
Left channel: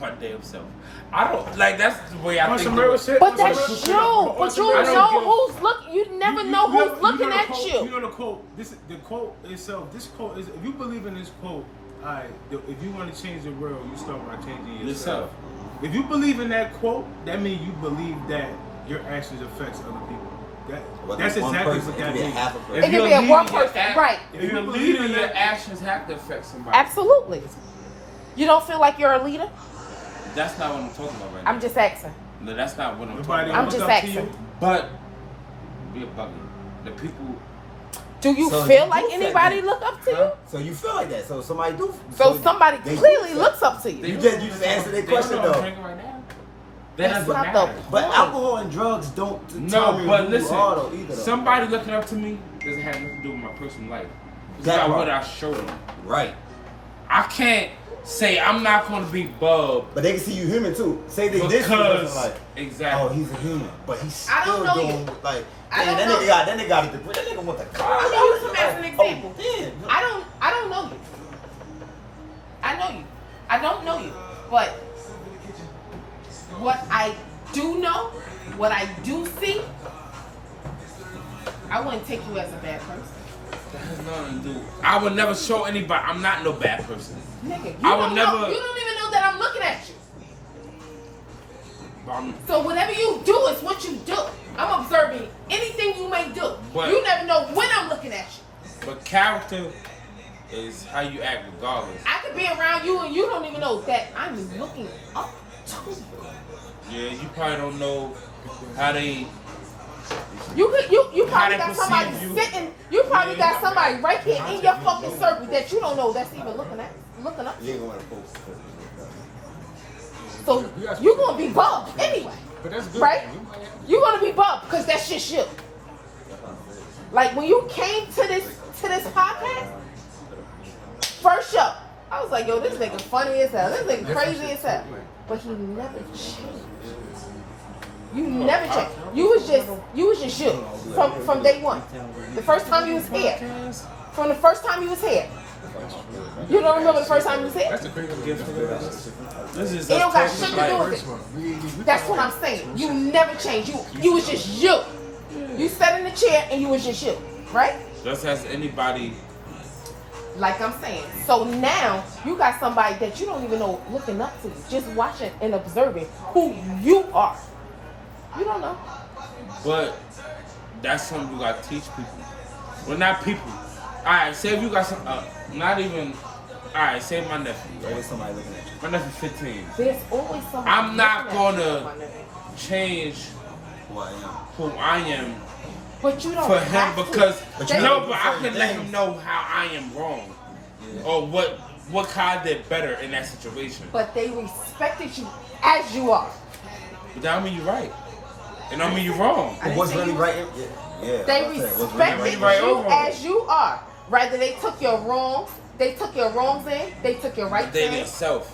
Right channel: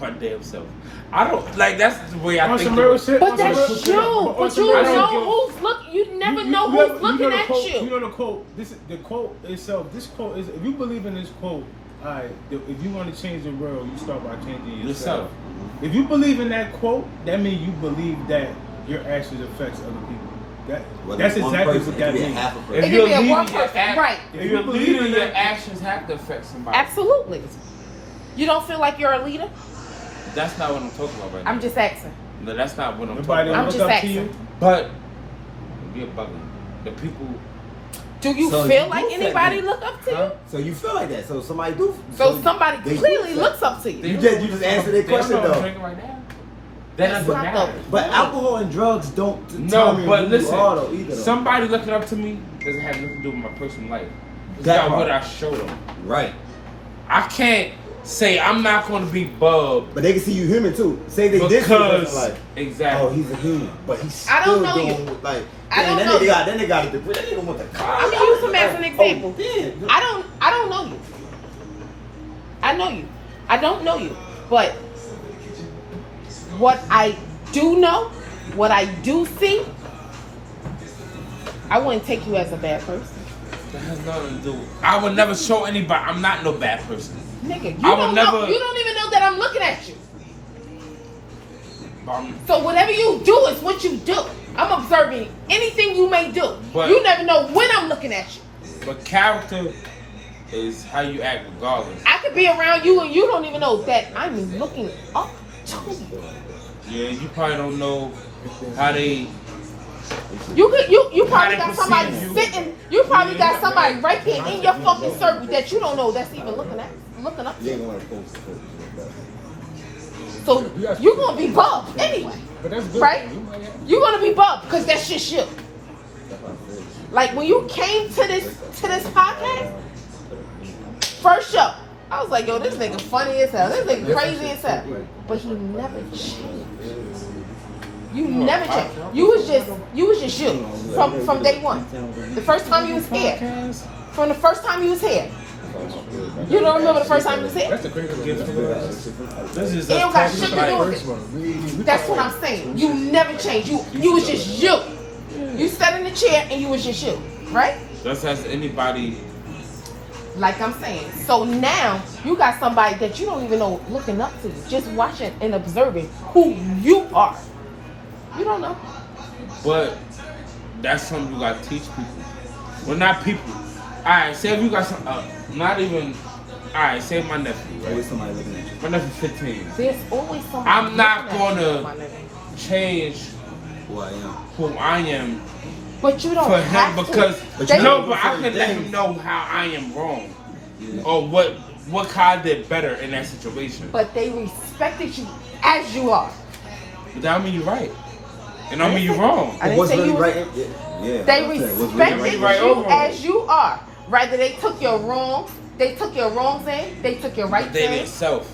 My damn self. I don't like. That's the way I On think. some real shit. But on some that's real- you. on But some you real know shit. who's looking. You never know you who's looking the at quote, you. You know the quote. The quote itself. This quote is. If you believe in this quote, alright. If you want to change the world, you start by changing yourself. If you believe in that quote, that means you believe that your actions affects other people. Whether That's it's one exactly person, what it that could be means. half a person. It If can be a you're one leading your person, act- right? If you you're believe leading, in your it- actions have to affect somebody. Absolutely. You don't feel like you're a leader? That's not what I'm talking about right now. I'm just asking. No, that's not what I'm Nobody talking don't I'm about. look just up to asking. you. But you're bugging. The people. Do you So feel you like do feel anybody that. look up to Huh? you? So you feel like that. So somebody do. So somebody they do clearly feel- looks up to you. You just answered their question, They know though. I'm hanging right now. That That's doesn't not matter. But No. alcohol and drugs don't No, determine but who listen. you are, though, either. Though. Somebody looking up to me doesn't have nothing to do with my personal life. It's That about part. what I show them. Right. I can't say I'm not going to be Bub But they can see you human too. Say they diss you, because person like, exactly. oh, he's a human, but he's I still don't know doing you. like. I Damn, don't that know nigga got that nigga got a degree. That nigga want the car. I'm gonna use him as an example. Oh, damn. I don't know you. I know you. I don't know you. But what I do know, what I do see, I wouldn't take you as a bad person. I would never show anybody. I'm not no bad person. Nigga, I would never. You don't even know that I'm looking at you. So whatever you do is what you do. I'm observing anything you may do. But, you never know when I'm looking at you. But character is how you act regardless. I could be around you and you don't even know that I'm looking up to you. Yeah, you probably don't know how they. You probably got somebody you. sitting. You probably got somebody right here in your fucking circle that you don't know that's even looking up to You you. ain't gonna post it. So you're gonna be bumped anyway. But that's good. Right? Man. You're gonna be bumped because that's just you. Like when you came to this podcast, first show, I was like, yo, this nigga funny as hell. This nigga crazy as hell. But you never changed. You never changed. You was just you from day one. The first time you was here. From the first time you was here. You don't remember the first time you was here? That's the crazy thing. This It don't got shit to do with First it. one. That's what I'm saying. You never changed. You was just you. You sat in the chair and you was just you, right? Just as anybody. Like I'm saying. So now you got somebody that you don't even know looking up to, just watching and observing who you are. You don't know. But that's something you gotta teach people. Well, not people. Alright, say if you got some, not even, alright, say my nephew. Always somebody looking at you. My nephew's 15. There's always somebody. I'm not looking at you, gonna my nigga. change Who I am. who I am But you don't for have him to. because, But you no, know but I certain can let him things. know how I am wrong. Yeah. Or what kind I did better in that situation. But they respected you as you are. But that don't mean you're right. And don't mean you're wrong. I didn't What's say really you right? was- Yeah. They I'm saying, what's respected really right you over them. as you are. Rather they took your wrongs, they took your wrongs in, they took your right They in. themselves,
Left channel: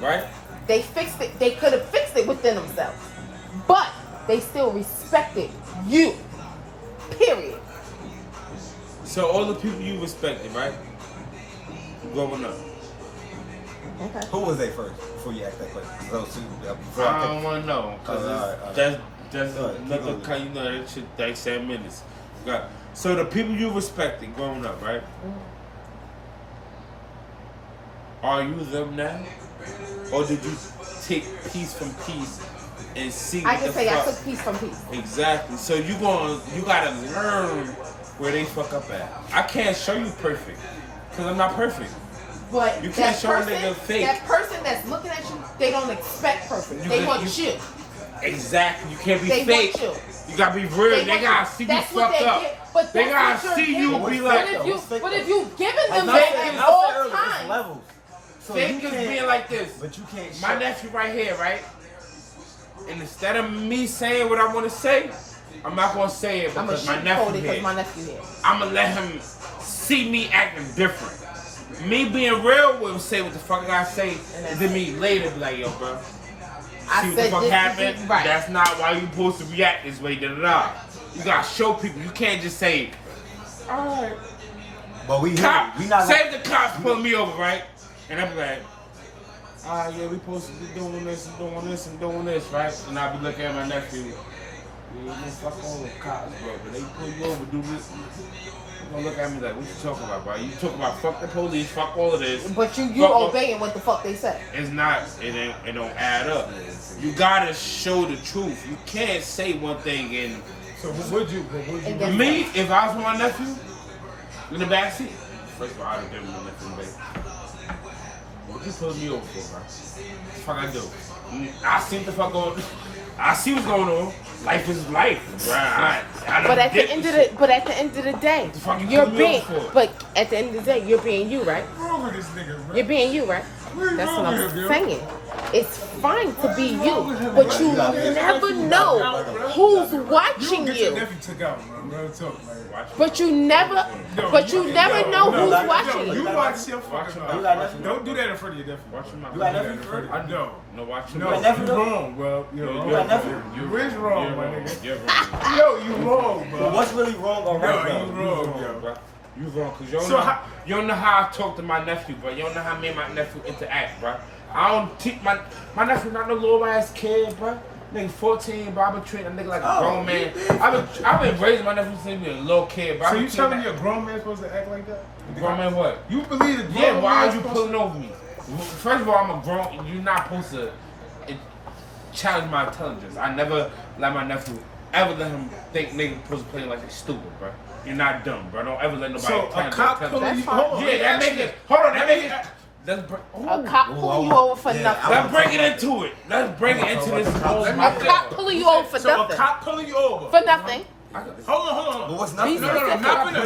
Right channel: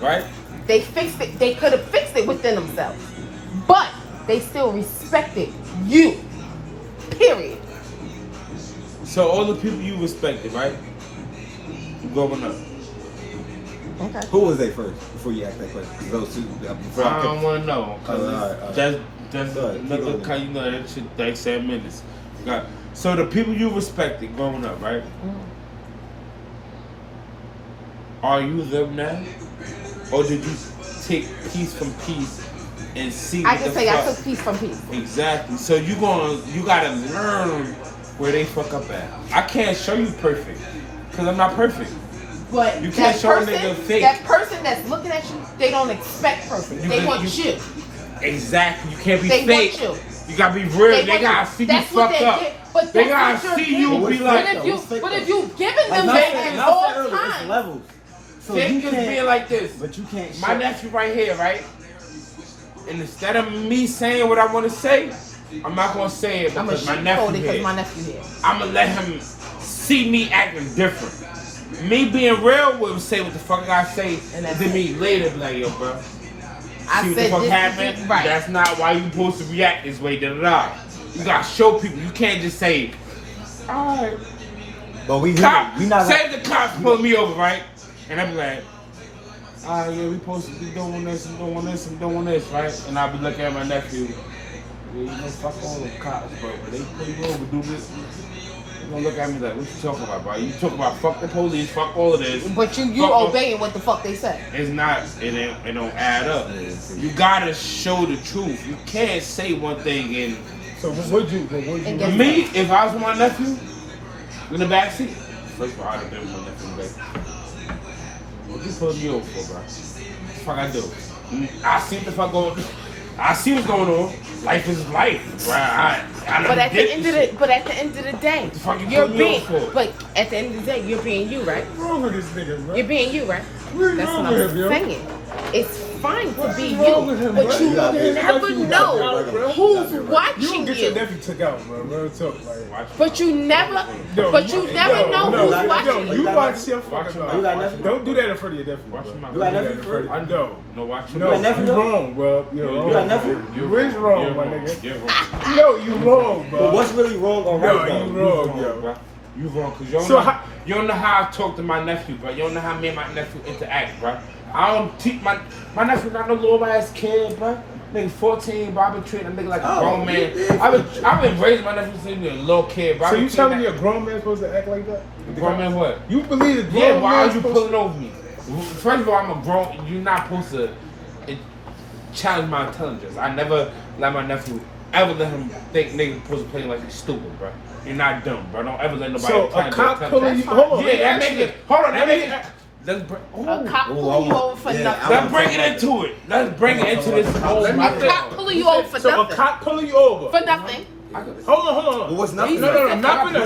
right? They fixed it. They could have fixed it within themselves. But they still respected you. Period. So all the people you respected, right? Growing up. Who was they first before you ask that question? 'Cause those two, before I I don't want to know. Cause alright. that's Alright, keep another going. kind, you know, that shit takes 7 minutes. Got- So the people you respected growing up, right? Are you them now? Or did you take piece from piece and see I what can the say I fuck? took piece from piece. Exactly. So you gotta learn where they fuck up at. I can't show you perfect, cause I'm not perfect. But You can't that show a person, nigga fake. that person that's looking at you, they don't expect perfect. They want you. Exactly. You can't be They fake. want you. You gotta be real. They want gotta you. see you That's what fucked they up. get. But They that's gotta what see you're you doing. be like, But if you giving Like them not that saying, in not all saying earlier, it's time, levels. So fake you is being can't, like this. but you can't. My show- nephew right here, right? And instead of me saying what I want to say, I'm not gonna say it I'm because gonna my nephew because here. my nephew here. I'm gonna let him see me acting different. Me being real will say what the fuck I say, and then me later be like, yo, bro. I See what the said fuck this happened? is right. That's not why you supposed to react this way, da da da. You gotta show people. You can't just say, alright. But we here. Cop, We not. say the cops pull me over, right? And I'm like, alright, yeah, we supposed to be doing this and doing this and doing this, right? And I'll be looking at my nephew. Yeah, you know, fuck all the cops, bro. But they pull you over, do this. They're gonna look at me like, what you talking about, bro? You talking about fuck the police, fuck all of this. But you Fuck all- obeying what the fuck they say. It's not, it don't add up. You gotta show the truth. You can't say one thing and So what would you? for me, if I was with my nephew in the backseat, first of all, I'd have been with my nephew in the back. What you pulling me over for, bro? What the fuck I do? I see what the fuck going on. I see what's going on. Life is life. Bro. I But done at the did end this of the shit. but at the end of the day, the fuck you you're pull me being over for? but at the end of the day, you're being you, right? What's wrong with this nigga, bro? You're being you, right? What's That's wrong what with I'm him, yo? saying. It's fine to be you, wrong with him, but bro? you You gotta will get never your know nephew bro. who's You watching don't get your you. nephew took out, bro. Real talk, like. But you never know who's no, watching no, you. you watch your fucking You got mouth. nephew? Don't do that in front of your nephew, bro. You got nephew first? I know. No, watch No, got nephew? you wrong, bro. You're wrong. You got nephew? You is wrong, my nigga. You're wrong. No, you wrong, bro. But what's really wrong or No, right? you though? wrong, yo. Bro. You wrong, cause you don't, So know, how- you don't know how I talk to my nephew, bro. You don't know how me and my nephew interact, bro. I don't teach my nephew not no little ass kid, bro. Nigga 14, but I've been treating a nigga like a grown man. I've been raising my nephew since he was a little kid, bro. So you telling me a grown man supposed to act like that? Grown man what? You believe a grown Yeah, man? why are you pulling over me? First of all, I'm a grown. You're not supposed to challenge my intelligence. I never let my nephew ever let him think niggas supposed to play like he's stupid, bro. You're not dumb, bro. Don't ever let nobody. So a cop pulling you. Hold on. Yeah, that make it. Hold on, that make it. A cop pulling you over for nothing. Let's bring it into it. Let's bring it into this. A cop pulling you over for So a nothing. cop pulling you over. For nothing. Hold on. But what's nothing? No. We're not gonna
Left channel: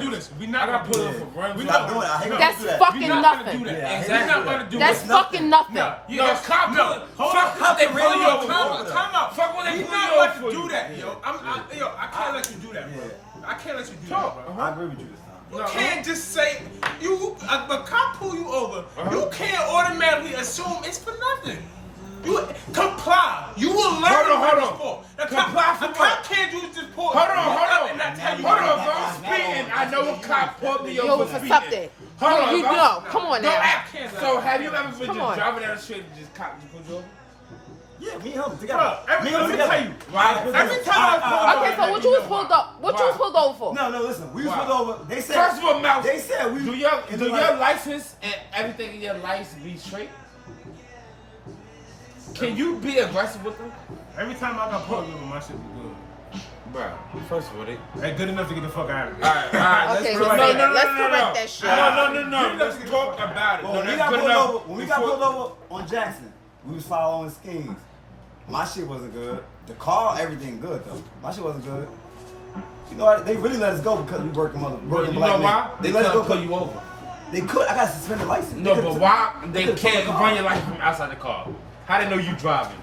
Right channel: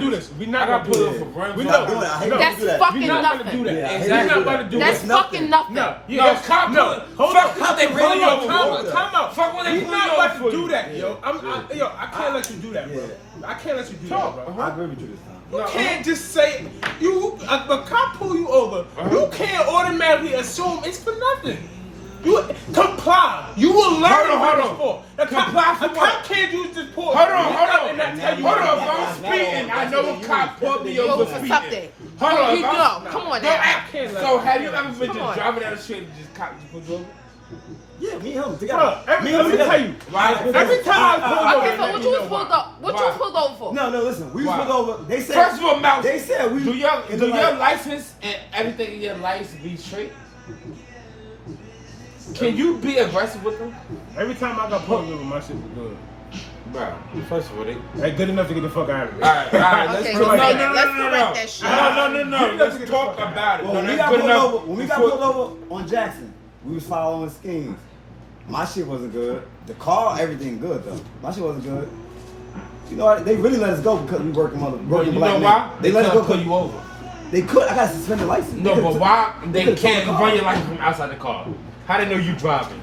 do this. We're not gonna do this. We're not doing it. I hate That's do that. fucking We're not gonna do nothing. that. Yeah, We're not gonna do That's this. fucking nothing. No. Cop. Hold on. Fuck Time out. Fuck what they We're put not you about over to do for. that, yo. I can't let you do that, bro. I can't let you do that, bro. I agree with you this time. You can't just say a cop pull you over. You can't automatically assume it's for nothing. You comply. You will learn what it's for. A cop can't use this pull. Hold on. And not tell you Hold what on, if I'm speeding, I know a cop pulled me over For speeding. something. Hold on, You if know. I'm- Come on No, now. so have you ever been just driving down the street and just cop just pulled you over? Yeah, me and him Bro, together. let me tell you. Every time I pull Okay, over, so let what me you know was pulled why. over? What you was pulled over for? No, listen. We was Why? pulled over. They said. First of all, Mouse, They said we. do your in the like- license and everything in your license be straight? Can you be aggressive with them? Every time I got pulled over, my shit was good. Bro, first of all, Ain't good enough to get the fuck out of here. Alright, let's Okay, put it like like that. Let's correct that shit. No. Let's talk about it. Well, when we got pulled over on Jackson, we was following schemes. My shit wasn't good. The car, everything good though. My shit wasn't good. You know what? They really let us go because we working black men. Why? They let us go pull because you over. they could. I got a suspended license. No, but why they could've took can't the car. run your license from outside the car? How they know you driving?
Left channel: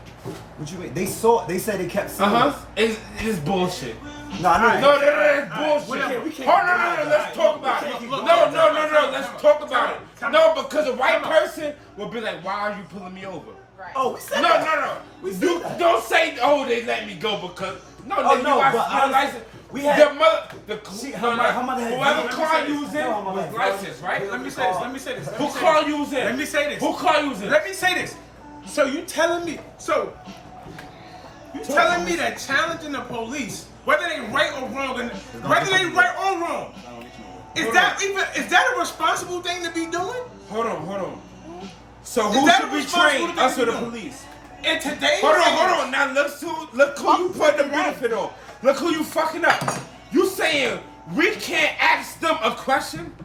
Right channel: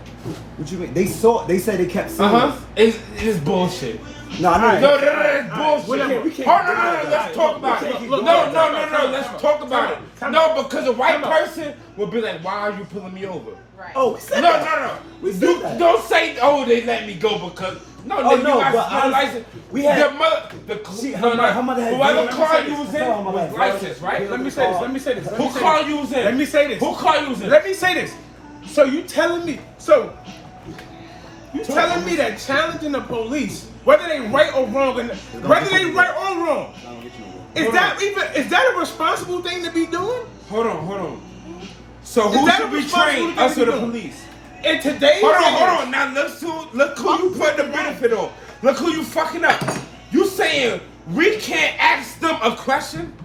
What you mean? They saw. They said they kept seeing us. It's bullshit. No, I No, know. it's bullshit. whatever. We can't Hold do on, that. let's talk about it. Look, No, let's talk about it. Time No, out. because a white Time out. person will be like, why are you pulling me over? Oh, we said No. that. We said You that. don't say, oh, they let me go because no, Oh, nigga, no, you got but my I- license. we had- her mother had whoever James. car Let me you was say this. in Tell her my was bad. licensed, right? Let me say this. Who car you was in? Let me say this. Who car you was in? Let me say this. So you telling me that challenging the police, whether they right or wrong, is that a responsible thing to be doing? Hold on. So Is who that should a be responsible trained? thing Us to or be the doing? police? In today's Hold on. Now look who you put the benefit on. Look who you fucking up. You saying we can't ask them a question?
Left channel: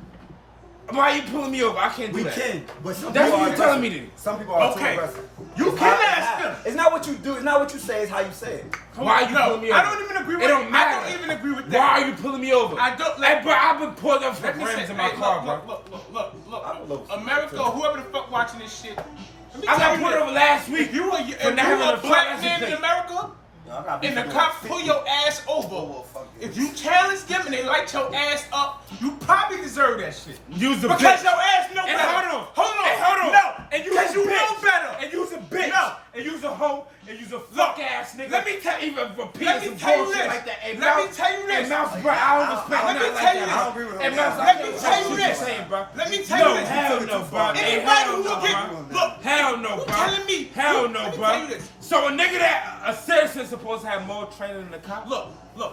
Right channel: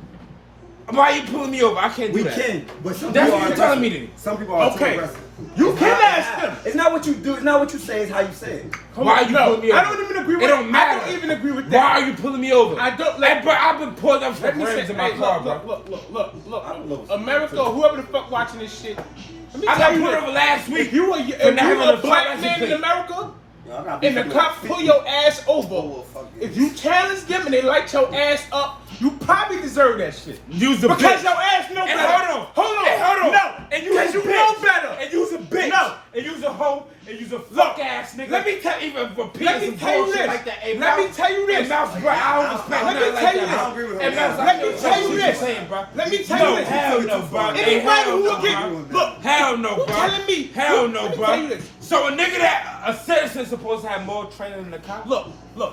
Why are you pulling me over? I can't do We that. can, but some That's people what are you're telling me aggressive. then. Some people are too Okay. aggressive. You It's can not- ask them. It's not what you do. It's not what you say. It's how you say it. Why you pulling me over? I don't even agree with It don't that. matter. I don't even agree with that. Why are you pulling me over? I don't Hey, bro, I've been pulled up for Let me say, friends in my hey, car, bro. look. America, whoever the fuck watching this shit, let me I tell got you pulled over this. last week. If you for a not having black a pilot's man in plate. America, I gotta and the be cops pull your ass over, Oh, fuck you. if you challenge them and they light your ass up, you probably deserve that shit. Use the Because bitch. your ass know Hey, better. hold on. Hey, hold on. No, And because you you know better. And use a bitch. No. And use a hoe. And use a fuck ass nigga. let me tell- even repeat let me some tell you bullshit this. Like that. Hey, Let me Mouse- tell you this. Hey, Mouse, bro, I don't respect Let me nothing tell like you that. this. I don't agree with Hey, him. Mouse, Let me tell you what this. you're saying, bro. Let me tell you this. Hell no, bro. Anybody who will get look, Hell no, you bro. telling me? Hell look, no, let me bro. tell you this. So a nigga that a citizen's supposed to have more training than the cop? Look.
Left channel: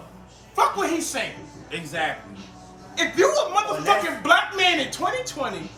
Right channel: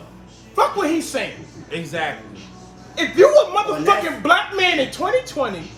Fuck what he's saying. Exactly. If you a motherfucking black man in 2020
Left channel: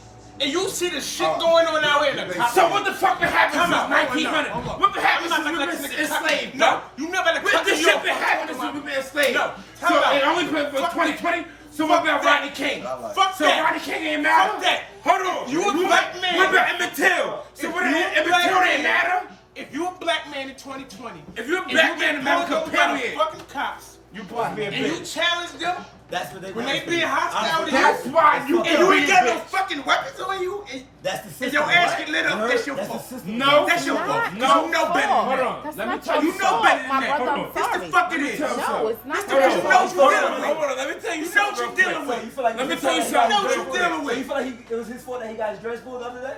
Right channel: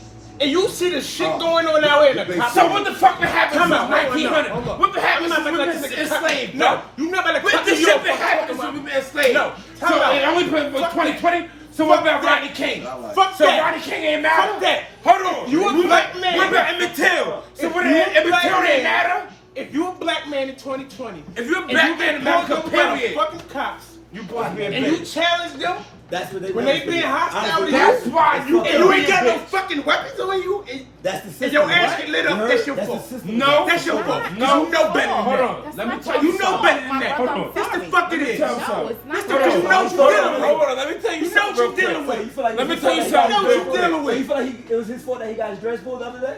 and you see the shit going on out here in the cops. So what the fuck happened Come since on, hold 1900? on. What the happened I'm not since gonna we've let been this nigga enslaved? No, you never let What cut the me shit off. that happened since we've been enslaved? No, so time out. it only been for Fuck 2020? So what about that. Rodney King? Fuck So that. Rodney King ain't matter? Fuck that. Hold on. You a black man. What about Emmett Till? So If what you a Emmett black Till ain't man- matter? If you a black man in 2020, If you're a and black you man get in pulled America, over by the period. fucking cops, You supposed to be a and you bitch. challenge them That's what they when want they to being do. hostile to That's you, why you and you ain't got no bitch. fucking weapons on you, That's the system. and your ass right? get lit up, You heard? that's your That's fault. the system. No. That's your fault. No. You know better than Hold that. on. Let me tell You you know something. better than that. Hold on. This the fuck it is. Tell me something. This the because you know what you're dealing with. Hold on. Let me tell you You know something. what you're real dealing quick. with. You feel like Let me you tell feel you like something. You know what real you're dealing quick. with. You feel like it was his fault that he got his dress pulled the other day?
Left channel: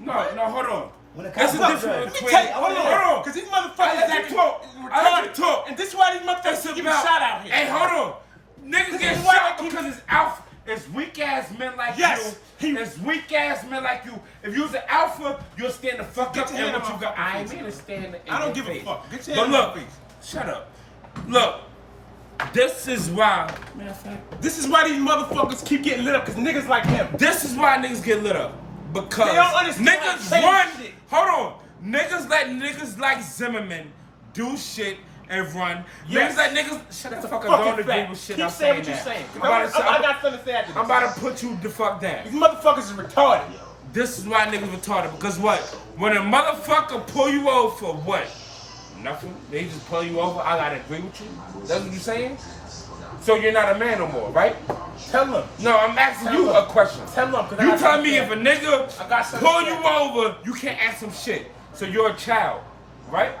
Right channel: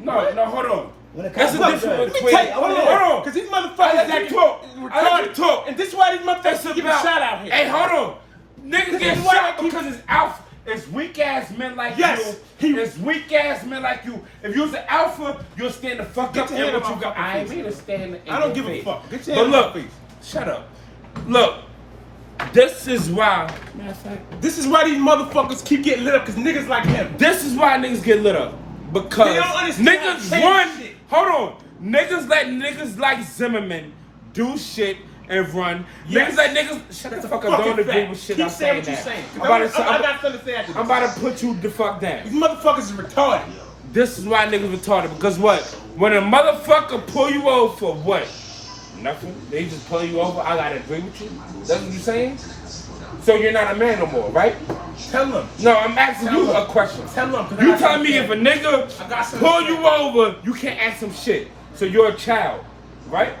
No, hold on. When the That's cops a got different his Let dress. me tell you, hold Hold on. on, because these I motherfuckers let that you can talk. I let you retarded, talk. and this is why these motherfuckers That's keep getting about- shot out here. Hey, hold on. Niggas This get is why shot they keep- because it's weak ass men like Yes, you It's weak ass men like you. If you was an alpha, you'll stand the fuck Get up your hand and on what you my got. fucking I ain't face. here to stand in I don't your give a face. fuck. Get your But hand on look, my face. shut up. Look, this is why. This is why these motherfuckers keep getting lit up, because niggas like him. This is why niggas get lit up. Because They don't understand niggas saying run. shit. Hold on. Niggas let niggas like Zimmerman do shit and run. Yes. Niggas let niggas shut the fuck up. Don't agree with shit Keep I'm saying saying. what you're That. saying. I'm I got something to say after this. I'm about to put you the fuck These down. motherfuckers is retarded. This is why niggas retarded. Because what? When a motherfucker pull you over for what? Nothing. They just pull you over. I gotta agree with you. That's what you're saying? So you're not a man no more, right? Tell them. No, I'm asking Tell you them. a question. Tell them. 'cause I You got tell something me to if a say. nigga I got something pull to you say. over, you can't ask him shit. So you're a child, right?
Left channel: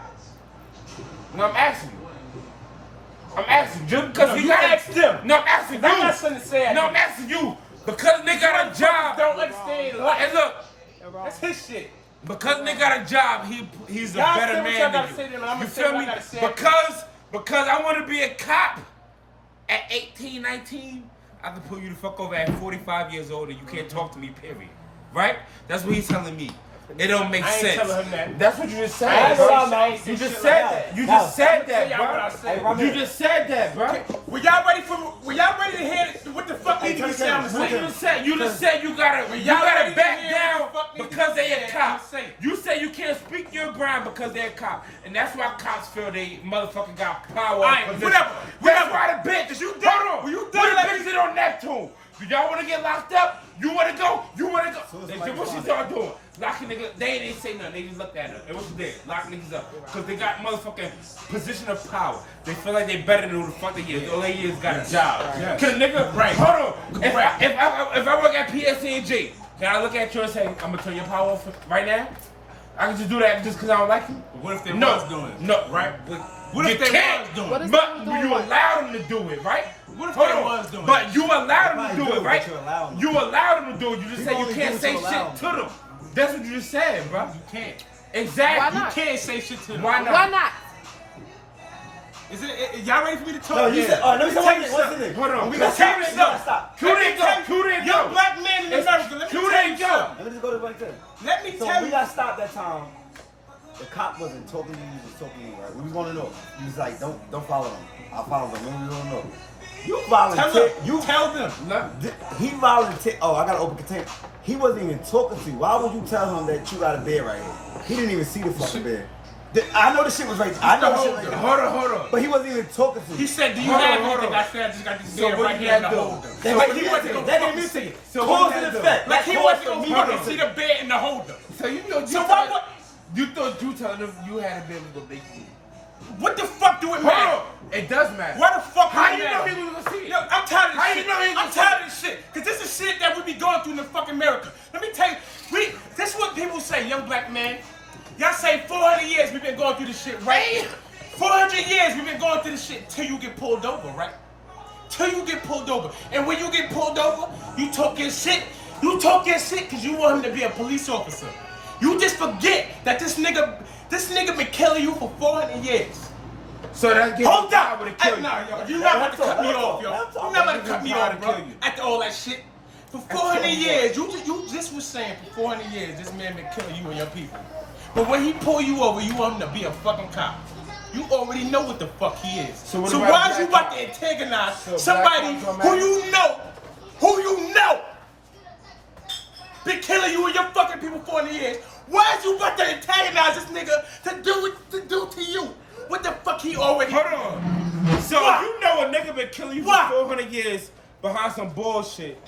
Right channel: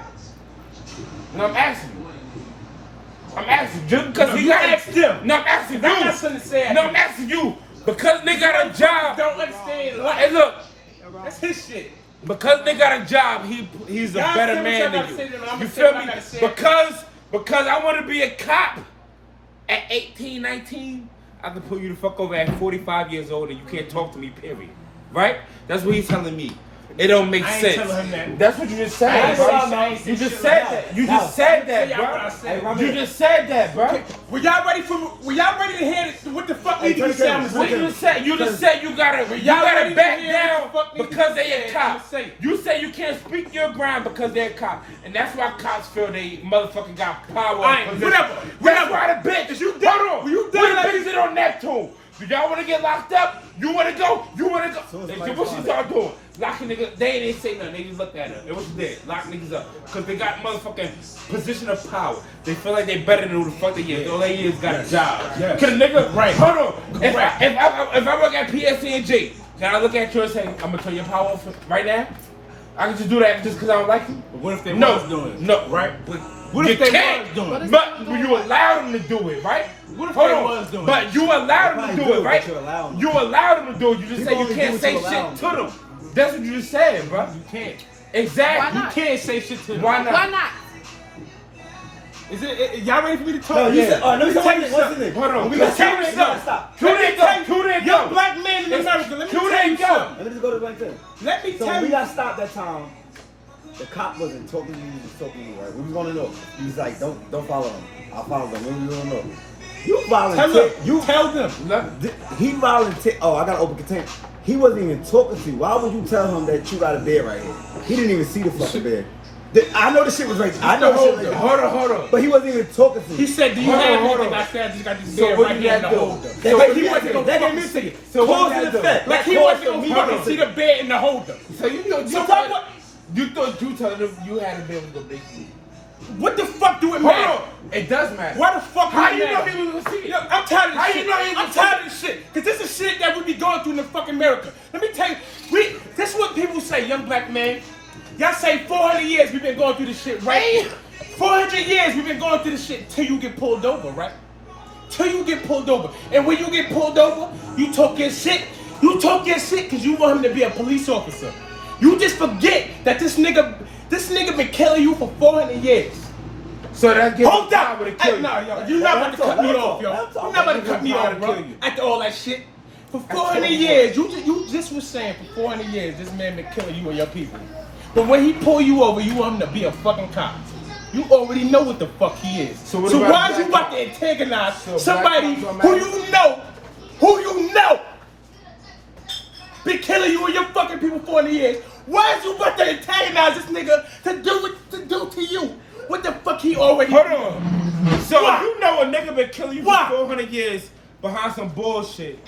No, I'm asking you. I'm asking you. Just because No, he you got ask them. No, I'm asking you. I got something to say No, after I'm asking you. Because they got a job. Don't understand. Hey, look. That's his shit. Because they got a job, he's a Y'all better say what man y'all than gotta say to you. them, I'ma You say feel what I me? gotta say. Because I want to be a cop at 18, 19, I can pull you the fuck over at 45 years old and you can't talk to me, period. Right? That's what he's telling me. It don't make I ain't sense. telling him that. That's what you just I said, ain't bro. saying- I ain't saying You just shit said like that. You that. just said Tell that, y'all what I said. bro. You just said that, bro. Were y'all ready to hear what the fuck need to be said? I'ma What say. you just said? You just said you gotta ready to back hear what down the fuck need to because be they a said, cop. I'ma say. You say you can't speak your ground because they're a cop, and that's why cops feel they motherfucking got power. Alright, and whatever. That's why the bitch. Is you done? Hold on. Were you done What like- bitch did on Neptune? Do y'all want to get locked up? You want to go? You want to go? Soon as Hey, somebody what she find start doing? Locking niggas. They ain't say nothing. They just looked at her. And what she did? Lock niggas up. Because they got motherfucking position of power. They feel like they better than who the fuck they is. All they is got a job. Yes. Cause a nigga, Right. hold on. Correct. If I work at PSC&G, can I look at you and say, I'm gonna turn your power off right now? I can just do that just because I don't like you? But what if they No. was doing it? No, right? What if You they can't. was doing it? But you allow them to do it, right? What if Hold they on. was doing But it? you allow them to Probably do do it, it, right? but you allow them. You allow them to do it. You just People say you only do can't what say you allow shit them. to them. That's what you just said, bro. You can't. Exactly. You can't say shit to them. Why not? Why not? Is it y'all ready for me to talk? No, you Yeah. said, all right, let me tell you what's what's in it. Hold on. We Let's gonna tell take you it something. Stop. Cue that go. Cue that Young go. black man in America, let me Cue tell you that go. something. Let me just go to the right thing. Let me So tell when we you. got stopped that time, the cop wasn't talking to you, he was talking to you, right? We was gonna know. He was like, don't follow him. I'll follow them. We don't know. You volunteered. Tell them. He volunteered. Oh, I got an open container. He wasn't even talking to you. Why would you tell him that you got a bed right here? He didn't even see the fucking bed. I know the shit was right. I know the shit right there. Hold on. But he wasn't even talking to you. He said, do you Hold on, have hold anything? on. I said, I just got this So bed what right you here in the gotta do? holder. That Like he he wasn't wasn't gonna gonna fucking fucking see it. So Cause what and you gotta effect. do? Like he Cause wasn't for gonna me fucking to see the bed in the holder. So you know, So what? You thought you telling them you had a bed with a big feet. What the fuck do it Hold matter? on. It does matter. Why the fuck do How it you know matter? he was gonna see it? Yo, I'm tired of How this you shit. know he was I'm gonna tired of this shit. Cause this is shit that we be going through in the fucking America. Let me tell you, this is what people say, young black man. Y'all say 400 years we've been going through this shit, right? 400 years we've been going through this shit till you get pulled over, right? Till you get pulled over. And when you get pulled over, you talk your shit. You talk your shit because you want him to be a police officer. You just forget that this nigga been killing you for 400 years. So that gives Hold you up! power to kill Hey, you. nah, yo, you're not about to cut me off, yo. That's all. You're not about to cut me That's off, all. bro. After all that shit. For 400 years, you just was saying for 400 years, this man been killing you and your people. But when he pull you over, you want him to be a fucking cop. You already know what the fuck he is. So what So about why is you black about to antagonize So somebody black- who you know been killing you and your fucking people for 400 years? Why is you about to antagonize this nigga to do what to do to you? What the fuck he already Hold on. So Why? if you know a nigga been killing you Why? for 400 years behind some bullshit,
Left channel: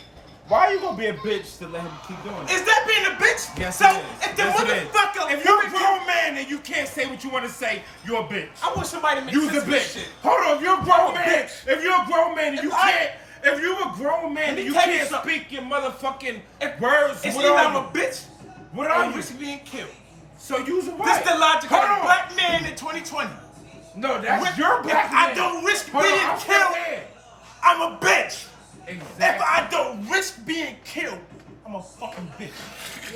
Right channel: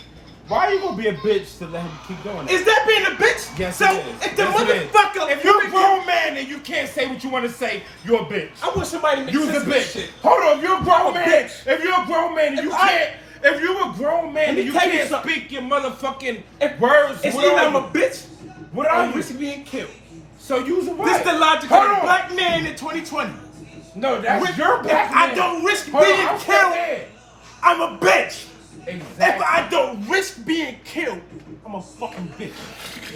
why are you gonna be a bitch to let him keep doing it? Is that being a bitch? Yes, so it is. if the Yes, it is. motherfucker, If you're a grown man and you can't say what you want to say, you're a bitch. I want somebody to make You's sense a of this bitch. shit. Hold on, if you're a grown I'm a man, bitch. if you're a grown man and If you I- can't, if you're a grown man Let me and you tell you can't something. speak your motherfucking words, It's what either are I'm a you? bitch What or are I'm you? risking being killed. So you's a right. This is the logic Hold of the on. black man in 2020. No, that's If your black I man. don't risk Hold on, being I'm killed, saying. I'm a bitch. If Exactly. I don't risk being killed, I'm a fucking bitch.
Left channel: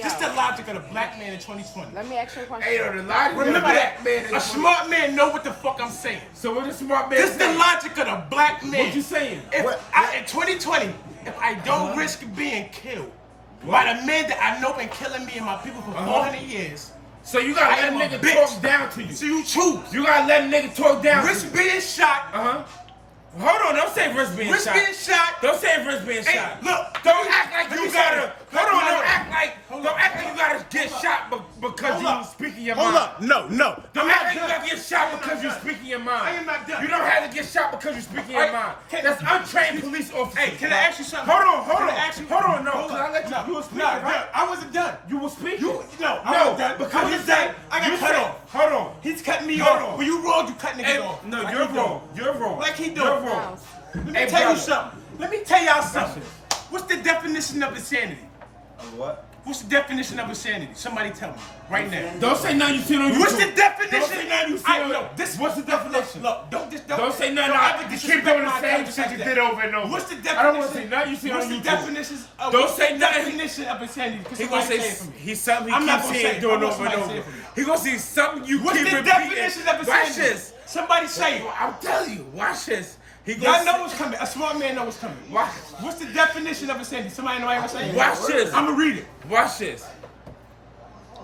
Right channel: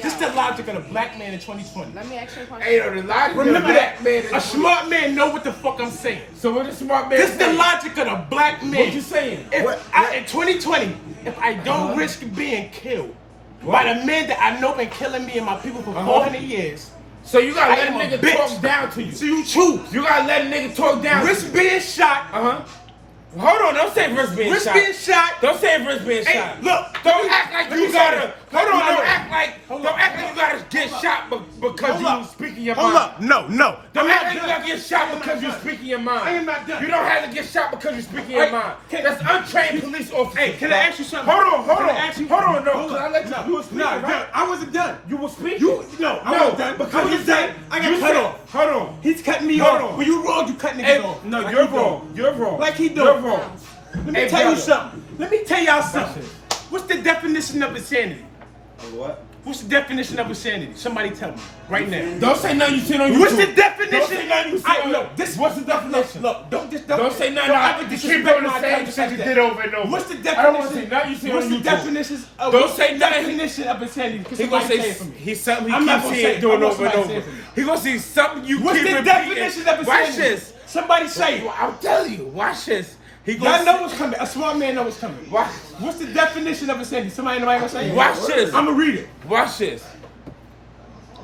This is the logic of the black man in 2020. Let me ask you a question. Ain't no the logic of the Remember black that. man. A smart man know what the fuck I'm saying. So what is smart man? This is the saying? logic of the black man. What you saying? If What- in 2020, if I don't risk being killed, by the men that I know been killing me and my people for 400 years. So you gotta I let a am a nigga bitch. talk down to you. So you choose. You gotta let a nigga talk down Risk to you. being shot. Hold on, don't say risk being Risk shot. being shot. Don't say risk being Hey, shot. look. Don't act like you gotta. Hold on, don't act like you gotta get shot because you speaking your mind. Hold up. No. Don't act like you gotta get shot because you speaking your mind. I am not done. You don't have to get shot because you speaking your mind. That's untrained police officers. Hey, can I ask you something? Hold on. Can I ask you? Hold on, no. Hold I on. let you. You were speaking, right? I wasn't done. You were speaking. I wasn't done. Because you said I got cut off. Hold on. He's cutting me Hold off. on. When you wrong, you cut niggas off. No, Like you're he doing. wrong. You're wrong. Like he doing. You're wrong. Let me Hey, tell you brother. something. Let me tell y'all something. What's the definition of insanity? What? What's the definition of insanity? Somebody tell me right now. Don't say nothing you seen on YouTube. What's the definition? Don't say nothing you seen on look, this. What's the definition? Look, don't Don't say nothing. Don't I ever keep disrespect doing my the same intelligence shit like you that. did over and over. What's the definition? I don't want to say nothing you see What's on the YouTube. definition of Don't say nothing. definition of insanity? Because He gonna somebody say say it for me. He's something I'm he not keeps gonna saying say it. doing I want over and somebody to say over. it for me. He gonna see something you What's keep the repeating. definition of Watch insanity? this. Somebody say it. I'm telling you. Watch this. He Y'all gonna know what's coming. A smart man knows what's coming. Watch. What's the definition of insanity? Somebody gonna say it? Watch this. I'm gonna read it. Watch this.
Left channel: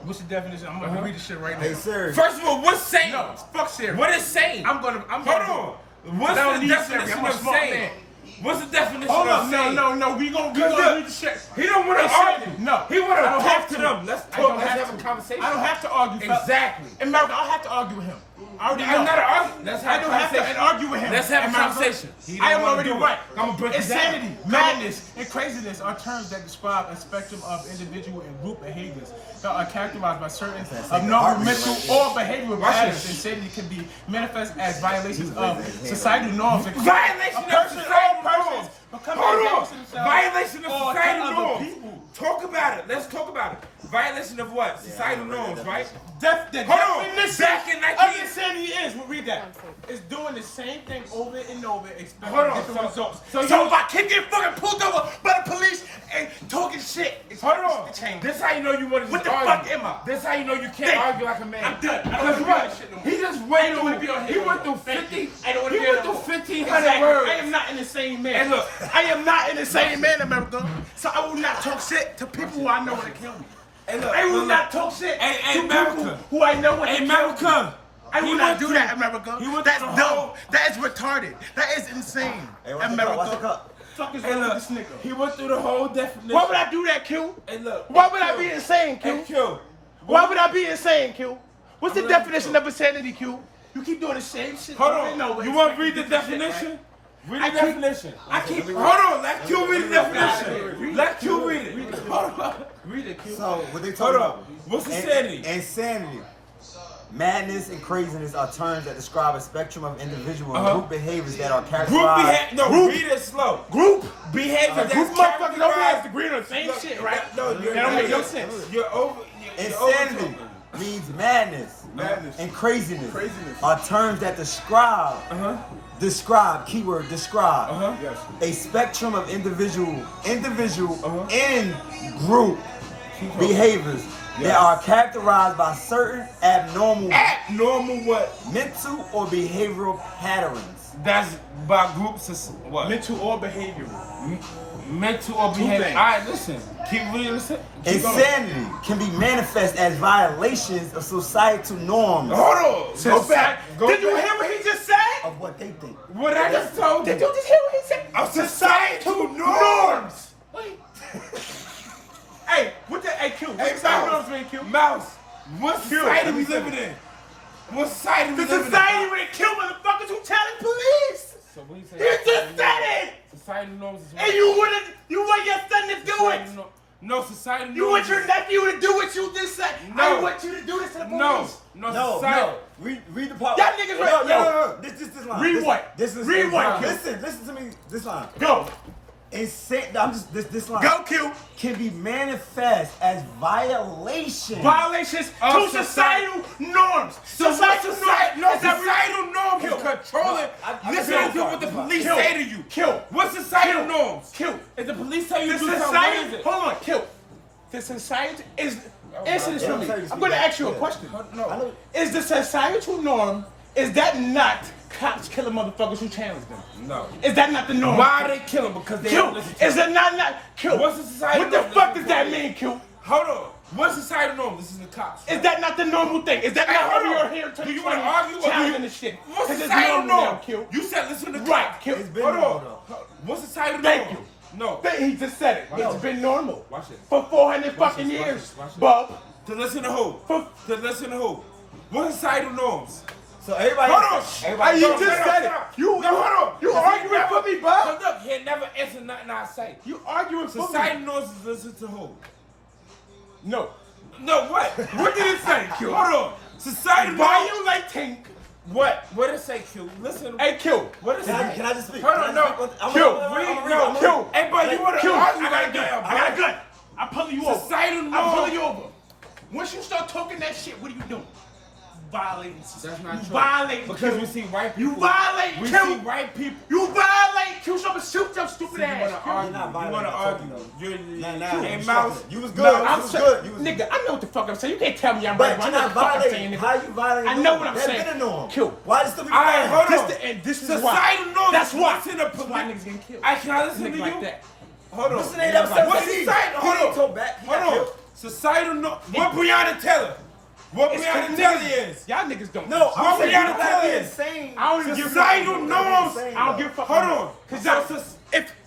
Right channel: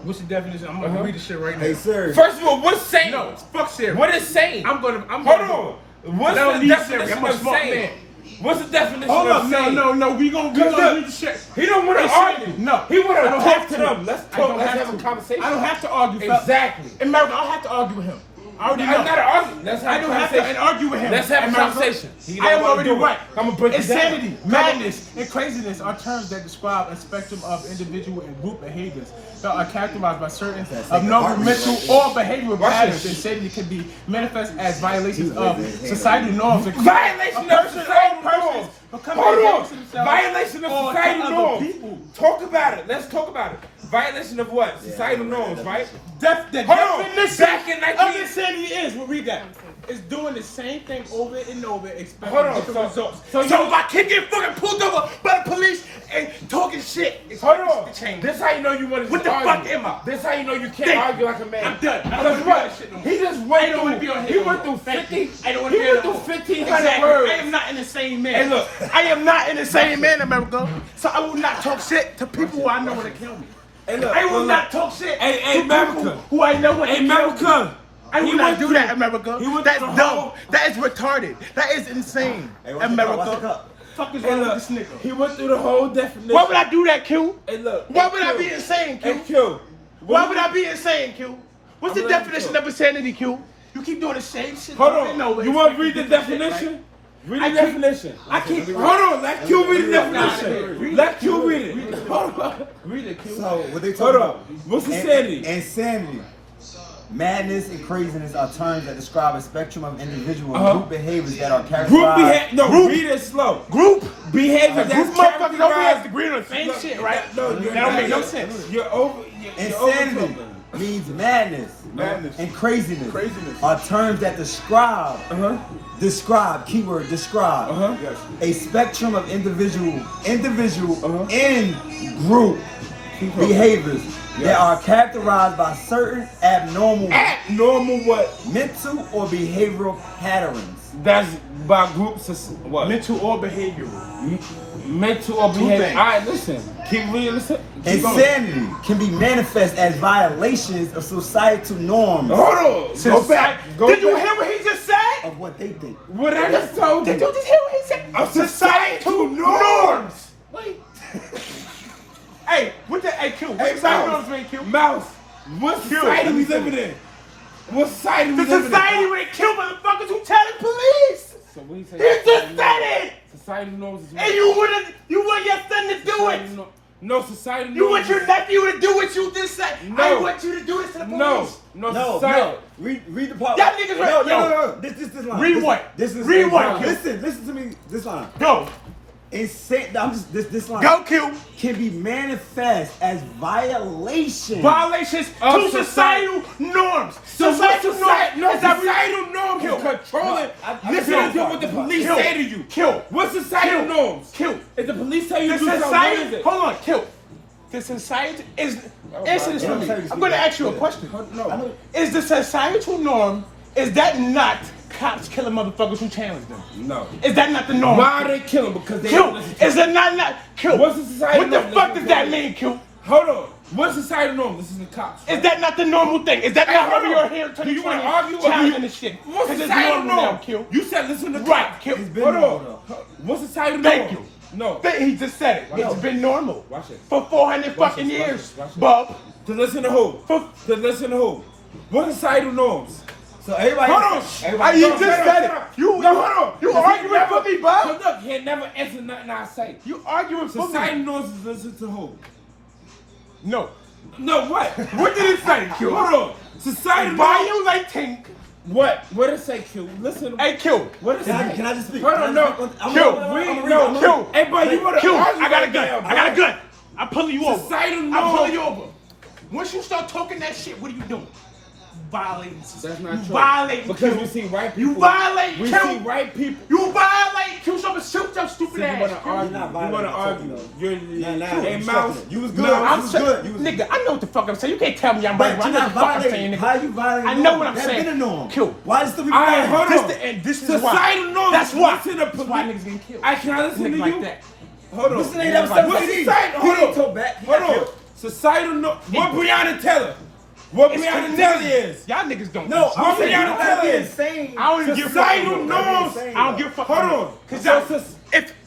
What's the definition? I'm gonna read the shit right now. Hey, sir. First of all, what's saying? No, fuck Siri. What is saying? I'm Hold gonna on. What's I don't the need definition Siri. I'm a of smart saying? man. What's the definition Hold of up, saying? no. We gonna read the shit. He don't want to Hey, argue. no. He want I to don't talk have to to. them. Let's I talk. don't Let's have have a to. conversation. I don't have to argue. fella. Exactly. America, I don't have to argue with him. I already I'm know. not arguing. Let's have I a don't have to conversation. argue with him. Let's have a America. conversation. He I don't am wanna already do it. right. I'ma break it down. Insanity, madness, and craziness are terms that describe a spectrum of individual and group behaviors that are characterized by certain abnormal mental or behavioral patterns. this. Insanity can be manifest as violations of societal norms. Violation A of person societal or persons norms. becoming Hold dangerous to on. themselves Violation of or to societal other norms. people. Talk about it. Let's talk about it. Violation of what? Societal norms, right? The Hold on. definition Back in of 19 insanity is, we'll read that. It's doing the same thing over and over, expecting Hold on, different so- results. so So you- if I keep getting fucking pulled over by the police and talking shit, it's Hold on. to change. This how you know you want to What the argue. fuck am I? This how you know you can't Think. argue like a man. I'm done. I don't Because wanna do what? that shit no more. He just I went don't wanna be on through. here He no went more. through Thank 50. you. I don't wanna He be went on through that. 1,500 Exactly. words. I am not in the same man. Hey, look. I am not in the same man, America. So I will not talk shit to people who I know want to kill me. Hey, look. I will look. not talk shit Hey, to America. people who I know want to Hey, kill me. America. I will He not went do through- that, America. he went That's through the dumb. whole- That is retarded. That is insane. Hey, what's the America. cup? What's the cup? Fuck is Hey, wrong look. with this nigga? He went through the whole definition. Why would I do that, Q? Hey, look. Why Hey, would I Q. be insane, Q? Hey, Q. Why would I be insane, Q? What's the I'm gonna definition let of insanity, Q? You keep doing the same shit. Hold over and on. over, You want to read expecting the different shit, definition? Read I the keep- definition. I keep. Hold on. Let Q read the definition. Let Q read it. Hold on. Read it, Q. So what they Hold talking on. about? What's insanity? Insanity. Madness and craziness are terms that describe a spectrum of individual and Uh-huh. group behaviors that are Group characterized. behavior. No, read it slow. Group behavior that's Group motherfuckers over here characterized. agree on the same Look, shit, right? No, That you're don't not. make no You're, sense. you're over. You're over Insanity talking. means madness, Madness. and craziness, Craziness. are terms that describe Uh-huh. keyword describe Uh-huh. a spectrum of individual Uh-huh. and group behaviors that are characterized by certain abnormal Abnormal what? mental or behavioral patterns. That's by groups of what? Mental or behavioral. Mental or behavior. things. All right, listen. Keep reading. Listen. Keep going. Insanity can be manifest as violations of societal norms Hold on. Go back. Go Did you back. hear what he just said? of what they think. What I just told you? Did you just hear what he said? Of societal norms. Wait. Hey, what the Q? Hey, Societal Mouse. norms mean, Q? Mouse. What society we living in? What society we The living society in? where they kill motherfuckers who telling police. So what he He just said it. Society norms is what? And you want your son to do Society it. No, society norms. You want your nephew to do what you just said. No. I want you to do this to the police. No, society. Read the part. Y'all niggas no, right- no. This line. Read this, what? This is Read what? Listen to me. This line. Go. I'm just this line. Go, Q. Can be manifest as violation. Violations Of to societal norms. So what society? No, Is that societal norms is controlling. I Listen to kill. what the police Kill. say to you. Kill. What societal Kill. norms? Kill. If the police tell you The to do something, what society. is it? Hold on, Kill. The society is. Answer this They for don't me. tell you to I'm going to speak ask you a back. question. I No. know. Is the societal norm, is that not cops killing motherfuckers who challenge them? No. Is that not the norm? Why are they killing? Because they Q, don't listen to is it not Q? What's the society What the norm? fuck does that mean, Q? Hold on. What's society norm? Listen to cops. Is that not the normal thing? Is that Hey, not hold how on. you're here to Do you want to argue or do you? challenge the shit? What's Is it societal normal now, norm? Q? You said listen to Right, cops. Q. It's been Hold normal, on. though. What's societal Thank norm? you. No. He just said it. No. It's been normal. Watch it. For 400 Watch fucking this, watch years. this, watch this. Bub. To listen to who? To listen to who? What societal norms? So everybody. Hold on. Everybody. You No, just hold on, said shut it. up. You No, hold on. You He arguing never- for me, bud. So look, he never answered nothing I say. You arguing for Society me. norms is listen to who? No. No, what? What did it say, Q? Hold on. Society norms. Violating. What? What did it say, Q? Listen. Hey, Q. What did it Can say? I just speak? Hold on, no. I'm Q, gonna no, Q. Hey, bro, you want to Q, argue I got a right gun. now, I got a gun. I'm pulling you over. Societal I'm norm. pulling you over. Once you start talking that shit, what are you doing? Violating. That's not you true. Violate. Because Q. we see white people. You violate. We Q. see white people. You violate. Q. So I'm gonna shoot your stupid See, you ass. want to Q. argue. not You want to violating argue. something, You're Nah, hey, you Mouse. was you was good. No, you I'm was saying, good. You was nigga, I know what the fuck I'm saying. You can't tell me I'm But right. you're I know not what the fuck I'm saying, violating. nigga. How you violating? I know what I'm That's saying. been a norm. Q. Why is it still be All right, violating? hold on. And this is Societal why. norms. That's why. Listen to That's why police. niggas getting killed. Can I listen to Niggas you? like that. Hold on. Listen to that. What's society? Hold on. Hold on. Societal norm. What Breonna Taylor? What Breonna Taylor is? Y'all niggas don't. No, What I'm saying Breonna you Taylor gotta be is? insane. I don't even give a Societal fuck. norms. Insane, I don't give a fuck. Hold on. Cause So,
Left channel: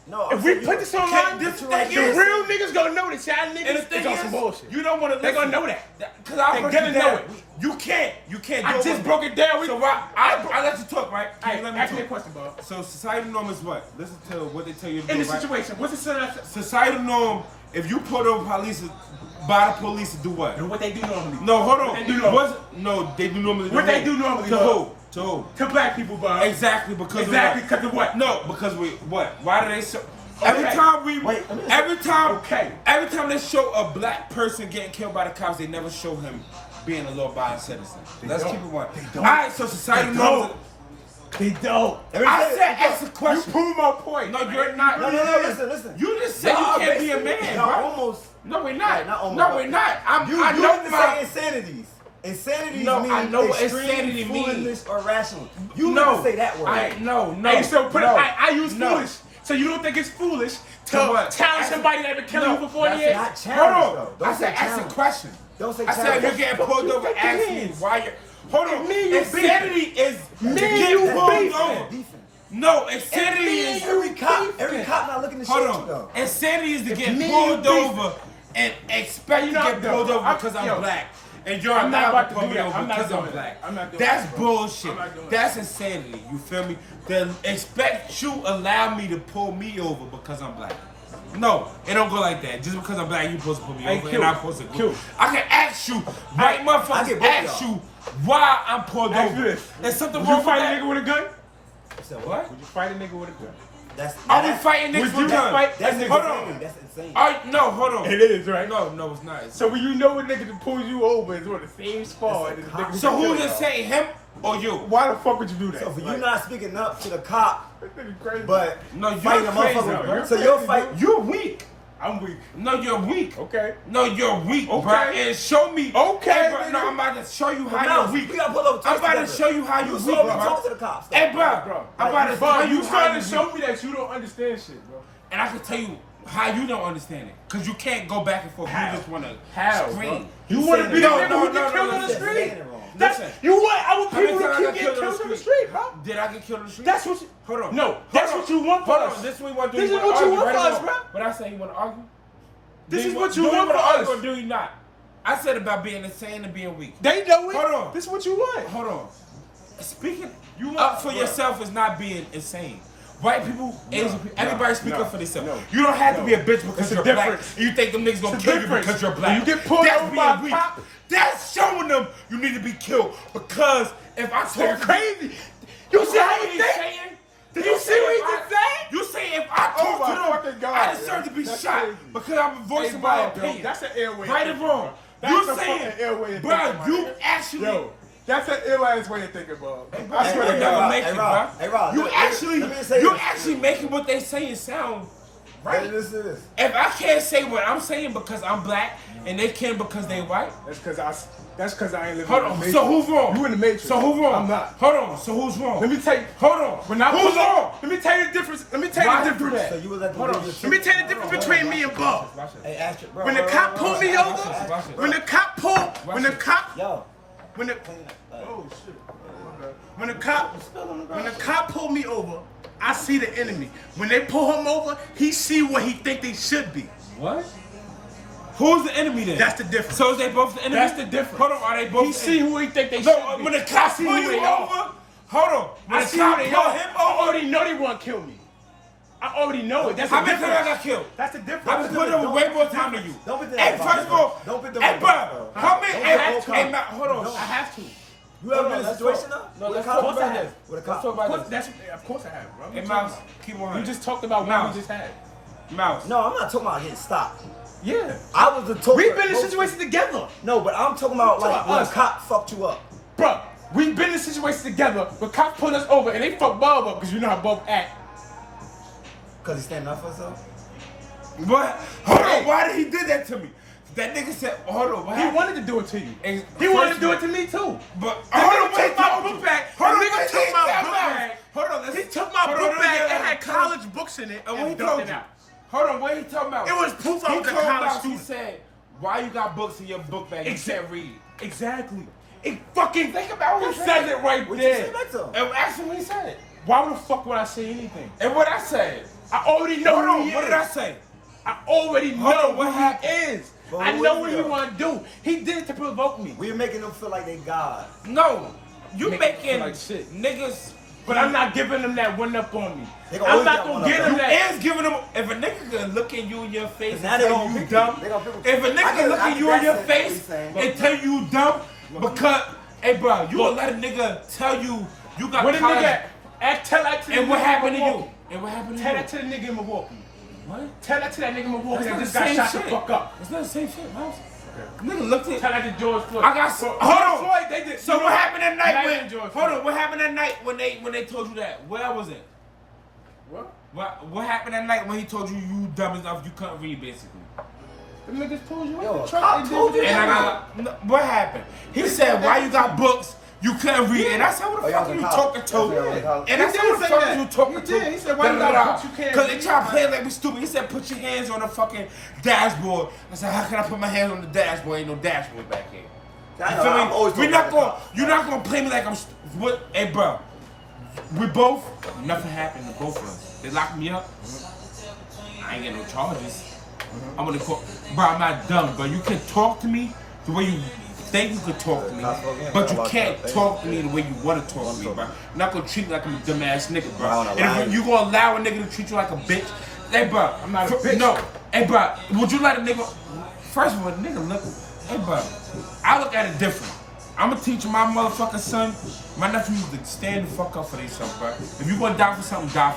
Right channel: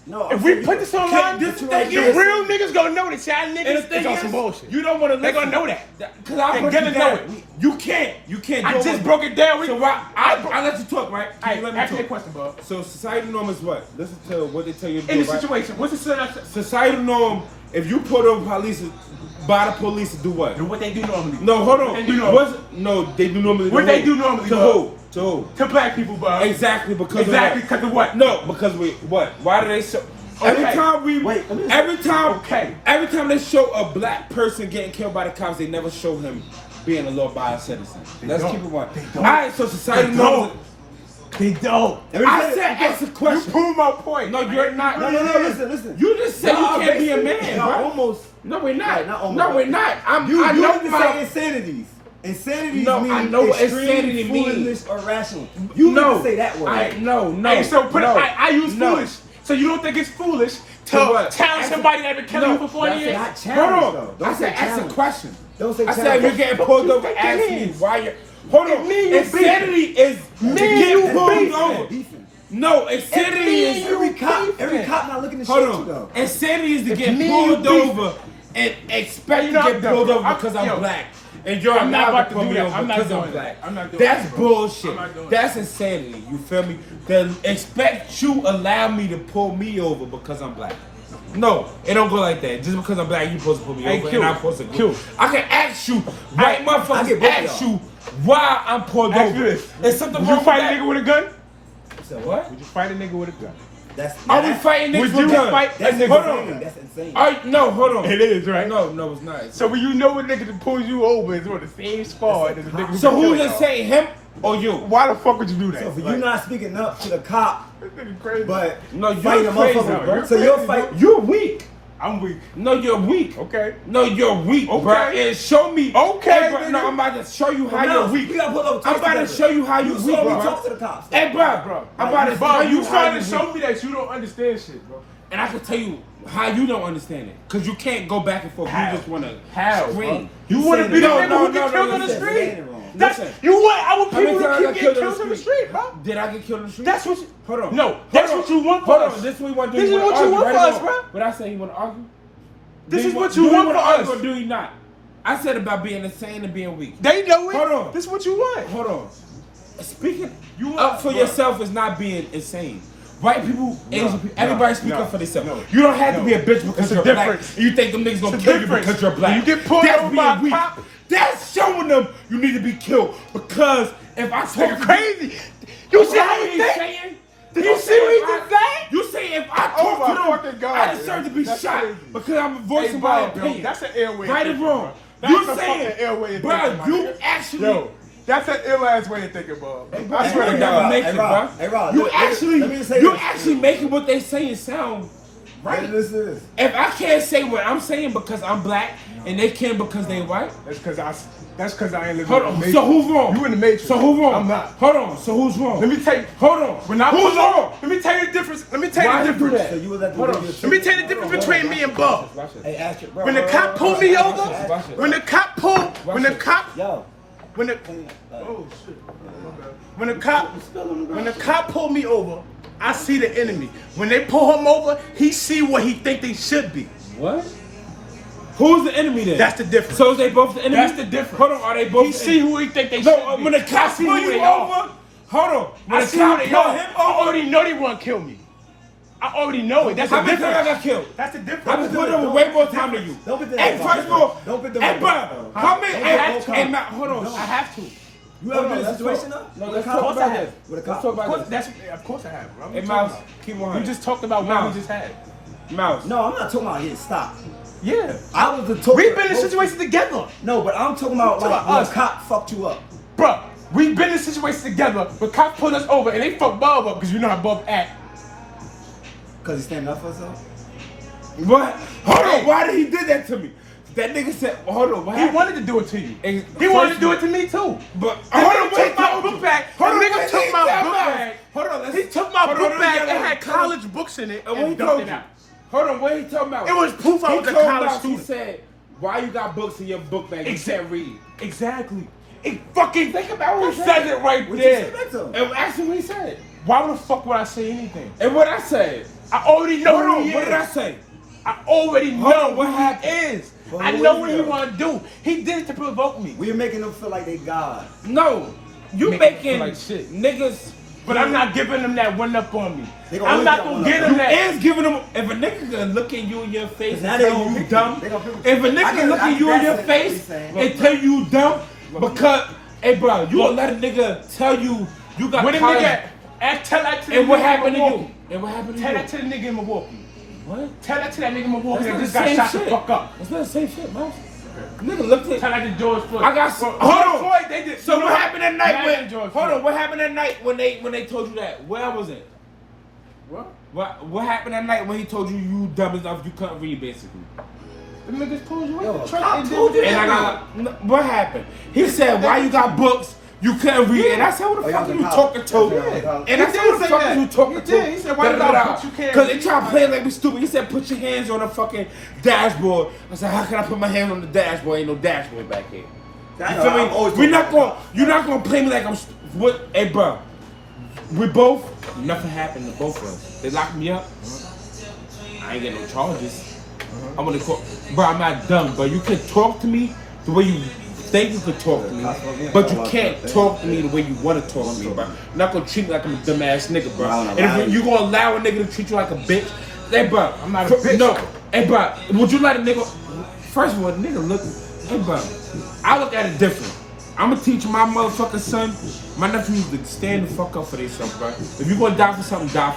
No, I'm if we saying put you- this online, this the thing real is- niggas gonna know that y'all and the niggas thing is on some is, bullshit. you don't want to They listen. gonna know that. Because I They broke gonna it know down. it. You can't do I it just with broke me. it down. So I let you talk, right? Can you let me Ask me a talk? question, bro. So societal norm is what? Listen to what they tell you to do, In the right? situation, what's the situation? Societal norm, if you pull over police, by the police to do what? And what they do normally. No, hold on. What they do normally. No, they do normally. What to they who? do normally, To bro. who? To who? To black people, bro. Exactly because Exactly of because of what? No, because we what? Why do they show? Every Okay. time we, Wait, let me just- every time, Okay. every time they show a black person getting killed by the cops, they never show him being a law-abiding citizen. Let's don't. keep it one. They All don't. right, so society They norms. don't. They don't. I said ask a You question. prove my point. No, you're not. No, listen. You just said you Y'all can't be a basically- man, y'all bro. Almost. No, we're not. Right, not almost. No, we're not. I You know even my. say insanities. Insanities No, mean I know what extreme insanity means. foolishness or rational. You No, need to say that word. No. Hey, so put no, it. I use no. foolish. So you don't think it's foolish to To what? challenge Ask somebody that been killing No, you for 40 that's years? Not Hold challenge, on. though. I Don't said say ask a challenge. question. Don't say I said if challenge. you're getting pulled over, What ask that me means? why you're. Hold on. Me and you Insanity is to Me and get you pulled beefing. over. Beefing. No, insanity is. Every cop not looking to Hold shoot you on. though. Insanity is to get me pulled and you over and expect to get pulled over because I'm black. And you're I'm not allowed about to to pull do me that. over I'm not because doing I'm that. black. I'm not doing That's that. bullshit. I'm not doing That's insanity. You feel me? Then expect you allow me to pull me over because I'm black. No, it don't go like that. Just because I'm black, you supposed to pull me Hey, over Q. and I'm supposed to Q. I can ask you, right I motherfuckers, get both of ask y'all. you why I'm pulled Ask you over. this. Is something Would wrong you with fight a that? nigga with a gun? So What? Would you fight a nigga with a gun? Are we fighting niggas Would with you guns? fight That's a nigga? Hold insane. on. That's insane. No, hold on. It is, right? No, it's not. So when you know a nigga that pulls you over is on the same squad as a nigga So who who's killed just you. saying him or you? Why the fuck would you do that? So for you not speaking up to the cop, This nigga crazy. but No, you're fighting a crazy, motherfucker, bro. so you'll fight. You're weak. I'm weak. No, you're weak. Okay. No, you're weak, Okay. bro. And show me. Okay, Hey, bro. nigga. No, I'm about to show you how No, you're weak. we gotta pull those I'm together. about to show you how you're You weak, saw me bro. talk to the cops. Hey, bro. I'm about to Bro, tell you you how trying you're to weak. show me that you don't understand shit, bro. And I can tell you how you don't understand it. Because you can't go back and forth. How? You just want to How, scream. You want to saying be that- the No, nigga no, who no, get killed no, on the listen. street? That ain't wrong. That's, Listen. you want our How many people to times I keep got getting killed killed on on the the street? street, bro. Did I get killed on the street? That's what. Hold on. No, Hold that's on. what you want Hold from us. on. This is what you want to do. This You is want what to you argue, want right? from or us, wrong? bro. But I say you want to argue. This is what do you want want to from argue us. or do you not? I said about being insane and being weak. They know it. Hold on. This is what you want. Hold on. Speaking You up want- for bro. yourself is not being insane. White people, Asian people, everybody speak no, up for themselves. no, You don't have to no. be a bitch because It's a you're black difference. and you think them niggas gonna It's a kill you difference. because you're black. When you get pulled That's over being by a weak. cop- That's showing them you need to be killed because if I talk to crazy. You see how he's he think? saying? Did You you see what he if just said? You say if I Oh talk my to fucking them, God. I deserve to be That's shot crazy. because I'm voicing my opinion. That's an airway. Right or wrong? That's You a saying, fucking airway of bro, thinking, you man. actually. Yo, that's an ill-ass way of thinking, bro. I Hey, would hey, never Rob, make hey, it, Rob, bro. hey, Rob, You let me- actually, let me say you this. actually making what they saying sound Right. This is. If I can't say what I'm saying because I'm black and they can because they white. That's because I ain't living. Hold on. So who's wrong? You in the matrix. So who's wrong? I'm not. Hold on. So who's wrong? Let me tell you. Hold on. Who's wrong? Let me tell you the difference. Let me tell Why you you the do difference. that? So you was at the Hold on. Let me tell you the difference between me and Bob. Hey, ask it, bro. When the cop pulled me over, watch it. when the cop pulled, when the cop, Yo. when the, oh shit, when the cop pulled me over, I see the enemy. When they pull him over, he see what he think they should be. What? Who's the enemy then? That's the difference. So is they both the enemy? That's the difference. Hold on, are they both He the see enemy? who he think they should No, be. when the cop I see pull who you they over, are. hold on. When I the see cop who they pull are. him I over, already know they want to kill me. I already know it. That's how the many difference. times I got killed? That's the difference. I've been put over way more time than you. Don't be the Hey, first of all, don't be the hey, bro, how many? Hey, Matt, hold on. I have to. You ever been in a situation though? No, With let's a cop? talk about this. With a Let's cop? talk Of about course, this. of course I have, bro. Hey, Mouse, keep on. We just talked about what Mouse. we just had. Mouse. No, I'm not talking about getting stopped. Yeah. I was the talker. We've been in situations together. No, but I'm talking about like when a us. cop fucked you up. Bro, we've been in situations together where cops pull us over and they fuck Bob up because you know how Bob act. Cause he's standing up for himself. What? Hold on. Why did he do that to me? That nigga said, hold on. What He happened? wanted to do it to you. Ex- He wanted to do it first to me too. But That hold on, nigga wait, took my told book you. bag. Hold on, That nigga wait, took wait, my time book out. bag. Hold on, let's. He took my hold on, book let me bag get that it. had college books in it And what he and told dumped it you? out. Hold on, what he talking about? It was proof I He was a told college about, student. he said, why you got books in your book bag? You can't read. Exactly. It fucking Think about what it he says said. it right What you say there. back to him? And ask him what he said. Why the fuck would I say anything? And what I said. I already know Hold who on, he what is. did I say? I already know Hold on, what who happened? he is. Bro, I who know is what he, he though? gonna do. He did it to provoke me. We're making them feel like they God. No, you Make making him feel like shit. niggas. But I'm not giving them that one up on me. They gonna I'm always not get gonna one give up them You that. is giving them. If a nigga gonna look at you in your face and Now tell they gonna you pick dumb, you. They gonna pick if a I nigga get- look I at get you in that your sense, what face he's saying. and tell you dumb, because hey bro, you will let a nigga tell you you got What a college. nigga, tell that to the And what nigga happened to in you? Milwaukee. And what happened to Tell you? that to the nigga in Milwaukee. What? Tell that to that nigga in Milwaukee That's that not the just got same shot shit. the fuck up. That's not the same shit, Mouse. Nigga looked at. Tell that to George Floyd. I got some. George Hold on. Floyd, they did. So what happened that night Imagine when? George Hold Floyd. on. What happened that night when they told you that? Where I was at? What? What happened that night when he told you dumb enough you couldn't read basically? The niggas pulled you Yo, in the cop truck and told did And I that. got what happened? He said why you got books you couldn't read, and I said what the Oh, fuck yeah, are you the talking cop. to? Yeah. And I He said did what the say fuck that. are you talking He to? did. He said, why you got books you can't Cause they read? try to play like we stupid. He said put your hands on the fucking dashboard. I said how can I put my hands on the dashboard? Ain't no dashboard back here. I You know, feel I'm always me? We're not talking gonna. You're not gonna play me like I'm. What? Hey, bro. We both. Nothing happened to both of us. They locked me up. I ain't getting no charges. I'm gonna call. Bro, I'm not dumb, but you can talk to me the way you think you could talk to me, but you can't talk to me the way you want to talk to me, bro. You're not gonna treat me like I'm a dumbass nigga, bro. And if you gonna allow a nigga to treat you like a bitch, hey, bro. I'm not a bitch. No, hey, bro. Would you let a nigga? First of all, nigga look. Hey, bro. I look at it different. I'm gonna teach my motherfucking son, my nephews to stand the fuck up for themselves, bro. If you gonna die for something, bro.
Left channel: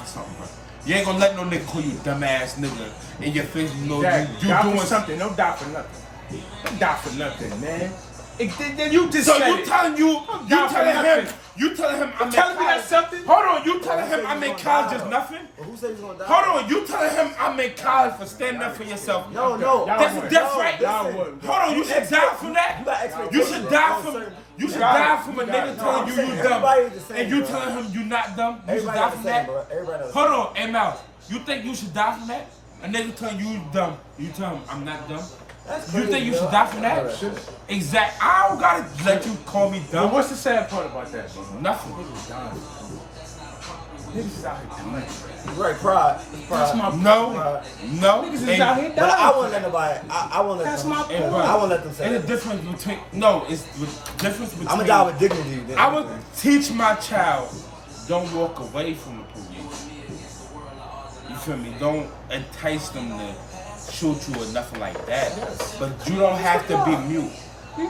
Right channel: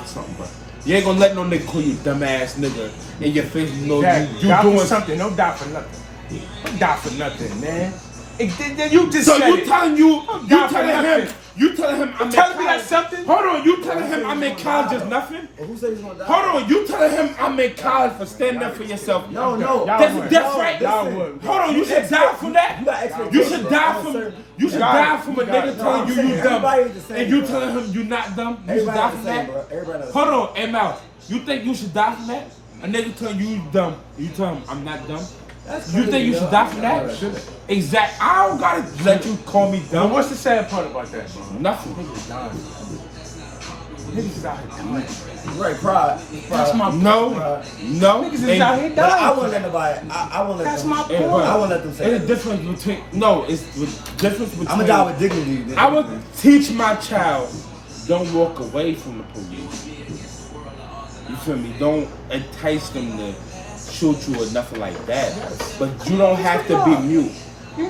You ain't gonna let no nigga call you dumbass nigga in your face. You know you Die for doing something. Don't die for nothing. Don't die for nothing, man. You just So said you it. telling nothing. you telling him I'm in telling me college. that's something? Hold on, you telling him I'm in college is nothing? Well, who said he's gonna die? Hold on, you telling him I'm in college for standing up for yourself? No. That's would. different. Listen. Hold on, you should die from that. You got expectations. You should die from. You should die from a nigga telling you you dumb, everybody is the same, and you bro. telling him you not dumb. You should Everybody die the from same, that. bro. Everybody the Hold same. on, hey Mouse. You think you should die from that? A nigga telling you dumb. You tell him I'm not dumb. That's You think crazy, you yo. should die from that? Exact. I don't gotta let you call me But dumb. what's the sad part about that? Nothing. Niggas out here dying. Right, pride. That's my No. Pride. No. Niggas is out here But I dying. wouldn't let nobody. I wouldn't let That's them. my Hey, point. bro, I wouldn't let them say It's a that. difference between no. It's the difference between. I'm gonna die with dignity. than I would anything. teach my child, don't walk away from the police. You feel me? Don't entice them to shoot you or nothing like that. But you don't have to be mute.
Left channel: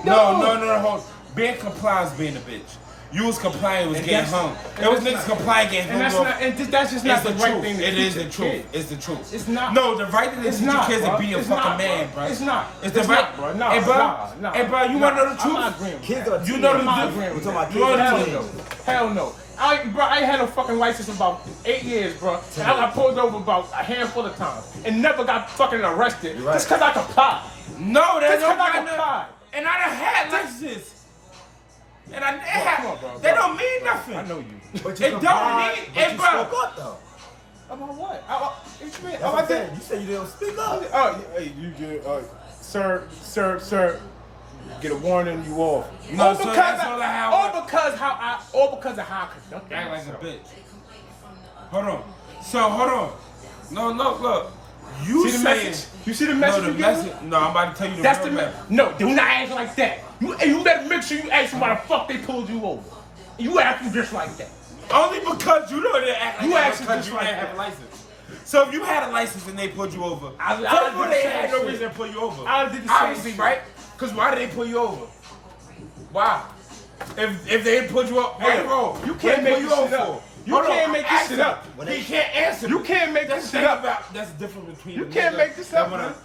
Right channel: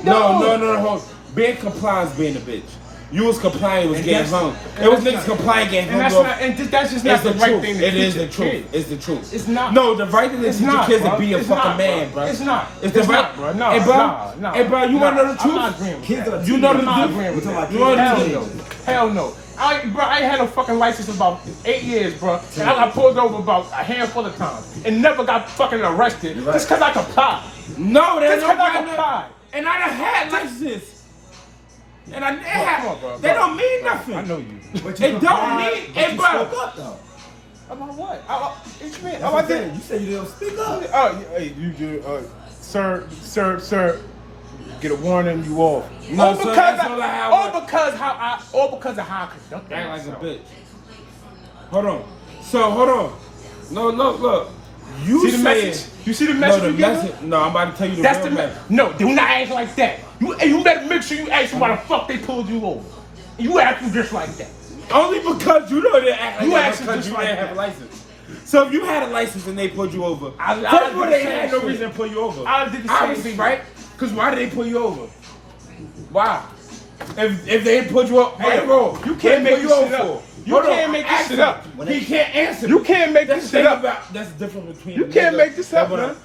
No. Hold. Being compliant is being a bitch. You was complying, was getting hung. It was niggas complying, getting And hung that's off. not, and that's just It's not the the right truth. thing to It is teach the a truth. kid. It's the truth. It's not. No, the right thing to It's teach your not, kids bro. to be a It's fucking not, man, bro. bro. It's not. It's the It's right. not, bro. No, Hey, bro. no, Hey, bro. You wanna know the I'm not truth? agreeing with Kids are You know the teenagers. truth. We talking about You know kids the are truth. teenagers. Hell no. I ain't had a fucking license in about 8 years, bro. And I got pulled over about a handful of times and never got fucking arrested just because I complied. No, there's no kind kind. And I done had licenses. And I had, they don't mean nothing. I know you. But you It don't mean, but you bro. spoke up though. About what? What you mean? That's what I'm saying. You said you didn't speak up. Oh, hey, you do, sir. Get a warning, you off. No, so that's all I have. All because of how I conduct Act like a bitch. Hold on. No, look. You see the saying message? You see the no, message? the message. No, I'm about to tell you the That's real the message. No, do not act like that. You better make sure you ask why the fuck they pulled you over. You acting just like that. Only because you know they act like You that actually because just you like didn't have that. a license. So if you had a license and they pulled you over, I first of all, they did the had same no shit. reason to pull you over. I did the same Obviously, shit. right? Because why did they pull you over? Why? If they didn't pull you over, Hey, bro, you can't make pull you this over shit up. for? You Hold can't on, make this ask shit him. up. He can't answer. You can't make That's this shit up. That's the difference between. You a can't nigga make this up, that wanna- man.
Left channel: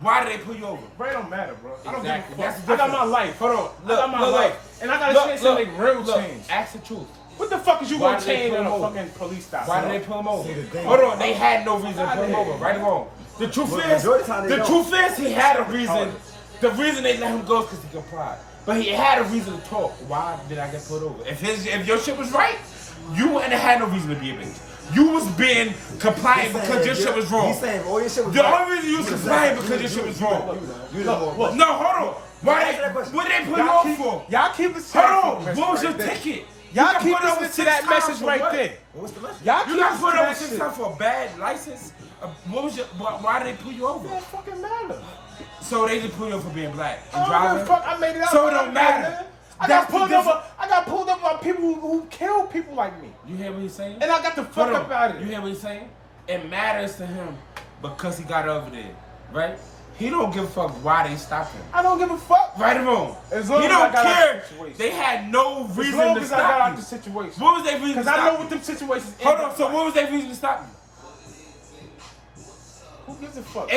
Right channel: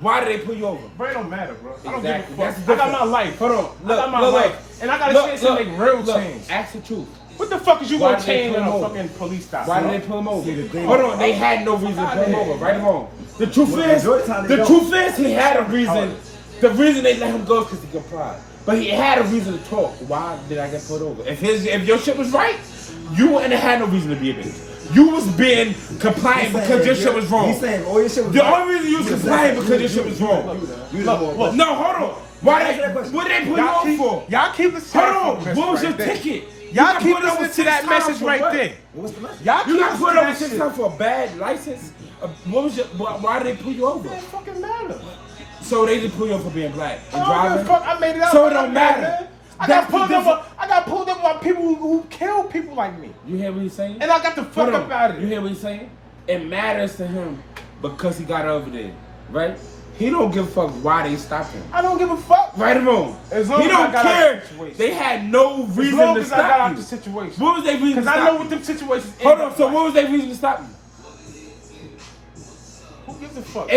Why did they pull you over? Bro, it don't matter, bro. I don't Exactly. give a That's fuck. the I got difference. my life. Hold on. I got my life. And I got a chance to make real change. Ask the truth. What the fuck is you Why gonna did they change pull on him a over? fucking police stop? Why did they pull him over? See, the thing- Hold on, they had no reason to pull him over, right or wrong. The truth Well, is, majority of the time they the don't. truth is he had a reason. The reason they let him go is because he complied. But he had a reason to talk. Why did I get pulled over? If your shit was right, you wouldn't have had no reason to be a bitch. You was being compliant because your shit was wrong. He's saying all your shit was The right. only reason you was compliant because your shit was wrong. You the more. No, hold on. Why Answer that they? question. What did they pull you over for? Y'all keep listening. Hold on. What was your ticket? You Y'all got keep pulled over listening to 6 that times message for right what? there. What's the message? Y'all You keep got pulled listening over to 6 that times for a bad license? What was your? Why did they pull you over? shit. It don't fucking matter. So they just pull you over for being black and I don't give a driving? fuck. I made it out. So it don't matter. Man. I That's got the pulled difference. over. I got pulled over by people who kill people like me, You hear what he's saying? and I got the fuck Hold up out of You it. hear what he's saying? It matters to him because he got over there, right? He don't give a fuck why they stopped him. I don't give a fuck. Right or wrong? As long He as don't I got care. out of the situation. They had no reason As long to as I got stop out you. the situation. What was their reason to Because I stop know you? what them situations. Hold on. So what was their reason to stop you? Who gives a fuck?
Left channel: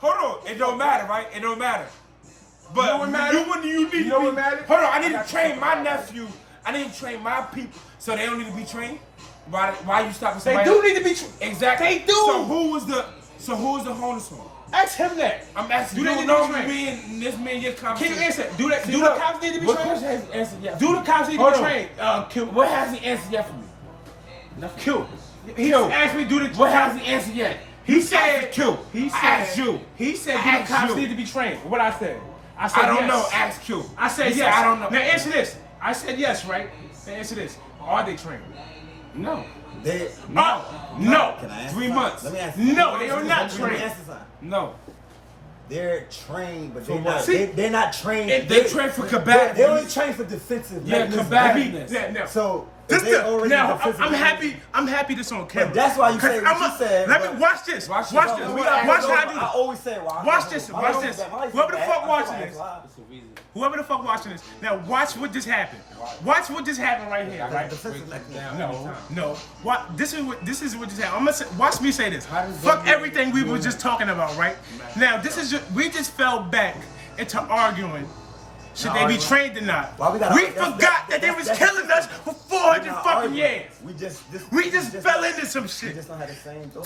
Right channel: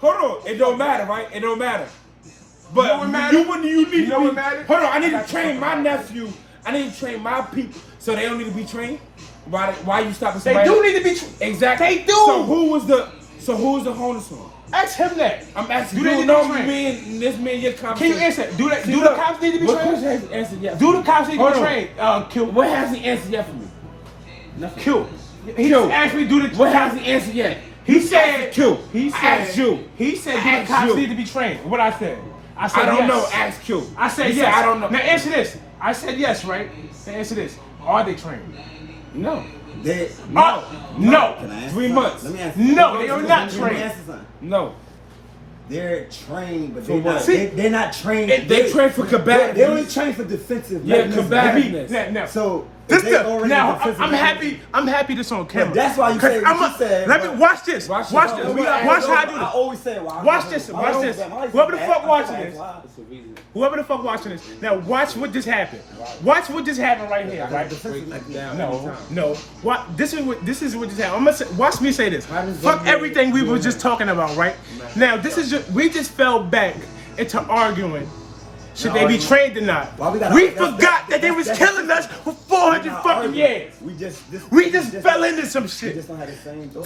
Hold on. It don't matter, right? It don't matter. But You know what matter? you need You to know be. what matter? Hold on, I need to train my nephew. I need to train my people so they don't need to be trained. Why you stopping They somebody? do need to be. Exactly. They do. So who was the homeless one? Ask him that. I'm asking Do you. they need No, to be trained? me and this man, your Can conversation. you answer? Do See, the look, cops need to be what trained? question has he answered yet? Do the cops need to Hold be on. trained? Kill. What has he answered yet for me? Nothing. Kill. He Kill. asked me do the. What has he answered yet? He said. Q. He I said. asked you. He said I do the asked cops you. need to be trained. What I said. I said I don't yes. know. Ask Q. I said He yes. said, I don't know. Now answer this. I said yes, right? Now answer this. Are they trained? No. They, No. No. Can I answer 3 something? months. Let me answer. No, they are not Let me trained. answer something. No. They're trained, but For they're what? not. See, They're not trained. They train for combativeness. They only train for defensive. Yeah, mechanisms. combativeness. Now, So This if they already now defensive I'm mechanisms- happy. I'm happy this on camera. But that's why you 'Cause say what I'm you said, Let me but- watch this. Watch Watch this. this. No, Watch how I do I this. always say, well, Watch this. why Watch don't- this. why is Whoever it the bad? fuck I'm watching like, this. why? Whoever the fuck watching this. Now watch what just happened. Watch what just happened right here. Right? Defensive mechanism. No. What? This is what just happened. I'm gonna say, watch me say this. Fuck everything we were just talking about, right? Now this is just, we just fell back into arguing. Should they be trained or not? Why we gotta- We that's- forgot that they was that's- killing us for 400 Not fucking arguing. years. We just fell into some We shit. just don't have the same thought.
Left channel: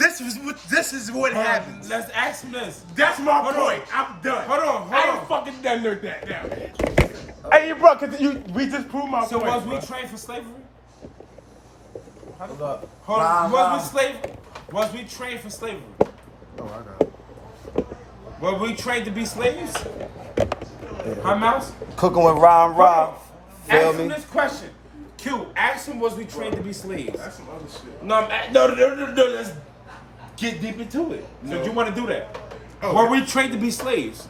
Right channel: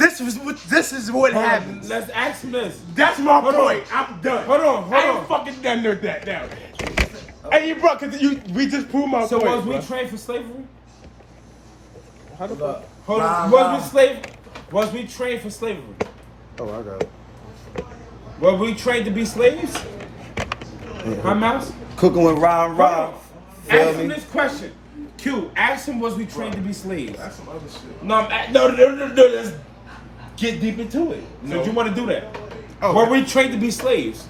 This is what happened. Let's ask him this. That's my Hold point. on. I'm done. Hold on. I'm fucking done with that now. Hey, you bro, cause we just proved my So point. was we bro. trained for slavery? How the fuck? Hold Nah, on. nah. Was we trained for slavery? Oh, I got it. Were we trained to be slaves? Huh, Mouse? Cooking with Ron Rob. Feel Ask him me? this question. Q, ask him, was we trained to be slaves? That's some other shit. No, no, let's get deep into it. So you want to do that? Oh. Were we trained to be slaves?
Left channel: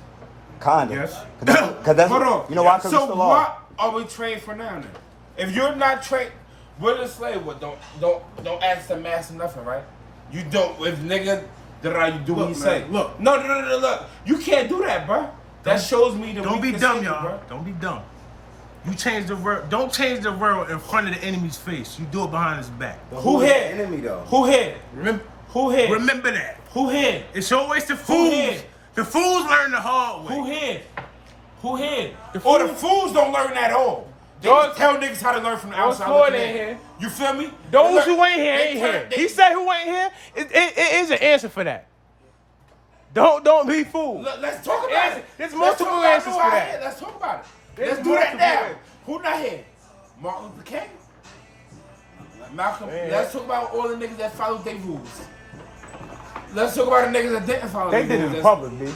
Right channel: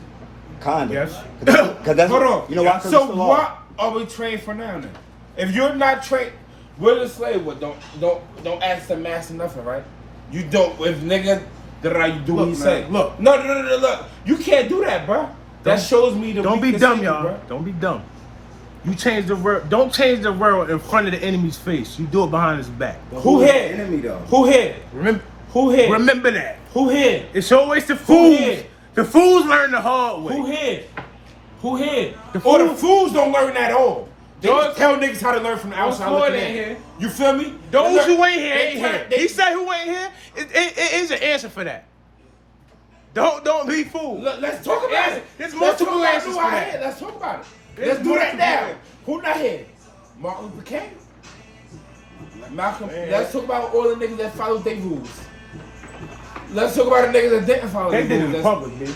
Kinda. Yes. Cause that's, Hold on. You know why? 'Cause So it's the law. what are we trained for now then? If you're not trained, we're the slave. What? Don't ask the master nothing, right? You don't. If nigga, you do what Look, he man, say. look. No, look. You can't do that, bro. That shows me the. Don't be weakness dumb, in you, y'all. bro. Don't be dumb. You change the word. Don't change the word in front of the enemy's face. You do it behind his back. Who is the here? enemy though? Who here? Remember, Who here? remember that. Who here? It's always the Who fools. here? The fools learn the hard way. Who here? Who here? The Or the fool- fools don't learn at all. Don't tell niggas how to learn from the outside looking in. You feel me? Those who ain't here ain't They- here. they- He said who ain't here. It is an answer for that. Don't be fooled. Let's talk about it. There's Let's talk multiple about answers who for out that. here. Let's talk about it. There's Let's do that multiple now. answers. Who not here? Martin Luther King. Malcolm. Man. Let's talk about all the niggas that followed their rules. Let's talk about the niggas that didn't follow their rules. public, dude.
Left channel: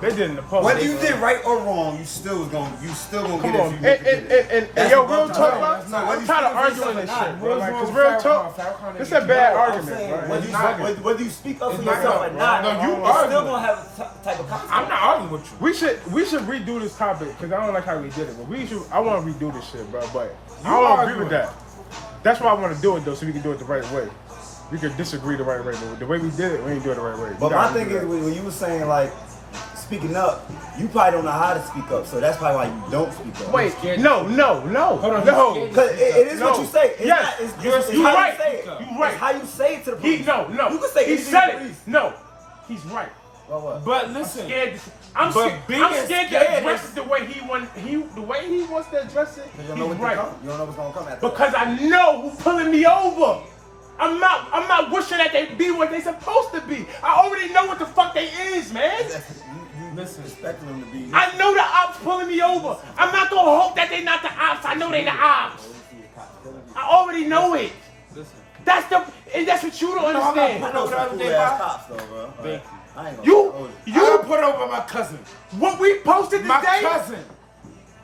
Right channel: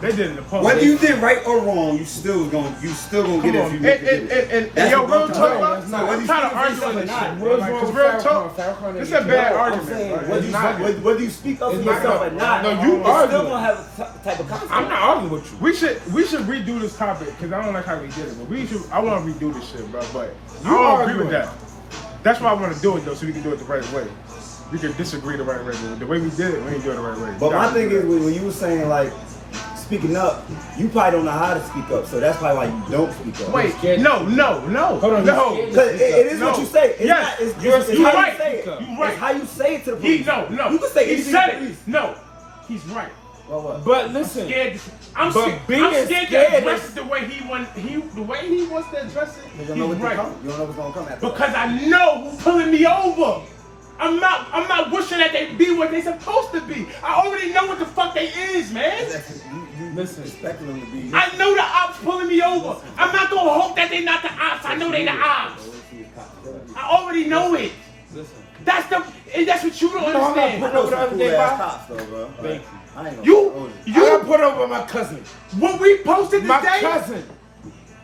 They did it in the public. Whether you did right or wrong, you still gonna get it if you make it. And yo, what real I'm talk, talking about. No, I'm kind of arguing this shit. What is wrong Because with real talk, Farrakhan? it's a bad I'm argument. saying bro. whether you speak up for It's not yourself no- or not, no, you it's still arguing. gonna have a type of consequence. I'm not arguing with you. We should redo this topic because I don't like how we did it. But I want to redo this shit, bro. But You I don't agree arguing. with that. That's why I want to do it though, so we can do it the right way. We can disagree the right way. The way we did it, we ain't do it the right way. But my thing is, when you were saying like speaking up, you probably don't know how to speak up, so that's probably why you don't speak up. Wait, no. Hold on, no. Because it is what No. you say. It's Yes. not. It's You're how right. you say it. You're right. It's how you say it to the He police. no. You can say he anything said to the it. police. No, he's right. What? But listen, Scared. I'm But scared. being I'm scared to scared address is- it the way he wants to address it. You don't know He's what's right. coming. You don't know what's gonna come after. Because I know who's pulling me over. I'm not wishing that they be what they supposed to be. I already know what the fuck they is, man. You expecting them to be. I know the ops pulling me over. I'm not gonna hope that they not the ops. I know they the ops. I already know it. listen. That's what you don't You know, I'm not understand. putting over the other day, Bob. Cops, though, bro. Thank I ain't gonna You- hold I got put over my cousin. What we posted My today. cousin.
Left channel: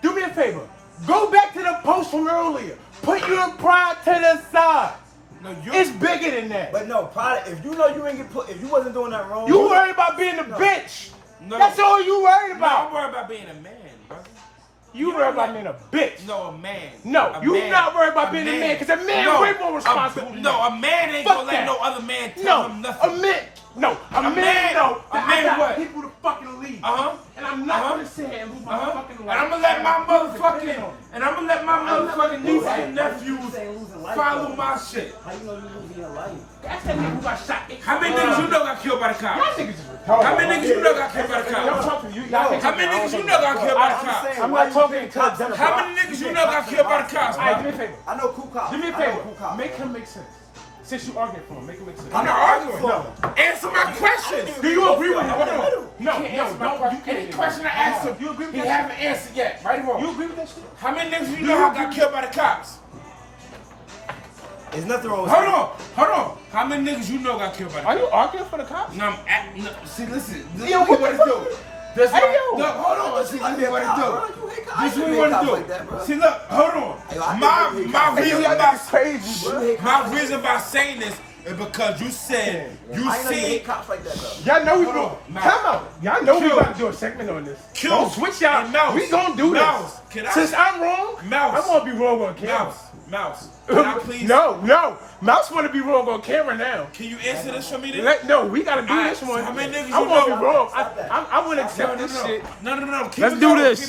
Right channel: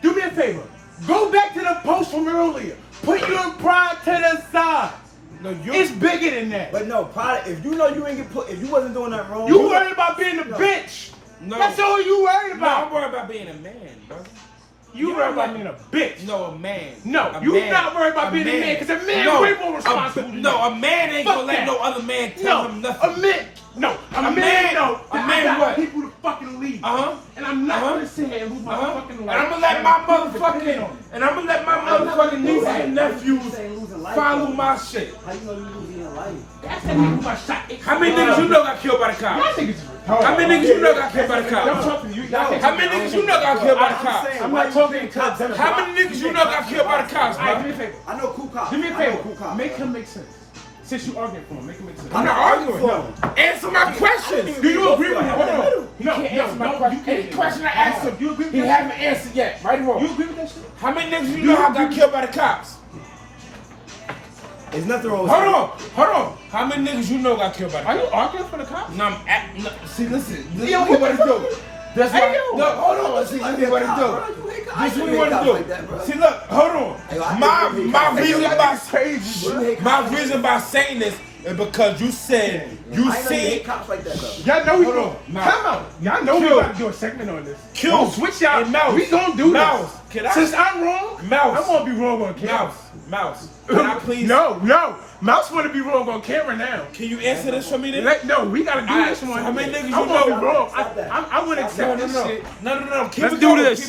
Do me a favor. Go back to the post from earlier. Put your pride to the side. No, you. It's bigger than that. But no, probably, if you know you ain't get put, if you wasn't doing nothing wrong, You worried about being a No. bitch. No. That's all you worried No, I'm about. worried about being a man, brother. You worried about being a bitch. No, a man. No, A you man. not worried about being a man, 'cause a man no, way more responsible than No, you. a man ain't Fuck gonna let that. no other man tell him No, nothing. a man. No, a man- man. No, a I man got what? people to fucking leave. Uh-huh. And I'm not Uh-huh. gonna sit here and lose my fucking And life. I'm gonna let my motherfucking motherfucking niece and nephews follow my shit. How you know you losing your life? That's that nigga who got shot. How many niggas you know got killed by the Y'all cops? niggas is retarded. How many niggas you know got killed by the Y'all cops? talking to you. How many niggas you know got killed by the cops? I'm not talking to them. How many niggas you know got killed by the cops, All right, do bro? me a favor. I know cool cops. Do me a I know favor. cool cops, Make bro. him make sense. Since you arguing for him, make him make sense. I'm not arguing No. for him. Answer my questions. Do you agree with me? Hold on. No, He can't answer my question. Any question I ask him, You agree with he that haven't answered yet. Right or You wrong? agree with that shit? How many niggas you know got killed by the cops? There's nothing wrong with Hold on. How many niggas you know got killed by the Are cops? you arguing for the cops? No, see, listen. This Yo, is what it do. That's Hey, why. yo. No, hold on. See, this is what it do. This is what you want to do. See, look, hold on. Hey, I My hate cops like reason that. by Crazy, reason by saying this is because you said you I know you see hate cops like that though. Y'all know we Hold go. on. Now. Come on. Y'all know we Kill. about to do a segment on this. Kill. Don't switch y'all. And Mouse. We gonna do Mouse. this. Can I- Since I'm wrong, Mouse. I'm gonna be wrong on camera. Mouse. Can I please? No. Mouse wanna be wrong on camera now. Can you answer this for me then? No, we gotta do Alright, this so one. how many niggas I you wanna know? be wrong. Stop that. I wanna accept this shit. No. Keep Let's it do going. this. Keep